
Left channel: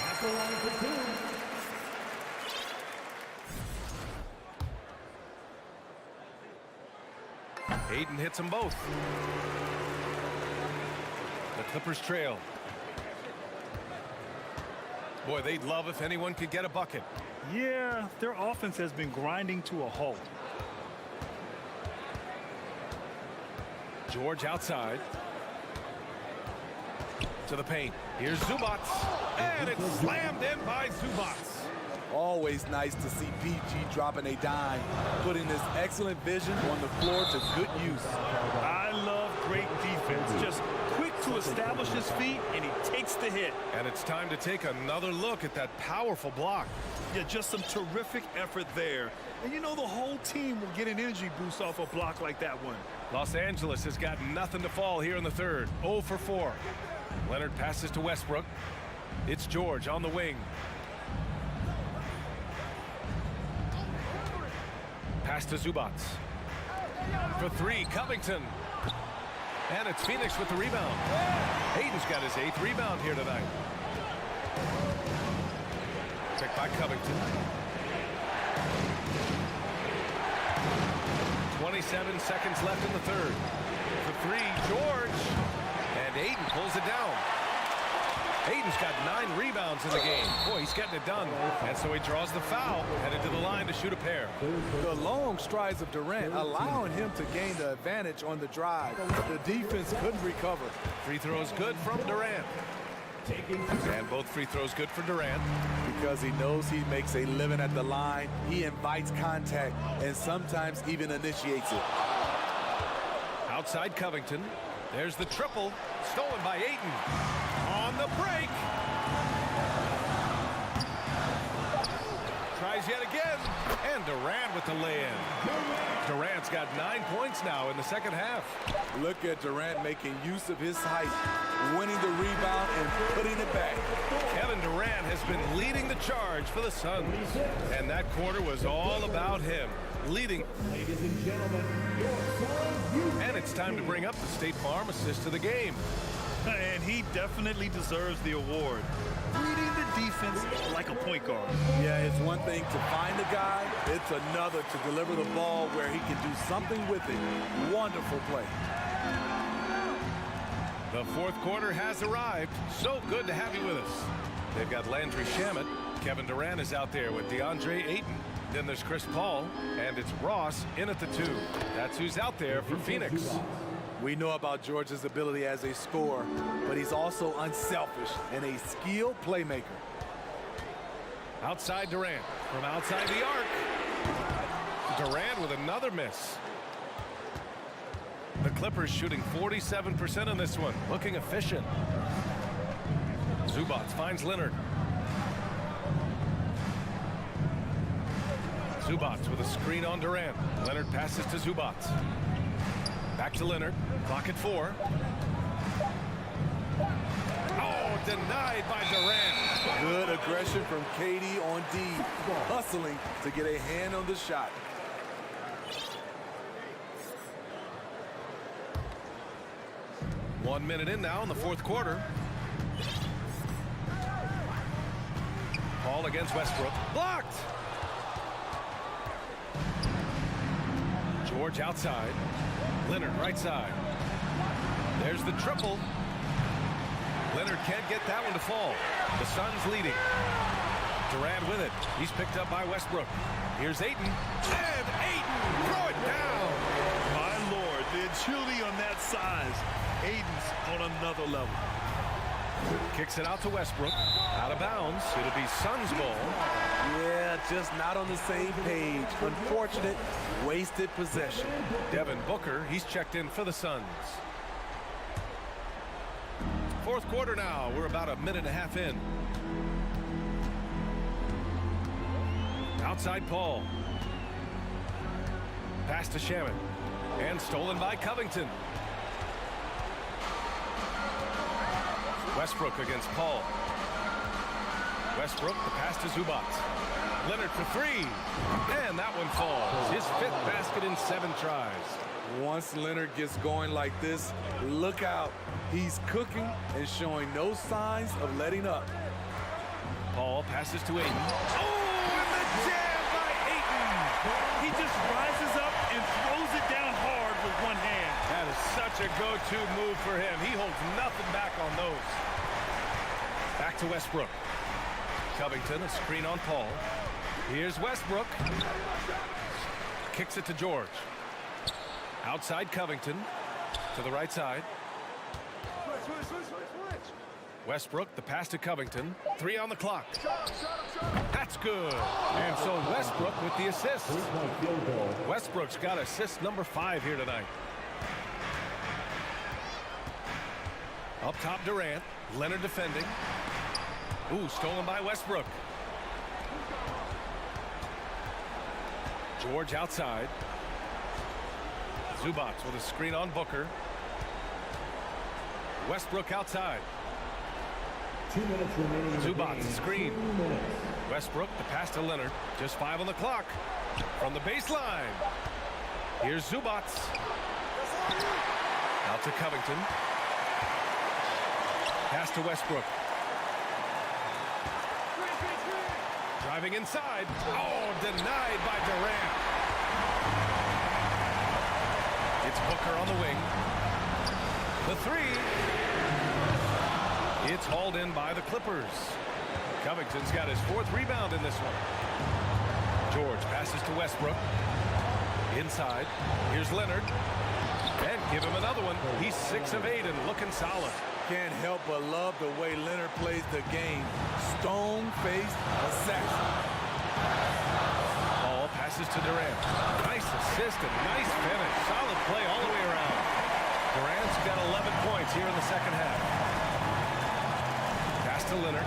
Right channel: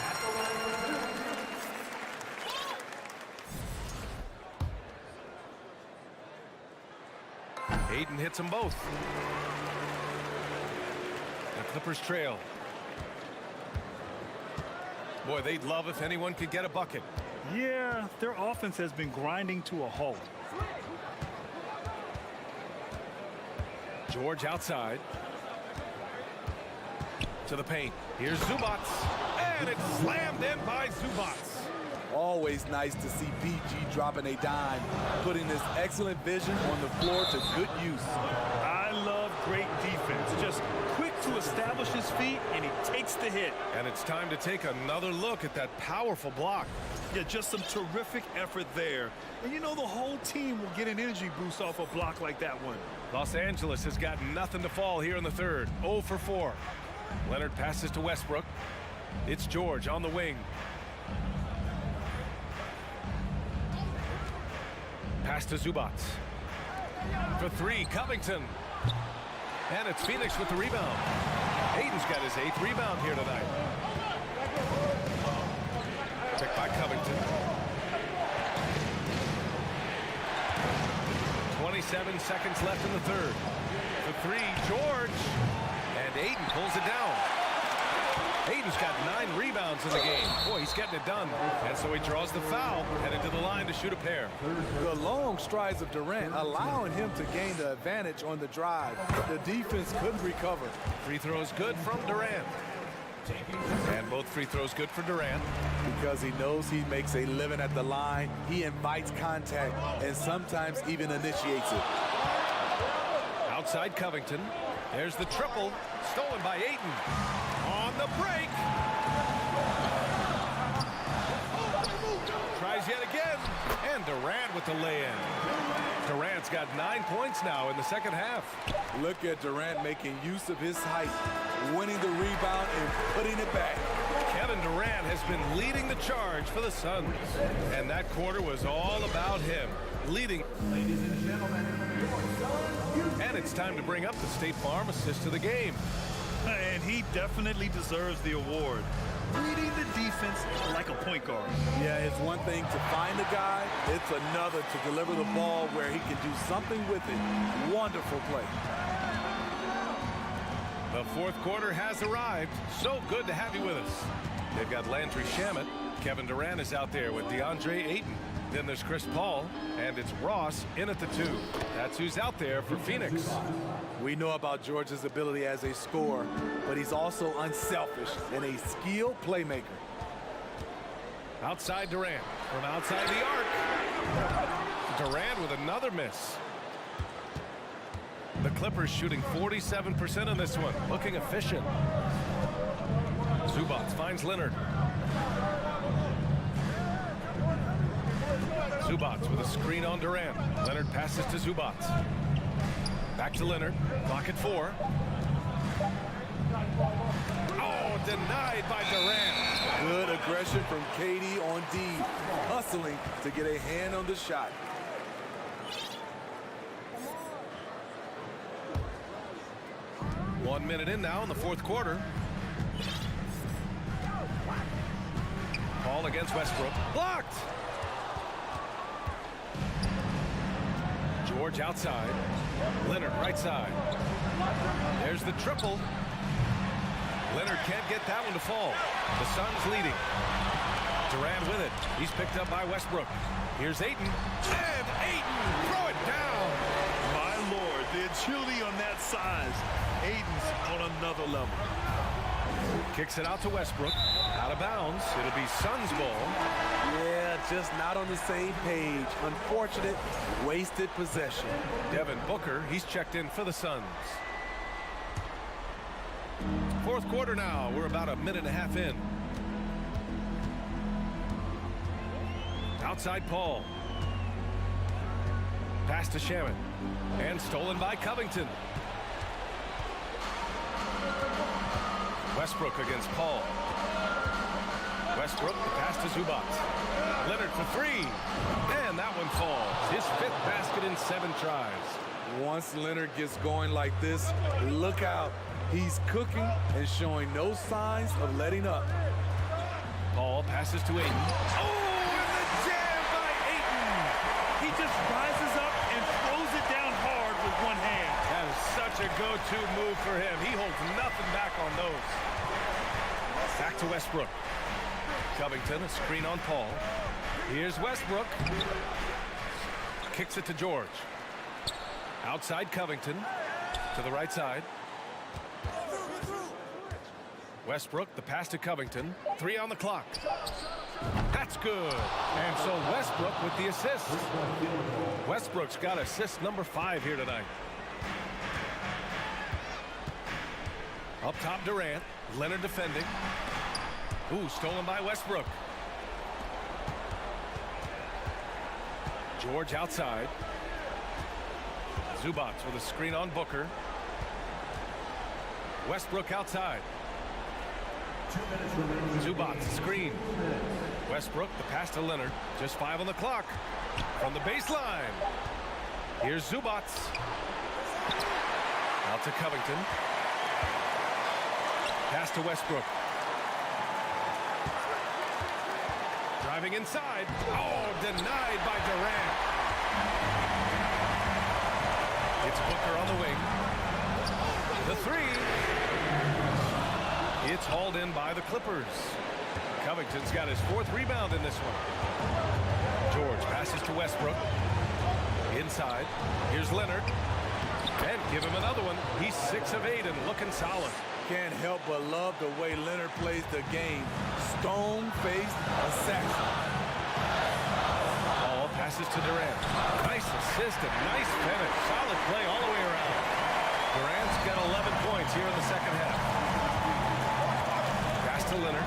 At the line for two. Ayton hits them both. The Clippers trail. Boy, they'd love if anyone could get a bucket. Yeah, their offense has been grinding to a halt. George outside. To the paint. Here's Zubats. And it's slammed in by Zubats. Always nice to see PG dropping a dime, putting his excellent vision on the floor to good use. I love great defense. Just quick to establish his feet, and he takes the hit. And it's time to take another look at that powerful block. Yeah, just some terrific effort there. And you know the whole team will get an energy boost off a block like that one. Los Angeles has got nothing to fall here in the third. 0 for 4. Leonard passes to Westbrook. It's George on the wing. Pass to Zubats. For three, Covington. And it's Phoenix with the rebound. Ayton's got his 8th rebound here tonight. Checked by Covington. 27 seconds left in the third. For three, George. And Ayton pulls it down. Ayton's got 9 rebounds in the game. Boy, he's getting it done. And so he draws the foul, headed to the line to shoot a pair. The long strides of Durant allowing him to gain the advantage on the drive. The defense couldn't recover. Free throws good from Durant. And both free throws good for Durant. Because he knows he makes a living at the line, he invites contact and sometimes even initiates it. Outside Covington. There's the triple, stolen by Ayton. On the break. Tries yet again. And Durant with the lay-in. Durant's got 9 points now in the second half. Look at Durant making use of his height, winning the rebound and putting it back. Kevin Durant has been leading the charge for the Suns. And that quarter was all about him, leading. Ladies and gentlemen, your Suns. And it's time to bring up the State Farm assist to the game. And he definitely deserves the award. Reading the defense like a point guard. Yeah, it's one thing to find a guy. It's another to deliver the ball where he can do something with it. Wonderful play. The fourth quarter has arrived. So good to have you with us. They've got Landry Shamet. Kevin Durant is out there with DeAndre Ayton. Then there's Chris Paul. And it's Ross in at the 2. That's who's out there for Phoenix. We know about George's ability as a scorer, but he's also unselfish and a skilled playmaker. Outside Durant. From outside the arc. Durant with another miss. The Clippers shooting 47% in this one. Looking efficient. Zubats finds Leonard. Zubats with a screen on Durant. Leonard passes to Zubats. Back to Leonard. Clock at 4. Oh, denied by Durant. Good aggression from KD on D, hustling to get a hand on the shot. One minute in now in the fourth quarter. Paul against Westbrook. Blocked! George outside. Leonard right side. There's the triple. Leonard can't get that one to fall. The Suns leading. Durant with it. He's picked up by Westbrook. Here's Ayton. And Ayton! Throw it down! My Lord, the agility on that size. Ayton's on another level. Kicks it out to Westbrook. Out of bounds. It'll be Suns ball. Yeah, just not on the same page. Unfortunate, wasted possession. Devin Booker, he's checked in for the Suns. Fourth quarter now. We're about a minute and a half in. Outside Paul. Pass to Shaman. And stolen by Covington. Westbrook against Paul. Westbrook, the pass to Zubats. Leonard for 3. And that one falls. His 5th basket in 7 tries. Once Leonard gets going like this, look out. He's cooking and showing no signs of letting up. Paul passes to Ayton. Oh, and the jam by Ayton. He just rises up and throws it down hard with one hand. That is such a go-to move for him. He holds nothing back on those. Back to Westbrook. Covington, a screen on Paul. Here's Westbrook. Kicks it to George. Outside Covington. To the right side. Westbrook, the pass to Covington. 3 on the clock. That's good. And so Westbrook with the assist. Westbrook's got assist number 5 here tonight. Up top, Durant. Leonard defending. Ooh, stolen by Westbrook. George outside. Zubats with a screen on Booker. Westbrook outside. 2 minutes remaining. Zubats screen. Westbrook, the pass to Leonard. Just 5 on the clock. From the baseline. Here's Zubats. Out to Covington. Pass to Westbrook. Driving inside. Oh, denied by Durant. It's Booker on the wing. The 3. It's hauled in by the Clippers. Covington's got his 4th rebound in this one. George passes to Westbrook. Inside. Here's Leonard. And give him another one. He's 6 of 8 and looking solid. Can't help but love the way Leonard plays the game. Stone-faced assassin. Paul passes to Durant. Nice assist and nice finish. Solid play all the way around. Durant's got 11 points here in the second half. Pass to Leonard.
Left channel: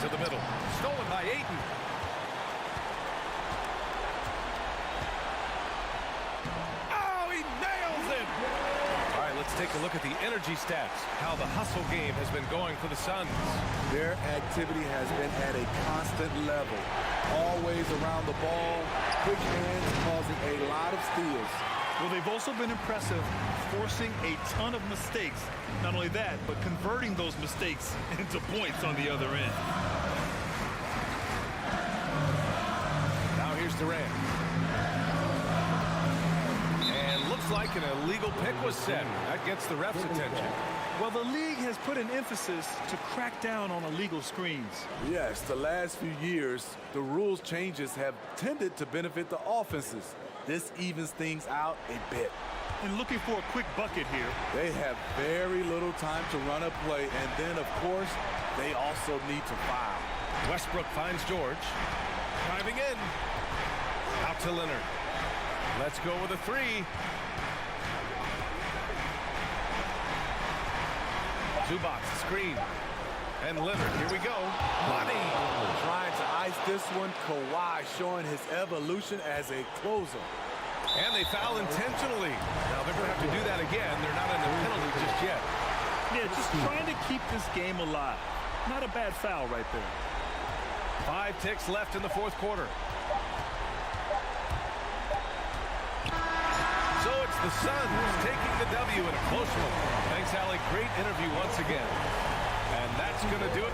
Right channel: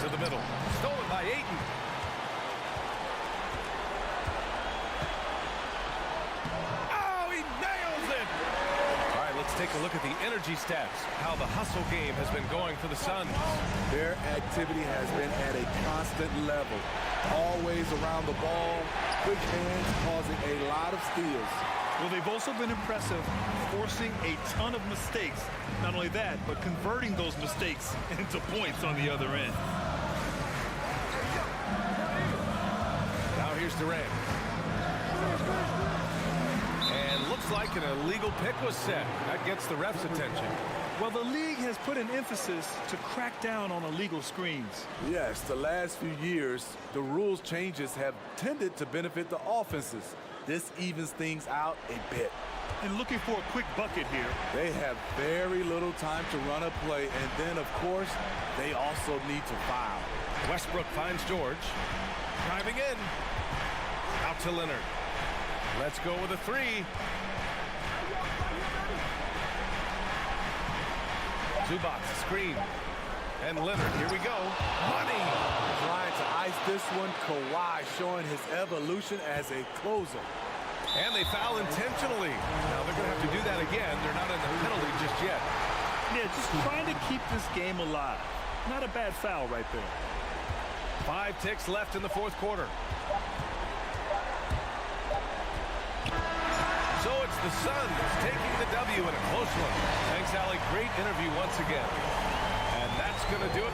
To the middle. Stolen by Ayton. Oh, he nails it! All right, let's take a look at the energy stats. How the hustle game has been going for the Suns. Their activity has been at a constant level. Always around the ball. Quick hands causing a lot of steals. Well, they've also been impressive, forcing a ton of mistakes. Not only that, but converting those mistakes into points on the other end. Now here's Durant. And looks like an illegal pick was set. That gets the ref's attention. Well, the league has put an emphasis to crack down on illegal screens. Yes, the last few years, the rules changes have tended to benefit the offenses. This evens things out a bit. And looking for a quick bucket here. They have very little time to run a play, and then, of course, they also need to foul. Westbrook finds George. Driving in. Out to Leonard. Let's go with a 3. Zubats screen. And Leonard, here we go. Money. Trying to ice this one. Kawhi showing his evolution as a closer. And they foul intentionally. Now they're going to have to do that again. They're not in the penalty just yet. Yeah, just trying to keep this game alive. Not a bad foul right there. 5 ticks left in the fourth quarter. So it's the Suns taking the W in a close one. Thanks, Allie. Great interview once again. And that's going to do it.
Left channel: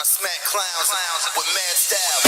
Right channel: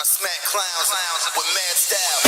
I smack clowns with mad style.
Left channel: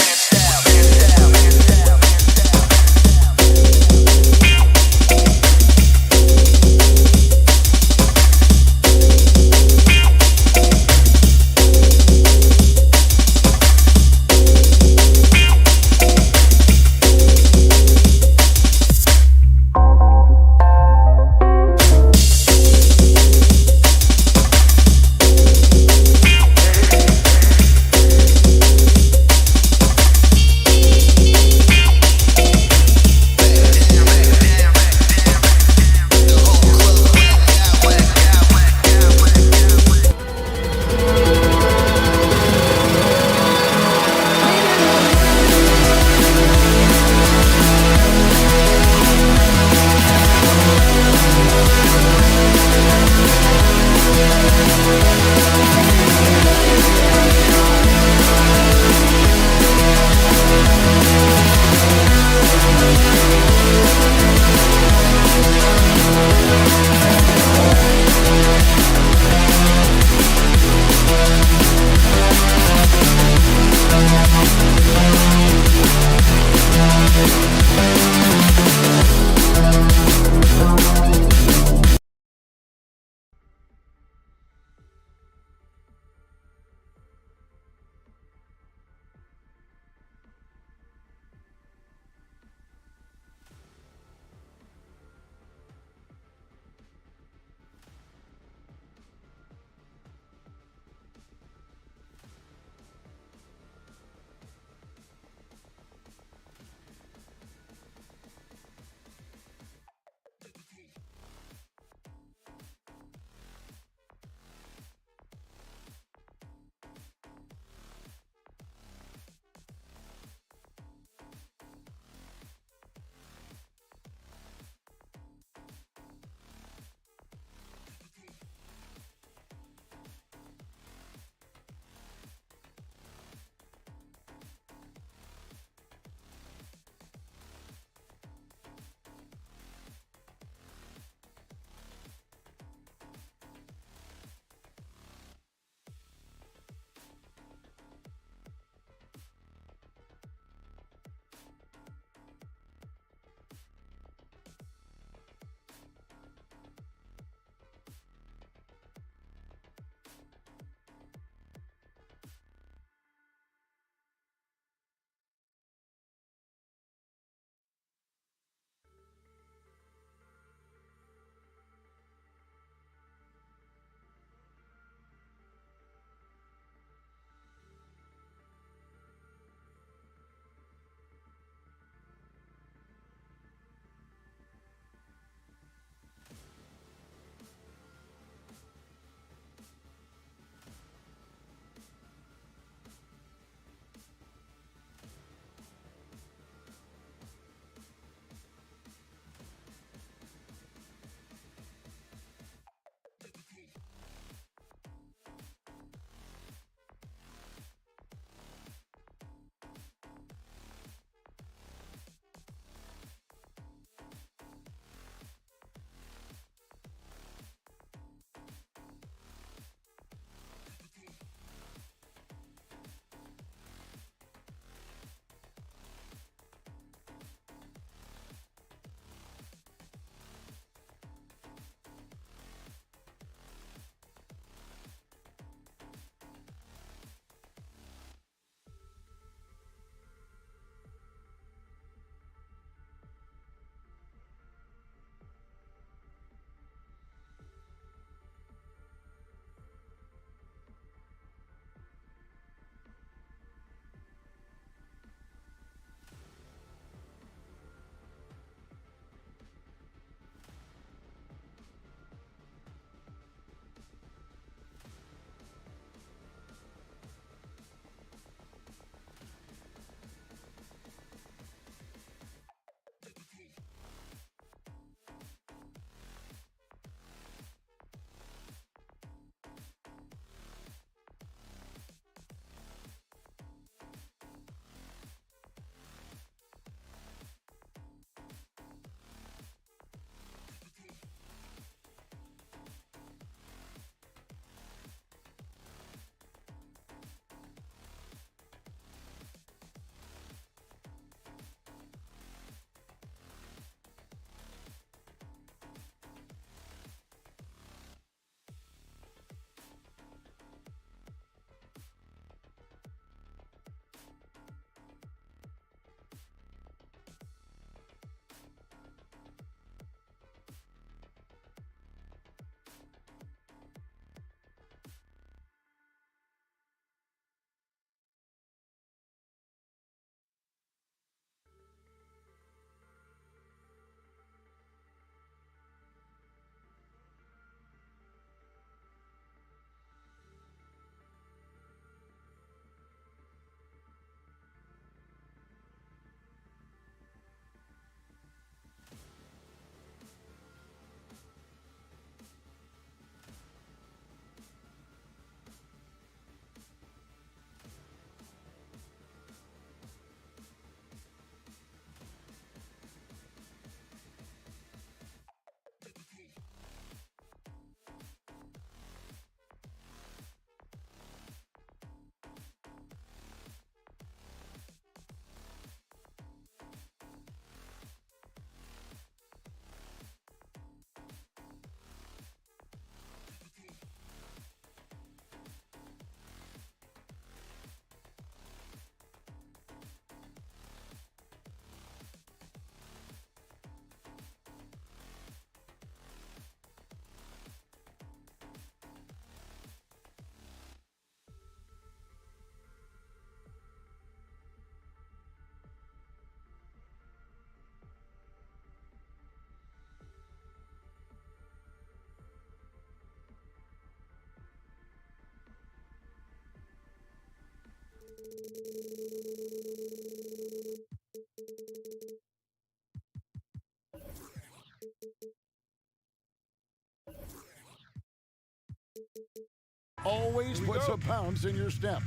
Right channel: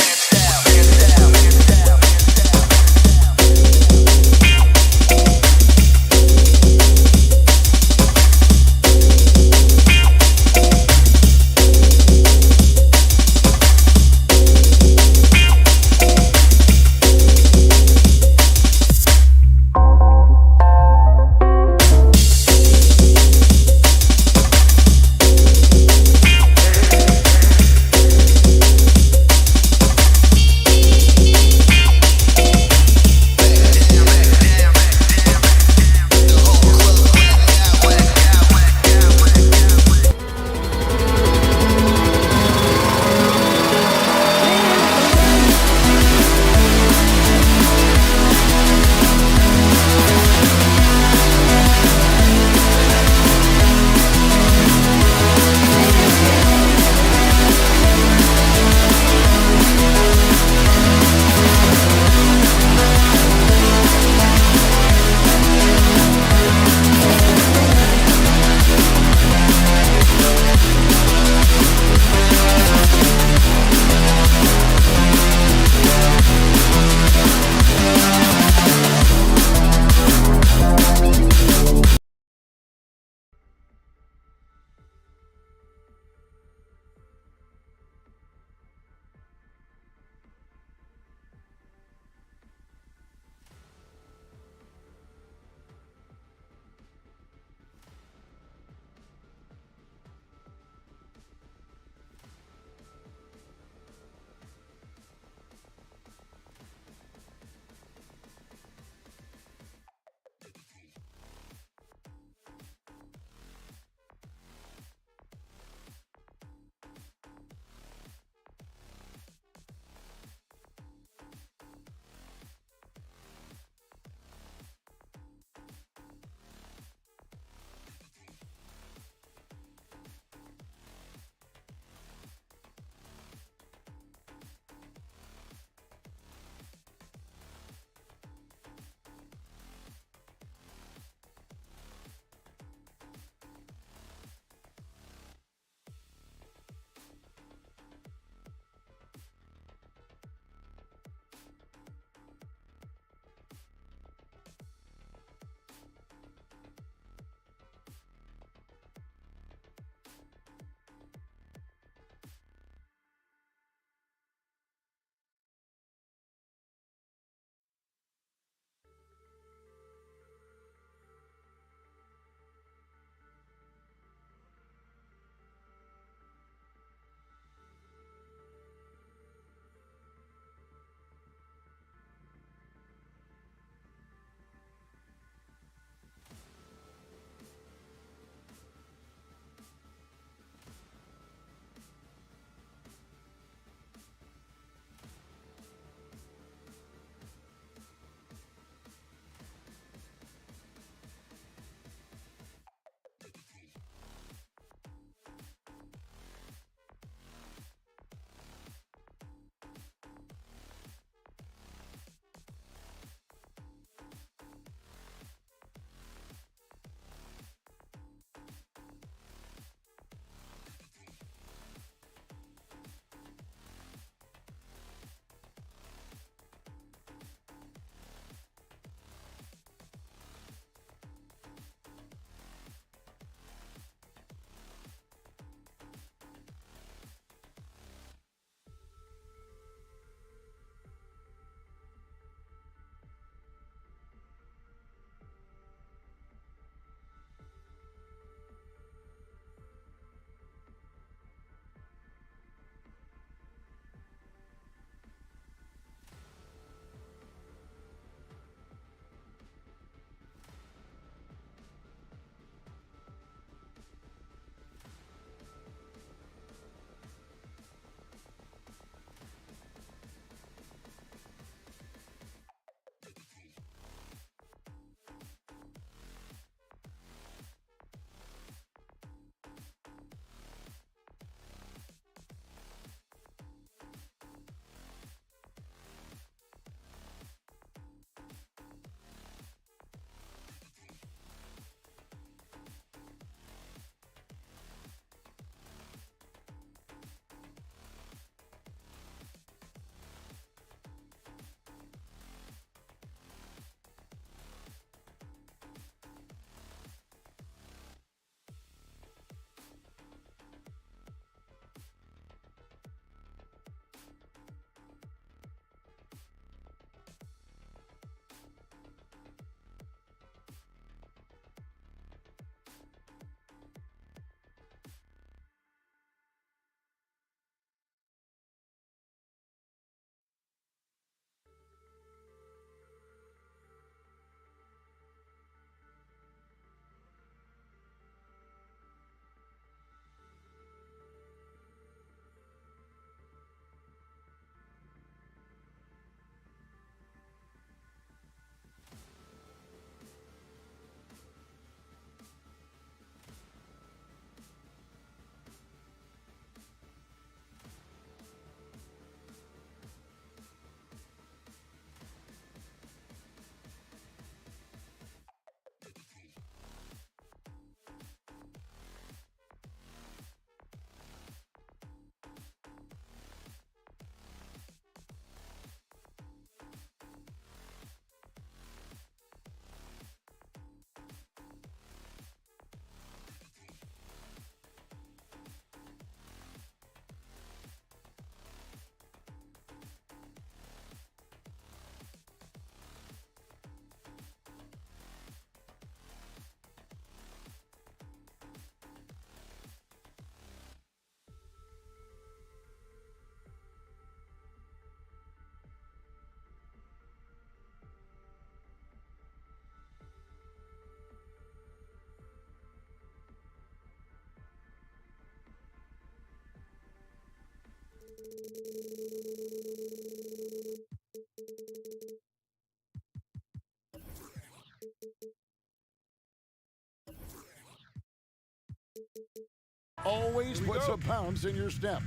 Always put some pounds in your step.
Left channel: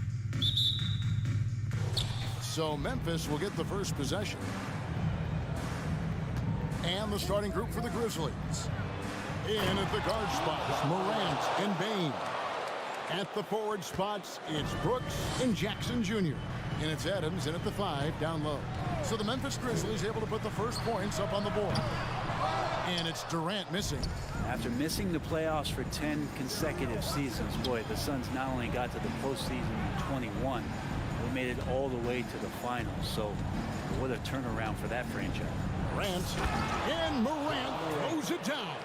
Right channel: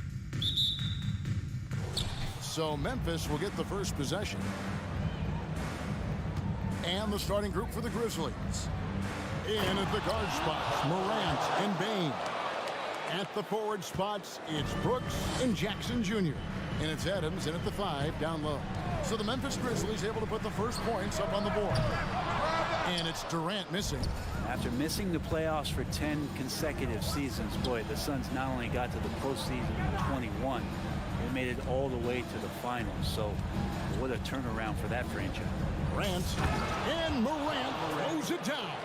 So Memphis will get the first possession. And the starting group for the Grizzlies. In at the guard spots, Morant and Bane. At the forward spots, it's Brooks and Jackson Jr. And it's Adams in at the 5 down low. So the Memphis Grizzlies able to put the first points up on the board. And it's Durant missing. After missing the playoffs for 10 consecutive seasons, boy, the Suns not only got to the postseason in 21, they made it all the way to the finals. So what a turnaround for that franchise. Morant, and Morant throws it down.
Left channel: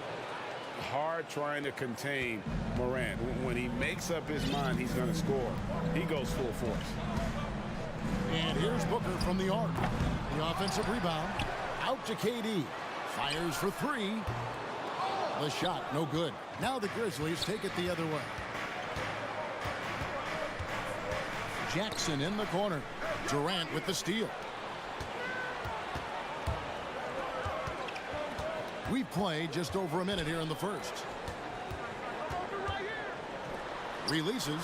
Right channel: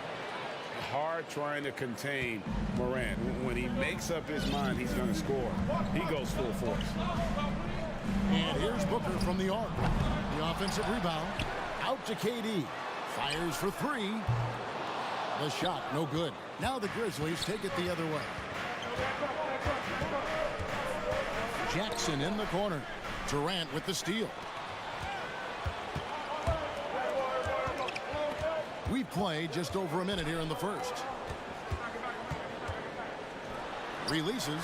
Hard trying to contain Morant. When he makes up his mind he's going to score, he goes full force. And here's Booker from the arc. The offensive rebound. Out to KD. Fires for 3. The shot, no good. Now the Grizzlies take it the other way. Jackson in the corner. Durant with the steal. We play just over a minute here in the first. Releases.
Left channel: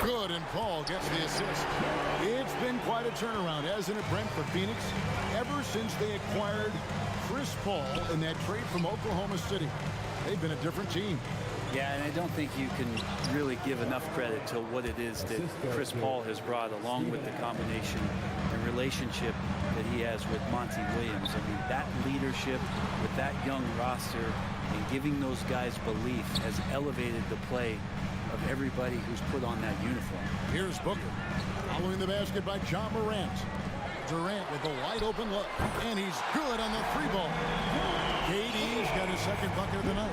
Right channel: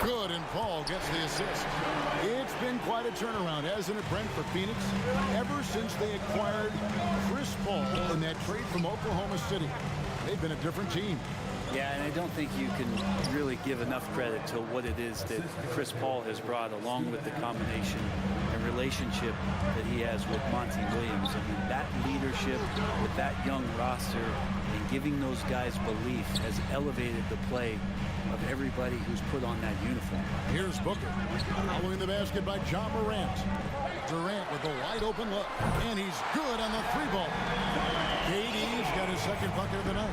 Good, and Paul gets the assist. It's been quite a turnaround, hasn't it, Brent, for Phoenix? Ever since they acquired Chris Paul in that trade from Oklahoma City, they've been a different team. Yeah, and I don't think you can really give enough credit to what it is that Chris Paul has brought, along with the combination and relationship that he has with Monty Williams. I mean, that leadership with that young roster and giving those guys belief has elevated the play of everybody who's put on that uniform. Here's Booker. Following the basket by John Morant. Durant with a wide open look. And he's good on the 3-ball. KD's got his second bucket of the night.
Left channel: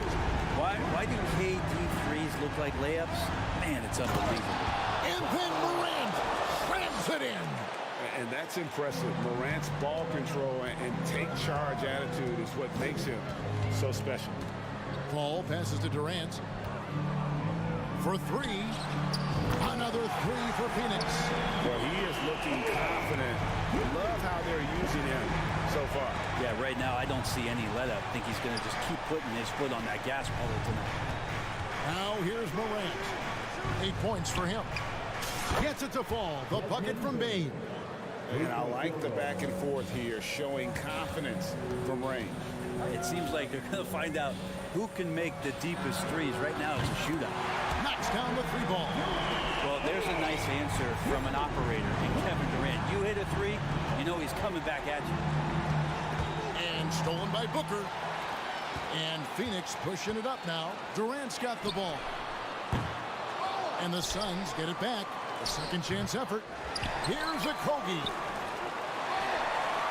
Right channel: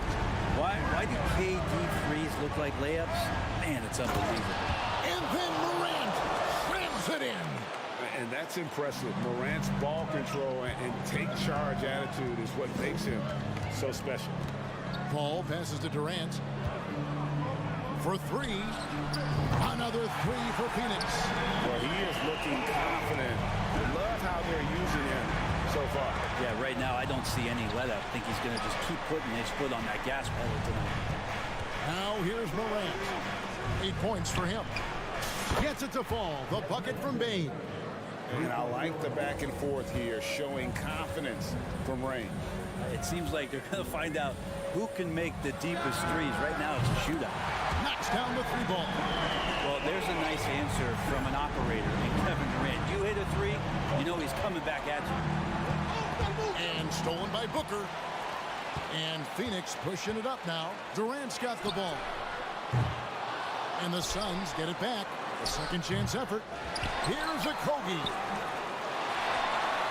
Why do KD threes look like layups? Man, it's unbelievable. And then Morant slams it in. And that's impressive. Morant's ball control and take charge attitude is what makes him so special. Paul passes to Durant. For 3. Another 3 for Phoenix. Well, he is looking confident. Love how they're using him so far. Yeah, right now I don't see any let up. I think he's going to just keep putting his foot on that gas pedal tonight. Now here's Morant. 8 points for him. Gets it to fall. The bucket from Bane. And I like the back and forth here, showing confidence from range. It seems like they're going to find out who can make the deepest threes. Right now it's a shootout. Knocks down the 3-ball. Well, there's a nice answer from an operator in Kevin Durant. You hit a 3, you know he's coming back at you. And stolen by Booker. And Phoenix pushing it up now. Durant's got the ball. And the Suns get it back. A second chance effort. Here's a Kogi.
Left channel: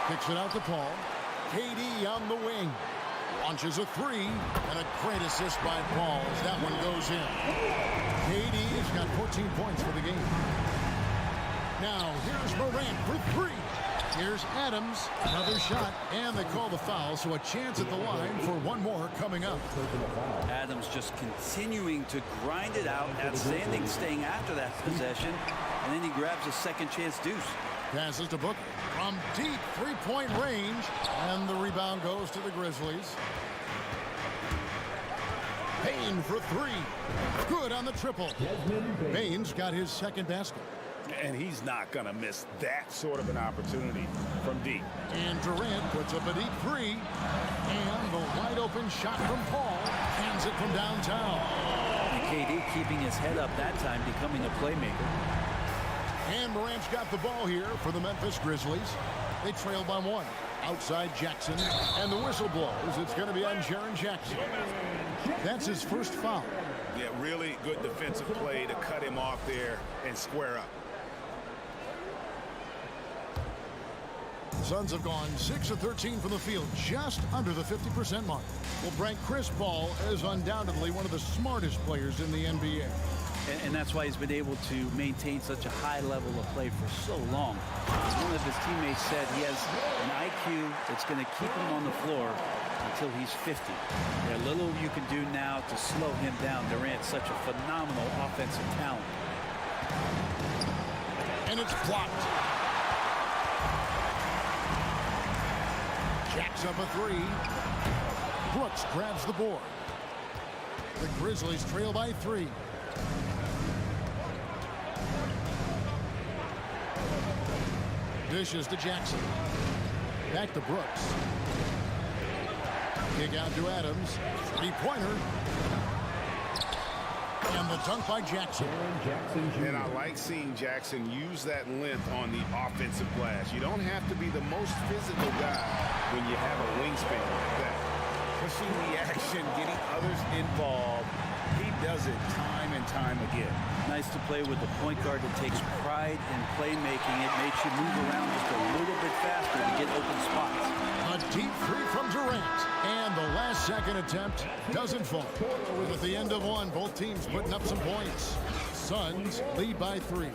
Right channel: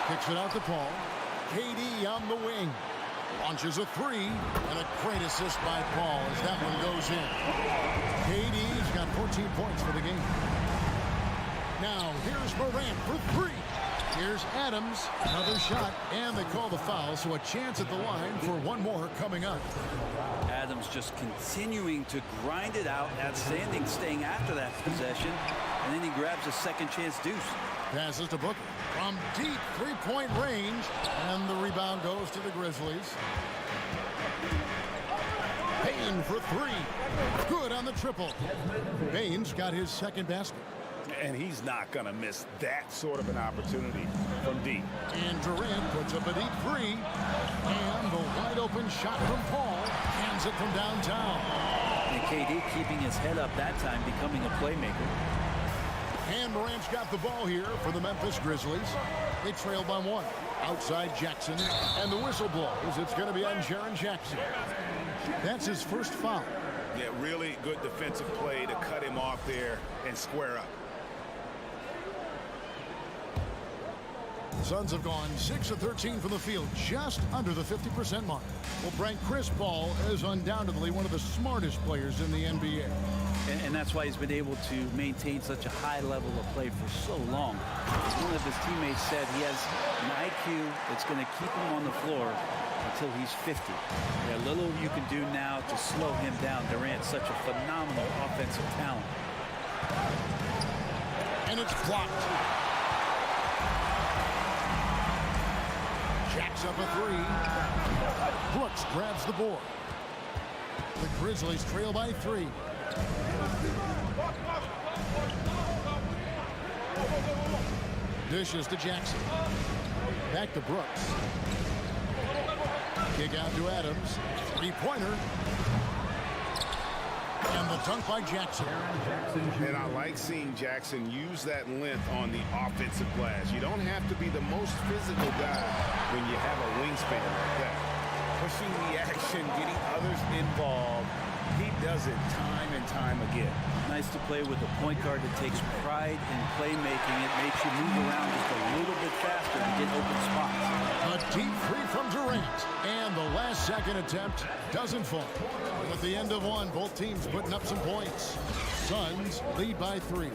Kicks it out to Paul. KD on the wing. Launches a 3, and a great assist by Paul as that one goes in. KD's got 14 points for the game. Now, here's Morant for 3. Here's Adams, another shot, and they call the foul, so a chance at the line for one more coming up. Adams just continuing to grind it out, outstanding staying after that possession, and then he grabs a second chance deuce. Passes to Booker from deep 3-point range, and the rebound goes to the Grizzlies. Bane for 3. Good on the triple. Bane's got his second basket. And he's not going to miss that sort of an opportunity from deep. And Durant puts up a deep 3. And the wide open shot from Paul. Hands it from downtown. And KD keeping his head up that time, becoming a playmaker. And Morant's got the ball here for the Memphis Grizzlies. They trail by 1. Outside Jackson. And the whistle blows. It's going to be on Jaren Jackson. That's his first foul. Yeah, really good defensive play to cut him off there and square up. The Suns have gone 6 of 13 from the field, just under the 50% mark. Will rank Chris Paul as undoubtedly one of the smartest players in the NBA. And that's why he's been able to maintain such a high level of play for so long. As one of his teammates said, he has an IQ that's going to keep him on the floor until he's 50. Yeah, little you can do now to slow him down. Durant's such a phenomenal offensive talent. And it's blocked. Jacks up a three. Brooks grabs the board. The Grizzlies trail by 3. Dishes to Jackson. Back to Brooks. Kick out to Adams. 3-pointer. And the dunk by Jackson. And I like seeing Jackson use that length on the offensive glass. You don't have to be the most physical guy when you have a wingspan like that. Pushing the action, getting others involved. He does it time and time again. Nice to play with a point guard that takes pride in playmaking. It makes you move around just a little bit faster to get open spots. A deep three from Durant. And the last second attempt doesn't fall. At the end of one, both teams putting up some points. Suns lead by 3. And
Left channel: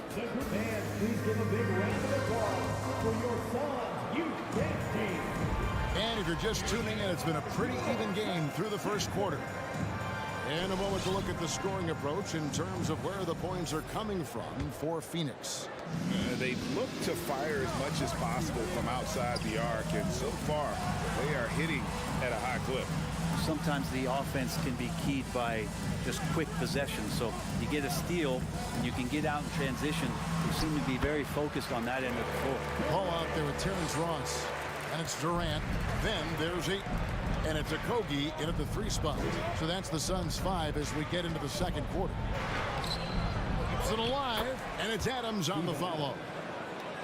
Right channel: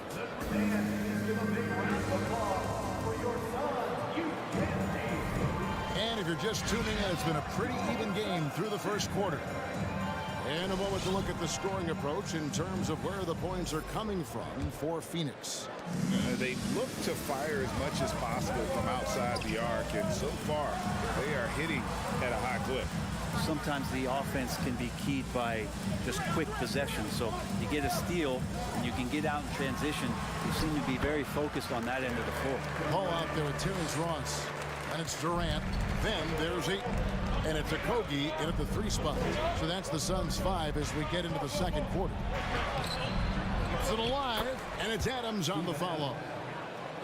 please give a big round of applause for your Suns youth team. And if you're just tuning in, it's been a pretty even game through the first quarter. In a moment to look at the scoring approach in terms of where the points are coming from for Phoenix. They look to fire as much as possible from outside the arc, and so far they are hitting at a high clip. Sometimes the offense can be keyed by just quick possession. So you get a steal and you can get out in transition. They seem to be very focused on that end of the floor. Paul out there with Terrence Ross. And it's Durant. Then there's Ayton. And it's Okogie in at the 3 spot. So that's the Suns 5 as we get into the second quarter. Keeps it alive, and it's Adams on the follow.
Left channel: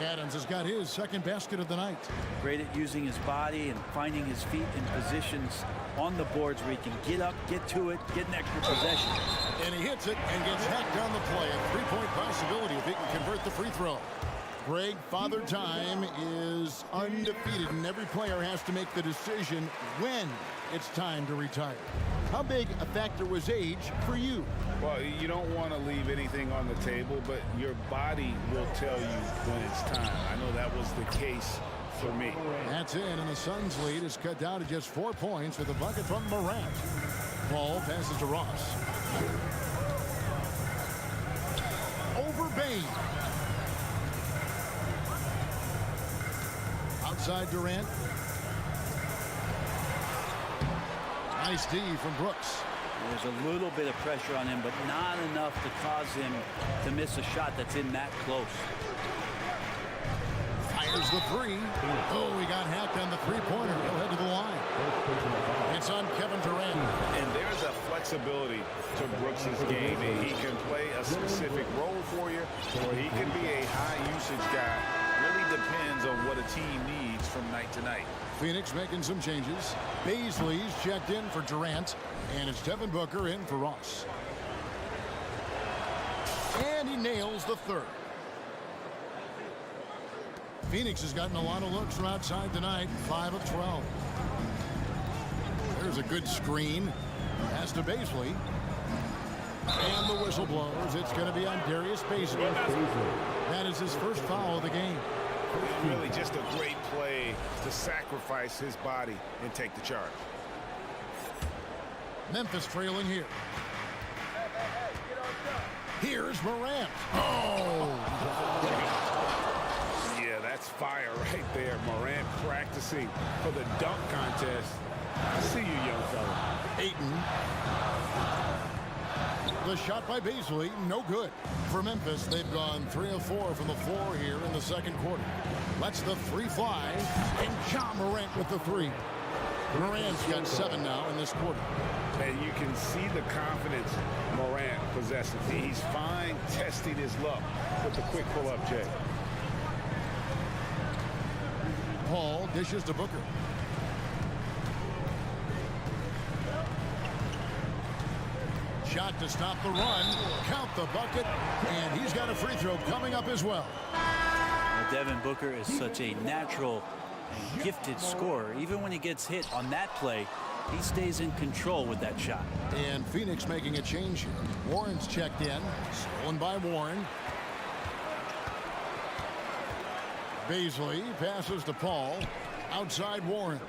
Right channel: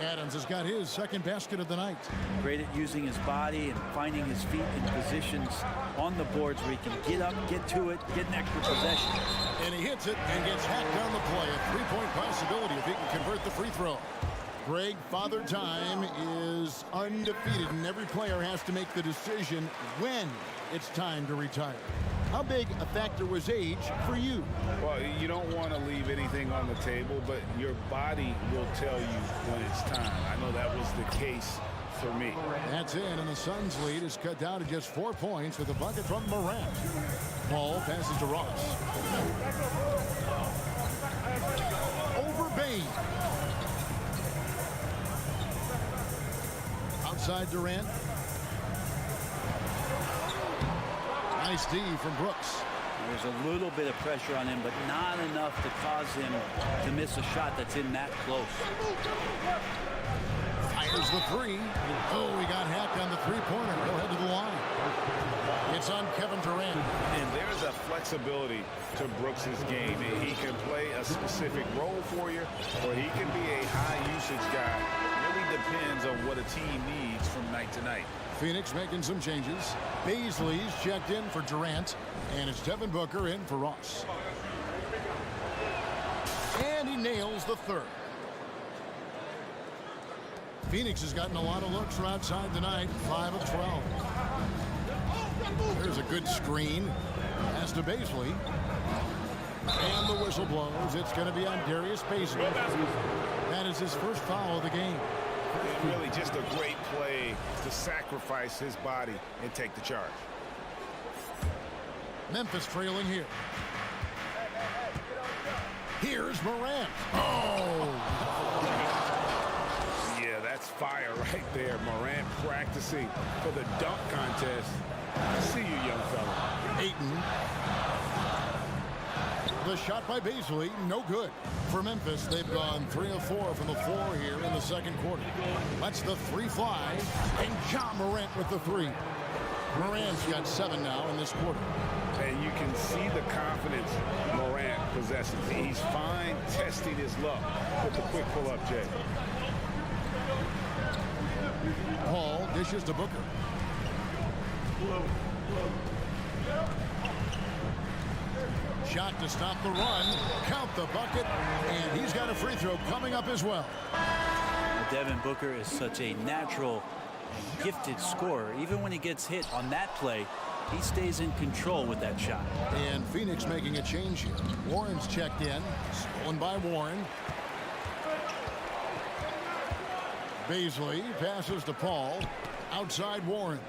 Adams has got his second basket of the night. Great at using his body and finding his feet in positions on the boards where he can get up, get to it, get an extra possession. And he hits it and gets hacked on the play. A 3-point possibility if he can convert the free throw. Greg, Father Time is undefeated, and every player has to make the decision when it's time to retire. How big a factor was age for you? Well, you don't want to leave anything on the table, but your body will tell you when it's time. I know that was the case for me. That's it, and the Suns' lead is cut down to just 4 points with a bucket from Morant. Ball passes to Ross. Over Bain. Outside Durant. Nice D from Brooks. There's a little bit of pressure on him, but not enough to cause him to miss a shot that's in that close. Fires the 3. Oh, he got hacked on the 3-pointer. He'll head to the line. It's on Kevin Durant. And there's a flexibility to Brooks's game. He can play a specific role for you, or he can be a high-usage guy. Really depends on what a team needs from night to night. Phoenix making some changes. Baisley's checked in for Durant, and it's Devin Booker in for Ross. And he nails the 3rd. Phoenix has gotten a lot of looks from outside tonight, 5 of 12. There's a good screen. Pass to Baisley. And the whistle blows. It's going to be on Darius Baisley. That is his first foul of the game. Really just a great play to sacrifice his body and take the charge. Memphis trailing here. Here's Morant. Oh! Yeah, that's fire right there. Morant practicing for the dunk contest. I see you, young fella. Ayton. The shot by Baisley, no good. For Memphis, they've gone 3 of 4 from the floor here in the second quarter. Lets the 3 fly, and Ja Morant with the 3. Morant's got 7 now in this quarter. And you can see the confidence Morant possesses. He's fine testing his luck with the quick pull-up, Jay. Paul dishes to Booker. Shot to stop the run. Count the bucket. And he's got a free throw coming up as well. Now, Devin Booker is such a natural and gifted scorer. Even when he gets hit on that play, he stays in control with that shot. And Phoenix making a change here. Warren's checked in. Stolen by Warren. Baisley passes to Paul. Outside Warren.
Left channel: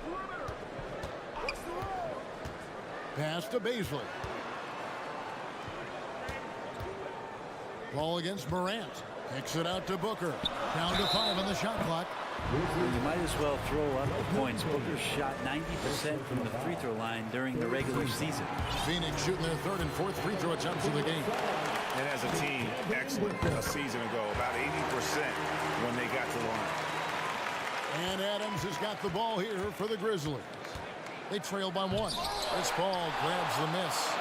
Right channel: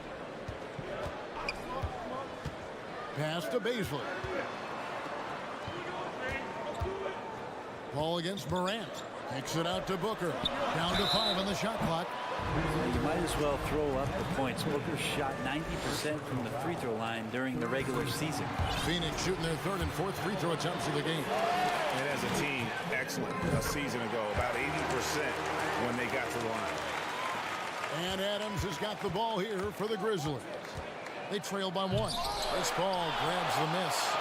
Pass to Baisley. Paul against Morant. Takes it out to Booker. Down to 5 on the shot clock. You might as well throw up the points. Booker shot 90% from the free throw line during the regular season. Phoenix shooting their third and fourth free throw attempts of the game. And as a team, excellent a season ago, about 80% when they got to the line. And Adams has got the ball here for the Grizzlies. They trail by 1. This ball grabs the miss.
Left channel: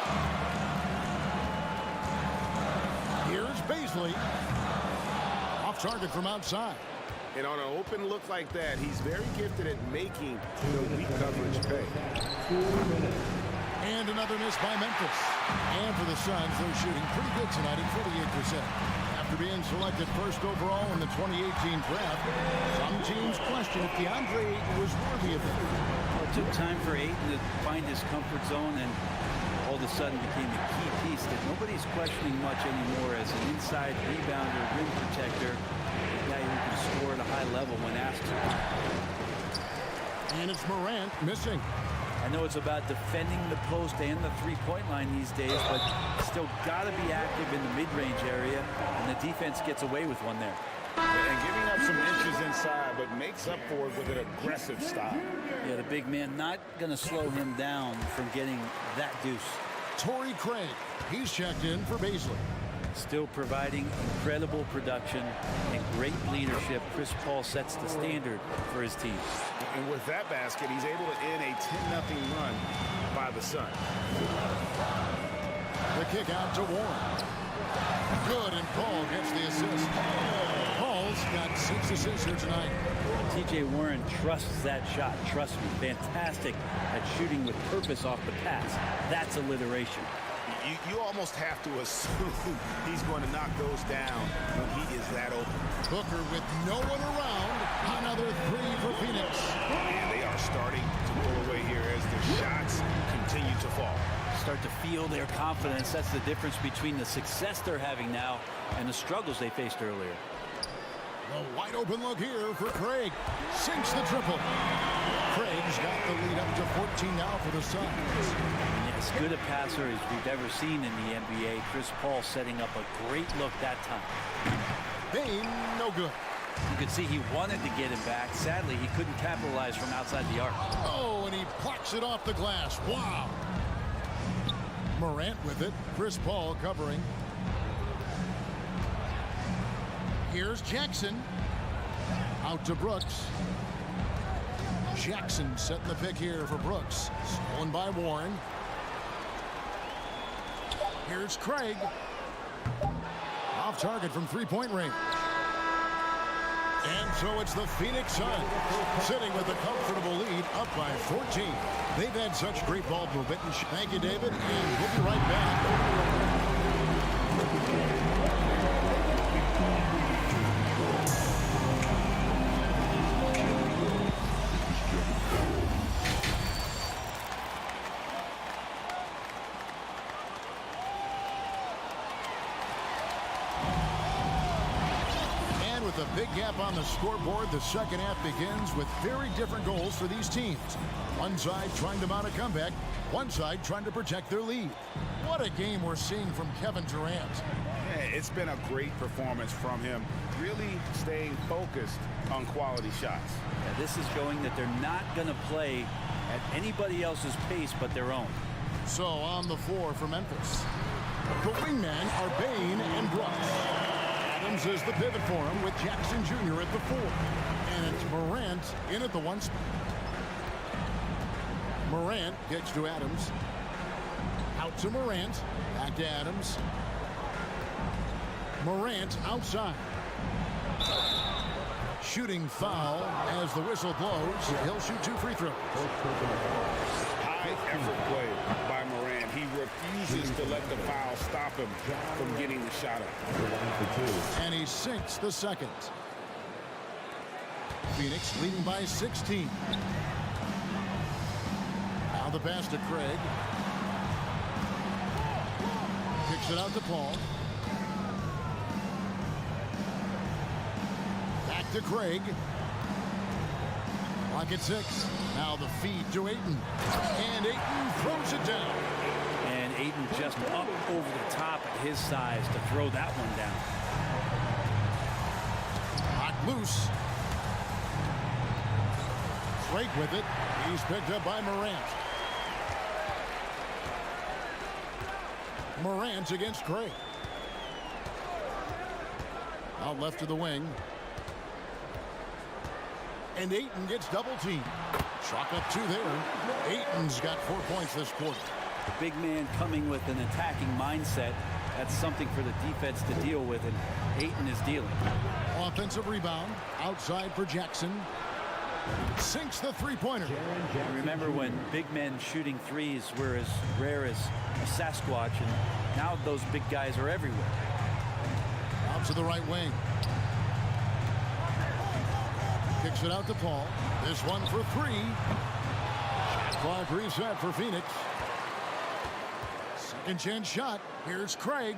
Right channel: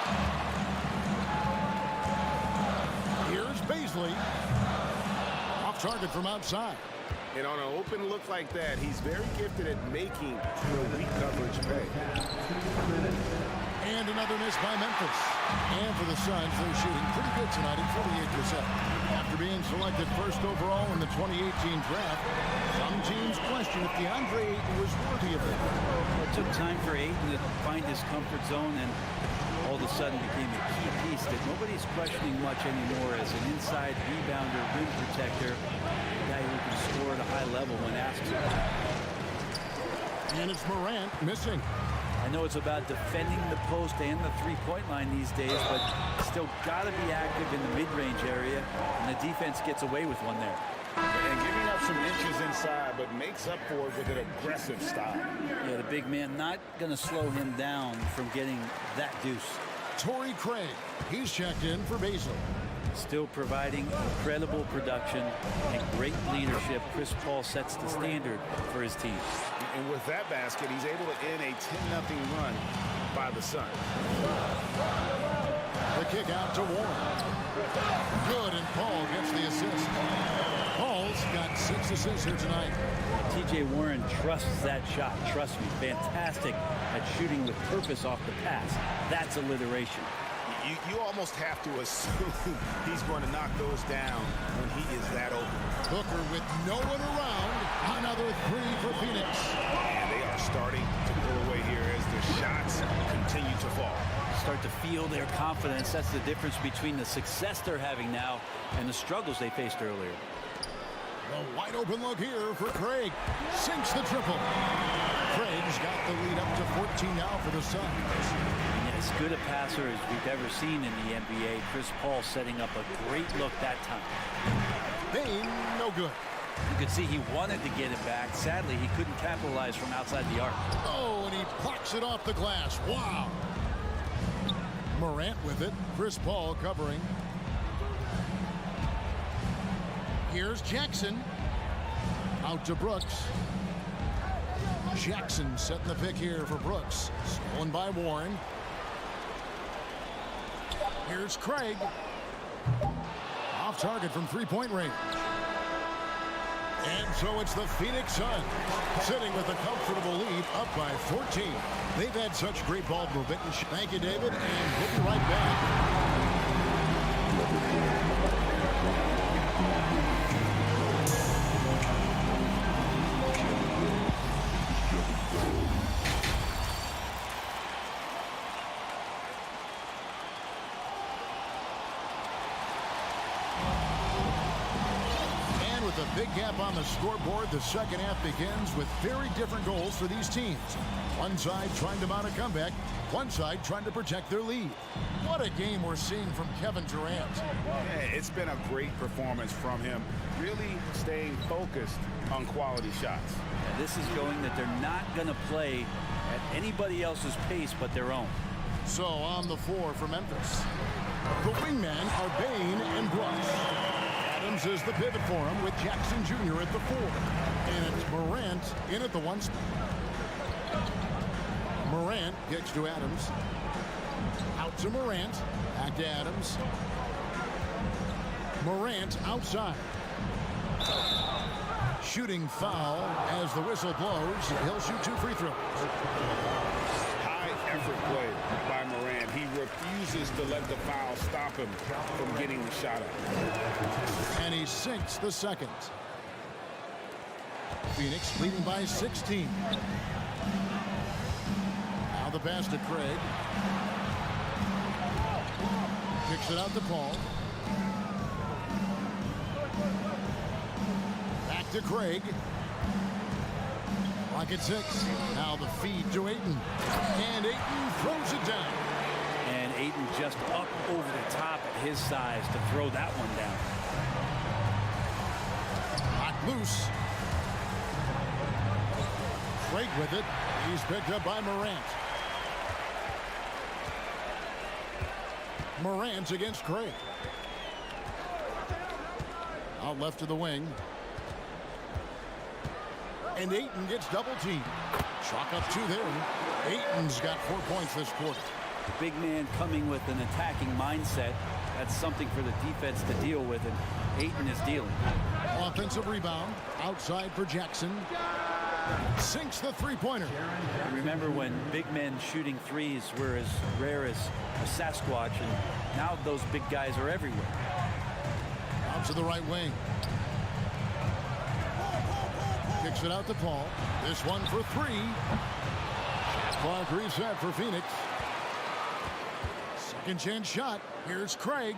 Here's Baisley. Off target from outside. And on an open look like that, he's very gifted at making the weak coverage pay. And another miss by Memphis. And for the Suns, they're shooting pretty good tonight at 48%. After being selected first overall in the 2018 draft, some teams question if DeAndre Ayton was worthy of it. Well, it took time for Ayton to find his comfort zone and all of a sudden became a key piece that nobody's questioning much anymore as an inside rebounder, rim protector, a guy who can score at a high level when asked to. And it's Morant missing. I know it's about defending the post and the three-point line these days, but still got to be active in the mid-range area, and the defense gets away with one there. And giving up some inches inside, but makes up for it with an aggressive style. Yeah, the big man not going to slow him down from getting that deuce. Torrey Craig, he's checked in for Baisley. Still providing incredible production and great leadership. Chris Paul sets the standard for his team. And with that basket, he's able to end a 10-0 run by the Suns. The kick out to Warren. Good, and Paul gets the assist. Paul's got 6 assists here tonight. T.J. Warren trusts that shot. Trust me, fantastic at shooting with purpose off the pass. That's alliteration. You almost have to assume he's going to knock those down when he is that open. Booker with no one around. Another 3 for Phoenix. And they are starting to pull away here as the shots continue to fall. Start to feel their confidence. That's the difference between the success they're having now and the struggles they faced earlier. The wide open look here for Craig. Sinks the triple. Craig's got the lead up to 14 now for the Suns. As good a passer as we've ever seen in the NBA. Chris Paul setting up a great look that time. Bain, no good. You could see he wanted to get him back. Sadly, he couldn't capitalize from outside the arc. Oh, and he plucks it off the glass. Wow. Morant with it. Chris Paul covering. Here's Jackson. Out to Brooks. Jackson setting the pick here for Brooks. Stolen by Warren. Here's Craig. Off target from three-point range. And so it's the Phoenix Suns sitting with a comfortable lead up by 14. They've had such great ball movement. Thank you, David, and we'll be right back. With a big gap on the scoreboard, the second half begins with very different goals for these teams. One side trying to mount a comeback, one side trying to protect their lead. What a game we're seeing from Kevin Durant. Yeah, it's been a great performance from him, really staying focused on quality shots. Yeah, this is showing that they're not going to play at anybody else's pace but their own. So on the floor for Memphis, the wingmen are Bain and Brooks. Adams is the pivot for him with Jackson Jr. at the 4. And it's Morant in at the 1 spot. Morant gets to Adams. Out to Morant. Back to Adams. Morant outside. Shooting foul as the whistle blows. He'll shoot 2 free throws. High effort play by Morant. He refuses to let the foul stop him from getting the shot up. And he sinks the second. Phoenix leading by 16. Now the pass to Craig. Kicks it out to Paul. Back to Craig. Clock at 6. Now the feed to Ayton. And Ayton throws it down. And Ayton just up over the top at his size to throw that one down. Locked loose. Craig with it. He's picked up by Morant. Morant against Craig. Out left to the wing. And Ayton gets double teamed. Chalk up 2 there. Ayton's got 4 points this quarter. The big man coming with an attacking mindset. That's something for the defense to deal with, and Ayton is dealing. Offensive rebound. Outside for Jackson. Sinks the three-pointer. Remember when big men shooting threes were as rare as a Sasquatch, and now those big guys are everywhere. Out to the right wing. Kicks it out to Paul. This one for 3. Shot clock reset for Phoenix. Second chance shot. Here's Craig.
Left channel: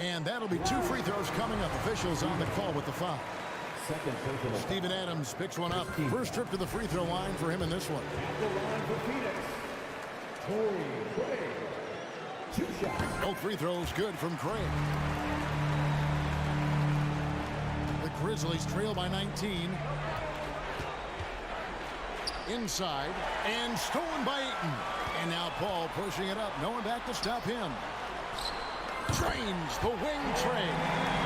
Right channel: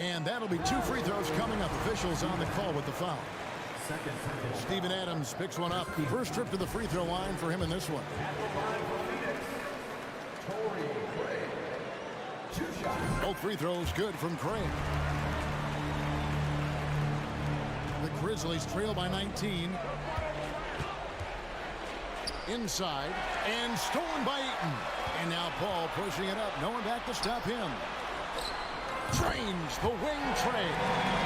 And that'll be 2 free throws coming up. Officials on the call with the foul. Steven Adams picks one up. First trip to the free throw line for him in this one. At the line for Phoenix, Torrey Craig. 2 shots. Both free throws good from Craig. The Grizzlies trail by 19. Inside and stolen by Ayton. And now Paul pushing it up. No one back to stop him. Drains the wing trade.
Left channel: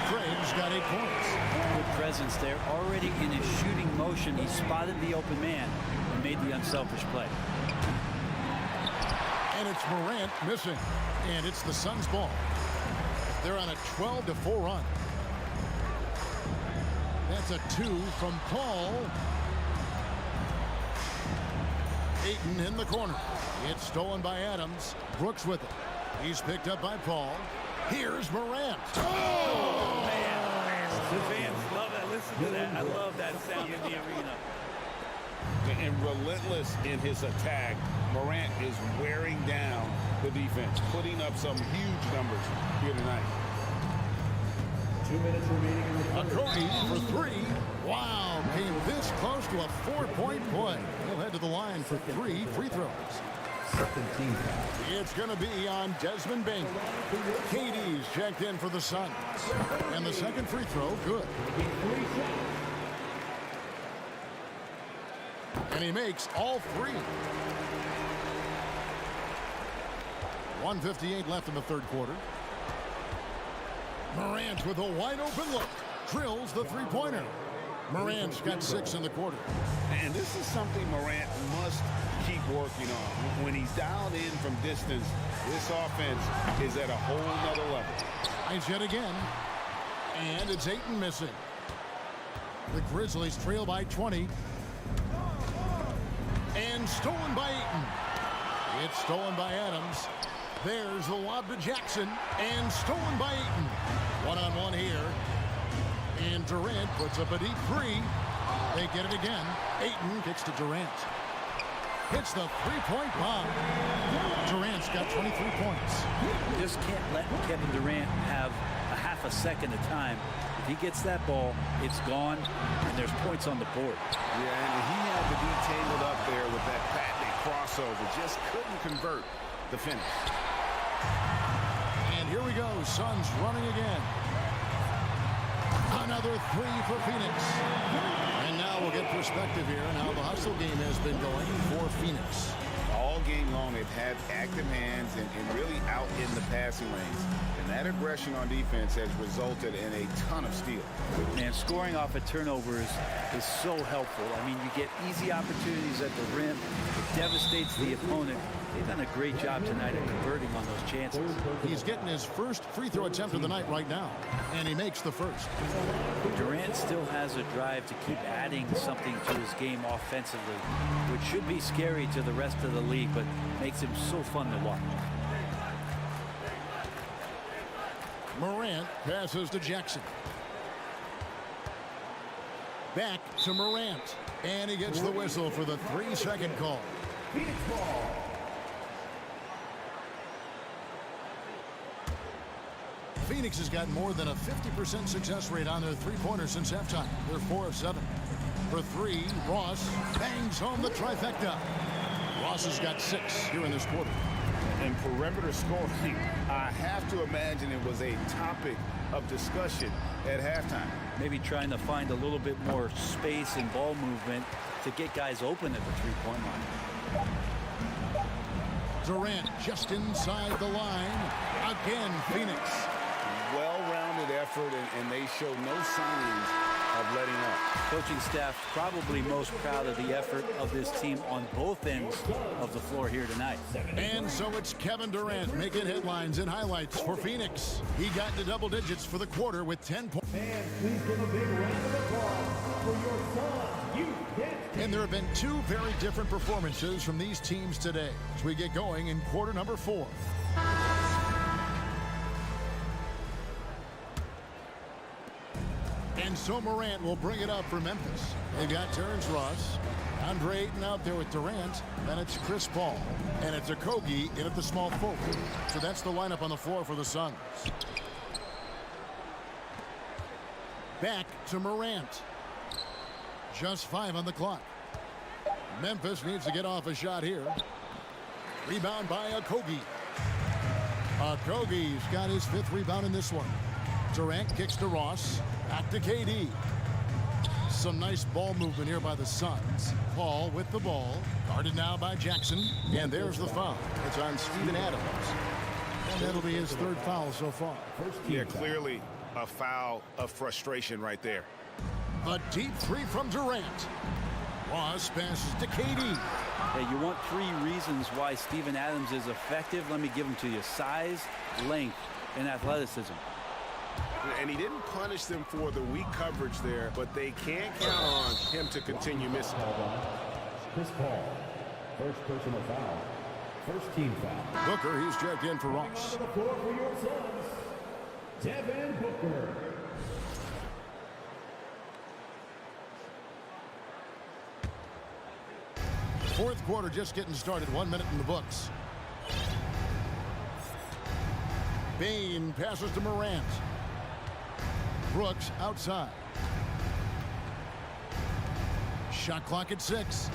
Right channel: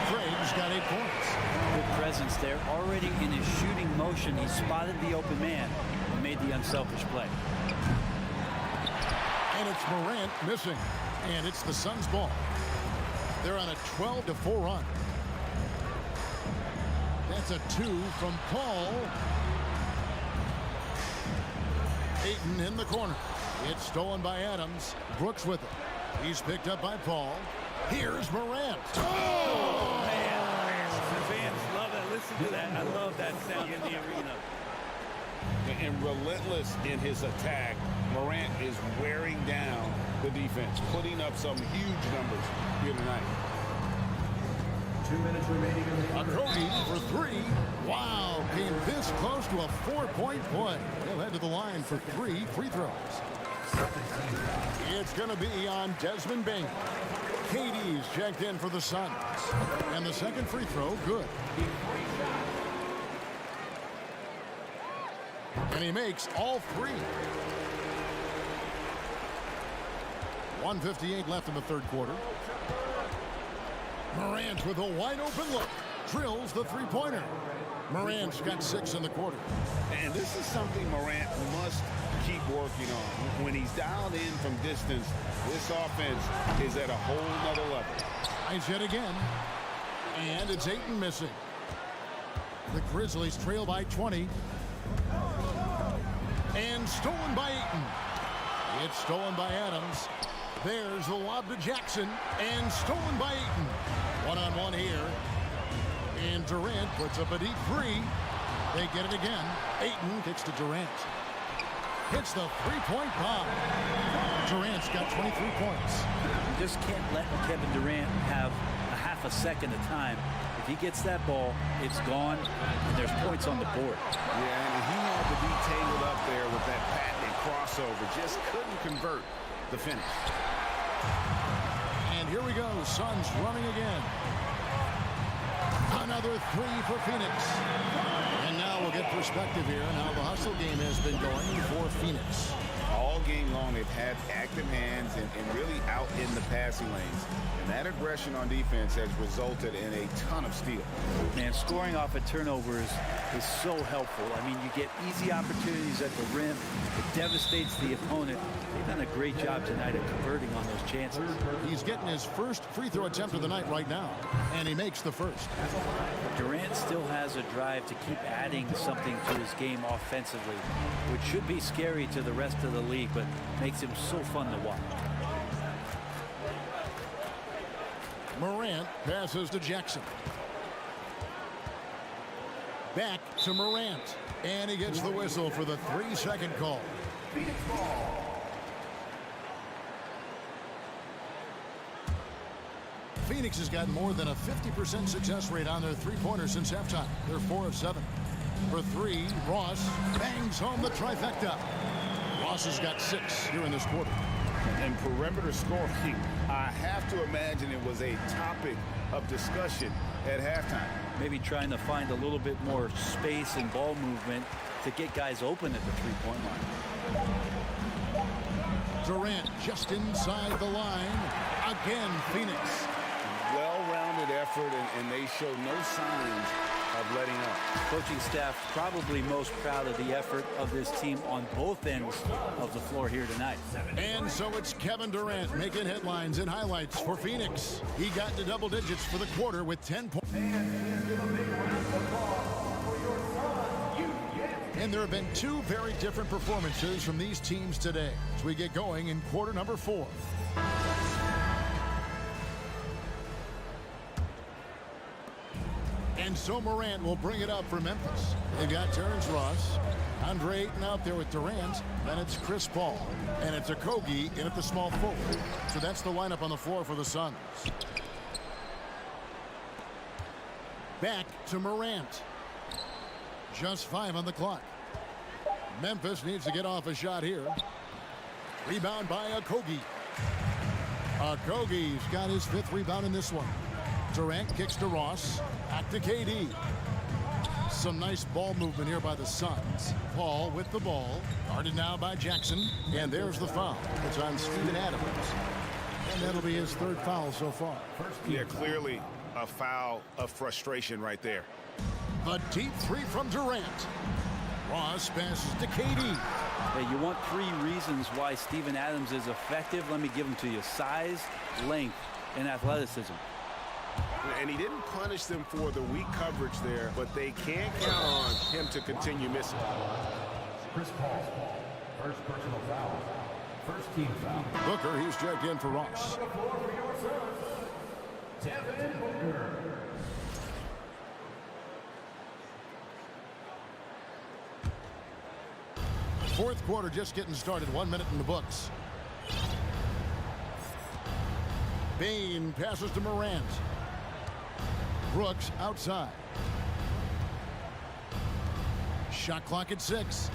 Craig's got 8 points. Good presence there. Already in his shooting motion, he spotted the open man and made the unselfish play. And it's Morant missing. And it's the Suns' ball. They're on a 12-4 run. That's a 2 from Paul. Ayton in the corner. It's stolen by Adams. Brooks with it. He's picked up by Paul. Here's Morant. Oh, man. The fans love that. Listen to that. I love that sound in the arena. And relentless in his attack, Morant is wearing down the defense, putting up some huge numbers here tonight. 2 minutes remaining in the quarter. Cody for 3. Wow, came this close to a 4-point play. He'll head to the line for 3 free throws. It's going to be on Desmond Bain. KD's checked in for the Suns. And the second free throw, good. And he makes all 3. 1:58 left in the third quarter. Morant with a wide open look. Drills the three-pointer. Morant's got 6 in the quarter. And this is something Morant must keep working on. When he's dialed in from distance, this offense is at a whole nother level. Nice hit again. And it's Ayton missing. The Grizzlies trail by 20. And stolen by Ayton. It's stolen by Adams. There's the lob to Jackson. And stolen by Ayton. One-on-one here. And Durant puts up a deep 3. They get it again. Ayton kicks to Durant. Hits the three-point bomb. Durant's got 23 points. You just can't let Kevin Durant have a half a second of time. If he gets that ball, it's gone, and there's points on the board. Yeah, and he had to be tangled up there with that patented crossover. Just couldn't convert the finish. And here we go. Suns running again. Another 3 for Phoenix. And now we'll get perspective here on how the hustle game has been going for Phoenix. All game long, they've had active hands and really out in the passing lanes. And that aggression on defense has resulted in a ton of steals. Man, scoring off of turnovers is so helpful. I mean, you get easy opportunities at the rim. It devastates the opponent. They've done a great job tonight at converting on those chances. He's getting his first free throw attempt of the night right now, and he makes the first. Durant still has a drive to keep adding something to his game offensively, which should be scary to the rest of the league, but makes him so fun to watch. Morant passes to Jackson. Back to Morant, and he gets the whistle for the 3-second call. Phoenix ball. Phoenix has got more than a 50% success rate on their three-pointers since halftime. They're 4 of 7. For 3, Ross bangs home the trifecta. Ross has got 6 here in this quarter. And perimeter scoring, I have to imagine it was a topic of discussion at halftime. Maybe trying to find a little bit more space and ball movement to get guys open at the three-point line. Durant just inside the line. Again, Phoenix. Well-rounded effort, and they show no signs of letting up. Coaching staff probably most proud of the effort of this team on both ends of the floor here tonight. And so it's Kevin Durant making headlines and highlights for Phoenix. He got into double digits for the quarter with 10 points. And please give a big round of applause for your son, you get. And there have been two very different performances from these teams today as we get going in quarter number 4. And so Morant will bring it up for Memphis. They've got Terrence Ross, Andre Ayton out there with Durant. Then it's Chris Paul. And it's Okogie in at the small forward. So that's the lineup on the floor for the Suns. Back to Morant. Just 5 on the clock. Memphis needs to get off a shot here. Rebound by Okogie. Okogie's got his 5th rebound in this one. Durant kicks to Ross. Back to KD. Some nice ball movement here by the Suns. Paul with the ball. Guarded now by Jackson. And there's the foul. It's on Steven Adams. And that'll be his 3rd foul so far. Yeah, clearly a foul of frustration right there. A deep 3 from Durant. Ross passes to KD. Hey, you want 3 reasons why Steven Adams is effective? Let me give them to you. Size, length, and athleticism. And he didn't punish them for the weak coverage there, but they can't count on him to continue missing. Chris Paul, first personal foul, first team foul. Booker, he's checked in for Ross. On the floor for your Suns, Devin Booker. Fourth quarter just getting started. 1 minute in the books. Bain passes to Morant. Brooks outside. Shot clock at 6.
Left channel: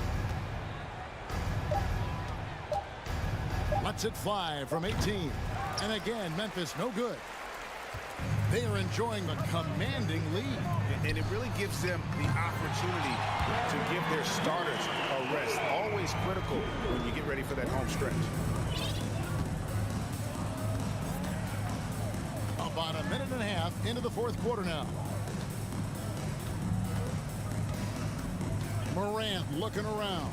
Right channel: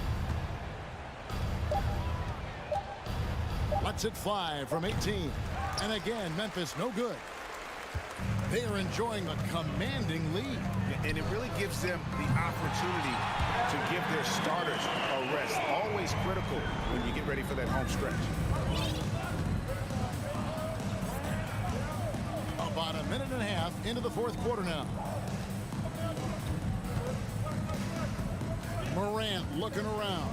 Lets it fly from 18. And again, Memphis no good. They are enjoying the commanding lead. And it really gives them the opportunity to give their starters a rest. Always critical when you get ready for that home stretch. About a minute and a half into the fourth quarter now. Morant looking around.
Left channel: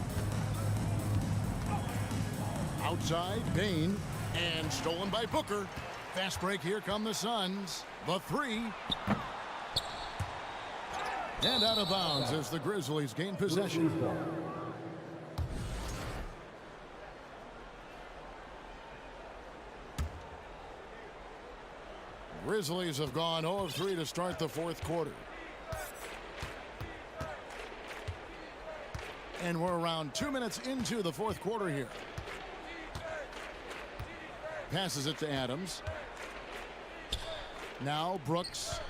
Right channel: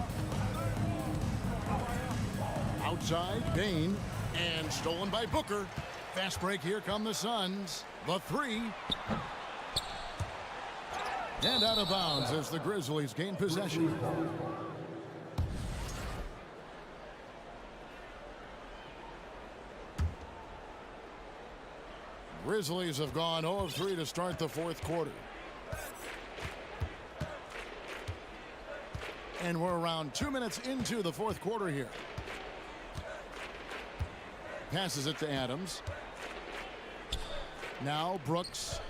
Outside, Bain. And stolen by Booker. Fast break, here come the Suns. The 3. And out of bounds as the Grizzlies gain possession. Grizzlies have gone 0 of 3 to start the fourth quarter. And we're around 2 minutes into the fourth quarter here. Passes it to Adams. Now Brooks.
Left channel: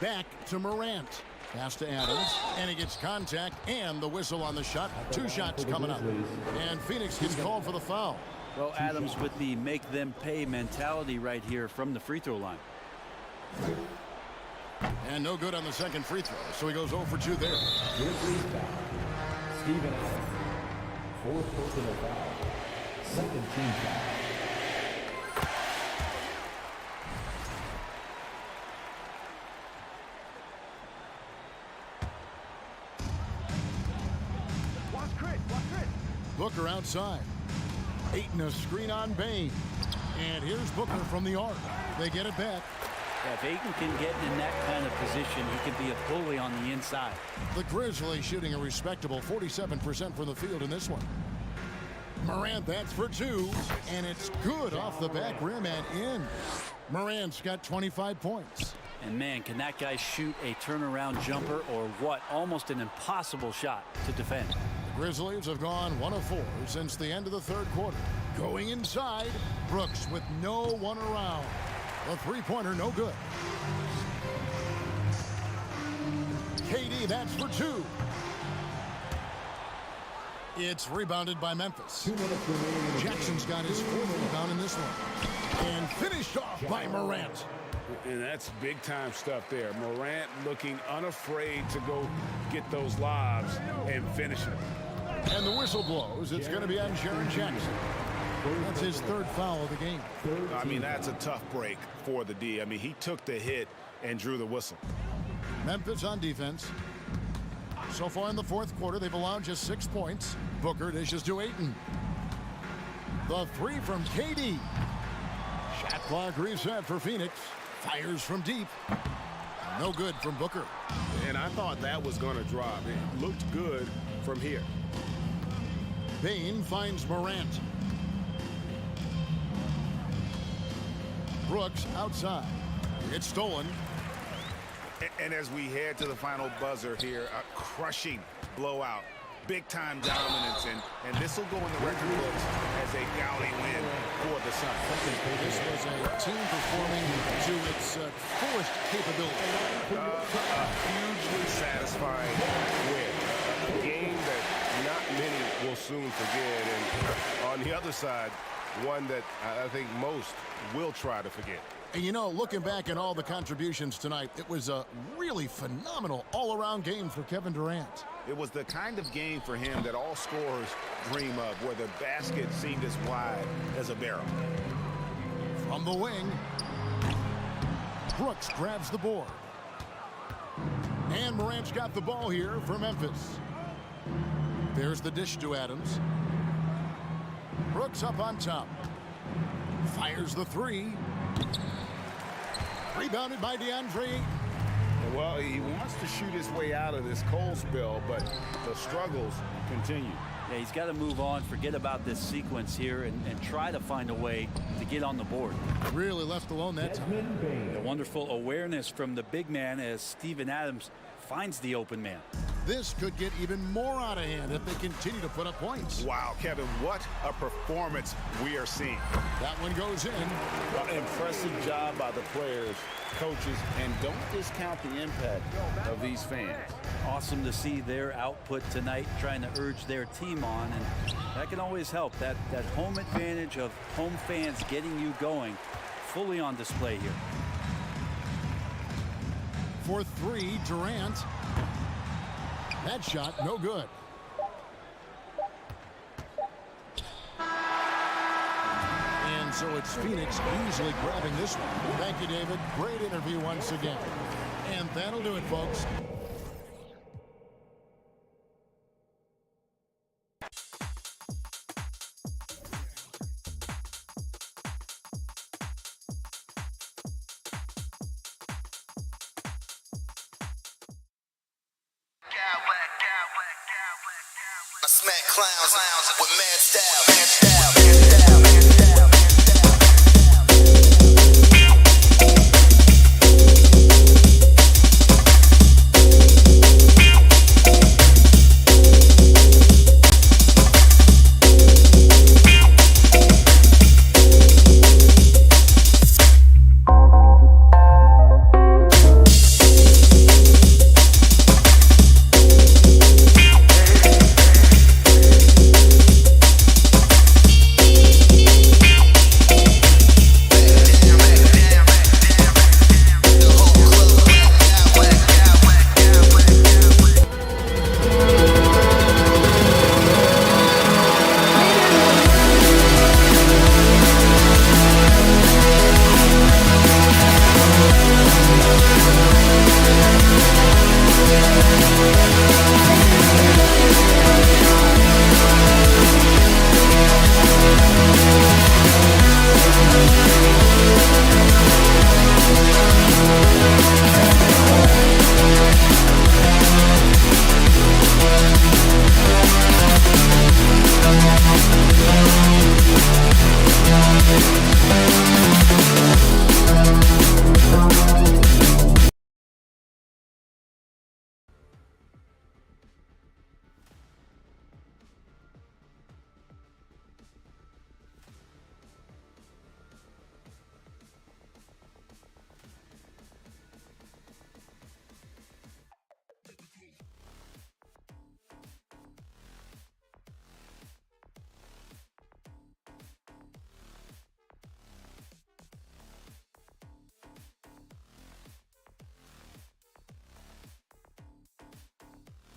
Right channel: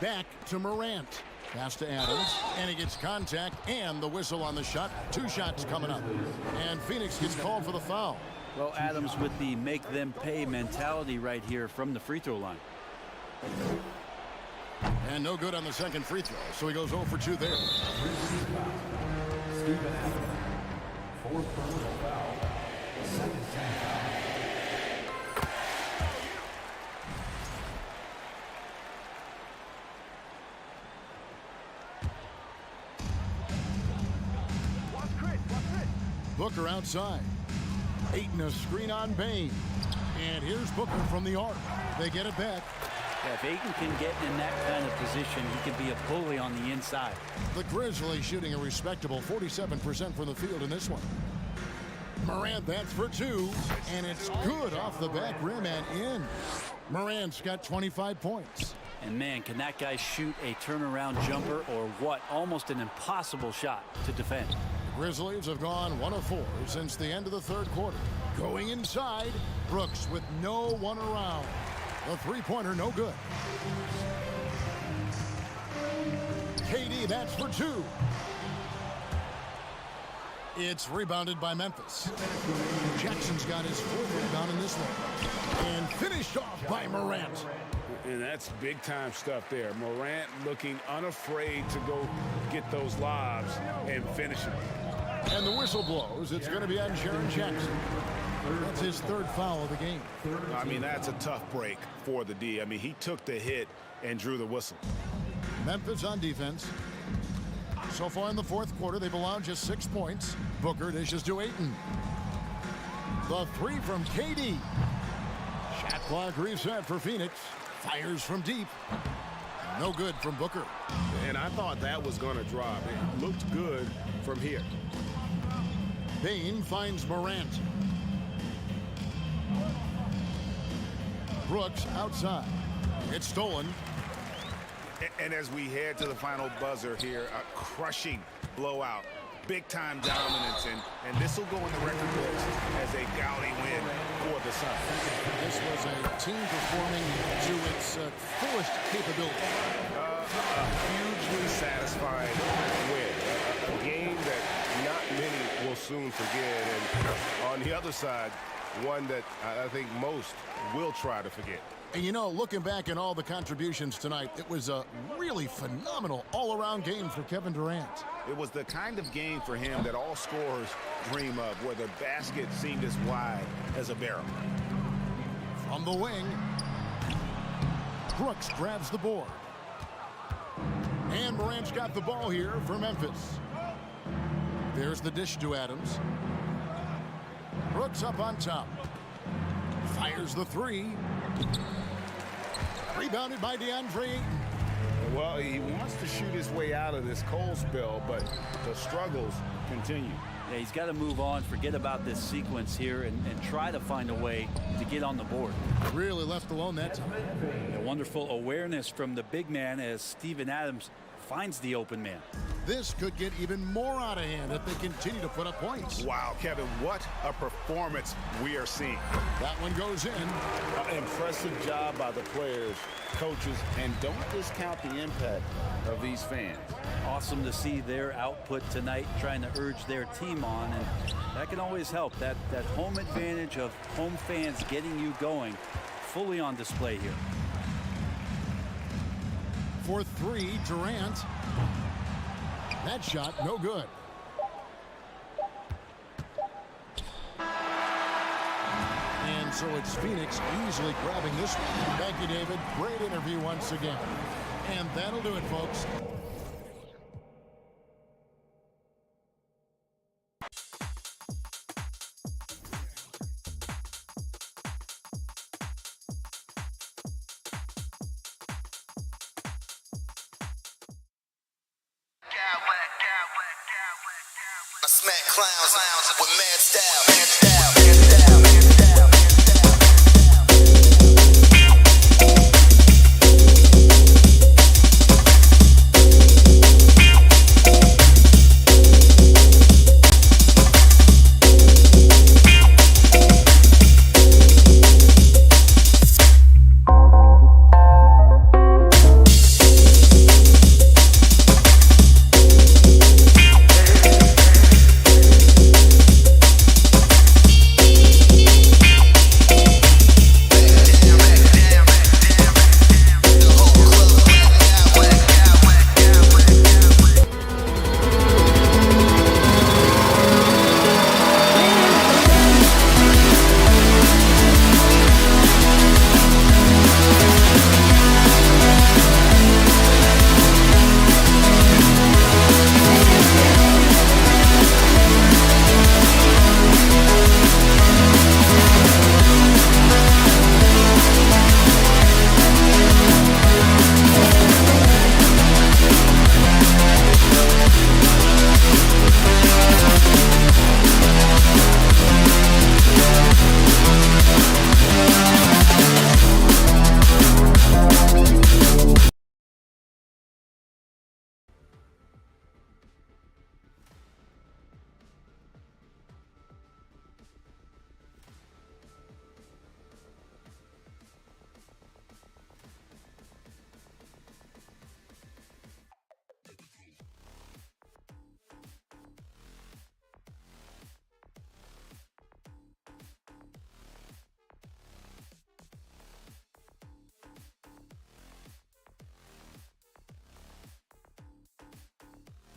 Back to Morant. Pass to Adams. And he gets contact and the whistle on the shot. 2 shots coming up. And Phoenix gets called for the foul. Well, Adams with the make them pay mentality right here from the free throw line. And no good on the second free throw. So he goes 0 for 2 there. Steven Adams, 4th personal foul, 2nd team foul. Booker outside. Ayton a screen on Bain. And here's Booker from the arc. They get it back. Yeah, if Ayton can get in that kind of position, he can be a bully on the inside. The Grizzlies shooting a respectable 47% from the field in this one. Morant, that's for 2. And it's good off the back rim and in. Morant's got 25 points. And man, can that guy shoot a turnaround jumper or what? Almost an impossible shot to defend. The Grizzlies have gone 1 of 4 since the end of the third quarter. Going inside, Brooks with no one around. The three-pointer no good. KD, that's for 2. It's rebounded by Memphis. Jackson's got his 4th rebound in this one. And finished off by Morant. And that's big-time stuff there. Morant looking unafraid to go get those lobs and finish them. And the whistle blows. It's going to be on Jaren Jackson. That's his third foul of the game. I mean, that's a tough break for the D. I mean, he took the hit and drew the whistle. Memphis on defense. So far in the fourth quarter, they've allowed just 6 points. Booker dishes to Ayton. The three from KD. Shot clock reset for Phoenix. Fires from deep. No good from Booker. And I thought that was going to drop. It looked good from here. Bain finds Morant. Brooks outside. It's stolen. And as we head to the final buzzer here, a crushing blowout. Big-time dominance, and this will go in the record books as a gaudy win for the Suns. This was a team performing to its fullest capability. A hugely satisfying win. A game that not many will soon forget. And on the other side, one that I think most will try to forget. And you know, looking back at all the contributions tonight, it was a really phenomenal all-around game for Kevin Durant. It was the kind of game for him that all scorers dream of, where the basket seemed as wide as a barrel. From the wing, Brooks grabs the board. And Morant's got the ball here for Memphis. There's the dish to Adams. Brooks up on top. Fires the three. Rebounded by DeAndre Ayton. Well, he wants to shoot his way out of this cold spell, but the struggles continue. Yeah, he's got to move on, forget about this sequence here, and try to find a way to get on the board. Really left alone that time. A wonderful awareness from the big man as Steven Adams finds the open man. This could get even more out of hand if they continue to put up points. Wow, Kevin, what a performance we are seeing. That one goes in. Impressive job by the players, coaches, and don't discount the impact of these fans. Awesome to see their output tonight, trying to urge their team on, and that can always help. That home advantage of home fans getting you going, fully on display here. For three, Durant. That shot, no good. And so it's Phoenix easily grabbing this one. Thank you, David. Great interview once again. And that'll do it, folks. I smack clowns with mad style.